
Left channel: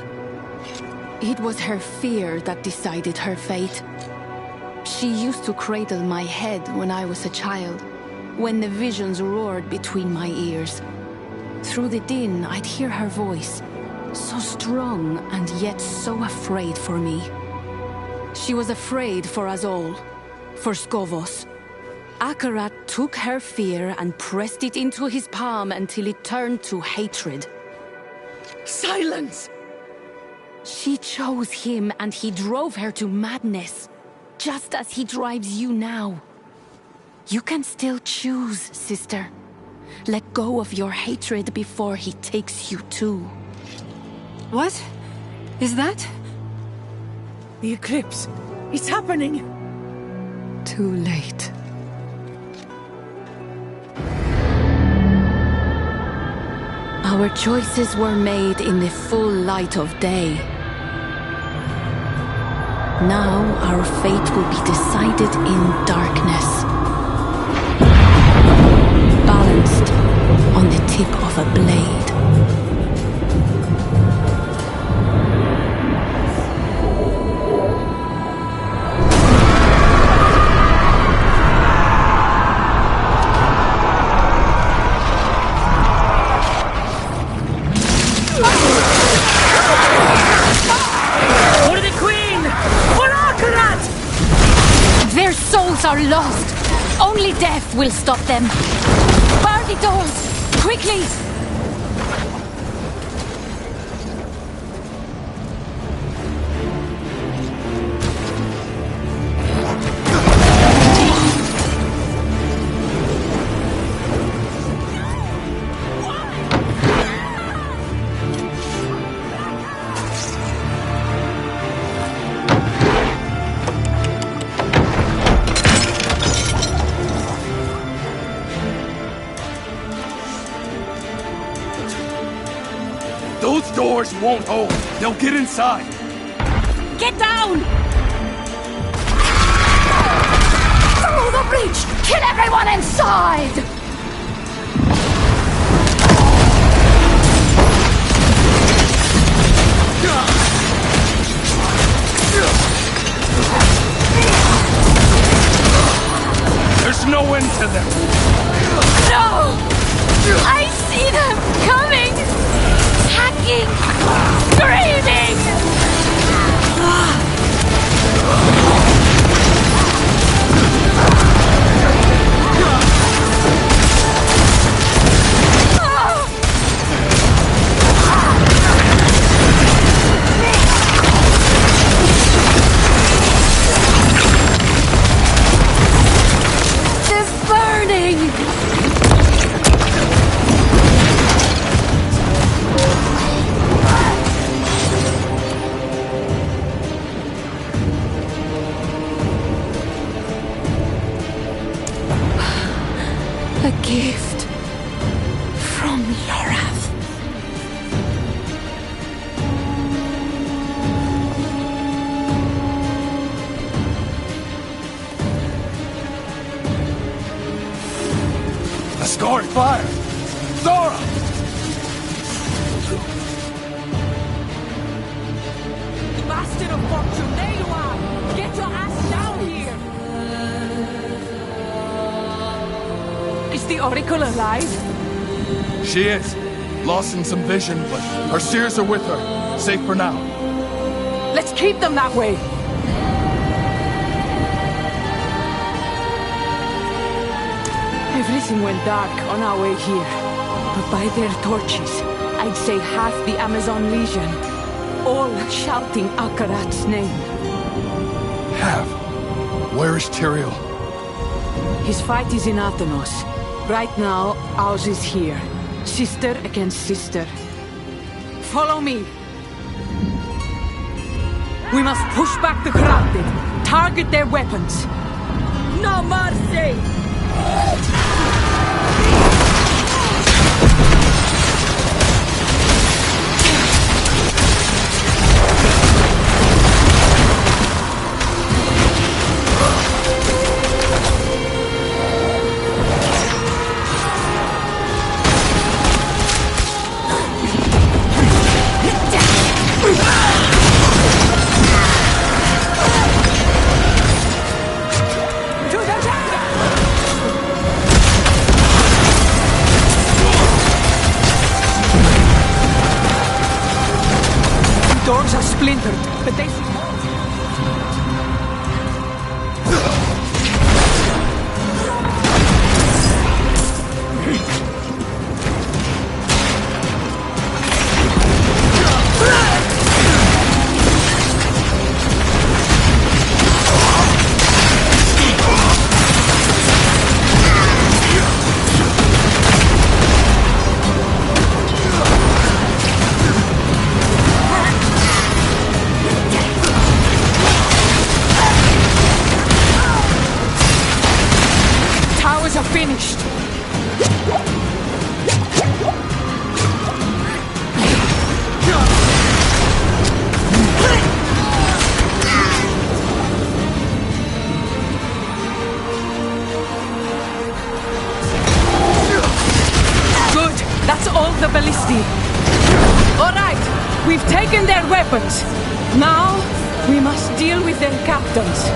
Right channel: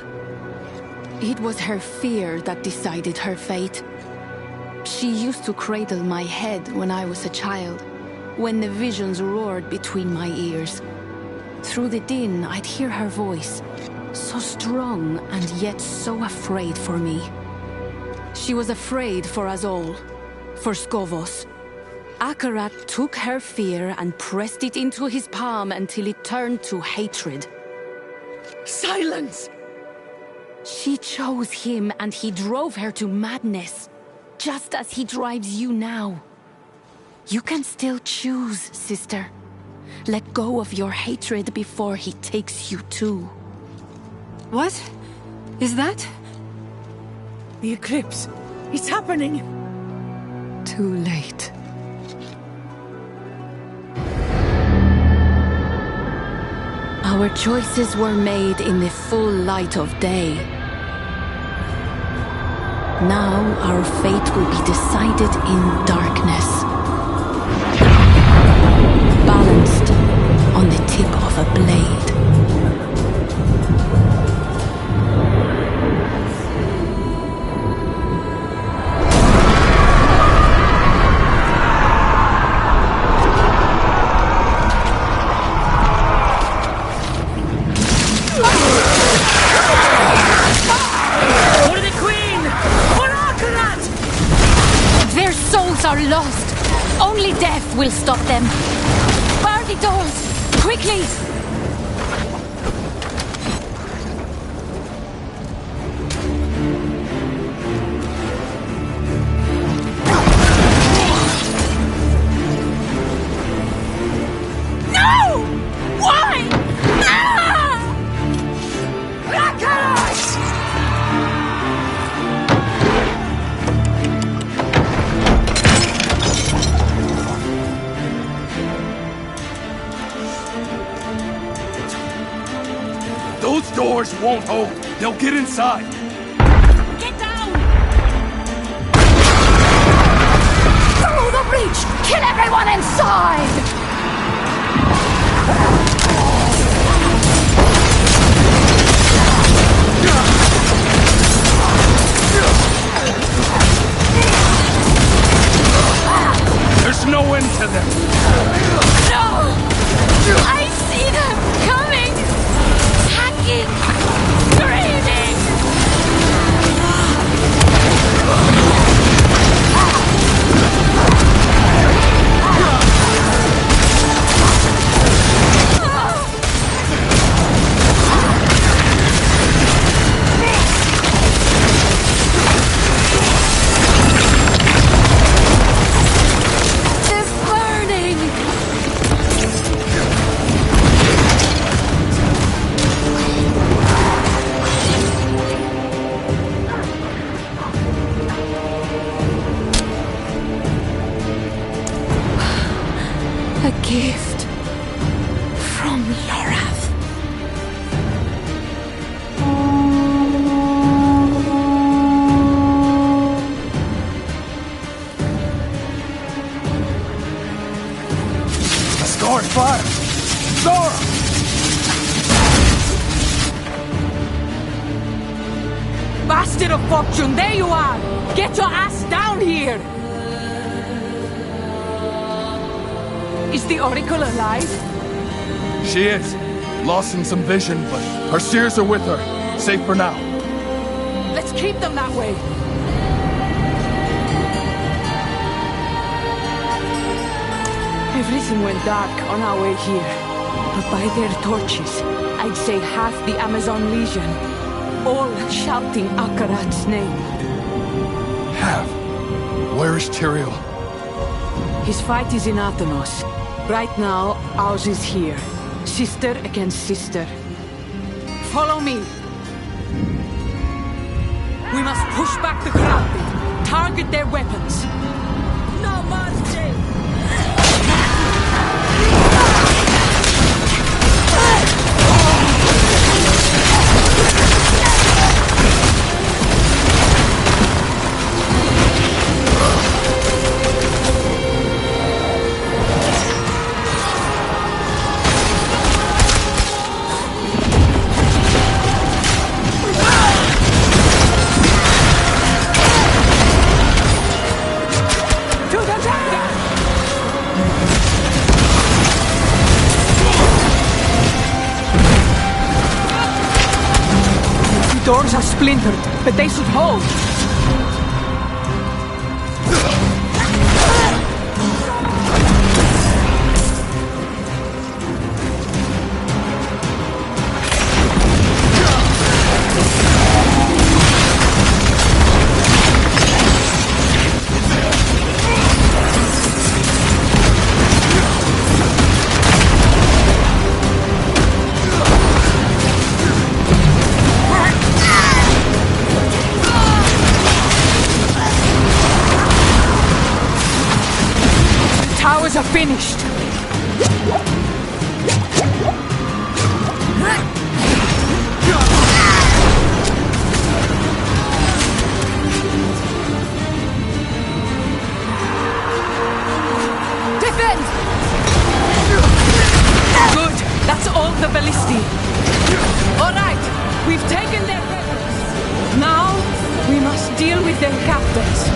It was her fear that decided her fate. She used to cradle my head when I was a child, when the visions roared between my ears. Through the din, I'd hear her voice, so strong and yet so afraid for me. She was afraid for us all, for Skovos. Akarat took her fear and pressed it into his palm until it turned to hatred. Silence! She chose him and he drove her to madness, just as he drives you now. You can still choose, sister. Let go of your hatred before he takes you too. What? Is that? The eclipse. It's happening. Too late. Our choices were made in the full light of day. Now our fate will be decided in darkness. Balanced on the tip of a blade. For the Queen! For Akarat! Their souls are lost. Only death will stop them. Bar the doors! Quickly! No! Why? Ah! Akarat! Those doors won't hold. They'll get inside. Get down! Through the breach! Kill everyone inside! gift from Lorath. A scoring fire! Zora! Bastard of fortune, there you are! Get your ass down here! Is the Oracle alive? She is. Lost in some vision, but her seers are with her. Safe for now. Let's keep them that way! Everything went dark on our way here. But by their torches, I'd say half the Amazon Legion, all shouting Akarat's name. Have. Where is Tyrael? His fight is in Athenos. Right now, ours is here. Sister against sister. Follow me. We must push back the corrupted. Target their weapons. No mercy! Doors are splintered, but they should hold. Towers are finished. Good. That's all the ballistae. All right. We've taken their weapons. Now we must deal with their captains.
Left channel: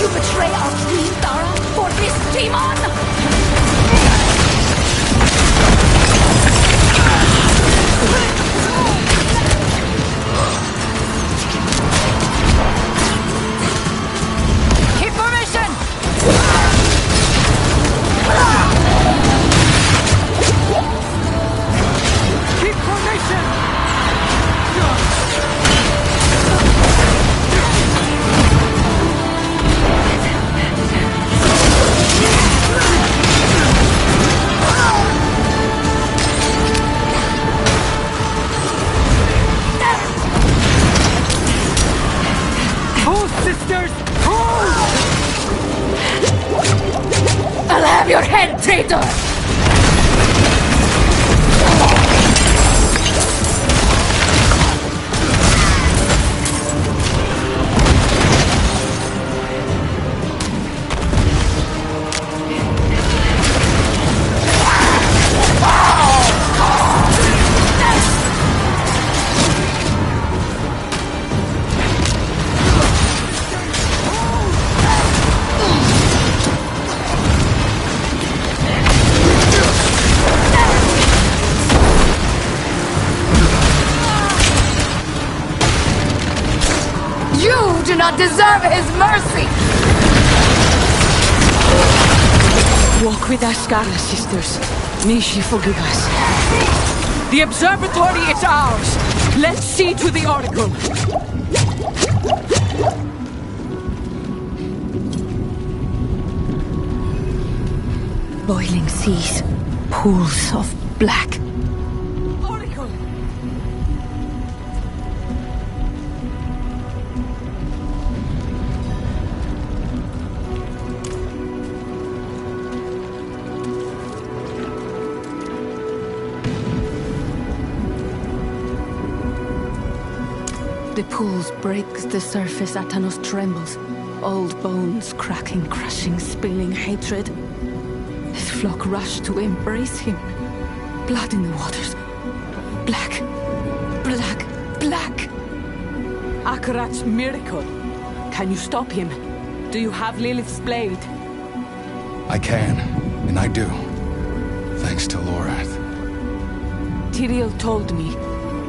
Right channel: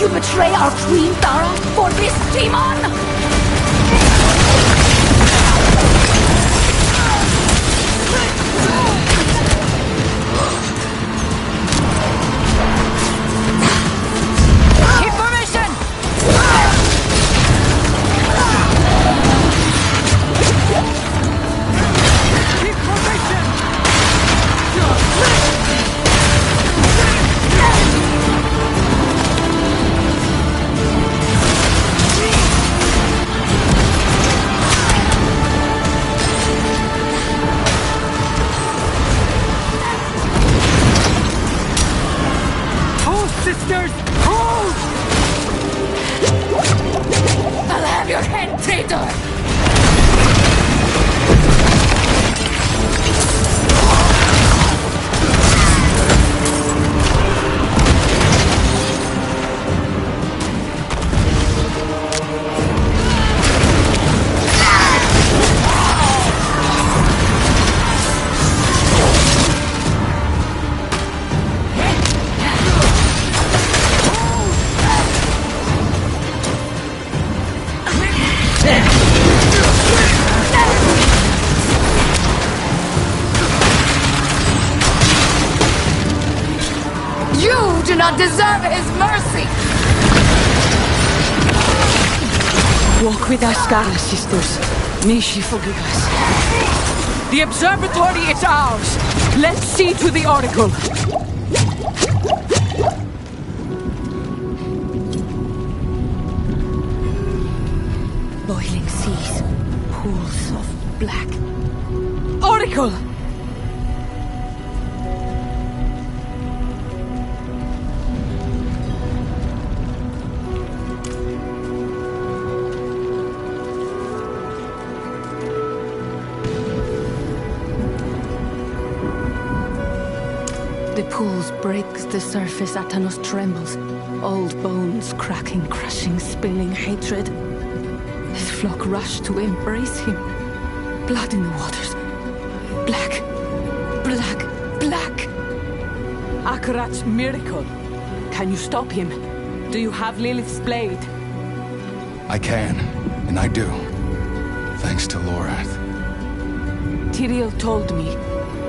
You betray our queen, Thara, for this demon? Keep formation! Keep formation! Sisters, hold! I'll have your head, traitor! You do not deserve his mercy! Walk with Ascara, sisters. May she forgive us. The observatory is ours. Let's see to the Oracle. Boiling seas, pools of black. Oracle! The pools break, the surface Atanos trembles. Old bones cracking, crushing, spilling hatred. His flock rush to embrace him. Blood in the waters. Black. Black. Black. Akarat's miracle. Can you stop him? Do you have Lilith's blade? I can, and I do. Thanks to Lorath. Tyrael told me,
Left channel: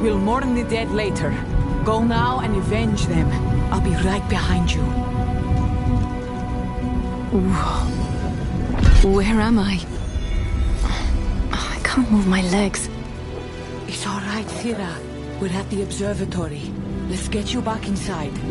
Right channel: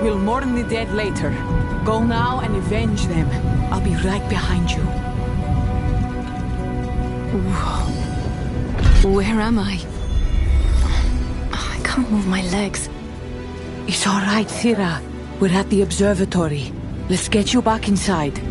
we'll mourn the dead later. Go now and avenge them. I'll be right behind you. Where am I? I can't move my legs. It's all right, Thira. We're at the observatory. Let's get you back inside.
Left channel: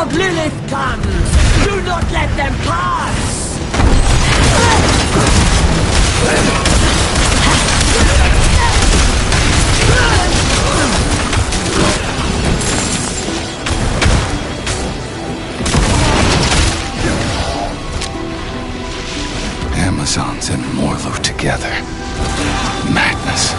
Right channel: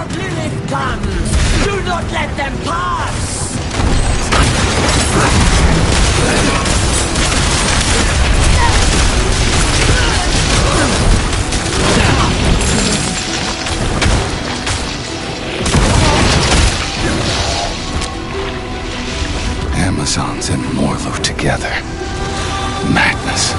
of Lilith comes! Do not let them pass! Amazons and Morlo together. Madness.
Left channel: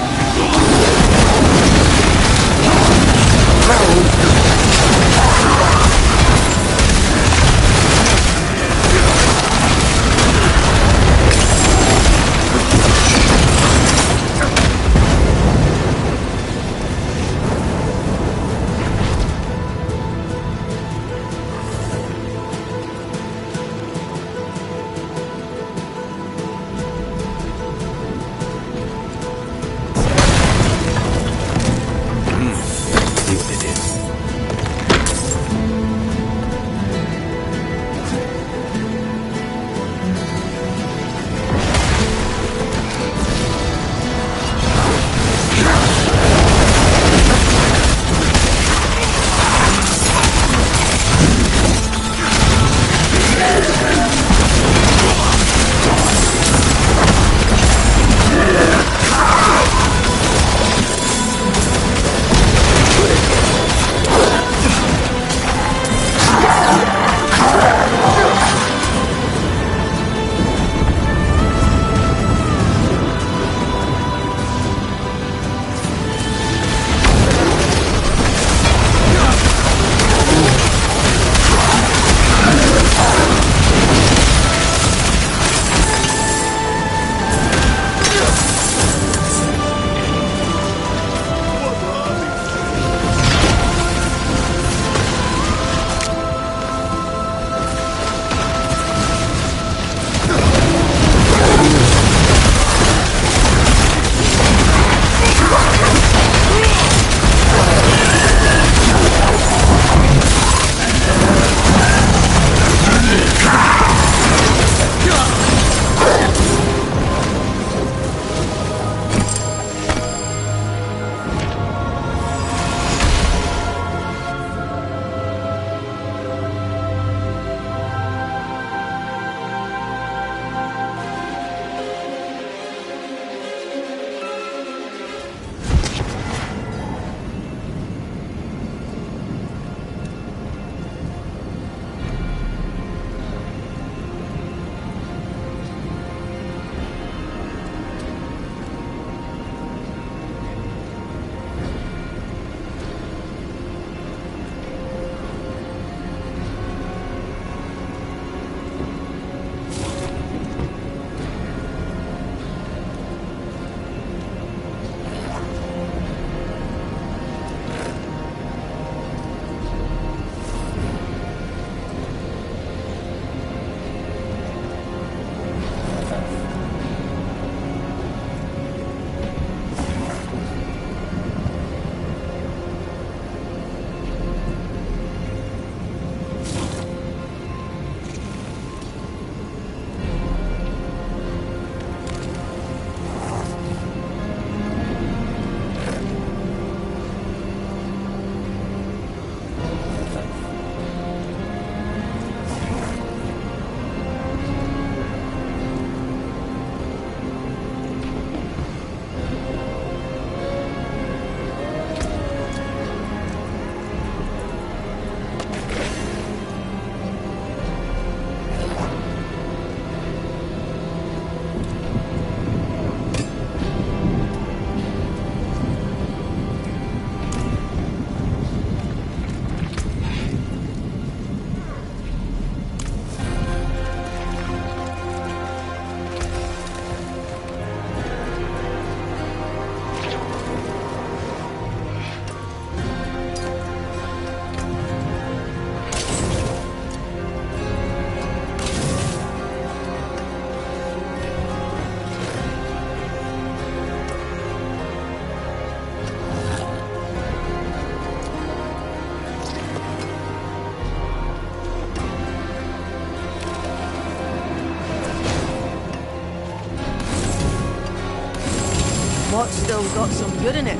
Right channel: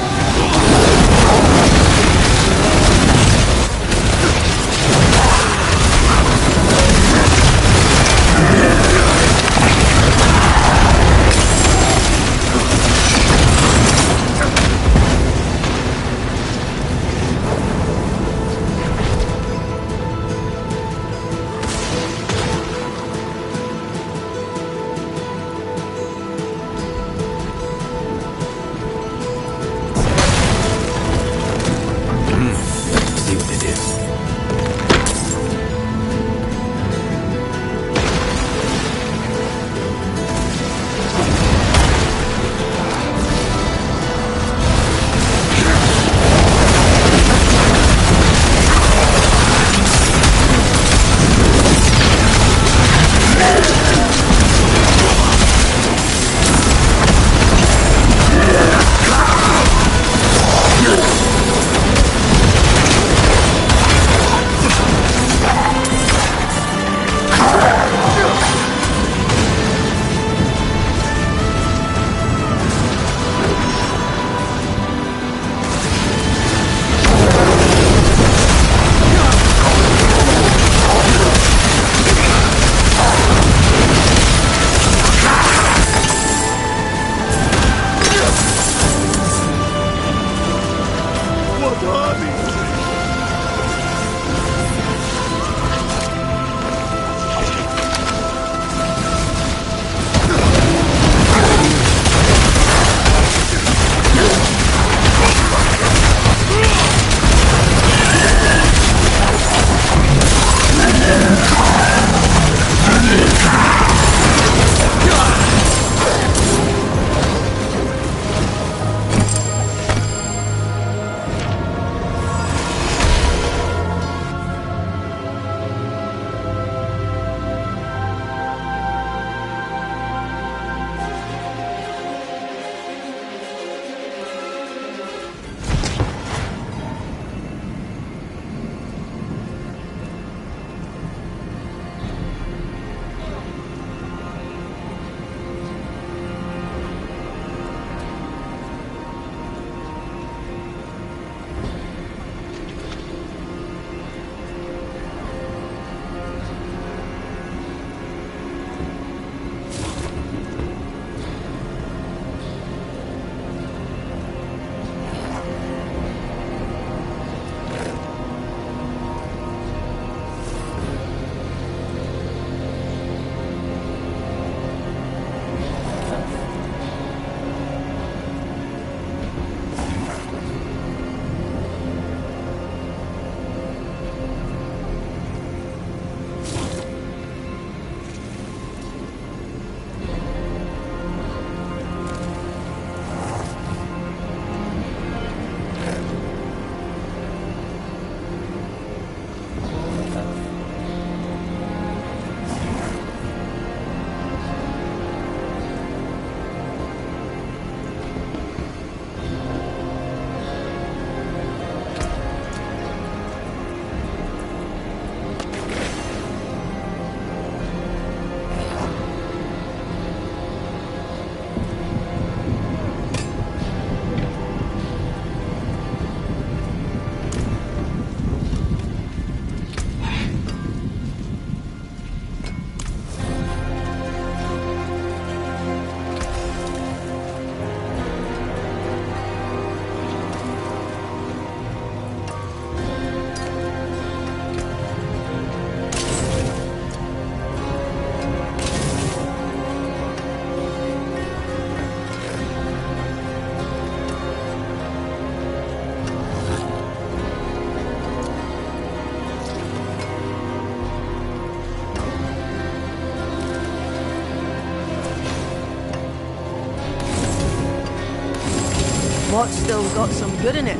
What's still got some good in it?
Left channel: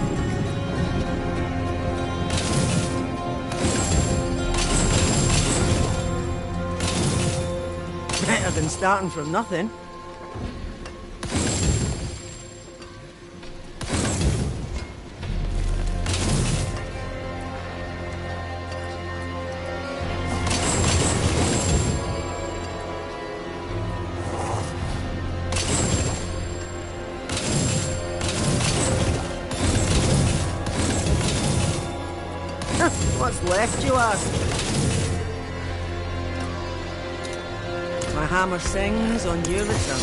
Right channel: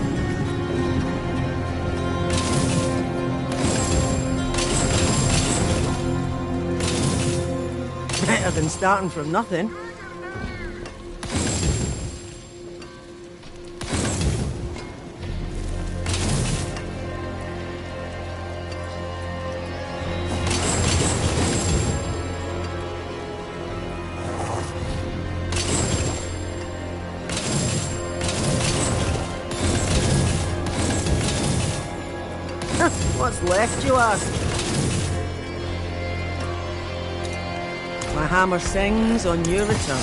Better than starting from nothing. What's left, you ask? My hammer sings on your return.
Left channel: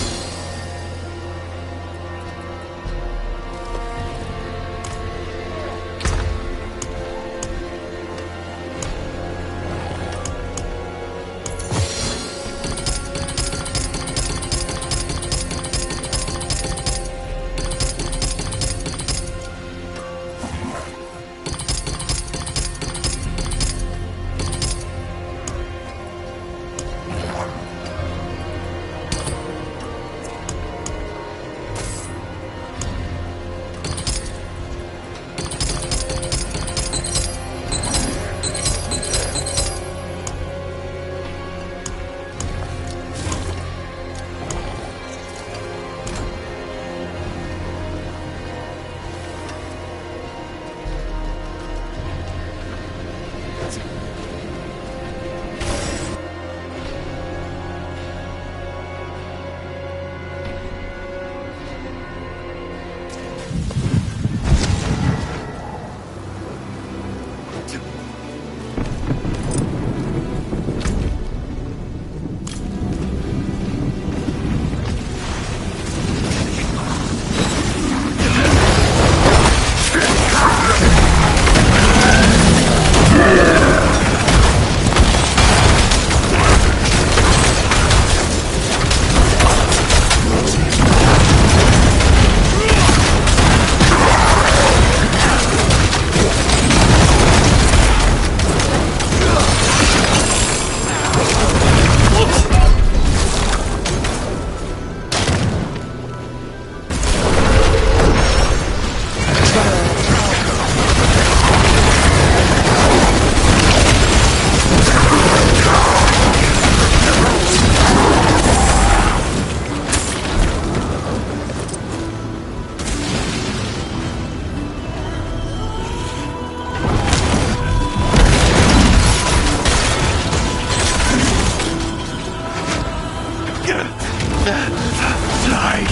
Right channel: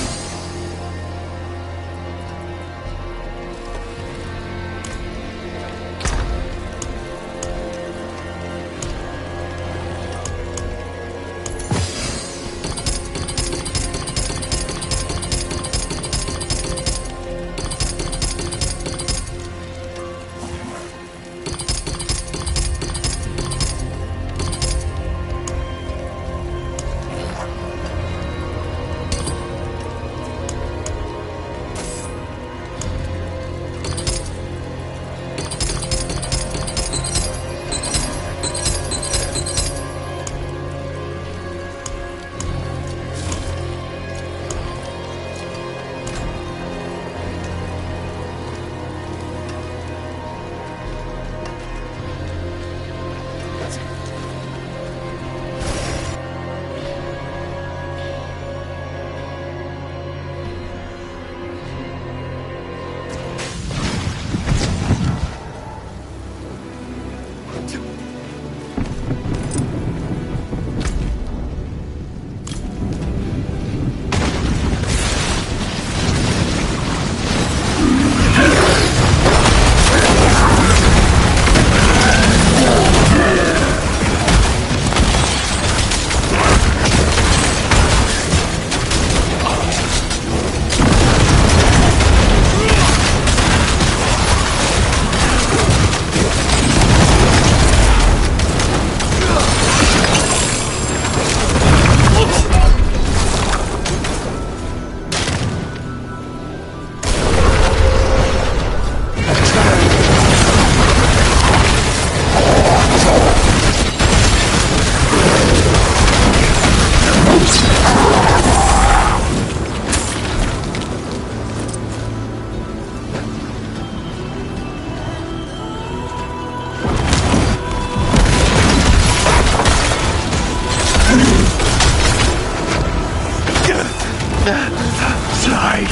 Light!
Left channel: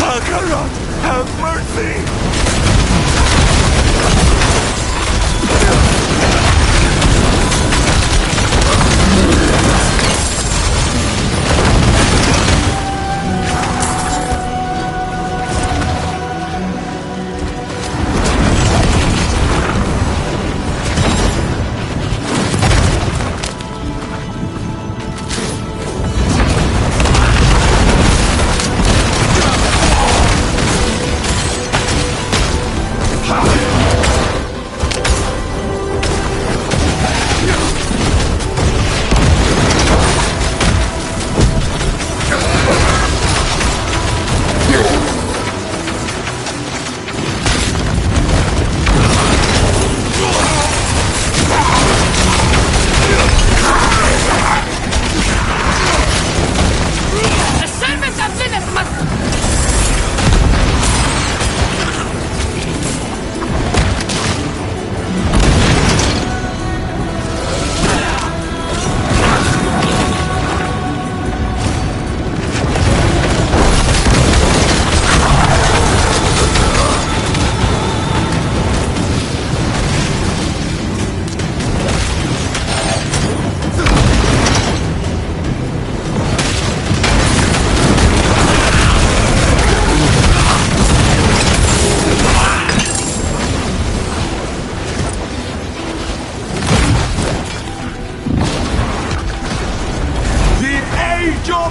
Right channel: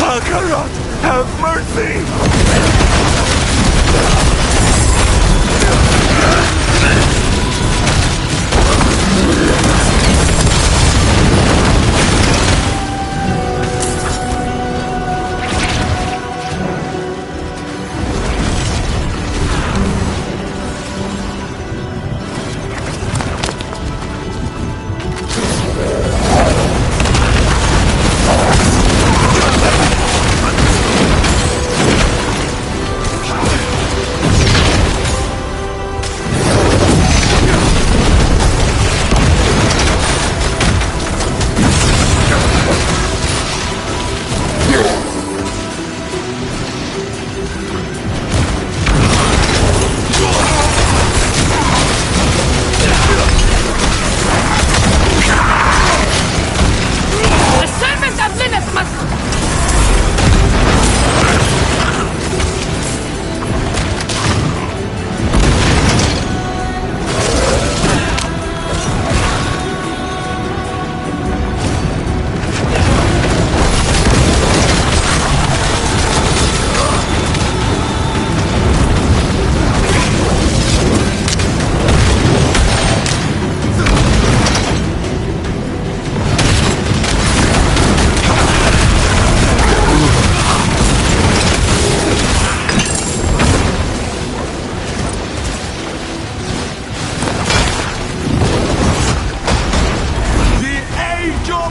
Alcarat, have mercy!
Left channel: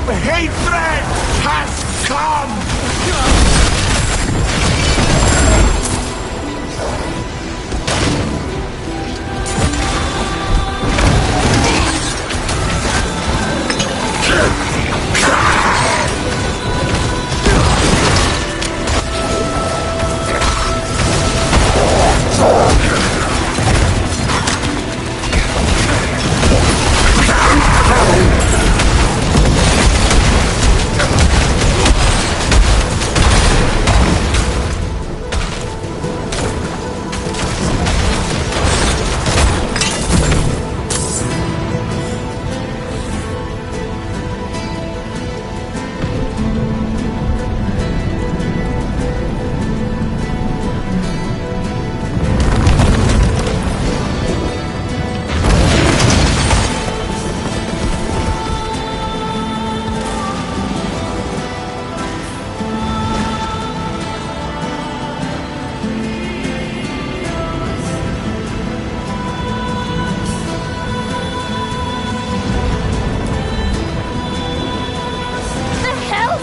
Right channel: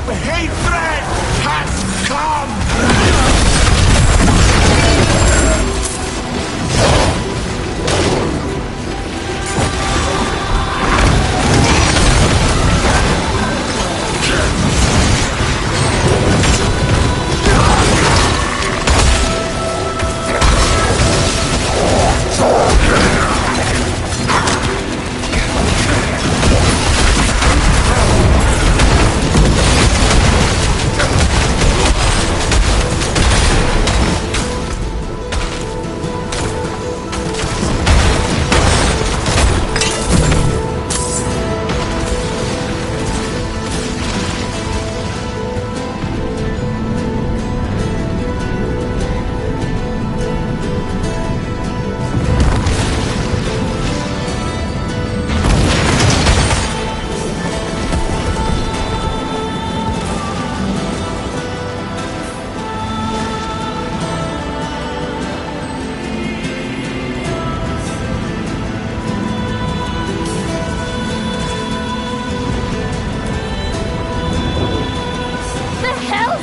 Hatred has come!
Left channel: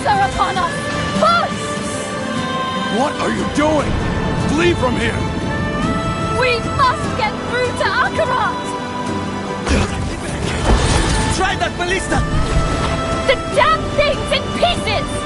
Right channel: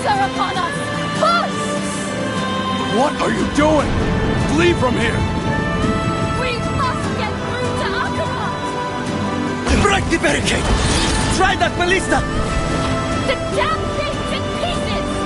wolves are upon us! Push! What are you doing? Flee from here! We must get through to Akarat! Break the barricade! Try that ballista! The damn thing's in pieces!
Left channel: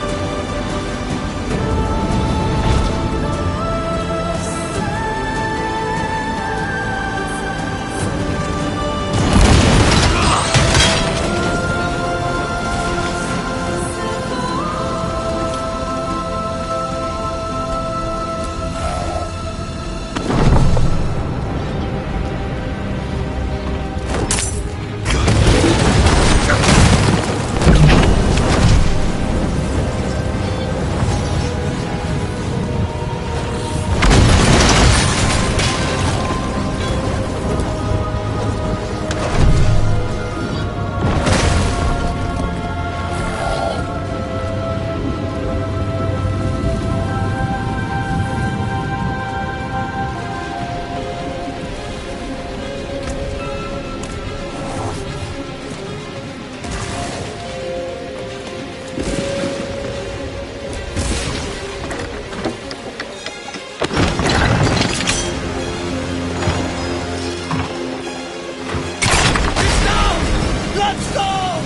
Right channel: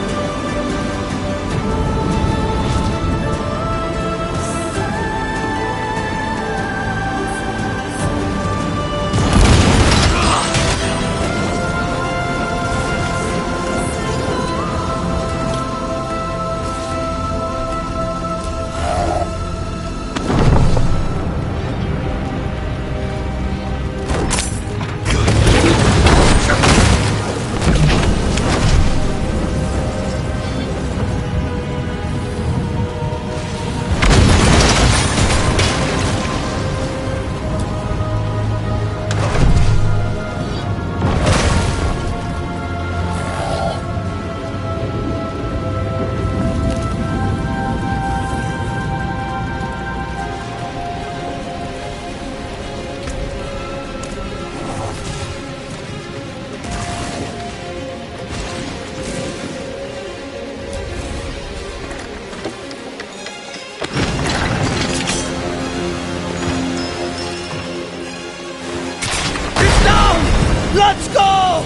Let's go!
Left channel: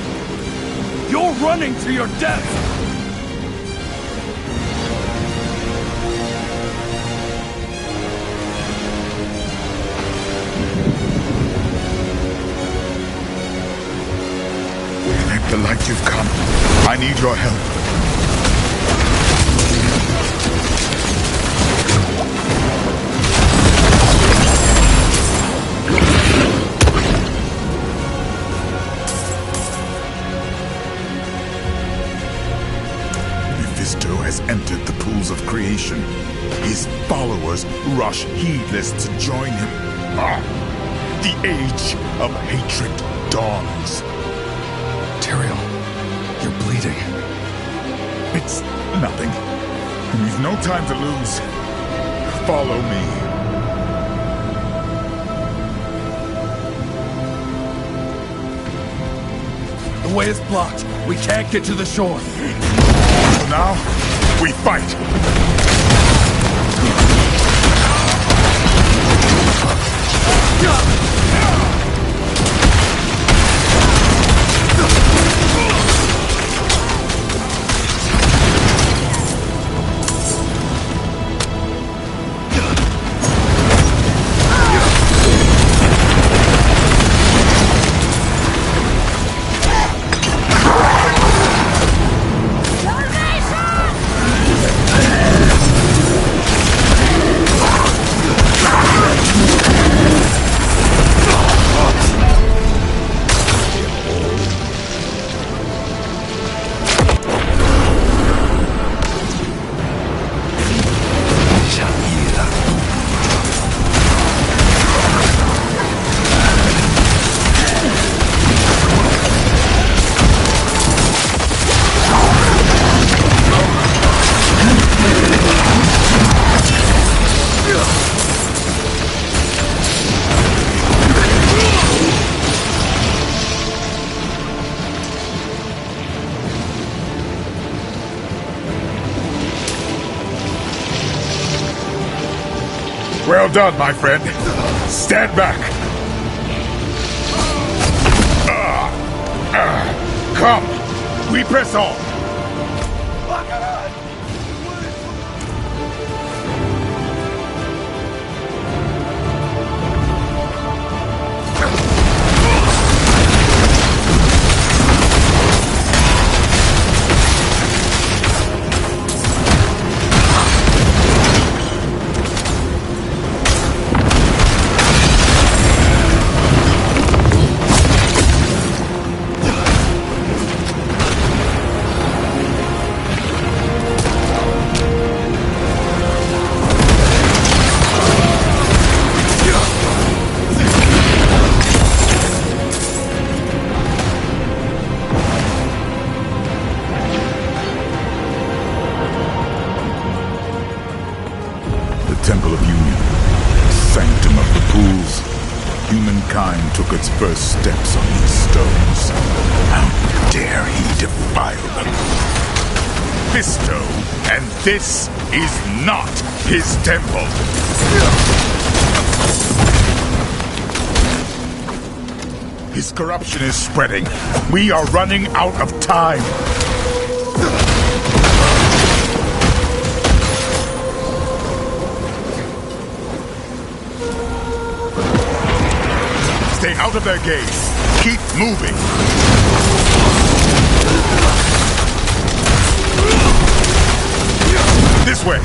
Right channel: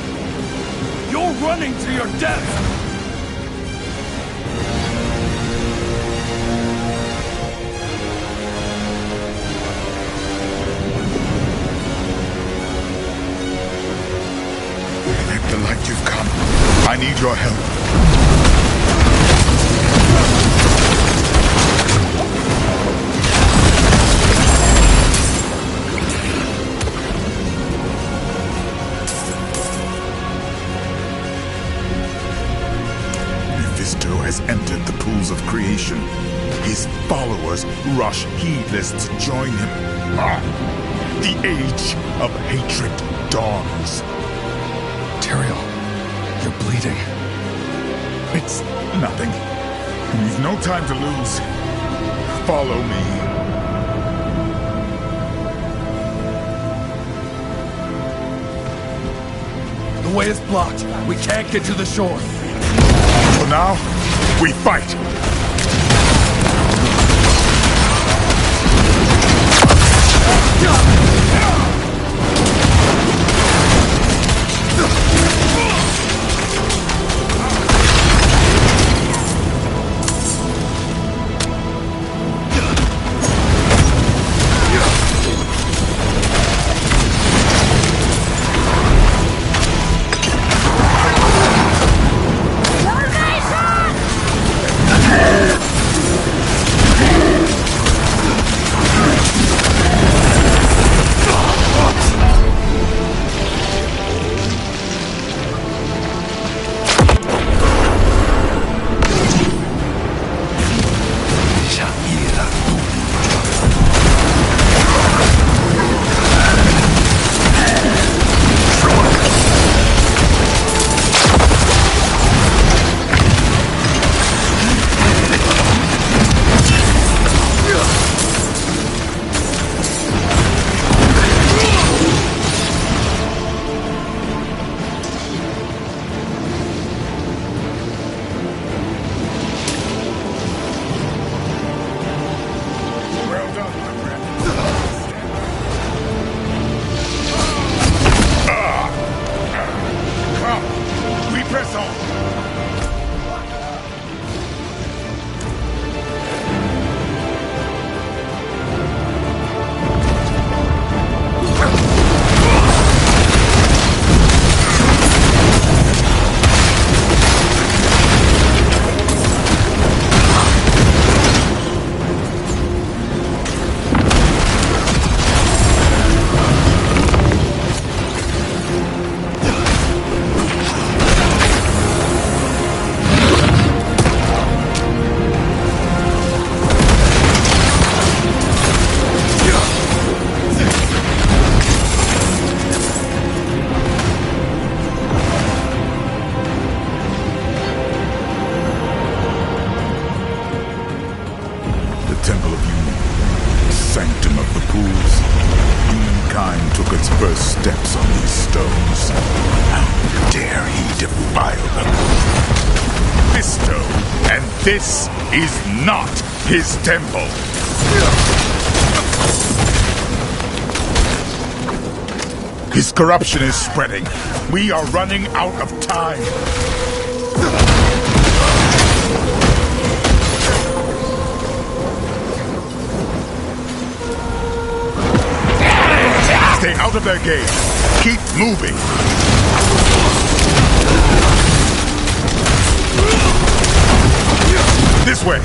You're running to your death! The light you've come. I need your help. Mephisto has entered the pools of creation. His followers rush heedless to join him. The age of hatred dawns. Tyrael, you're bleeding. It's nothing. We've no time to lose. Follow me. The way is blocked. We can't get to the shore. So now, we fight. Well done, my friend. Stand back. Come, we press on. Temple of Union, sanctum of the pools. Humankind took its first steps on these stones. How dare he defile them? Mephisto, and this is not his temple. His corruption is spreading. We are running out of time. Stay out of their gaze. Keep moving. This way.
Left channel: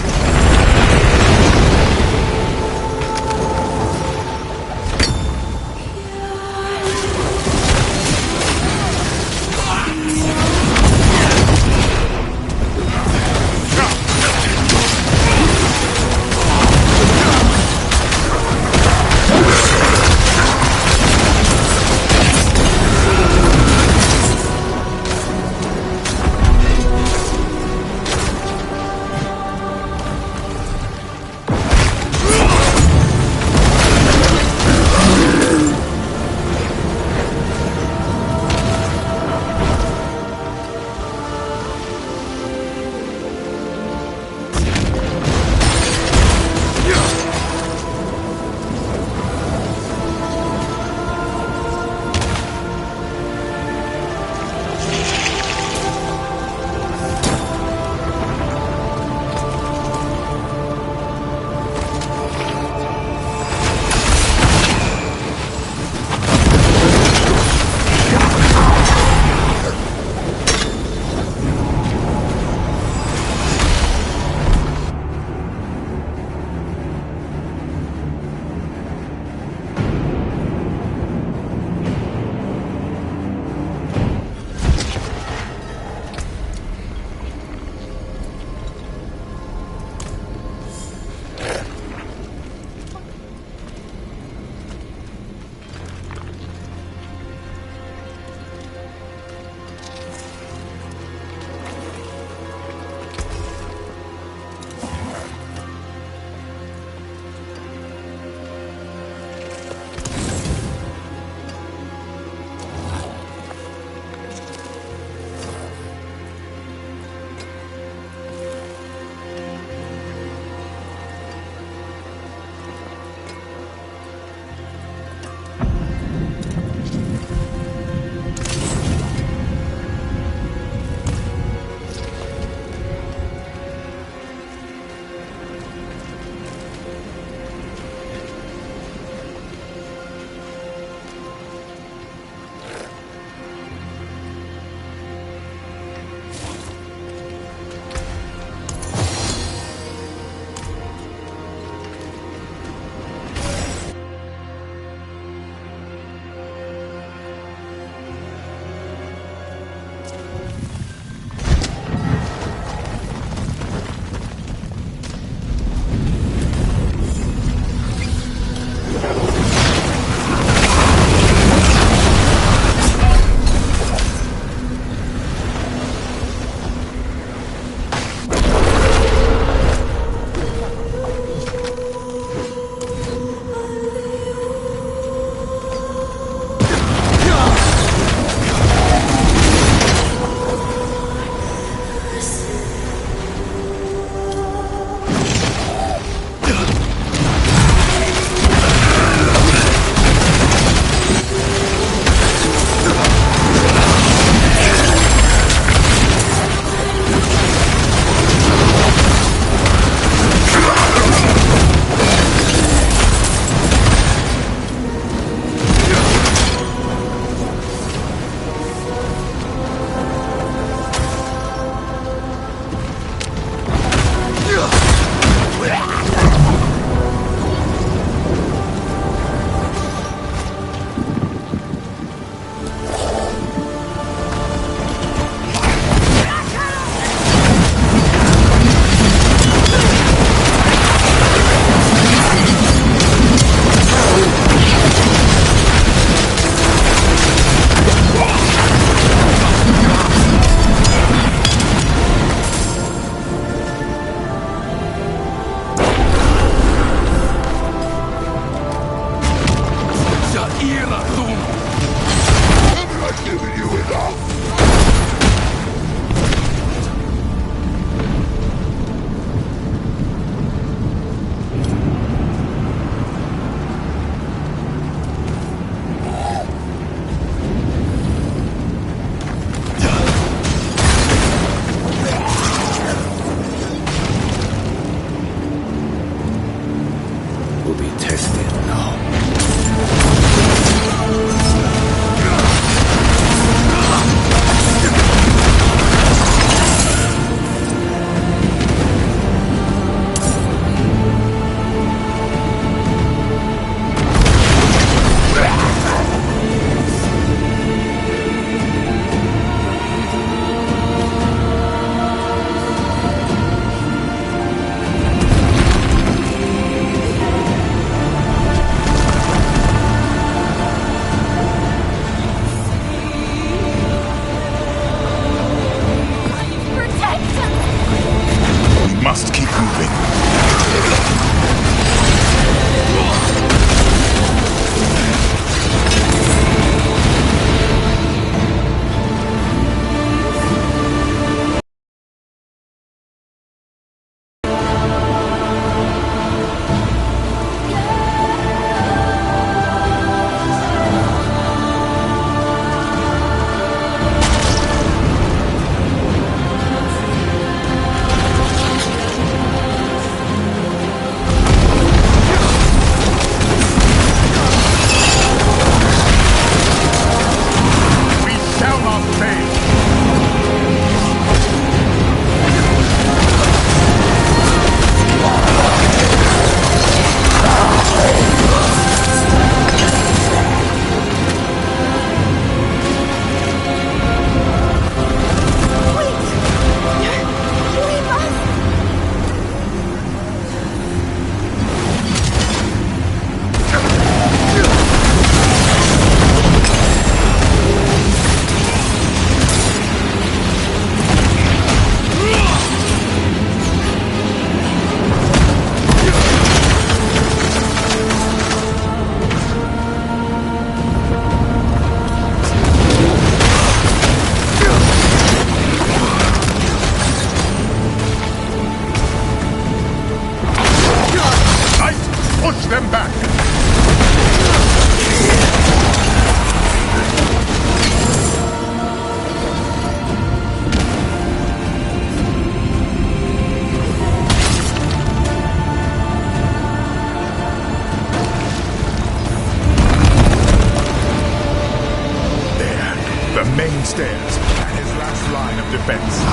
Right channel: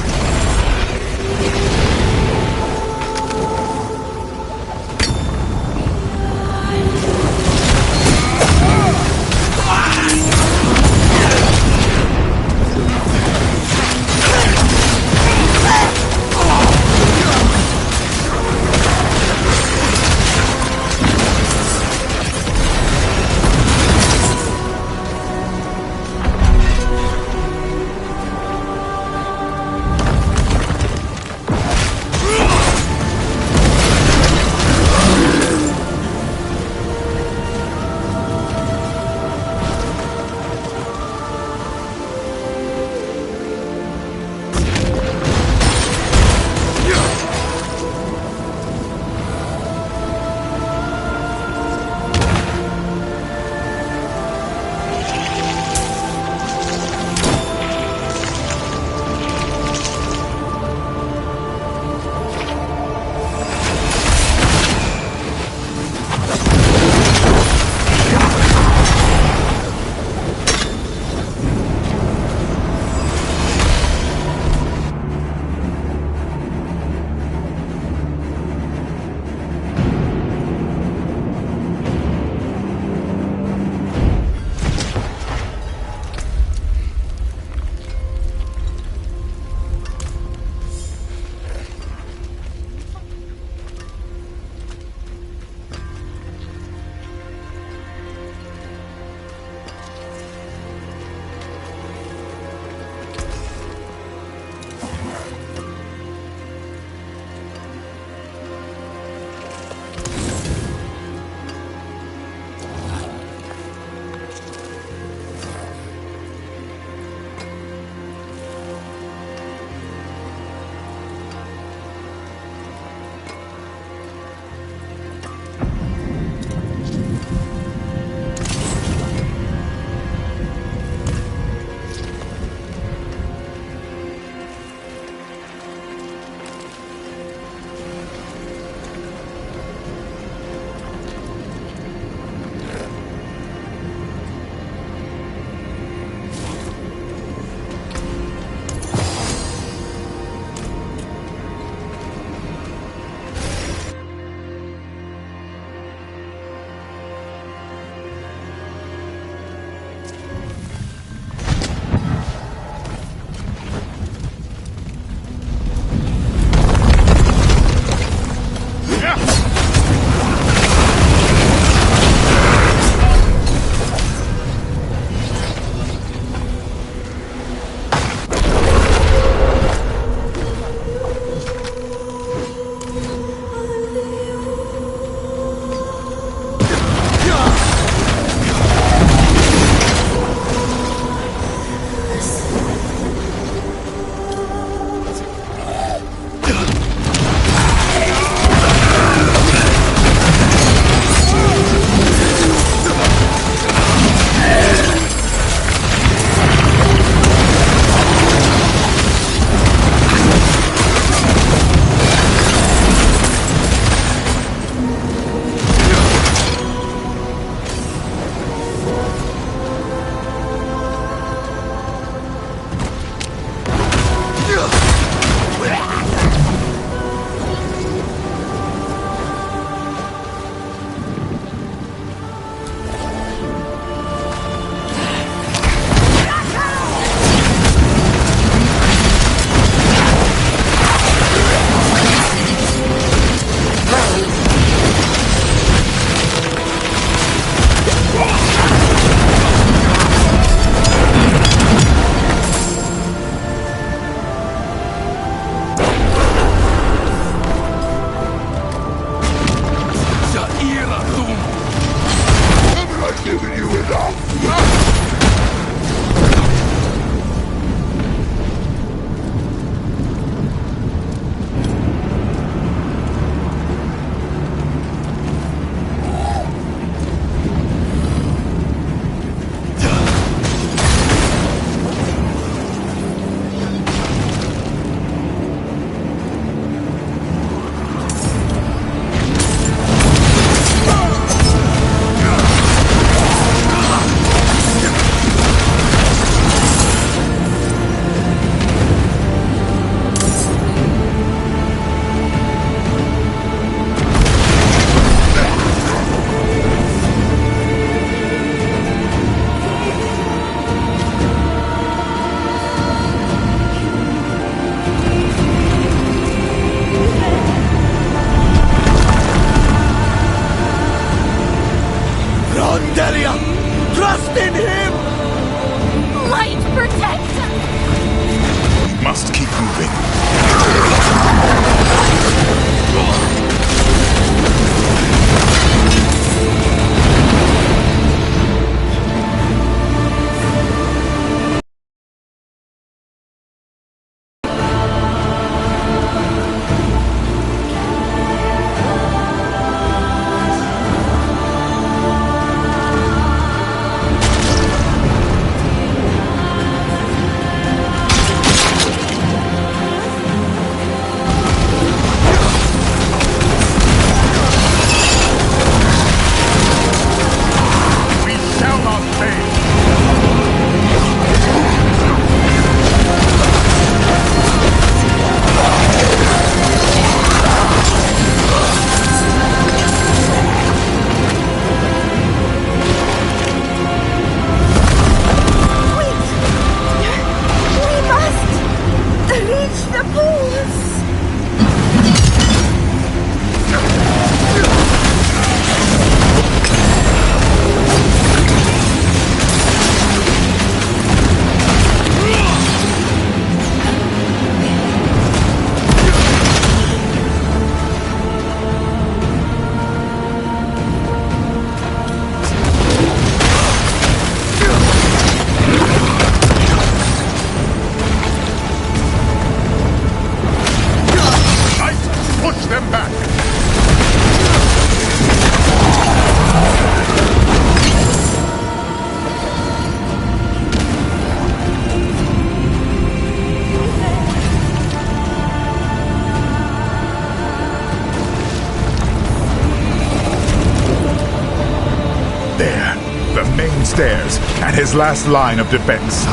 stairs and his last line of defense.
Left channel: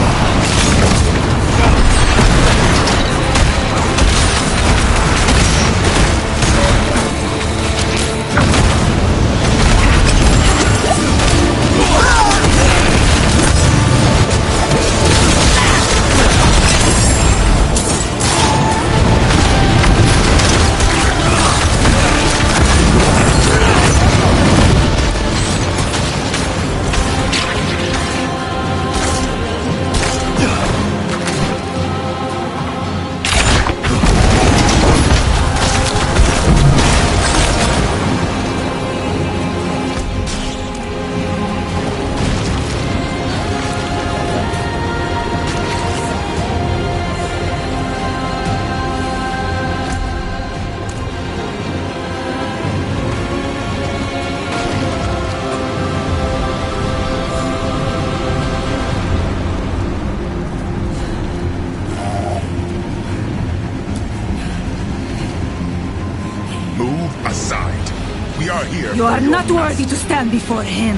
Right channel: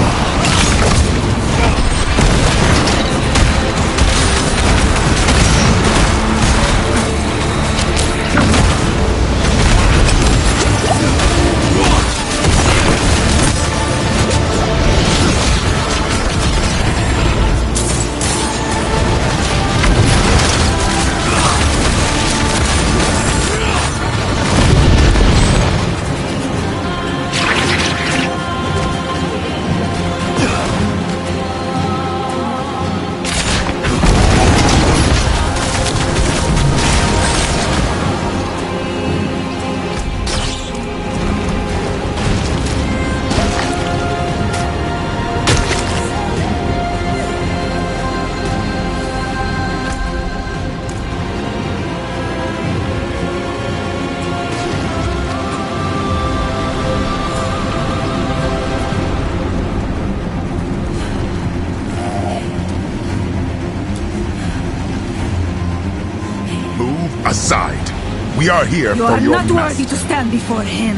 Aside. We are here You for are your not master. worthy to stand before him.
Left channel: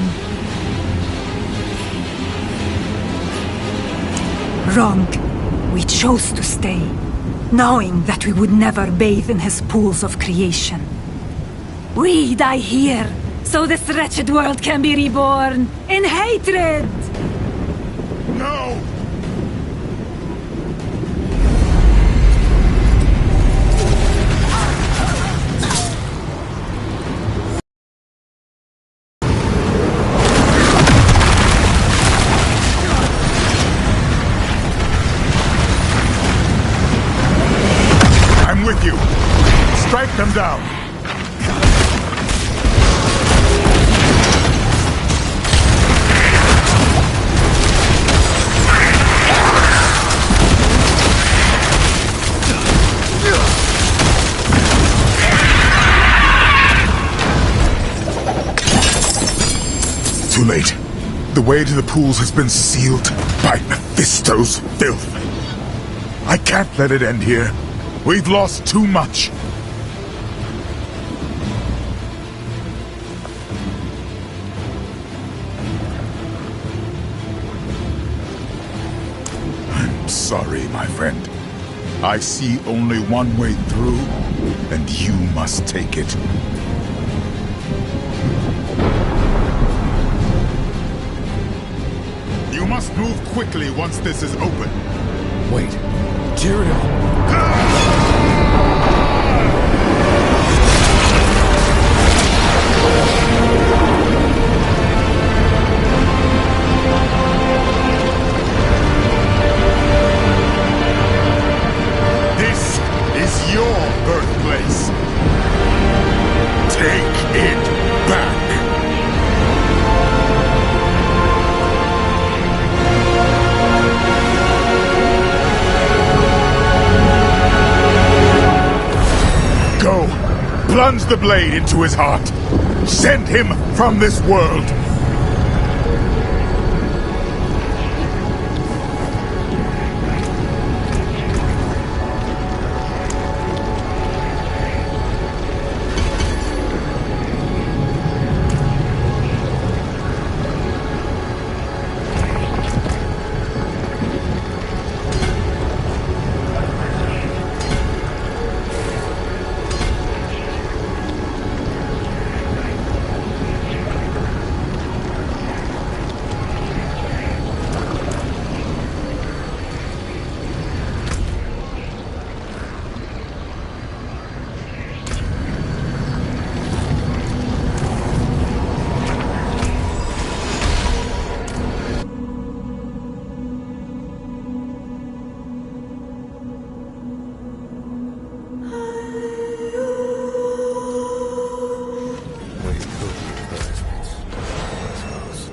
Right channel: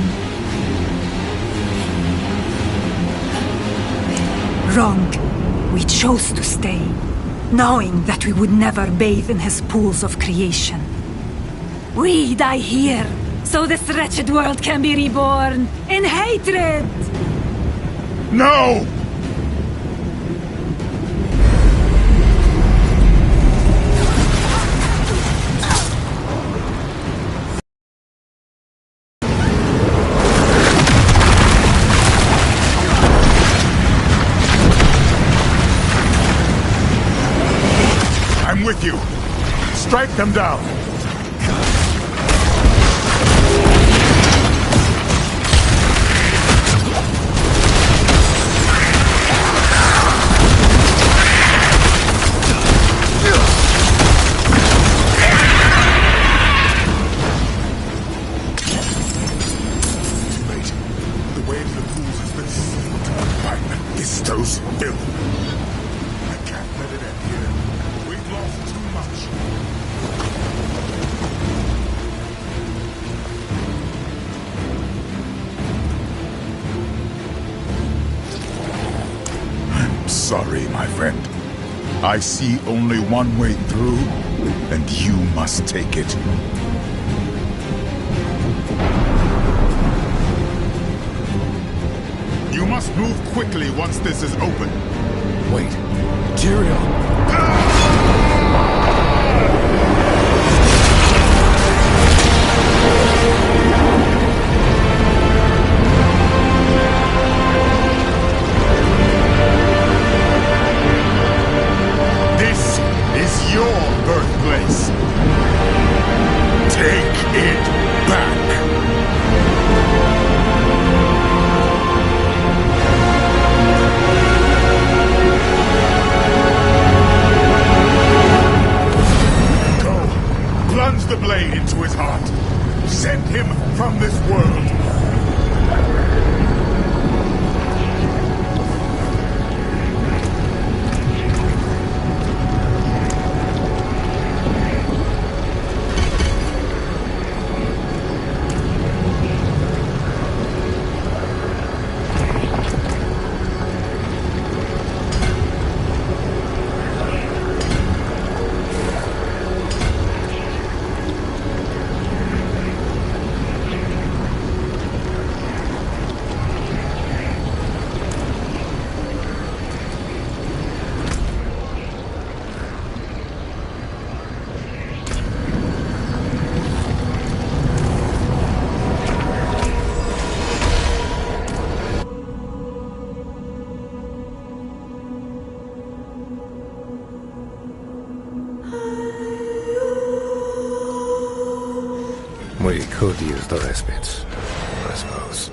Wrong. We chose to stay, knowing that we would never bathe in his pools of creation. We die here, so this wretched world can be reborn in hatred! No! With you. Strike them down. Too late. The way to the pools has been sealed by Mephisto's filth. I can't let it end here. We've lost too much. I'm sorry, my friend. I see only one way through, and you must take it. You must move quickly once this is open. Wait. Tyrael! This is your birthplace. Take it back. Go. Plunge the blade into his heart. Send him from this world. We could use the respite, I suppose.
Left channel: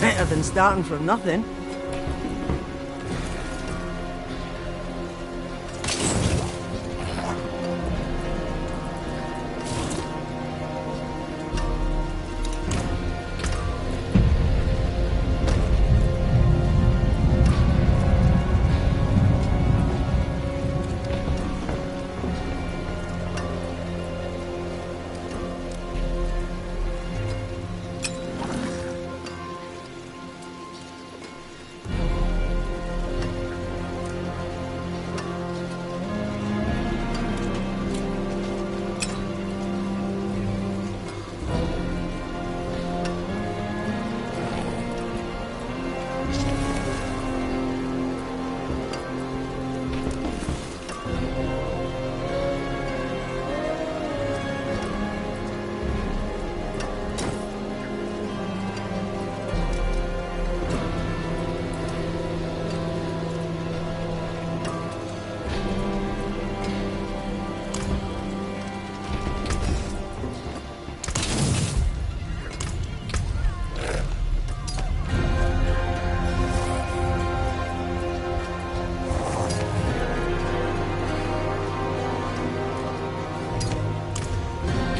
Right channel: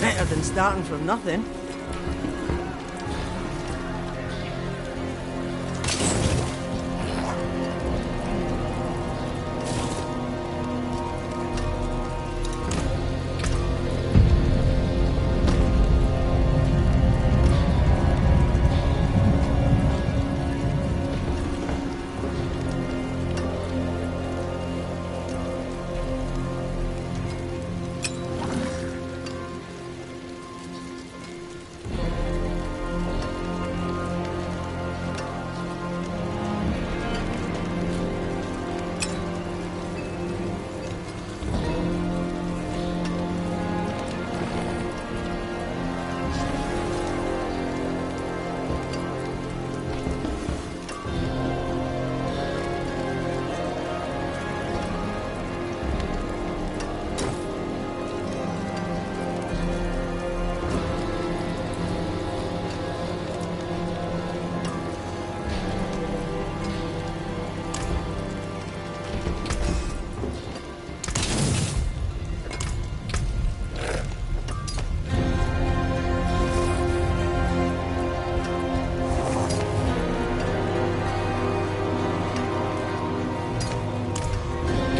Better than starting from nothing.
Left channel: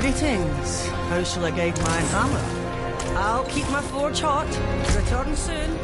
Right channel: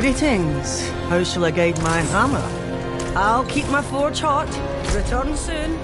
Greetings. How shall I guide my hammer? I'll keep my forge hot. Return soon.